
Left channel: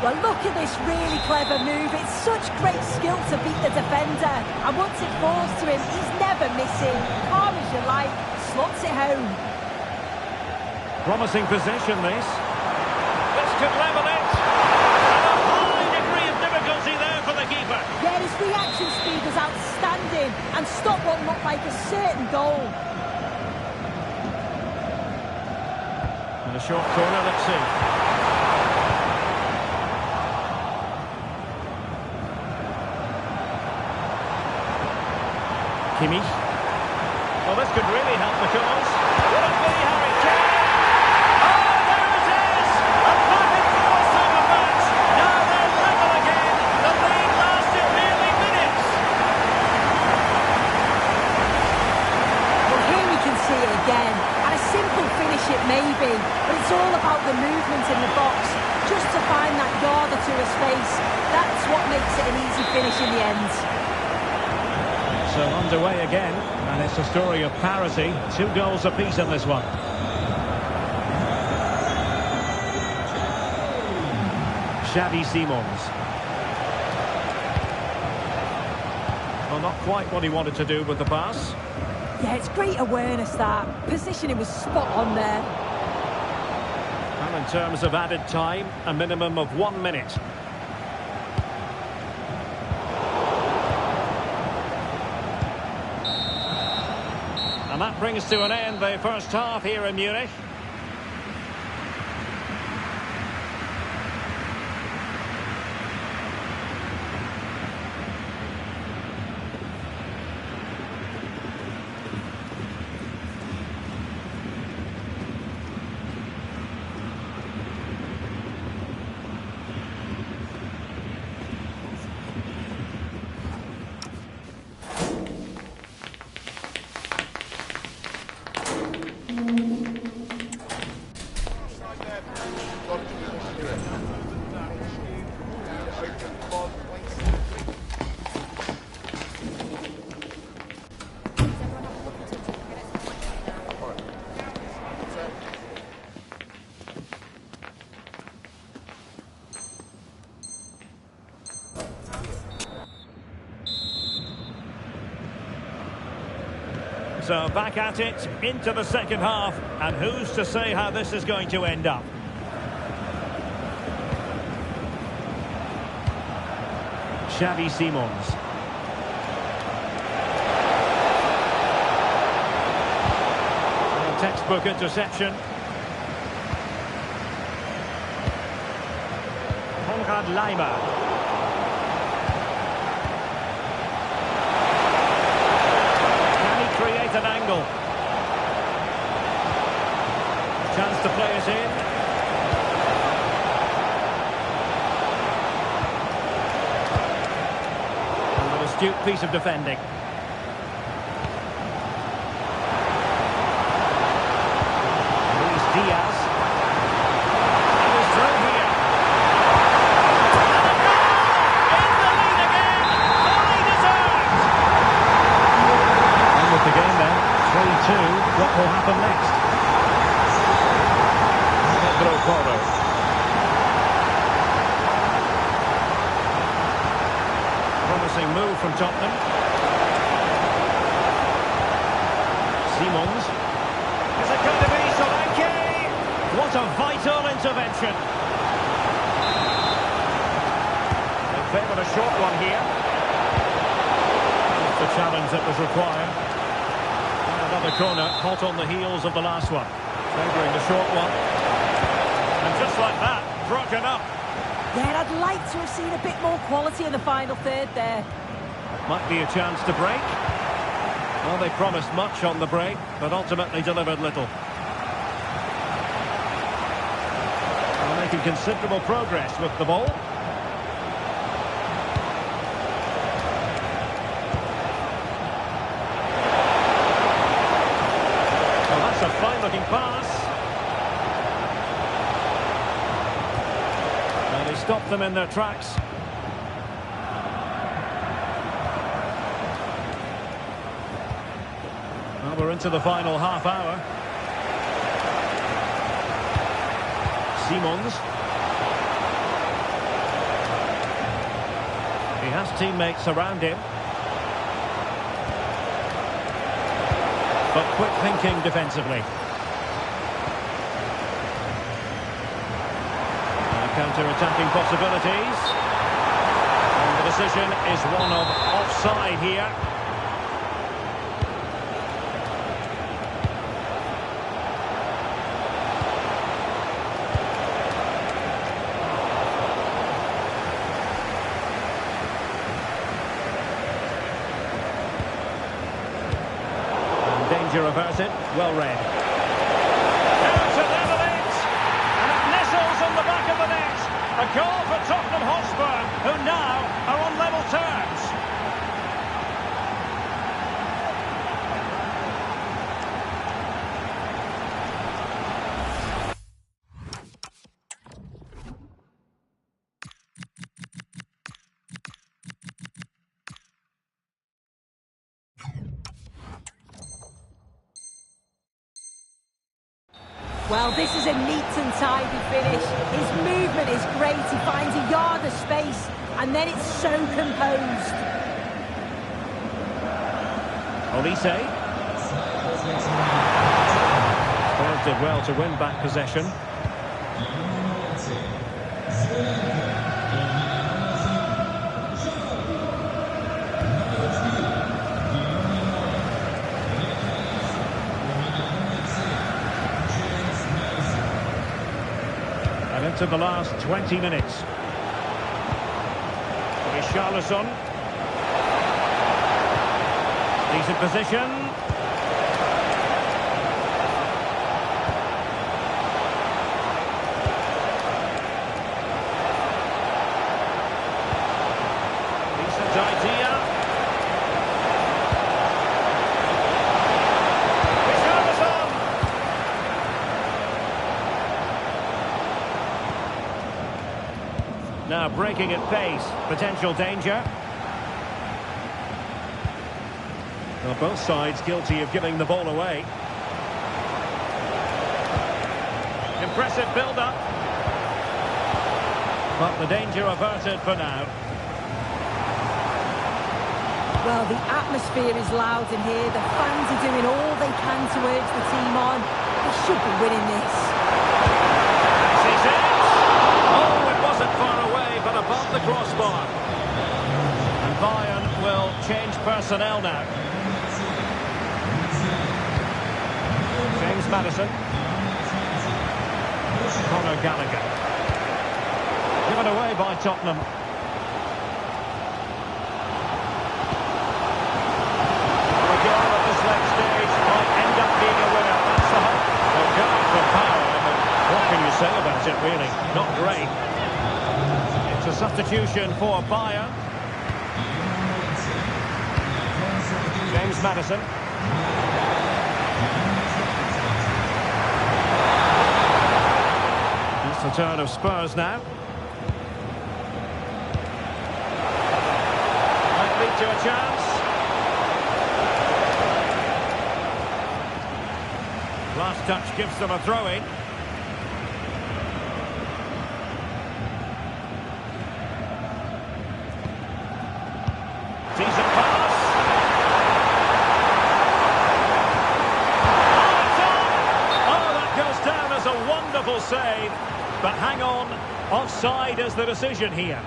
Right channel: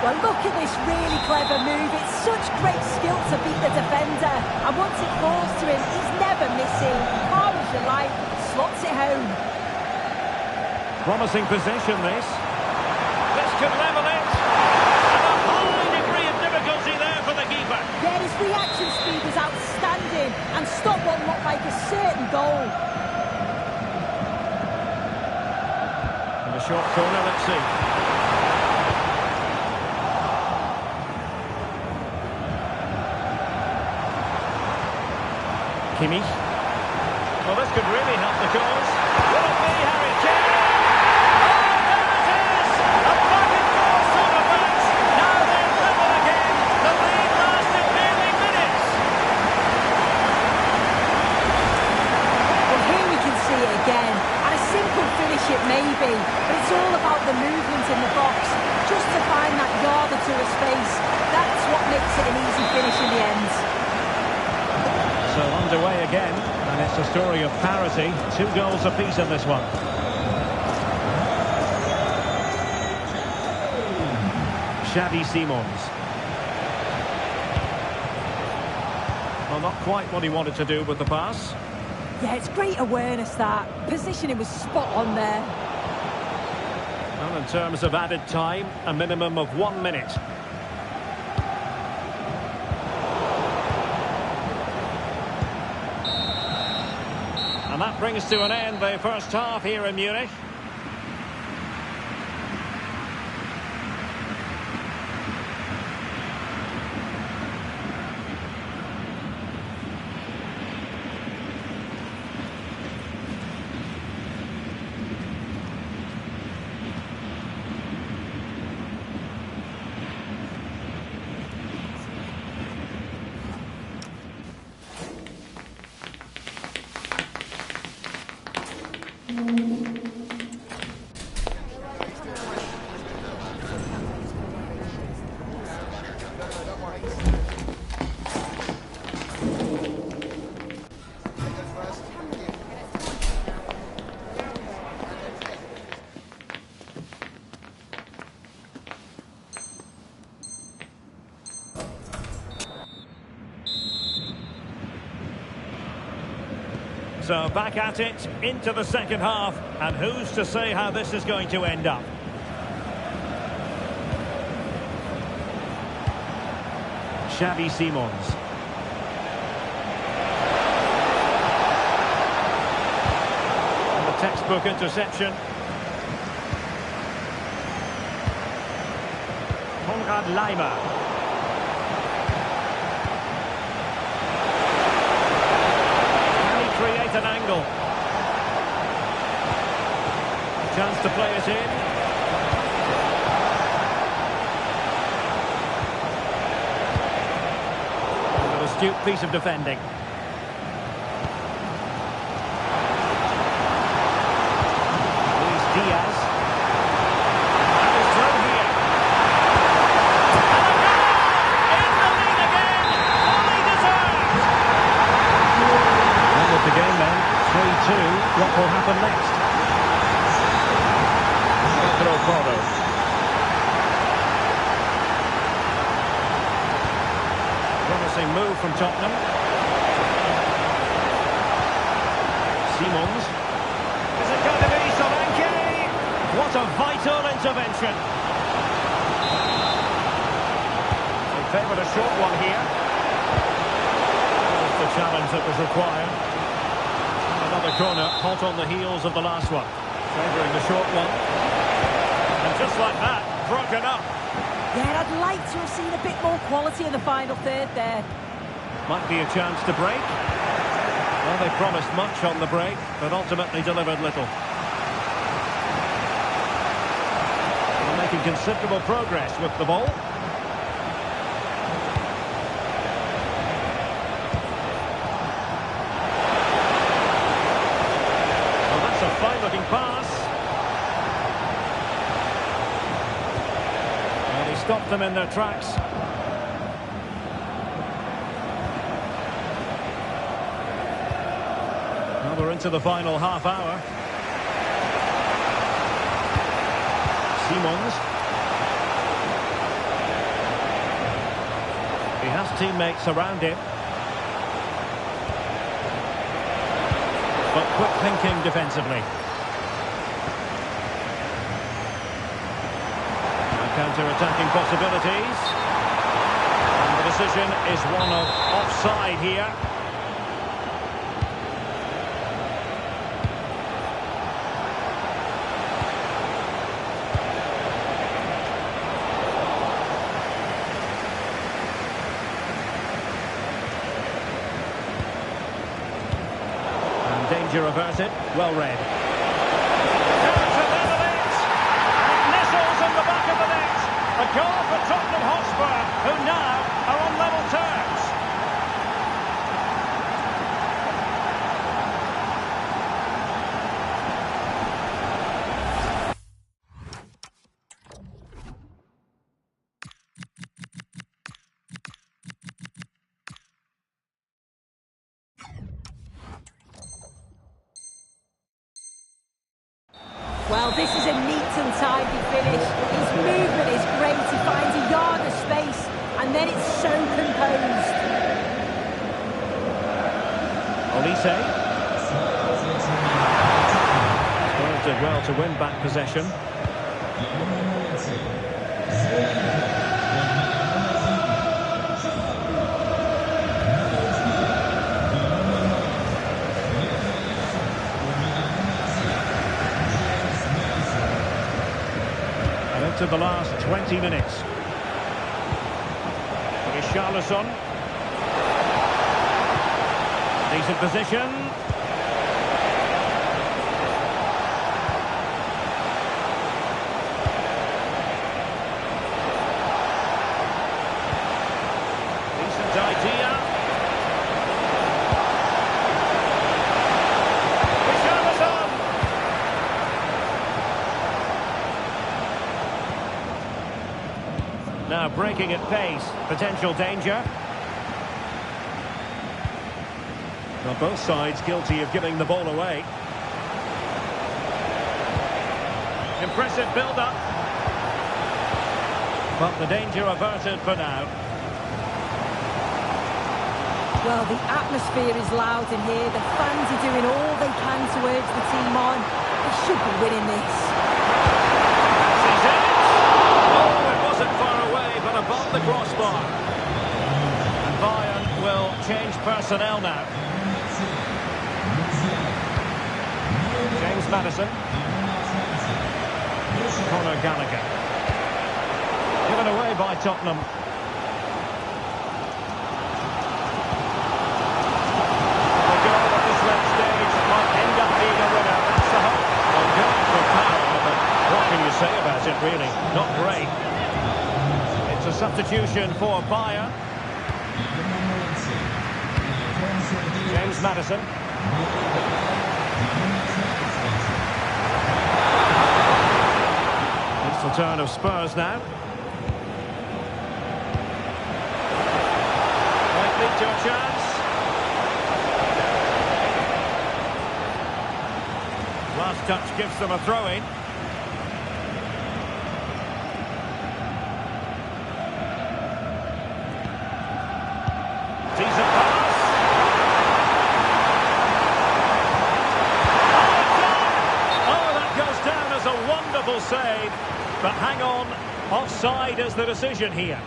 Well, look at this really clever move. It's such great skill to beat the defender. And once it falls to him, he's never missing. Calm as you like, slots it home. Promising possession, this. This could level it. And a high degree of difficulty there for the keeper. Yeah, his reaction speed was outstanding and stopped what looked like a certain goal. And a short corner, let's see. Kimmich. Well, this could really help the cause. Will it be Harry Kane? Oh, there it is! A back-and-forth sort of match. Now they're level again. The lead lasted merely minutes. Well, here we can see it again. And a simple finish it may be, but it's all about the movement in the box. Just to find that yard or two of space. That's what makes it an easy finish in the end. So underway again, and it's a story of parity. 2 goals apiece in this one. Xavi Simons. Well, not quite what he wanted to do with the pass. Yeah, it's great awareness, that. Positioning was spot on there. And in terms of added time, a minimum of 1 minute. And that brings to an end the first half here in Munich. So back at it, into the second half, and who's to say how this is going to end up? Xavi Simons. And a textbook interception. Konrad Laimer. Create an angle. Chance to play it in. And an astute piece of defending. Luis Diaz. And is through here. And a goal! In the lead again! Fully deserved! And 3-2, what will happen next? Pedro Porro. Promising move from Tottenham. Simons. Is it going to be Solanke? What a vital intervention. They favoured a short one here. That's the challenge that was required. And another corner, hot on the heels of the last one. Favouring the short one. And just like that, broken up. Yeah, I'd like to have seen a bit more quality in the final third there. Might be a chance to break. Well, they promised much on the break, but ultimately delivered little. They're making considerable progress with the ball. Well, that's a fine-looking pass. And he stopped them in their tracks. Well, we're into the final half hour. Simons. He has teammates around him. But quick thinking defensively. Counter-attacking possibilities. And the decision is one of offside here. And danger averted. Well read. In the back of the net, a goal for Tottenham Hotspur, who now are on level terms. Well, this is a neat and tidy finish. His movement is great. He finds a yard of space, and then it's so composed. Olise. Spurs did well to win back possession. And into the last 20 minutes. Richarlison. Decent position. Decent idea. Richarlison. Now breaking at pace, potential danger. Well, both sides guilty of giving the ball away. Impressive build-up. But the danger averted for now. Well, the atmosphere is loud in here. The fans are doing all they can to urge the team on. They should be winning this. Sees it. Oh, it wasn't far away, but above the crossbar. And Bayern will change personnel now. James Maddison. Conor Gallagher. Given away by Tottenham. The goal at this late stage might end up being a winner. That's the hope. Well, going for power, but what can you say about it, really? Not great. It's a substitution for Bayern. James Maddison. It's the turn of Spurs now. Might lead to a chance. Last touch gives them a throw-in. Decent pass. Oh, it's on! Oh, that goes down as a wonderful save. But hang on, offside is the decision here.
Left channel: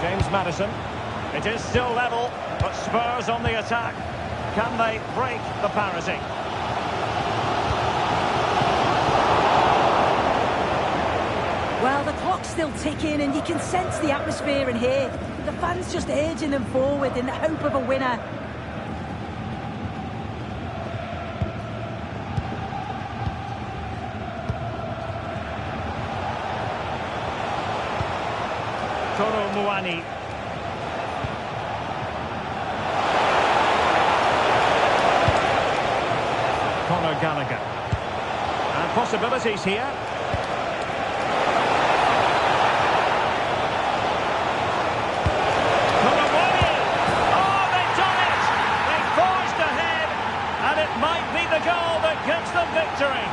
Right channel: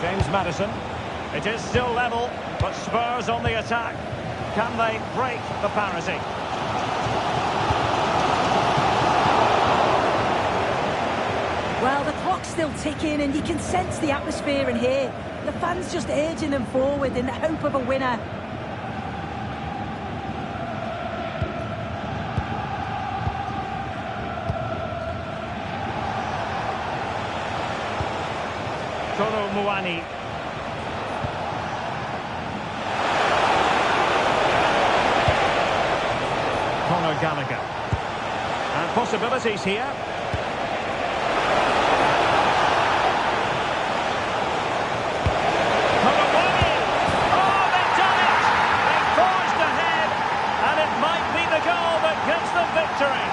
James Maddison. It is still level, but Spurs on the attack. Can they break the parity? Well, the clock's still ticking and you can sense the atmosphere in here. The fans just urging them forward in the hope of a winner. Toro Muani. Conor Gallagher. And possibilities here. Might be the goal that gives them victory.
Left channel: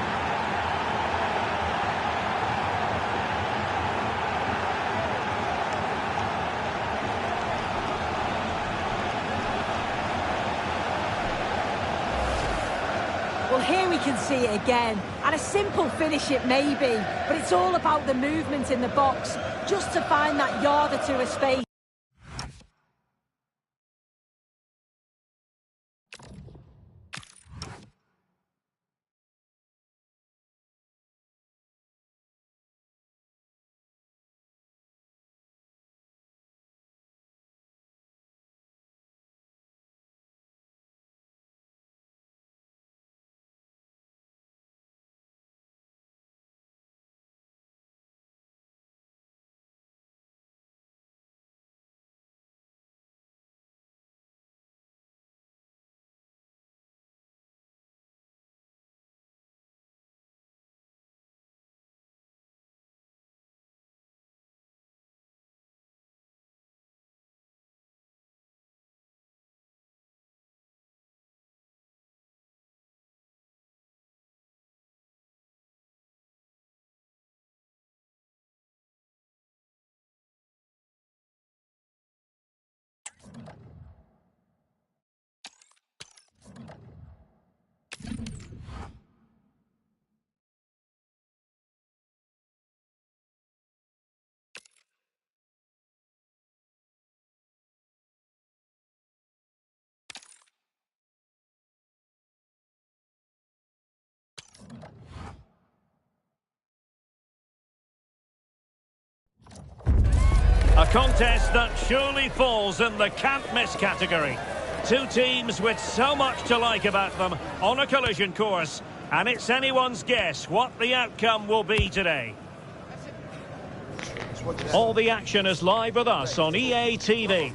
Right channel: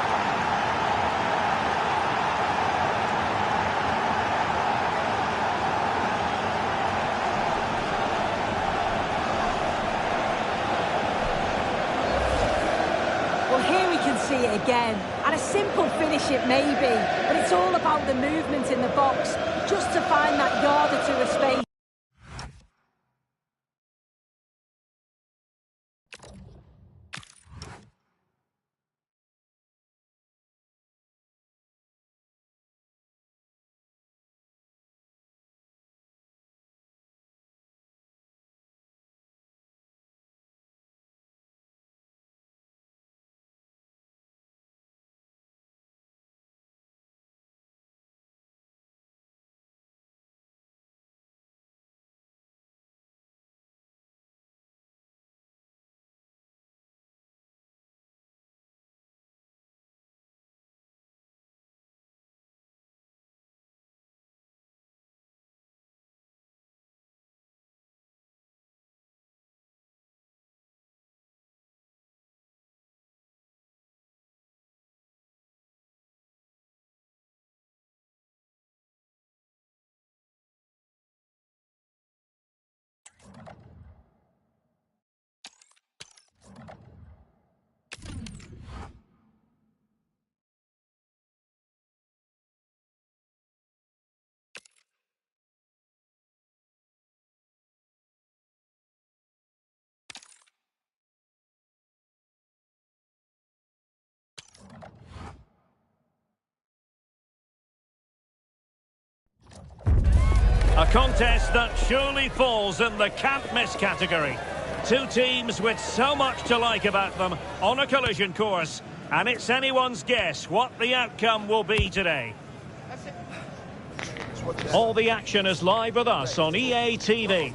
Well, here we can see it again. And a simple finish it may be, but it's all about the movement in the box, just to find that yard or two of space. A contest that surely falls in the can't-miss category. Two teams with so much to like about them on a collision course, and it's anyone's guess what the outcome will be today. All the action is live with us on EA TV.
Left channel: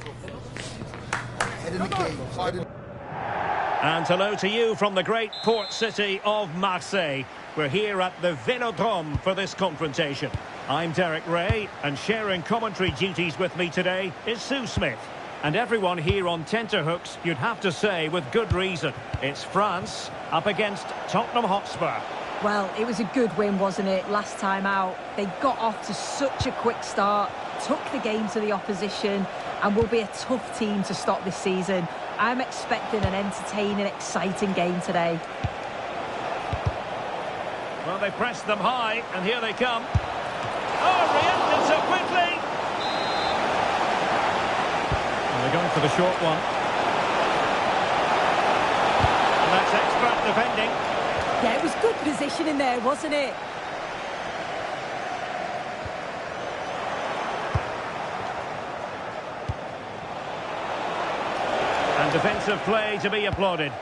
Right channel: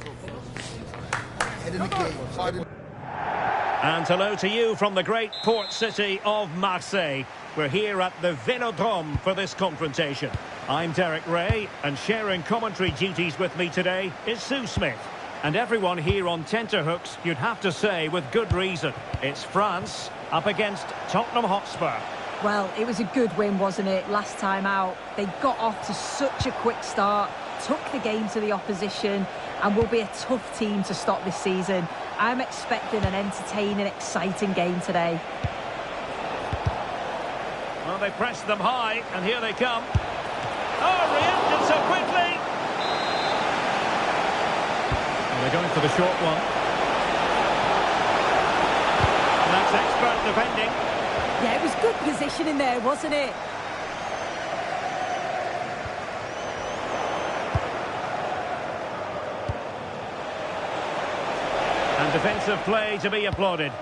And hello to you from the great port city of Marseille. We're here at the Vélodrome for this confrontation. I'm Derek Ray, and sharing commentary duties with me today is Sue Smith. And everyone here on tenterhooks, you'd have to say with good reason. It's France up against Tottenham Hotspur. Well, it was a good win, wasn't it, last time out? They got off to such a quick start, took the game to the opposition, and will be a tough team to stop this season. I'm expecting an entertaining, exciting game today. Well, they pressed them high, and here they come. Oh, reacted so quickly! Well, they're going for the short one. And that's expert defending. Yeah, it was good positioning there, wasn't it? And defensive play to be applauded.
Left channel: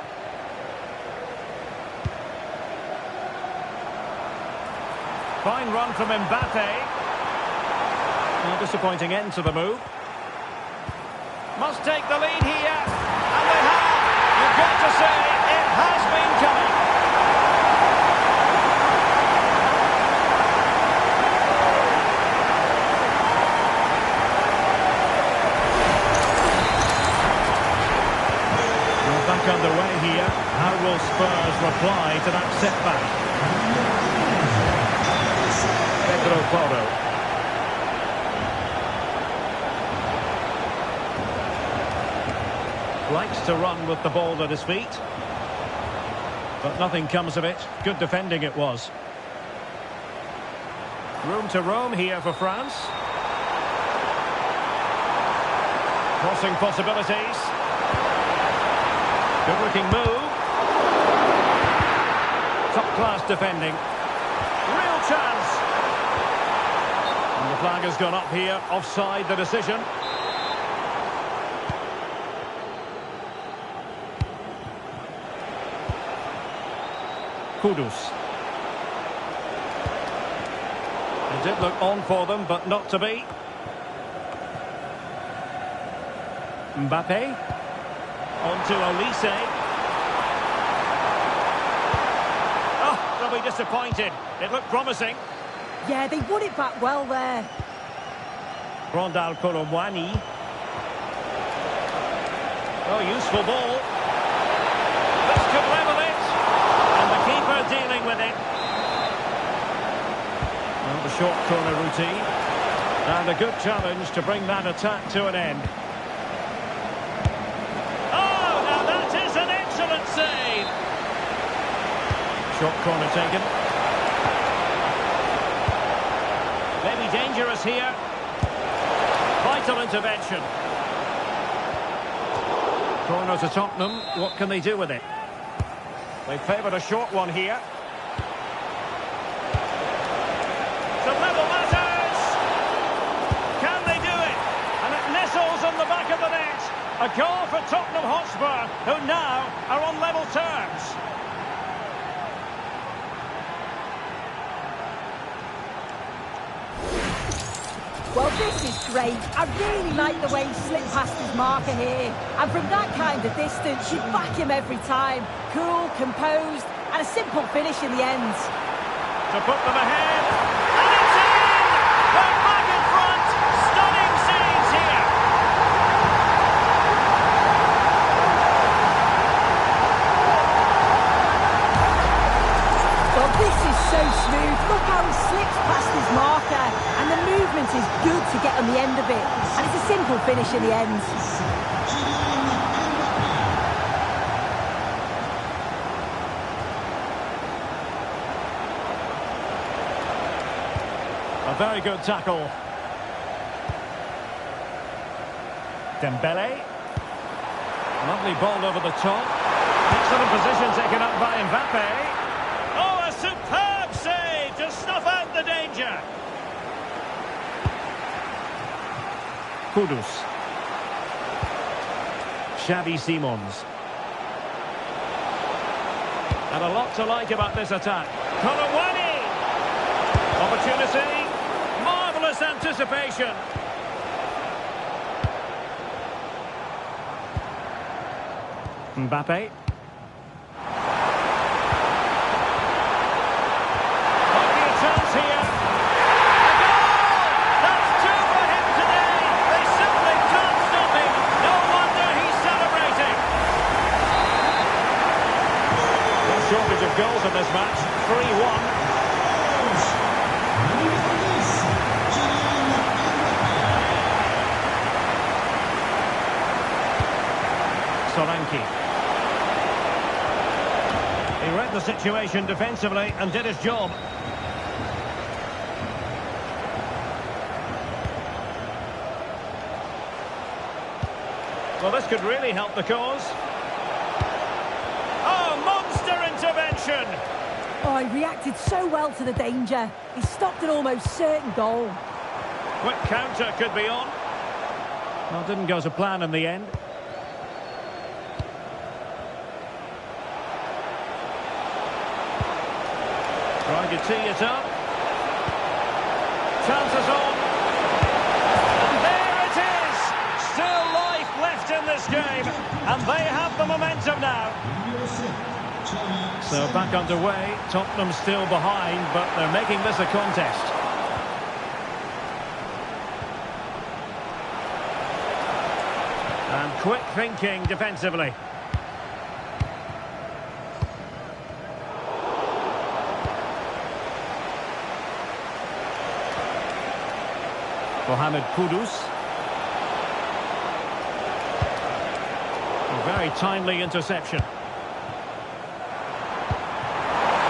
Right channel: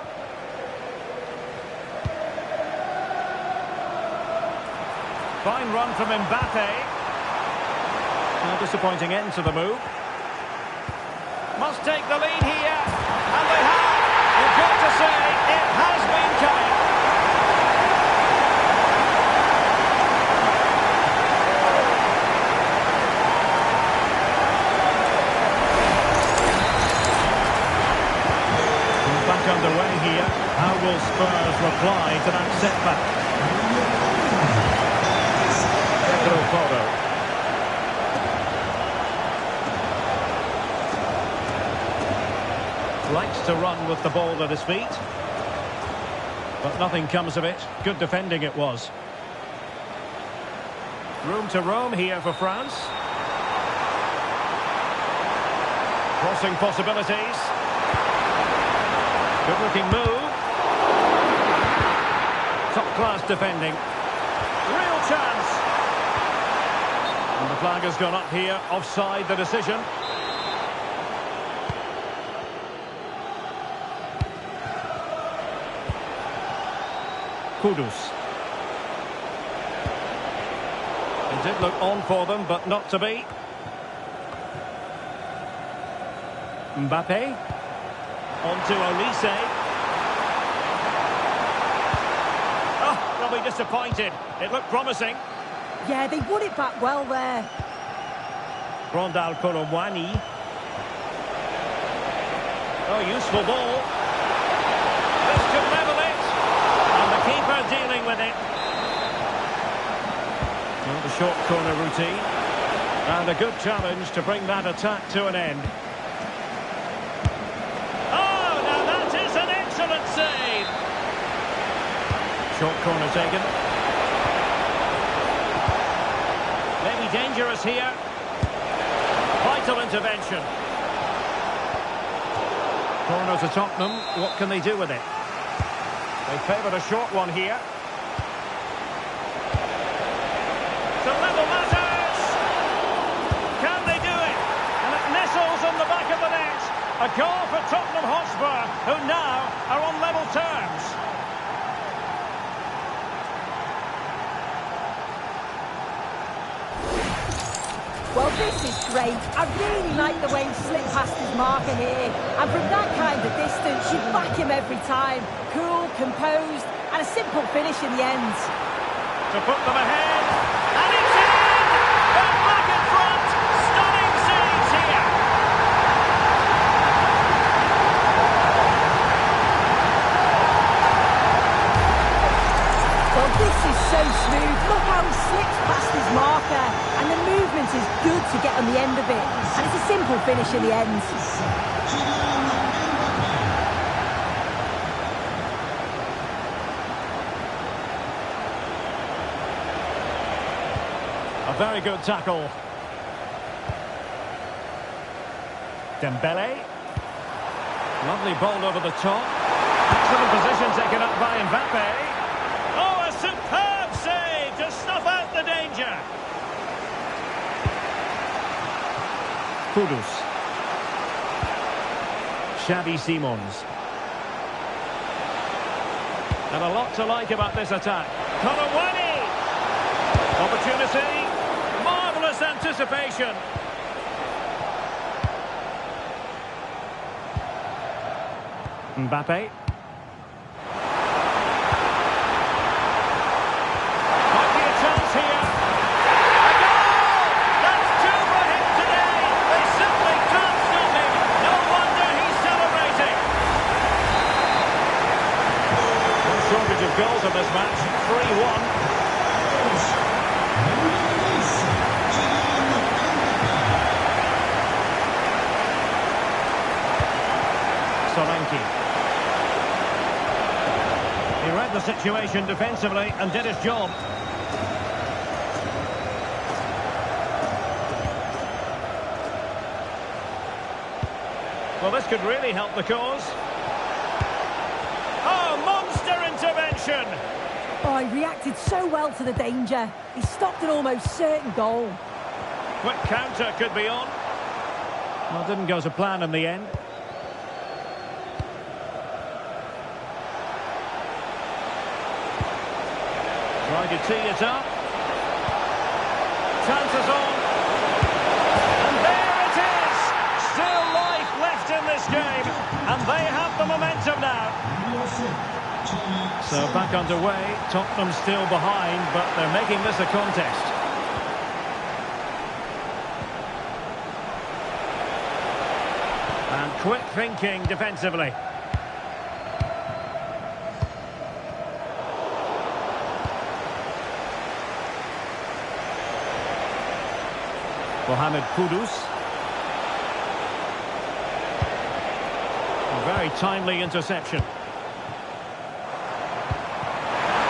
Fine run from Mbappe. A disappointing end to the move. Must take the lead here. And they have. You've got to say, it has been coming. will Spurs reply to that setback? Pedro Porro. Likes to run with the ball at his feet. But nothing comes of it. Good defending it was. Room to roam here for France. Crossing possibilities. Good looking move. Top class defending. Real chance. And the flag has gone up here. Offside the decision. Kudus. It did look on for them, but not to be. Mbappe. On to Olise. Oh, they'll be disappointed. It looked promising. Yeah, they won it back well there. Rondal Colomwani. Oh, useful ball. This could level it. And the keeper dealing with it. Well, the short corner routine. And a good challenge to bring that attack to an end. Oh, now that is an excellent save. Short corner taken. Maybe dangerous here. Vital intervention. Corner to Tottenham. What can they do with it? They favoured a short one here. To level matters! Can they do it? And it nestles on the back of the net. A goal for Tottenham Hotspur, who now are on level terms. Well, this is great. I really like the way he slipped past his marker here. And from that kind of distance, you'd back him every time. Cool, composed, and a simple finish in the end. To put them ahead, and it's in! They're back in front! Stunning scenes here! Well, this is so smooth. Look how he slips past his marker. And the movement is good to get on the end of it. And it's a simple finish in the end. A very good tackle. Dembele. Lovely ball over the top. Excellent position taken up by Mbappe. Oh, a superb save to snuff out the danger. Kudus. Xavi Simons. And a lot to like about this attack. Colomwani. Opportunity. Marvellous anticipation. Mbappe. Might be a chance here. A goal! That's two for him today. They simply can't stop him. No wonder he's celebrating. No shortage of goals in this match. 3-1. Solanke. He read the situation defensively and did his job. Well, this could really help the cause. Oh, monster intervention! Oh, he reacted so well to the danger. He stopped an almost certain goal. Quick counter could be on. Well, didn't go to plan in the end. Trying to tee it up. Chances on. And there it is! Still life left in this game. And they have the momentum now. So back underway. Tottenham still behind, but they're making this a contest. And quick thinking defensively. Mohamed Kudus. A very timely interception.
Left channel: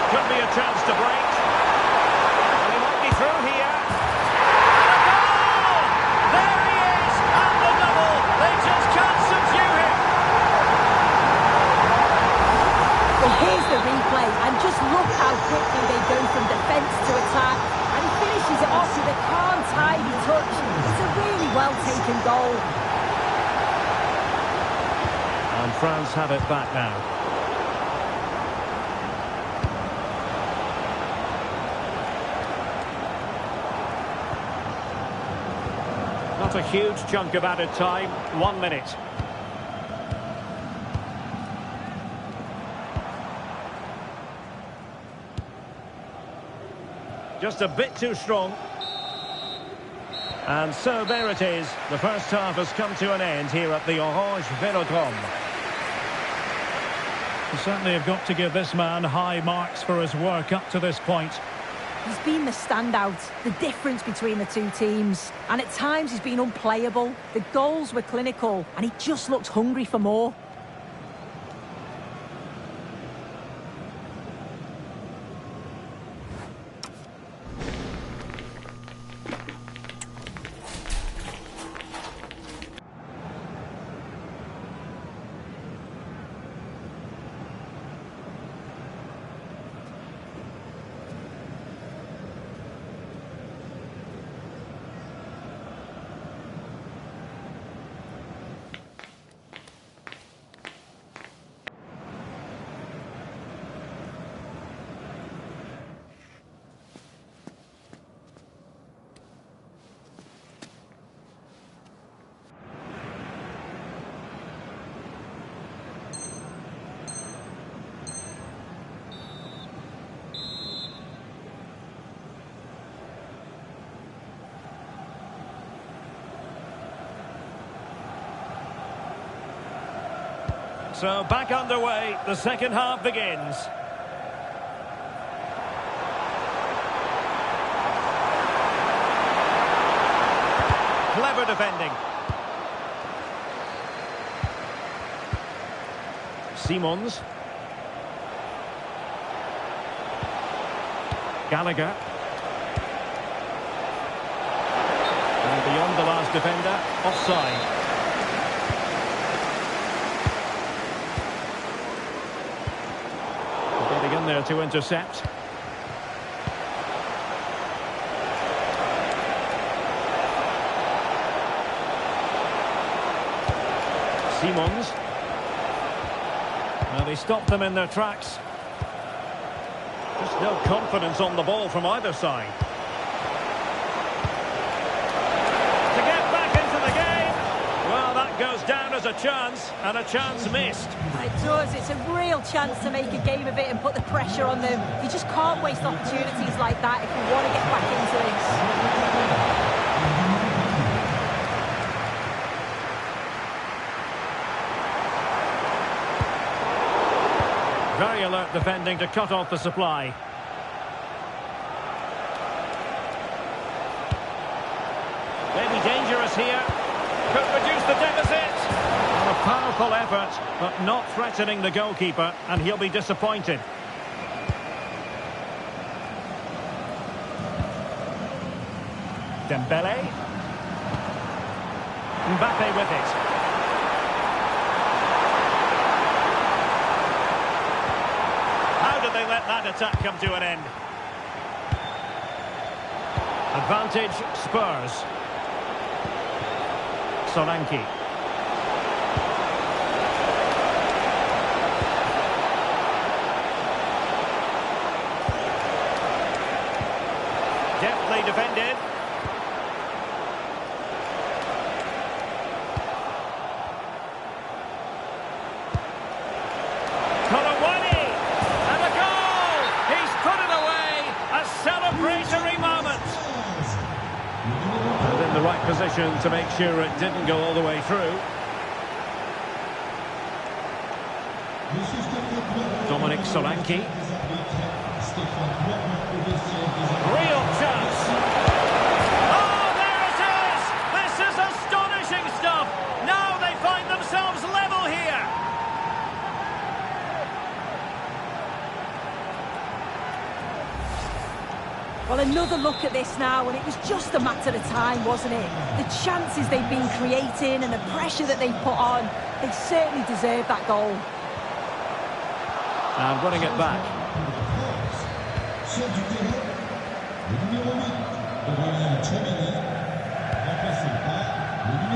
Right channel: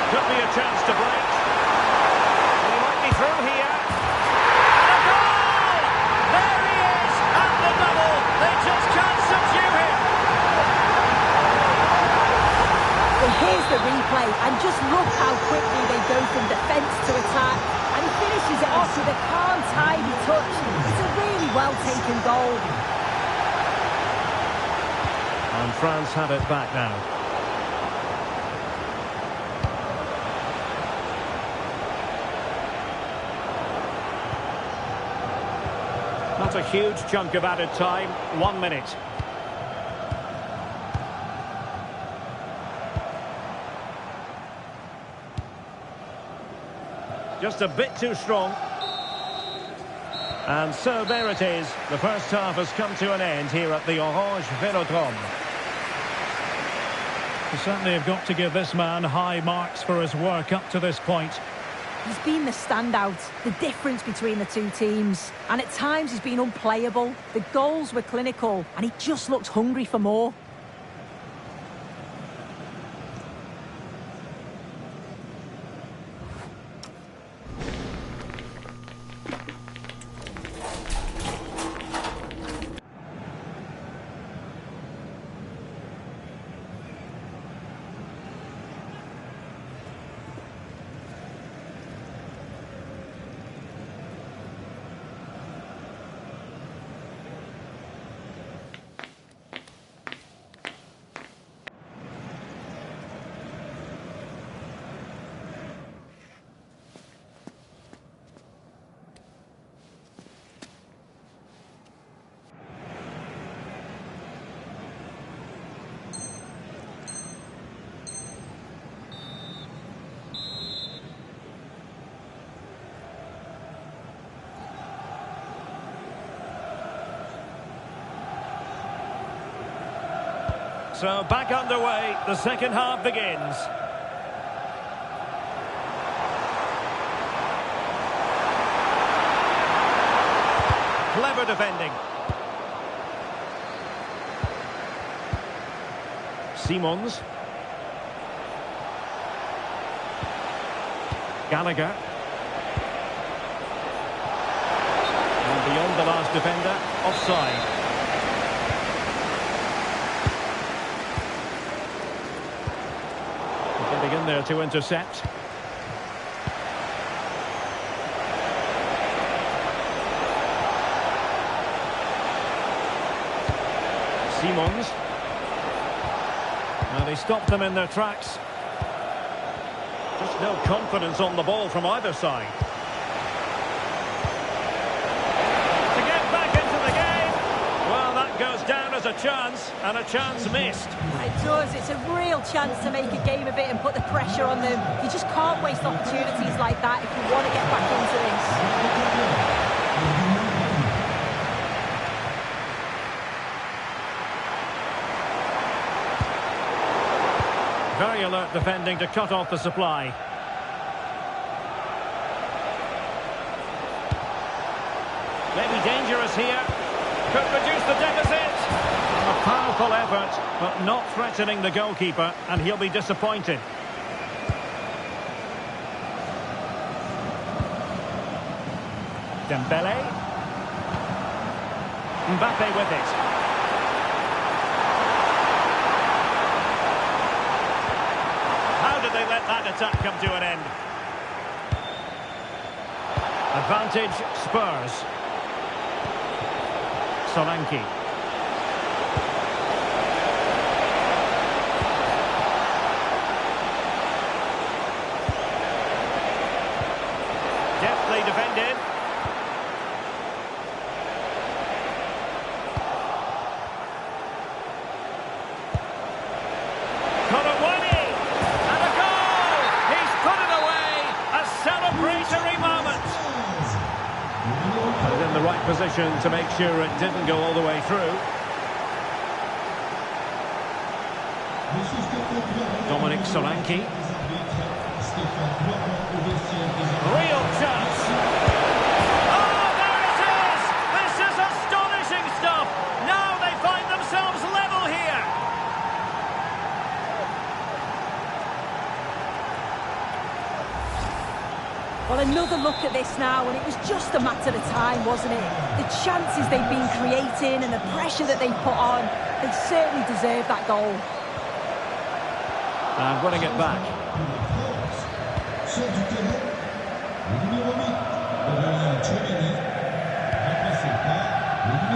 Could be a chance to break. And he might be through here. And a goal! There he is! And the double! They just can't subdue him! Well, here's the replay, and just look how quickly they go from defence to attack. And he finishes it off with a calm, tidy touch. It's a really well-taken goal. And France have it back now. Not a huge chunk of added time. 1 minute. Just a bit too strong. And so there it is. The first half has come to an end here at the Orange Velodrome. You certainly have got to give this man high marks for his work up to this point. He's been the standout, the difference between the two teams. And at times he's been unplayable. The goals were clinical, and he just looked hungry for more. So back underway, the second half begins. Clever defending. Simons. Gallagher. And beyond the last defender, offside. Getting in there to intercept. Simons. Now they stopped them in their tracks. Just no confidence on the ball from either side. To get back into the game. Well, that goes down as a chance, and a chance missed. It does. It's a real chance to make a game of it and put the pressure on them. You just can't waste opportunities like that if you want to get back into this. Very alert defending to cut off the supply. Maybe dangerous here. Could reduce the deficit. A powerful effort, but not threatening the goalkeeper, and he'll be disappointed. Dembele. Mbappe with it. How did they let that attack come to an end? Advantage Spurs. Solanke. Deftly defended. Kolawani! And a goal! He's put it away! A celebratory moment! And in the right position to make sure it didn't go all the way through. Dominic Solanke. Real chance. Oh, there it is! Well, another look at this now, and it was just a matter of time, wasn't it? The chances they've been creating and the pressure that they've put on, they certainly deserve that goal. And winning it back.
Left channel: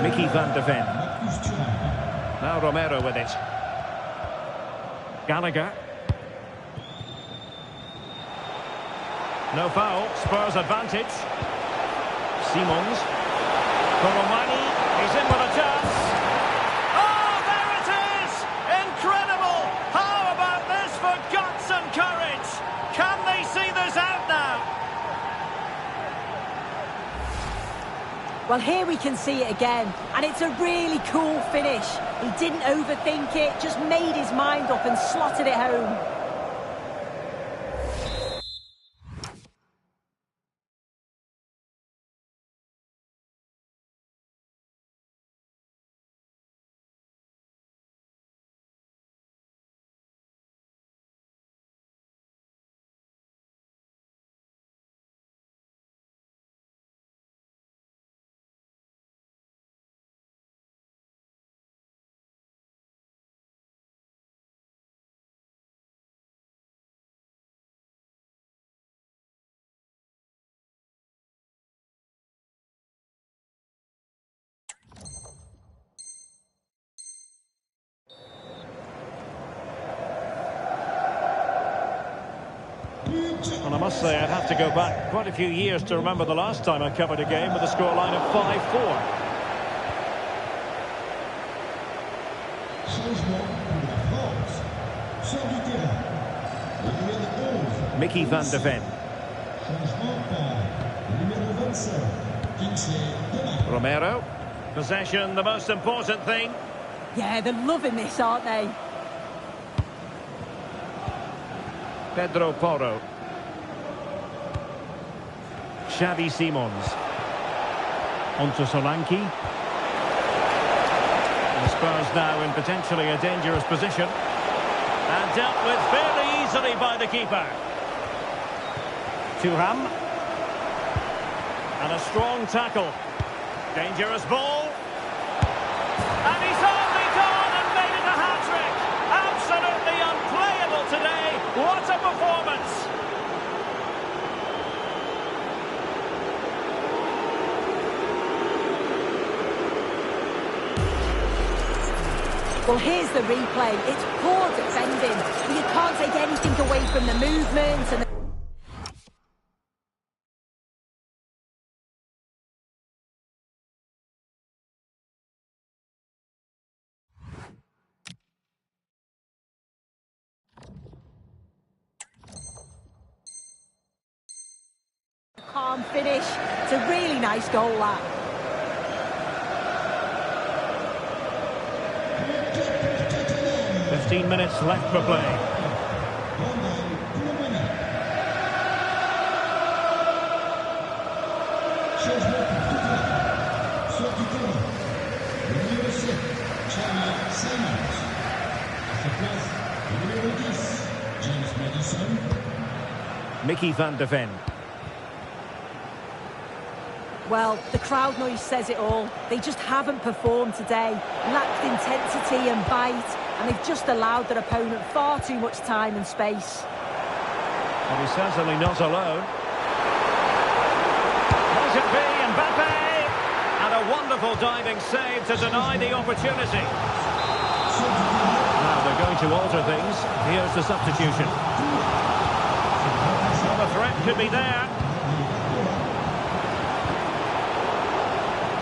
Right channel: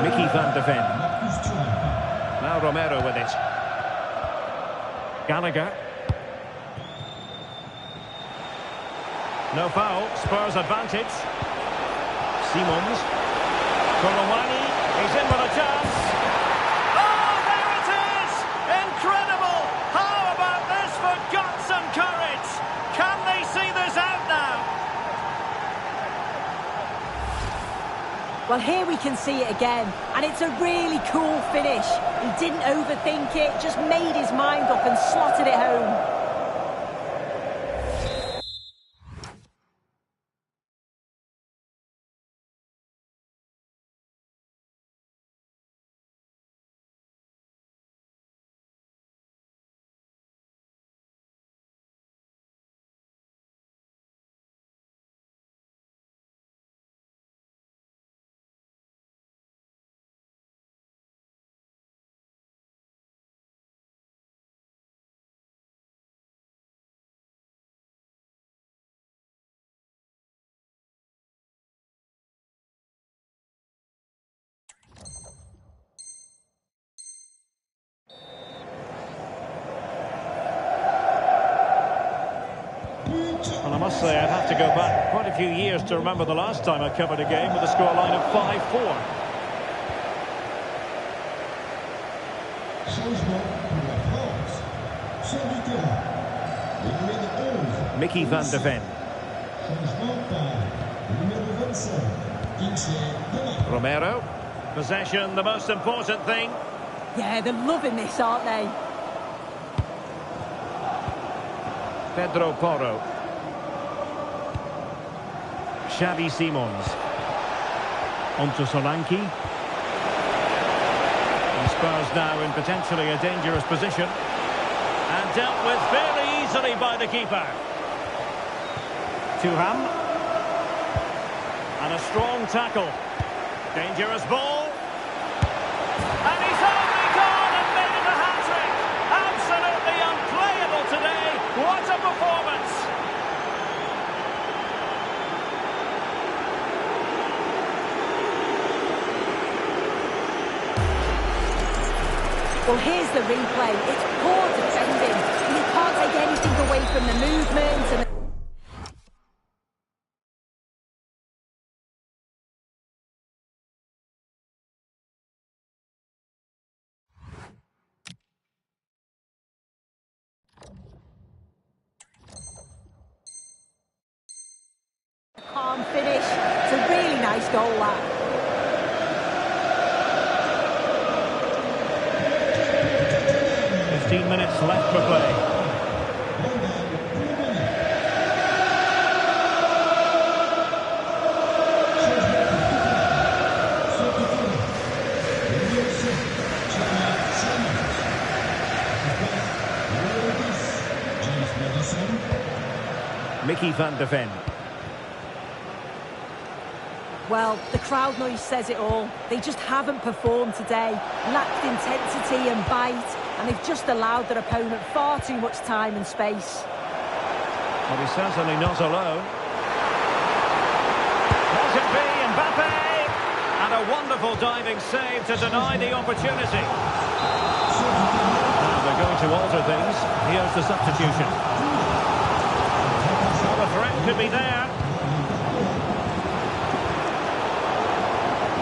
Mickey van de Ven. Now Romero with it. Gallagher. No foul, Spurs advantage. Simons. Korowani, he's in with a chance. Oh, there it is! Incredible! How about this for guts and courage? Can they see this out now? Well, here we can see it again, and it's a really cool finish. He didn't overthink it, just made his mind up and slotted it home. Well, I must say, I'd have to go back quite a few years to remember the last time I covered a game with a scoreline of 5-4. Mickey van de Ven. Romero. Possession, the most important thing. Yeah, they're loving this, aren't they? Pedro Porro. Xavi Simons. Onto Solanke. And Spurs now in potentially a dangerous position. And dealt with fairly easily by the keeper. Thuram. And a strong tackle. Dangerous ball. And he's only gone and made it a hat-trick. Absolutely unplayable today. What a performance. Well, here's the replay. It's poor defending. You can't take anything away from the movement and the calm finish. It's a really nice goal, that. Minutes left for play. Mickey van de Ven. Well, the crowd noise says it all. They just haven't performed today. Lacked intensity and bite, and they've just allowed their opponent far too much time and space. Well, he's certainly not alone. Might it be Mbappe? And a wonderful diving save to deny the opportunity. Now they're going to alter things. Here's the substitution. Well, the threat could be there.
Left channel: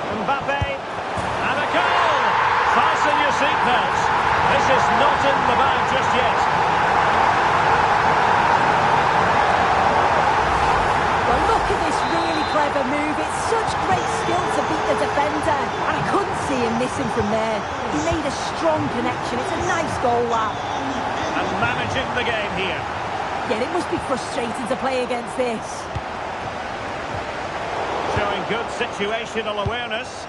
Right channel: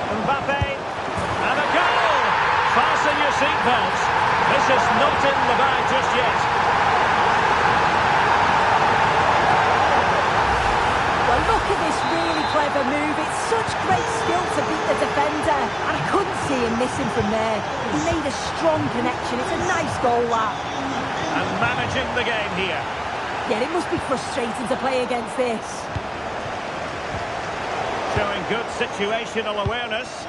Mbappe, and a goal! Fasten your seatbelts. This is not in the bag just yet. Well, look at this really clever move. It's such great skill to beat the defender, and I couldn't see him missing from there. He made a strong connection. It's a nice goal, that. And managing the game here. Yeah, it must be frustrating to play against this. Showing good situational awareness.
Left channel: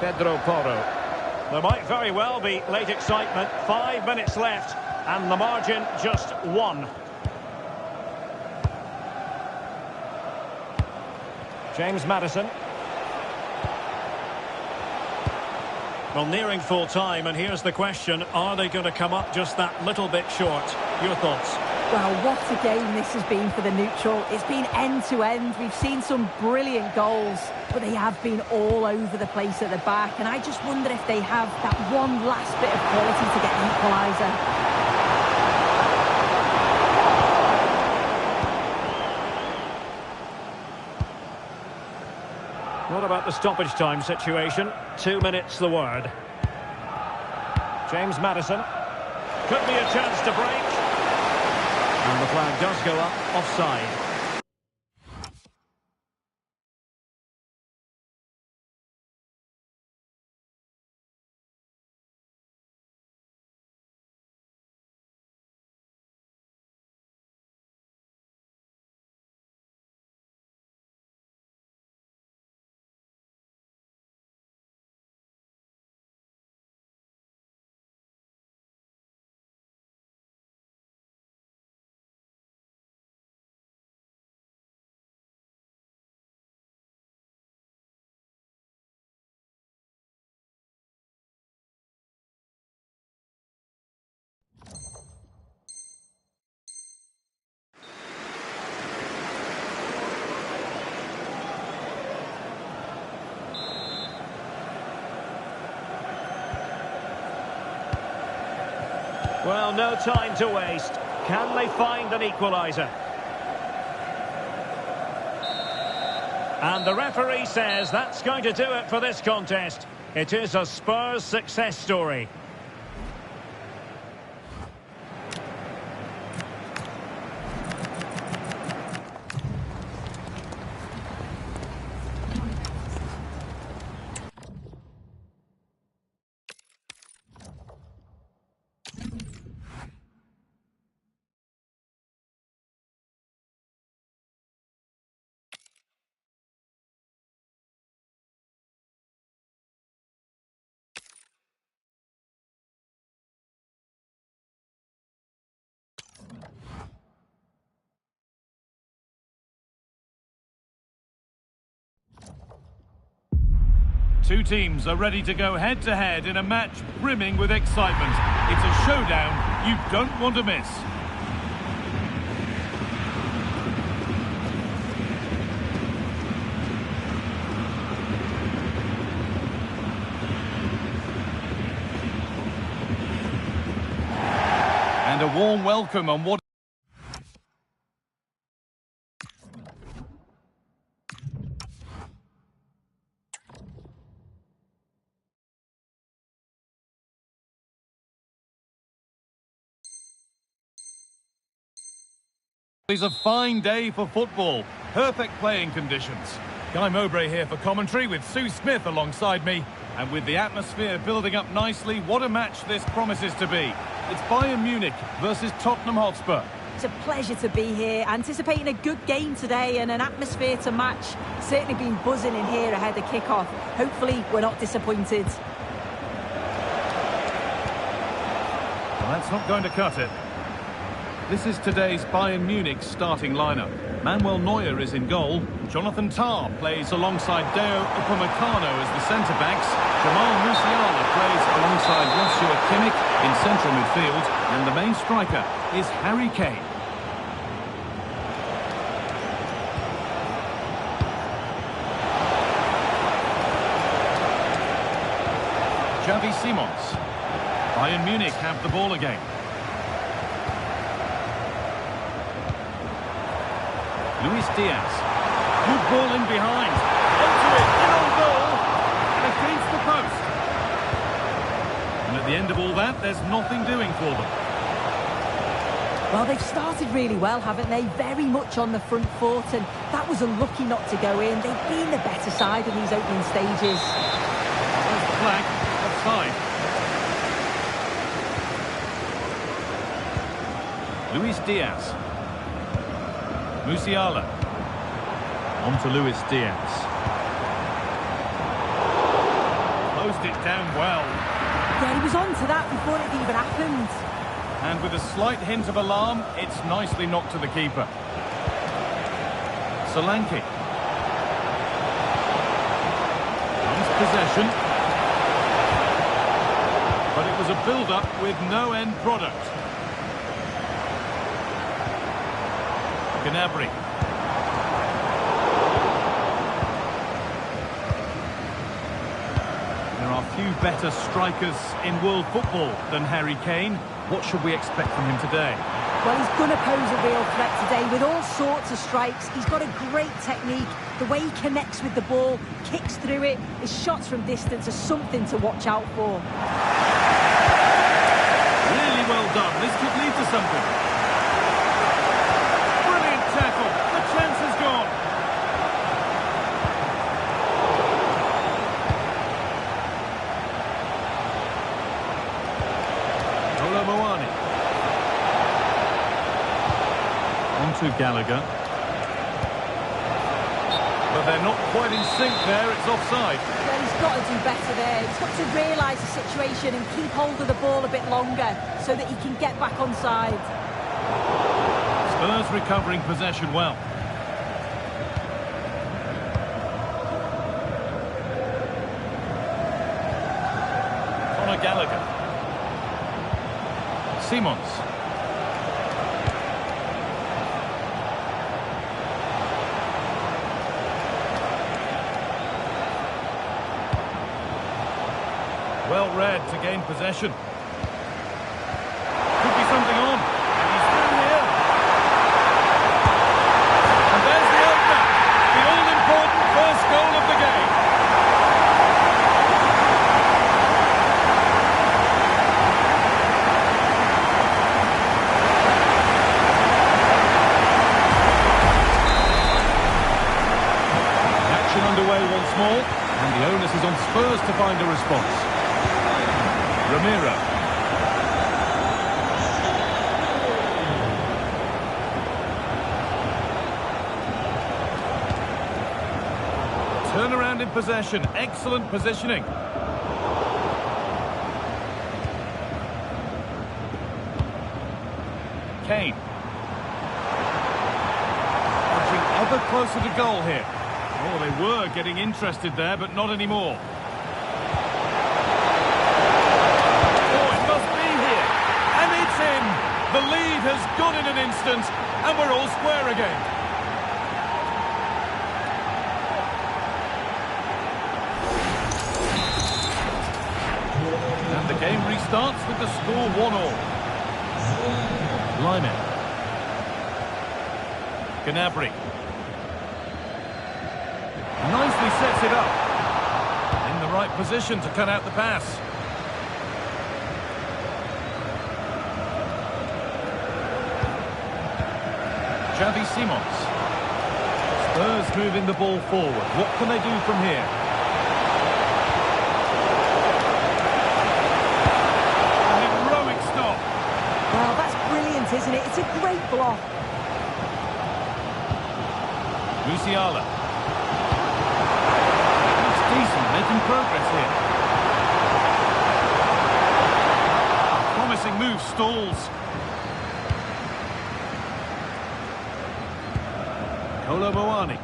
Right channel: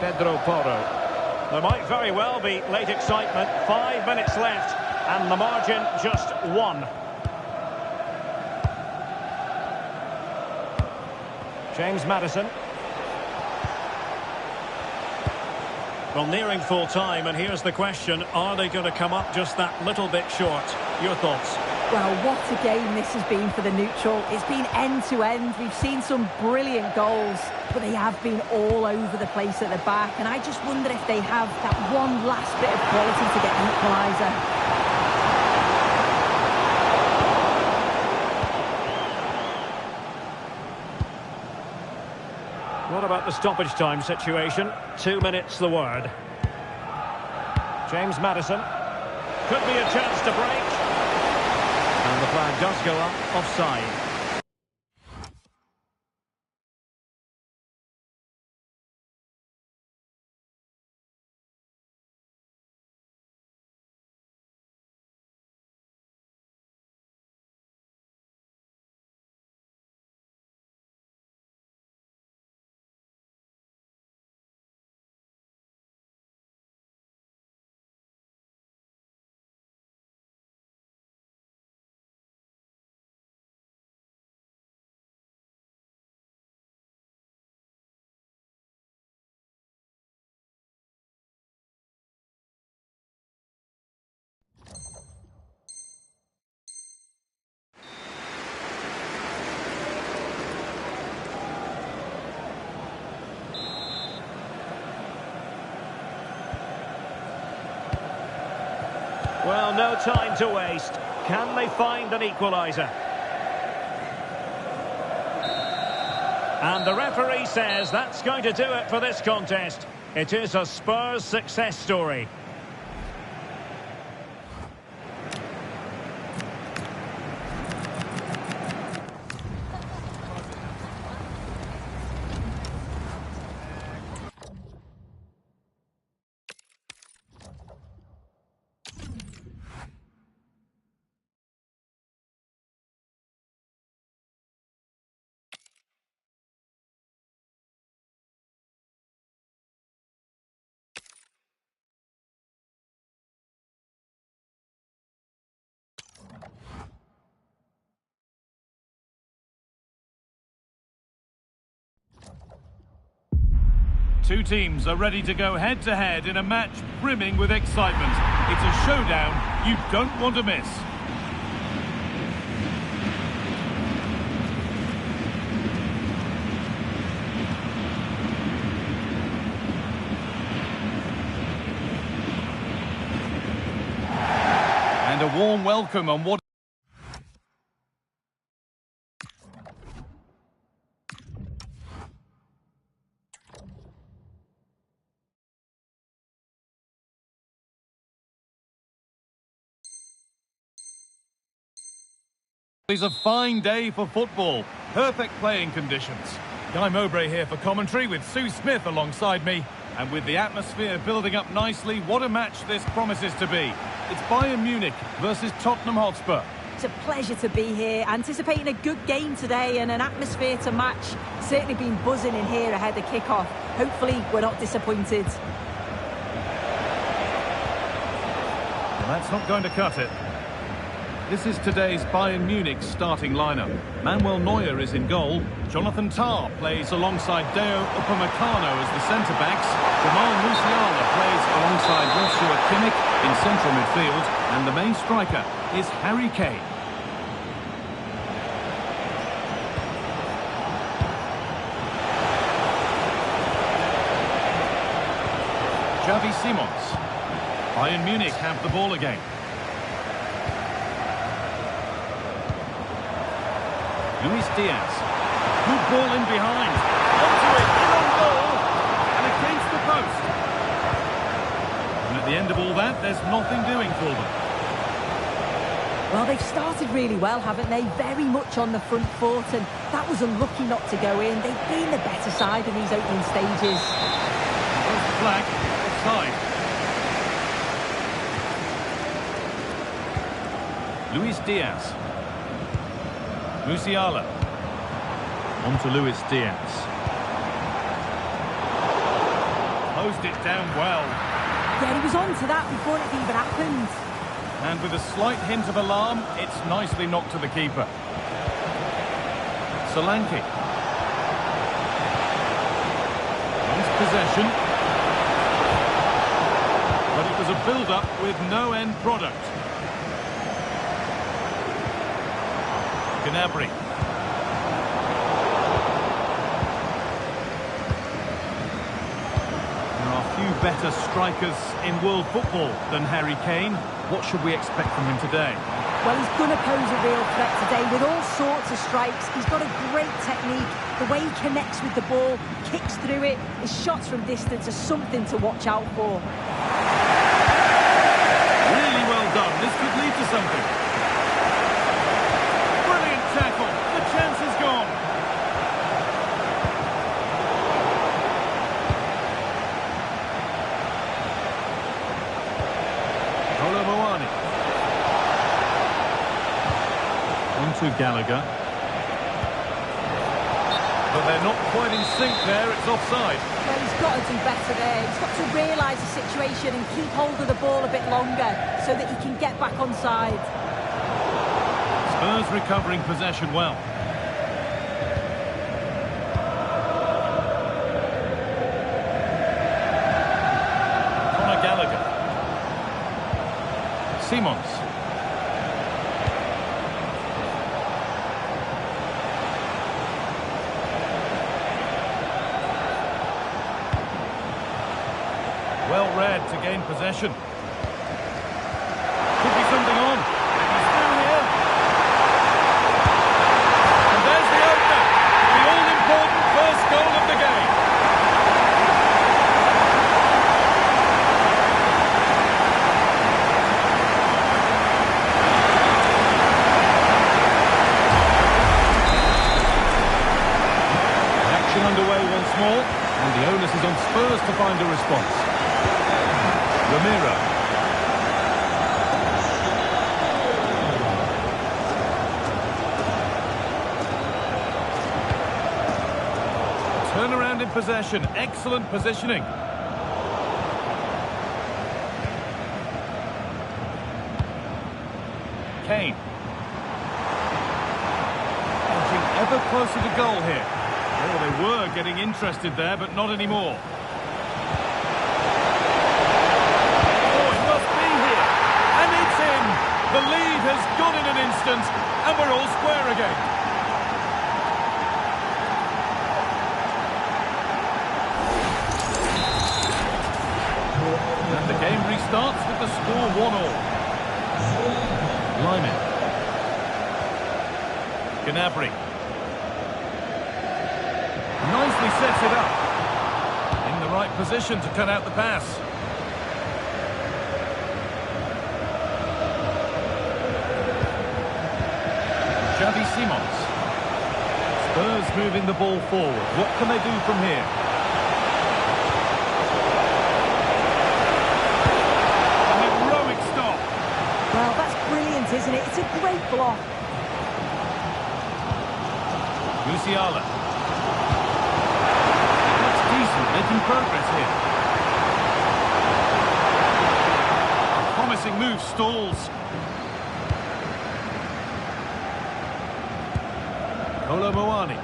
Pedro Porro. There might very well be late excitement. 5 minutes left. And the margin just 1. James Maddison. Well, nearing full time, and here's the question: are they going to come up just that little bit short? Your thoughts? Well, what a game this has been for the neutral. It's been end to end. We've seen some brilliant goals, but they have been all over the place at the back. And I just wonder if they have that one last bit of quality to get the equaliser. What about the stoppage time situation? 2 minutes the word. James Maddison. Could be a chance to break. And the flag does go up, offside. Well, no time to waste. Can they find an equaliser? And the referee says that's going to do it for this contest. It is a Spurs success story. Two teams are ready to go head-to-head in a match brimming with excitement. It's a showdown you don't want to miss. And a warm welcome on what is a fine day for football. Perfect playing conditions. Guy Mowbray here for commentary with Sue Smith alongside me. And with the atmosphere building up nicely, what a match this promises to be. It's Bayern Munich versus Tottenham Hotspur. It's a pleasure to be here, anticipating a good game today and an atmosphere to match. Certainly been buzzing in here ahead of kick-off. Hopefully we're not disappointed. Well, that's not going to cut it. This is today's Bayern Munich starting lineup. Manuel Neuer is in goal. Jonathan Tah plays alongside Deo Upamecano as the centre-backs. Jamal Musiala plays alongside Joshua Kimmich in central midfield. And the main striker is Harry Kane. Xavi Simons. Bayern Munich have the ball again. Luis Diaz. Good ball in behind. Onto it, in on goal, and against the post. And at the end of all that, there's nothing doing for them. Well, they've started really well, haven't they? Very much on the front foot, and that was unlucky not to go in. They've been the better side in these opening stages. There's the flag, offside. Luis Diaz. Musiala. On to Luis Diaz. Closed it down well. Yeah, he was on to that before it even happened. And with a slight hint of alarm, it's nicely knocked to the keeper. Solanke. Nice possession. But it was a build-up with no end product. Gnabry. There are few better strikers in world football than Harry Kane. What should we expect from him today? Well, he's going to pose a real threat today with all sorts of strikes. He's got a great technique. The way he connects with the ball, kicks through it, his shots from distance are something to watch out for. Really well done. This could lead to something. Brilliant tackle. The chance is gone. Moani. On to Gallagher. But they're not quite in sync there. It's offside. Well, he's got to do better there. He's got to realise the situation and keep hold of the ball a bit longer so that he can get back on side. Spurs recovering possession well. Gallagher. Simons. Well read to gain possession. Could be something on. And he's through here. And there's the opener. The all-important first goal of the game. Underway once more, and the onus is on Spurs to find a response. Ramiro. Turnaround in possession, excellent positioning. Kane. Edging ever closer to goal here. Oh, they were getting interested there, but not anymore. Oh, it must be here. And it's in. The lead has gone in an instant, and we're all square again. And the game restarts with the score 1-1. Lyman. Gnabry. Nicely sets it up. In the right position to cut out the pass. Xavi Simons. Spurs moving the ball forward. What can they do from here? A heroic stop. Well, that's brilliant, isn't it? It's a great block. Musiala. Decent, making progress here. A promising move stalls. Kolo Muani.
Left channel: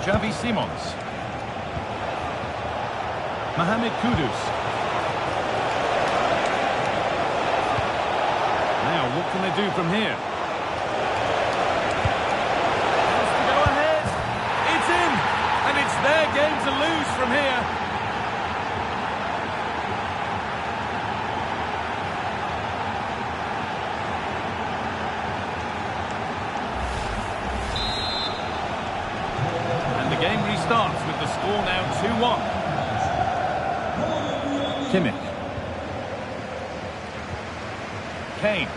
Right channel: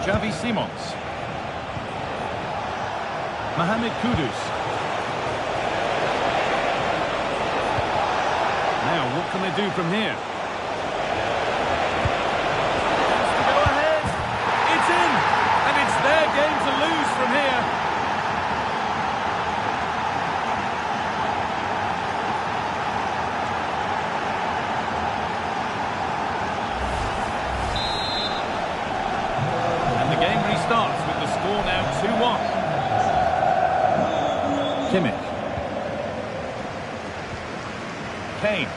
Xavi Simons. Mohamed Kudus. Now, what can they do from here? Has to go ahead. It's in. And it's their game to lose from here. And the game restarts with the score now 2-1. Kimmich. Kane.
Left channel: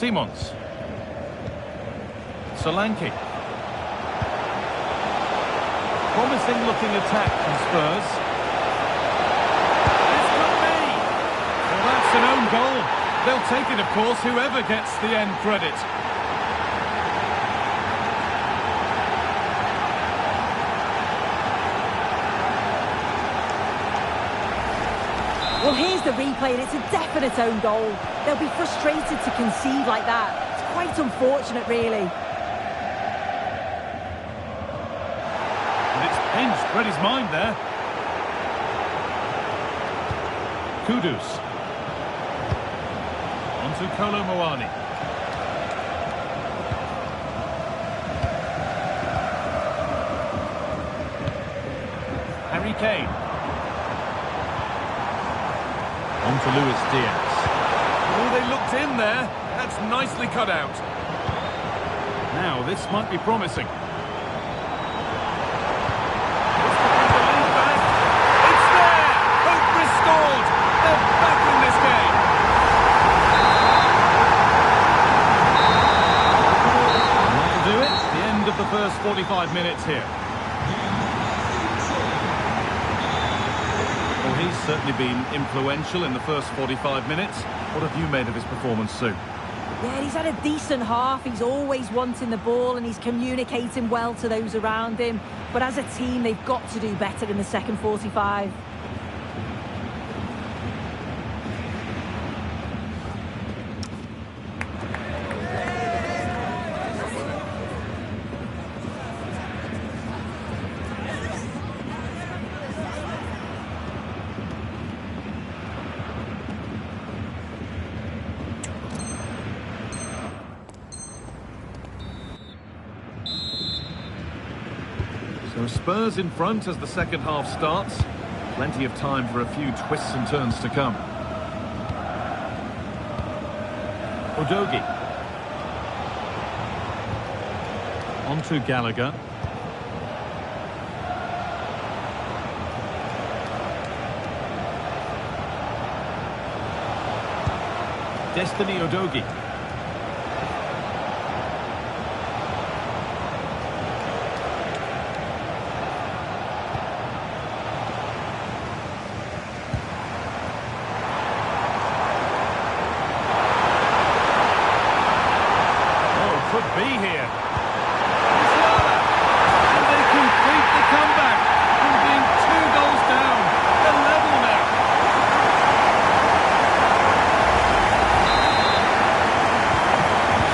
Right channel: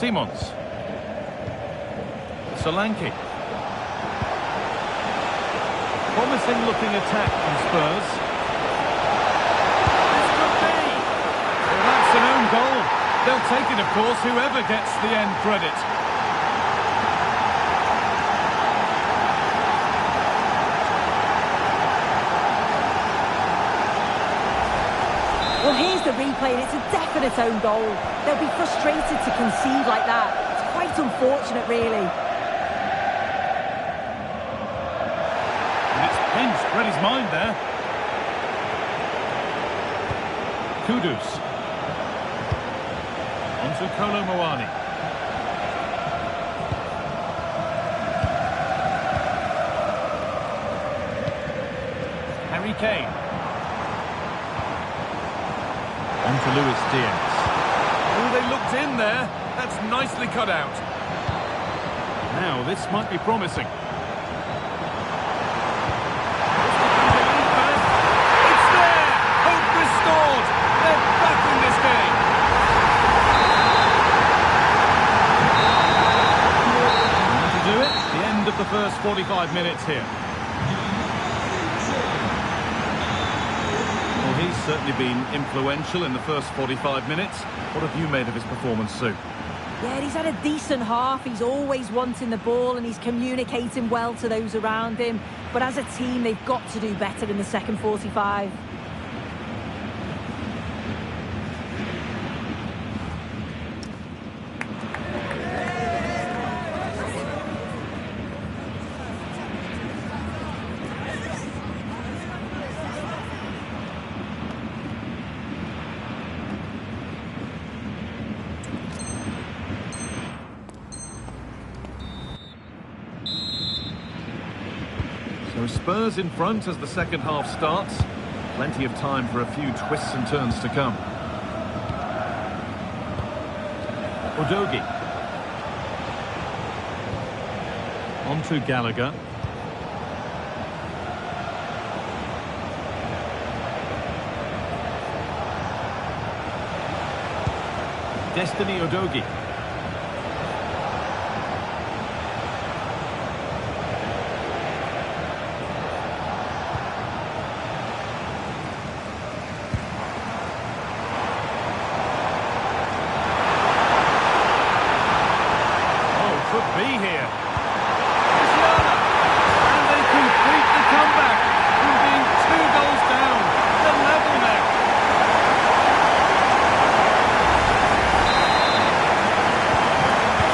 Simons. Solanke. Promising looking attack from Spurs. This could be. Well, that's an own goal. They'll take it, of course, whoever gets the end credit. Well, here's the replay, and it's a definite own goal. They'll be frustrated to concede like that. It's quite unfortunate, really. And it's pinched, read his mind there. Kudus. Onto Kolo Muani. Harry Kane. On to Luis Diaz. Oh, they looked in there. That's nicely cut out. Now, this might be promising. It's there! Hope restored! They're back in this game! And that'll do it. The end of the first 45 minutes here. Well, he's certainly been influential in the first 45 minutes. What have you made of his performance, Sue? Yeah, he's had a decent half. He's always wanting the ball and he's communicating well to those around him. But as a team, they've got to do better in the second 45. So Spurs in front as the second half starts. Plenty of time for a few twists and turns to come. Udogie. On to Gallagher. Destiny Udogie. Could be here. Musiala. And they complete the comeback from being 2 goals down. They're level now.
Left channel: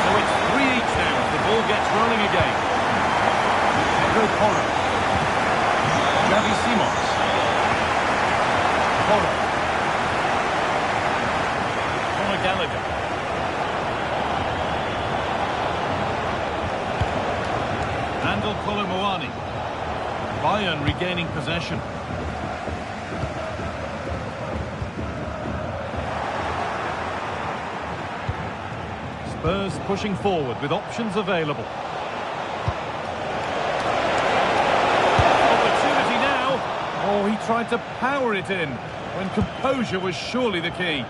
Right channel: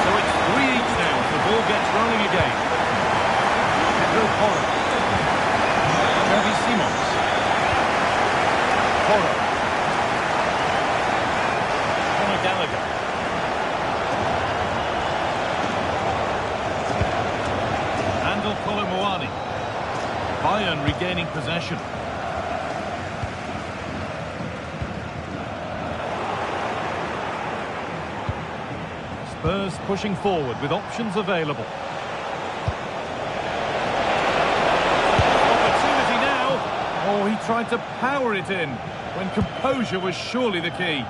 So it's 3 each now as the ball gets rolling again. Pedro Porro. Xavi Simons. Porro. Conor Gallagher. Randall Kolo Muani. Bayern regaining possession. Spurs pushing forward with options available. Opportunity now. Oh, he tried to power it in when composure was surely the key.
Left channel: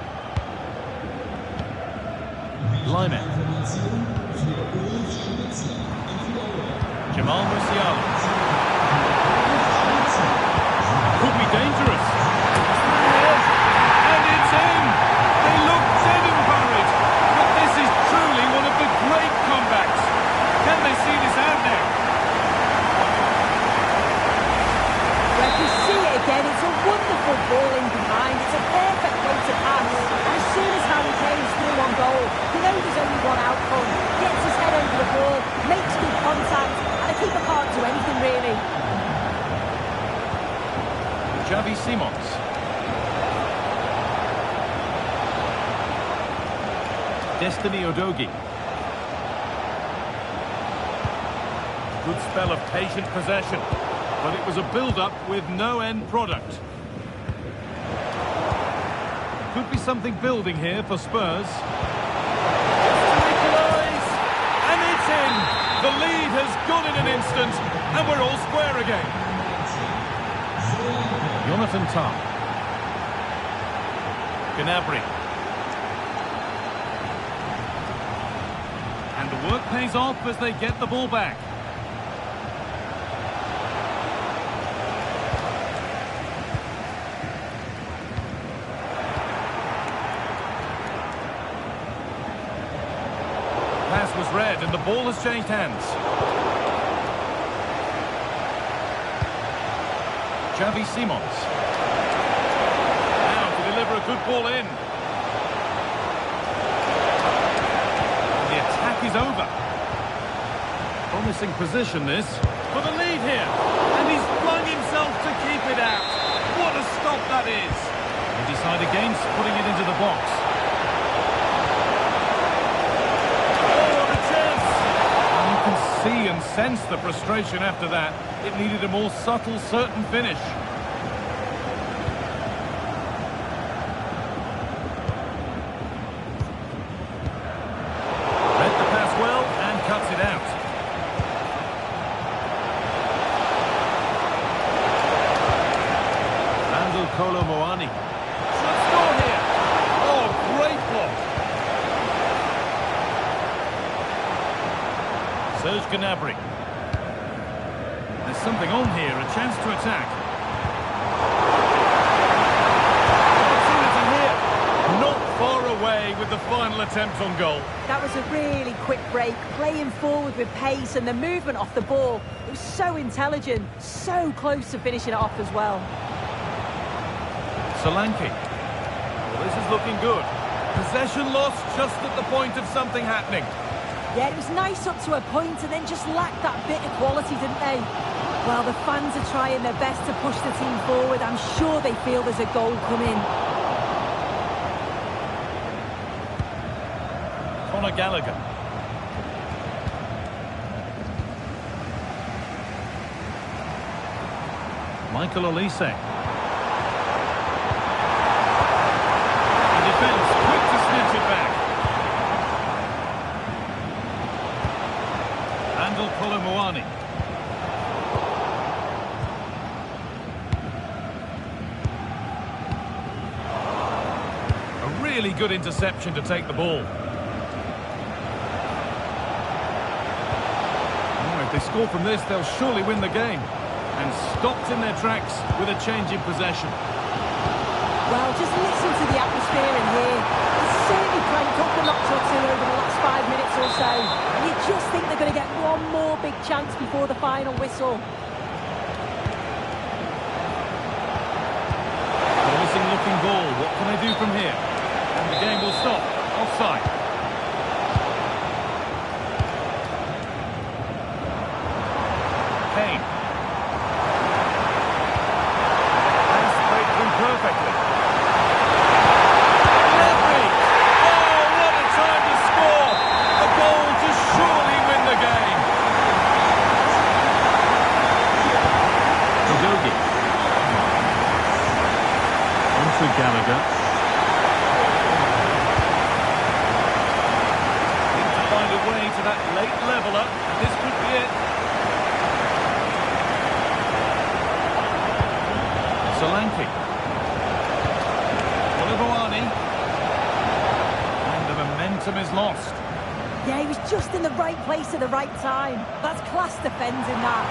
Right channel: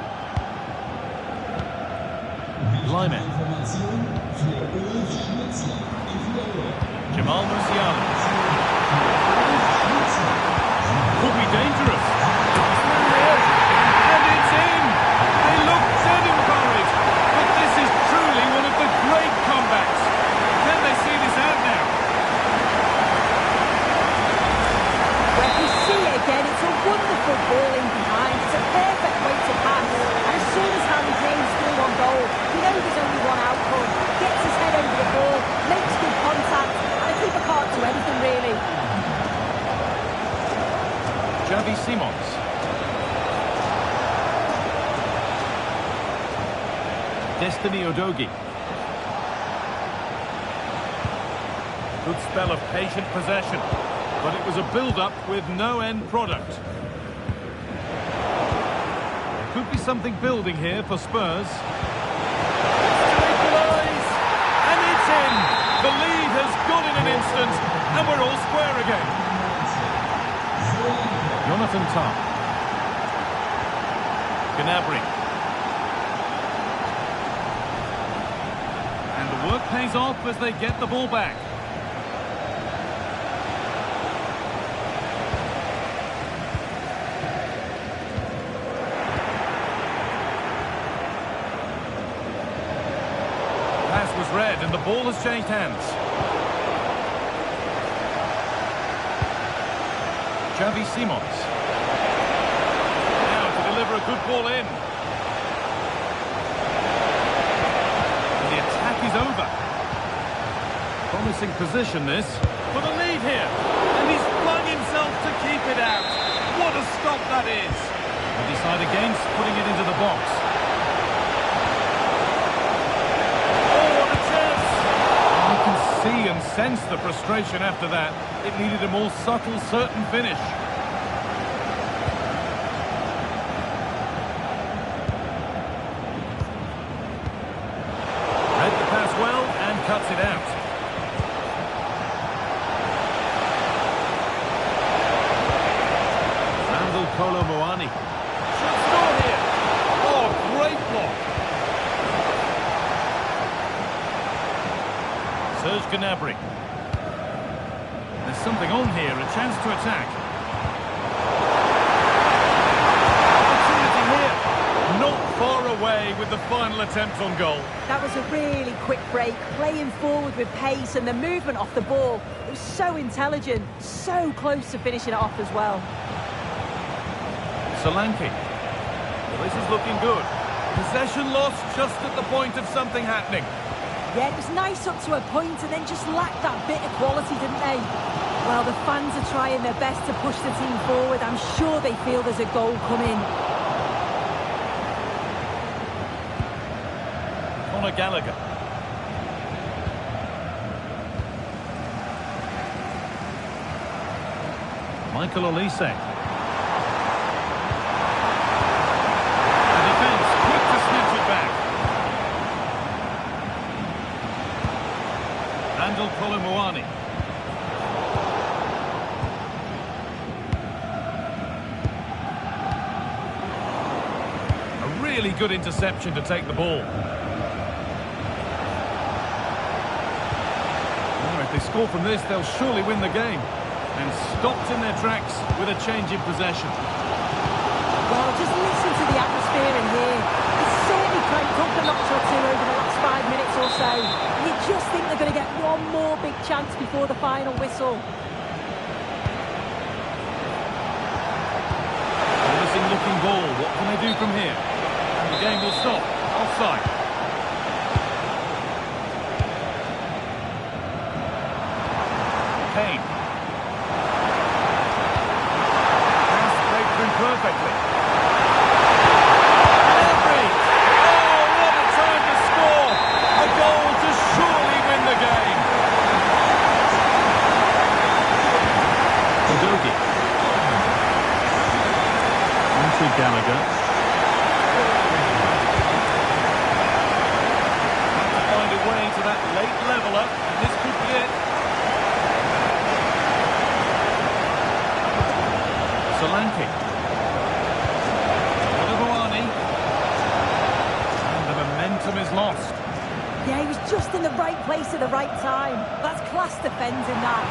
Lyman. Jamal Musiala. Could be dangerous. And it's in. They look dead and buried. But this is truly one of the great comebacks. Can they see this out now? Well, if we see it again, it's a wonderful ball in behind. It's a perfect way to pass. And as soon as Harry Kane's through on goal, you know there's only one outcome. Gets his head over the ball, makes good contact, and a keeper can't do anything really. Xavi Simons. Destiny Udogie. Good spell of patient possession, but it was a build-up with no end product. There could be something building here for Spurs. To equalise, and it's in. The lead has gone in an instant, and we're all square again. Jonathan Tah. Gnabry. And the work pays off as they get the ball back. Pass was read and the ball has changed hands. Xavi Simons. Now to deliver a good ball in. And the attack is over. Promising position, this. For the lead here. And he's flung himself to keep it out. What a stop that is. They decide against putting it into the box. Oh, what a chance. And you can see and sense the frustration after that. It needed a more subtle, certain finish. Read the pass well and cuts it out. Kolo Moani. Should score here. Oh, great block. Serge Gnabry. There's something on here, a chance to attack. Opportunity here. Not far away with the final attempt on goal. That was a really quick break, playing forward with pace and the movement off the ball. It was so intelligent, so close to finishing it off as well. Solanke. Well, this is looking good. Possession lost just at the point of something happening. Yeah, it was nice up to a point and then just lacked that bit of quality, didn't they? Well, the fans are trying their best to push the team forward. I'm sure they feel there's a goal coming. Conor Gallagher. Michael Olise. Defense, quick to snatch it back. Randall Kolo Muani. A really good interception to take the ball. Oh, if they score from this, they'll surely win the game. And stopped in their tracks with a change in possession. Well, just listen to the atmosphere in here. It's certainly cranked up a notch or two over the last 5 minutes or so. And you just think they're going to get one more big chance before the final whistle. Promising looking ball. What can they do from here? And the game will stop. Offside. Kane. Pass played through perfectly. Gallagher. Need to find a way to that late leveller, and this could be it. Solanke. Olivowani. And the momentum is lost. Yeah, he was just in the right place at the right time. That's class defending that.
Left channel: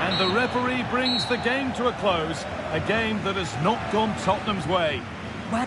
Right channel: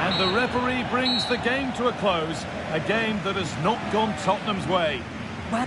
And the referee brings the game to a close, a game that has not gone Tottenham's way. Well,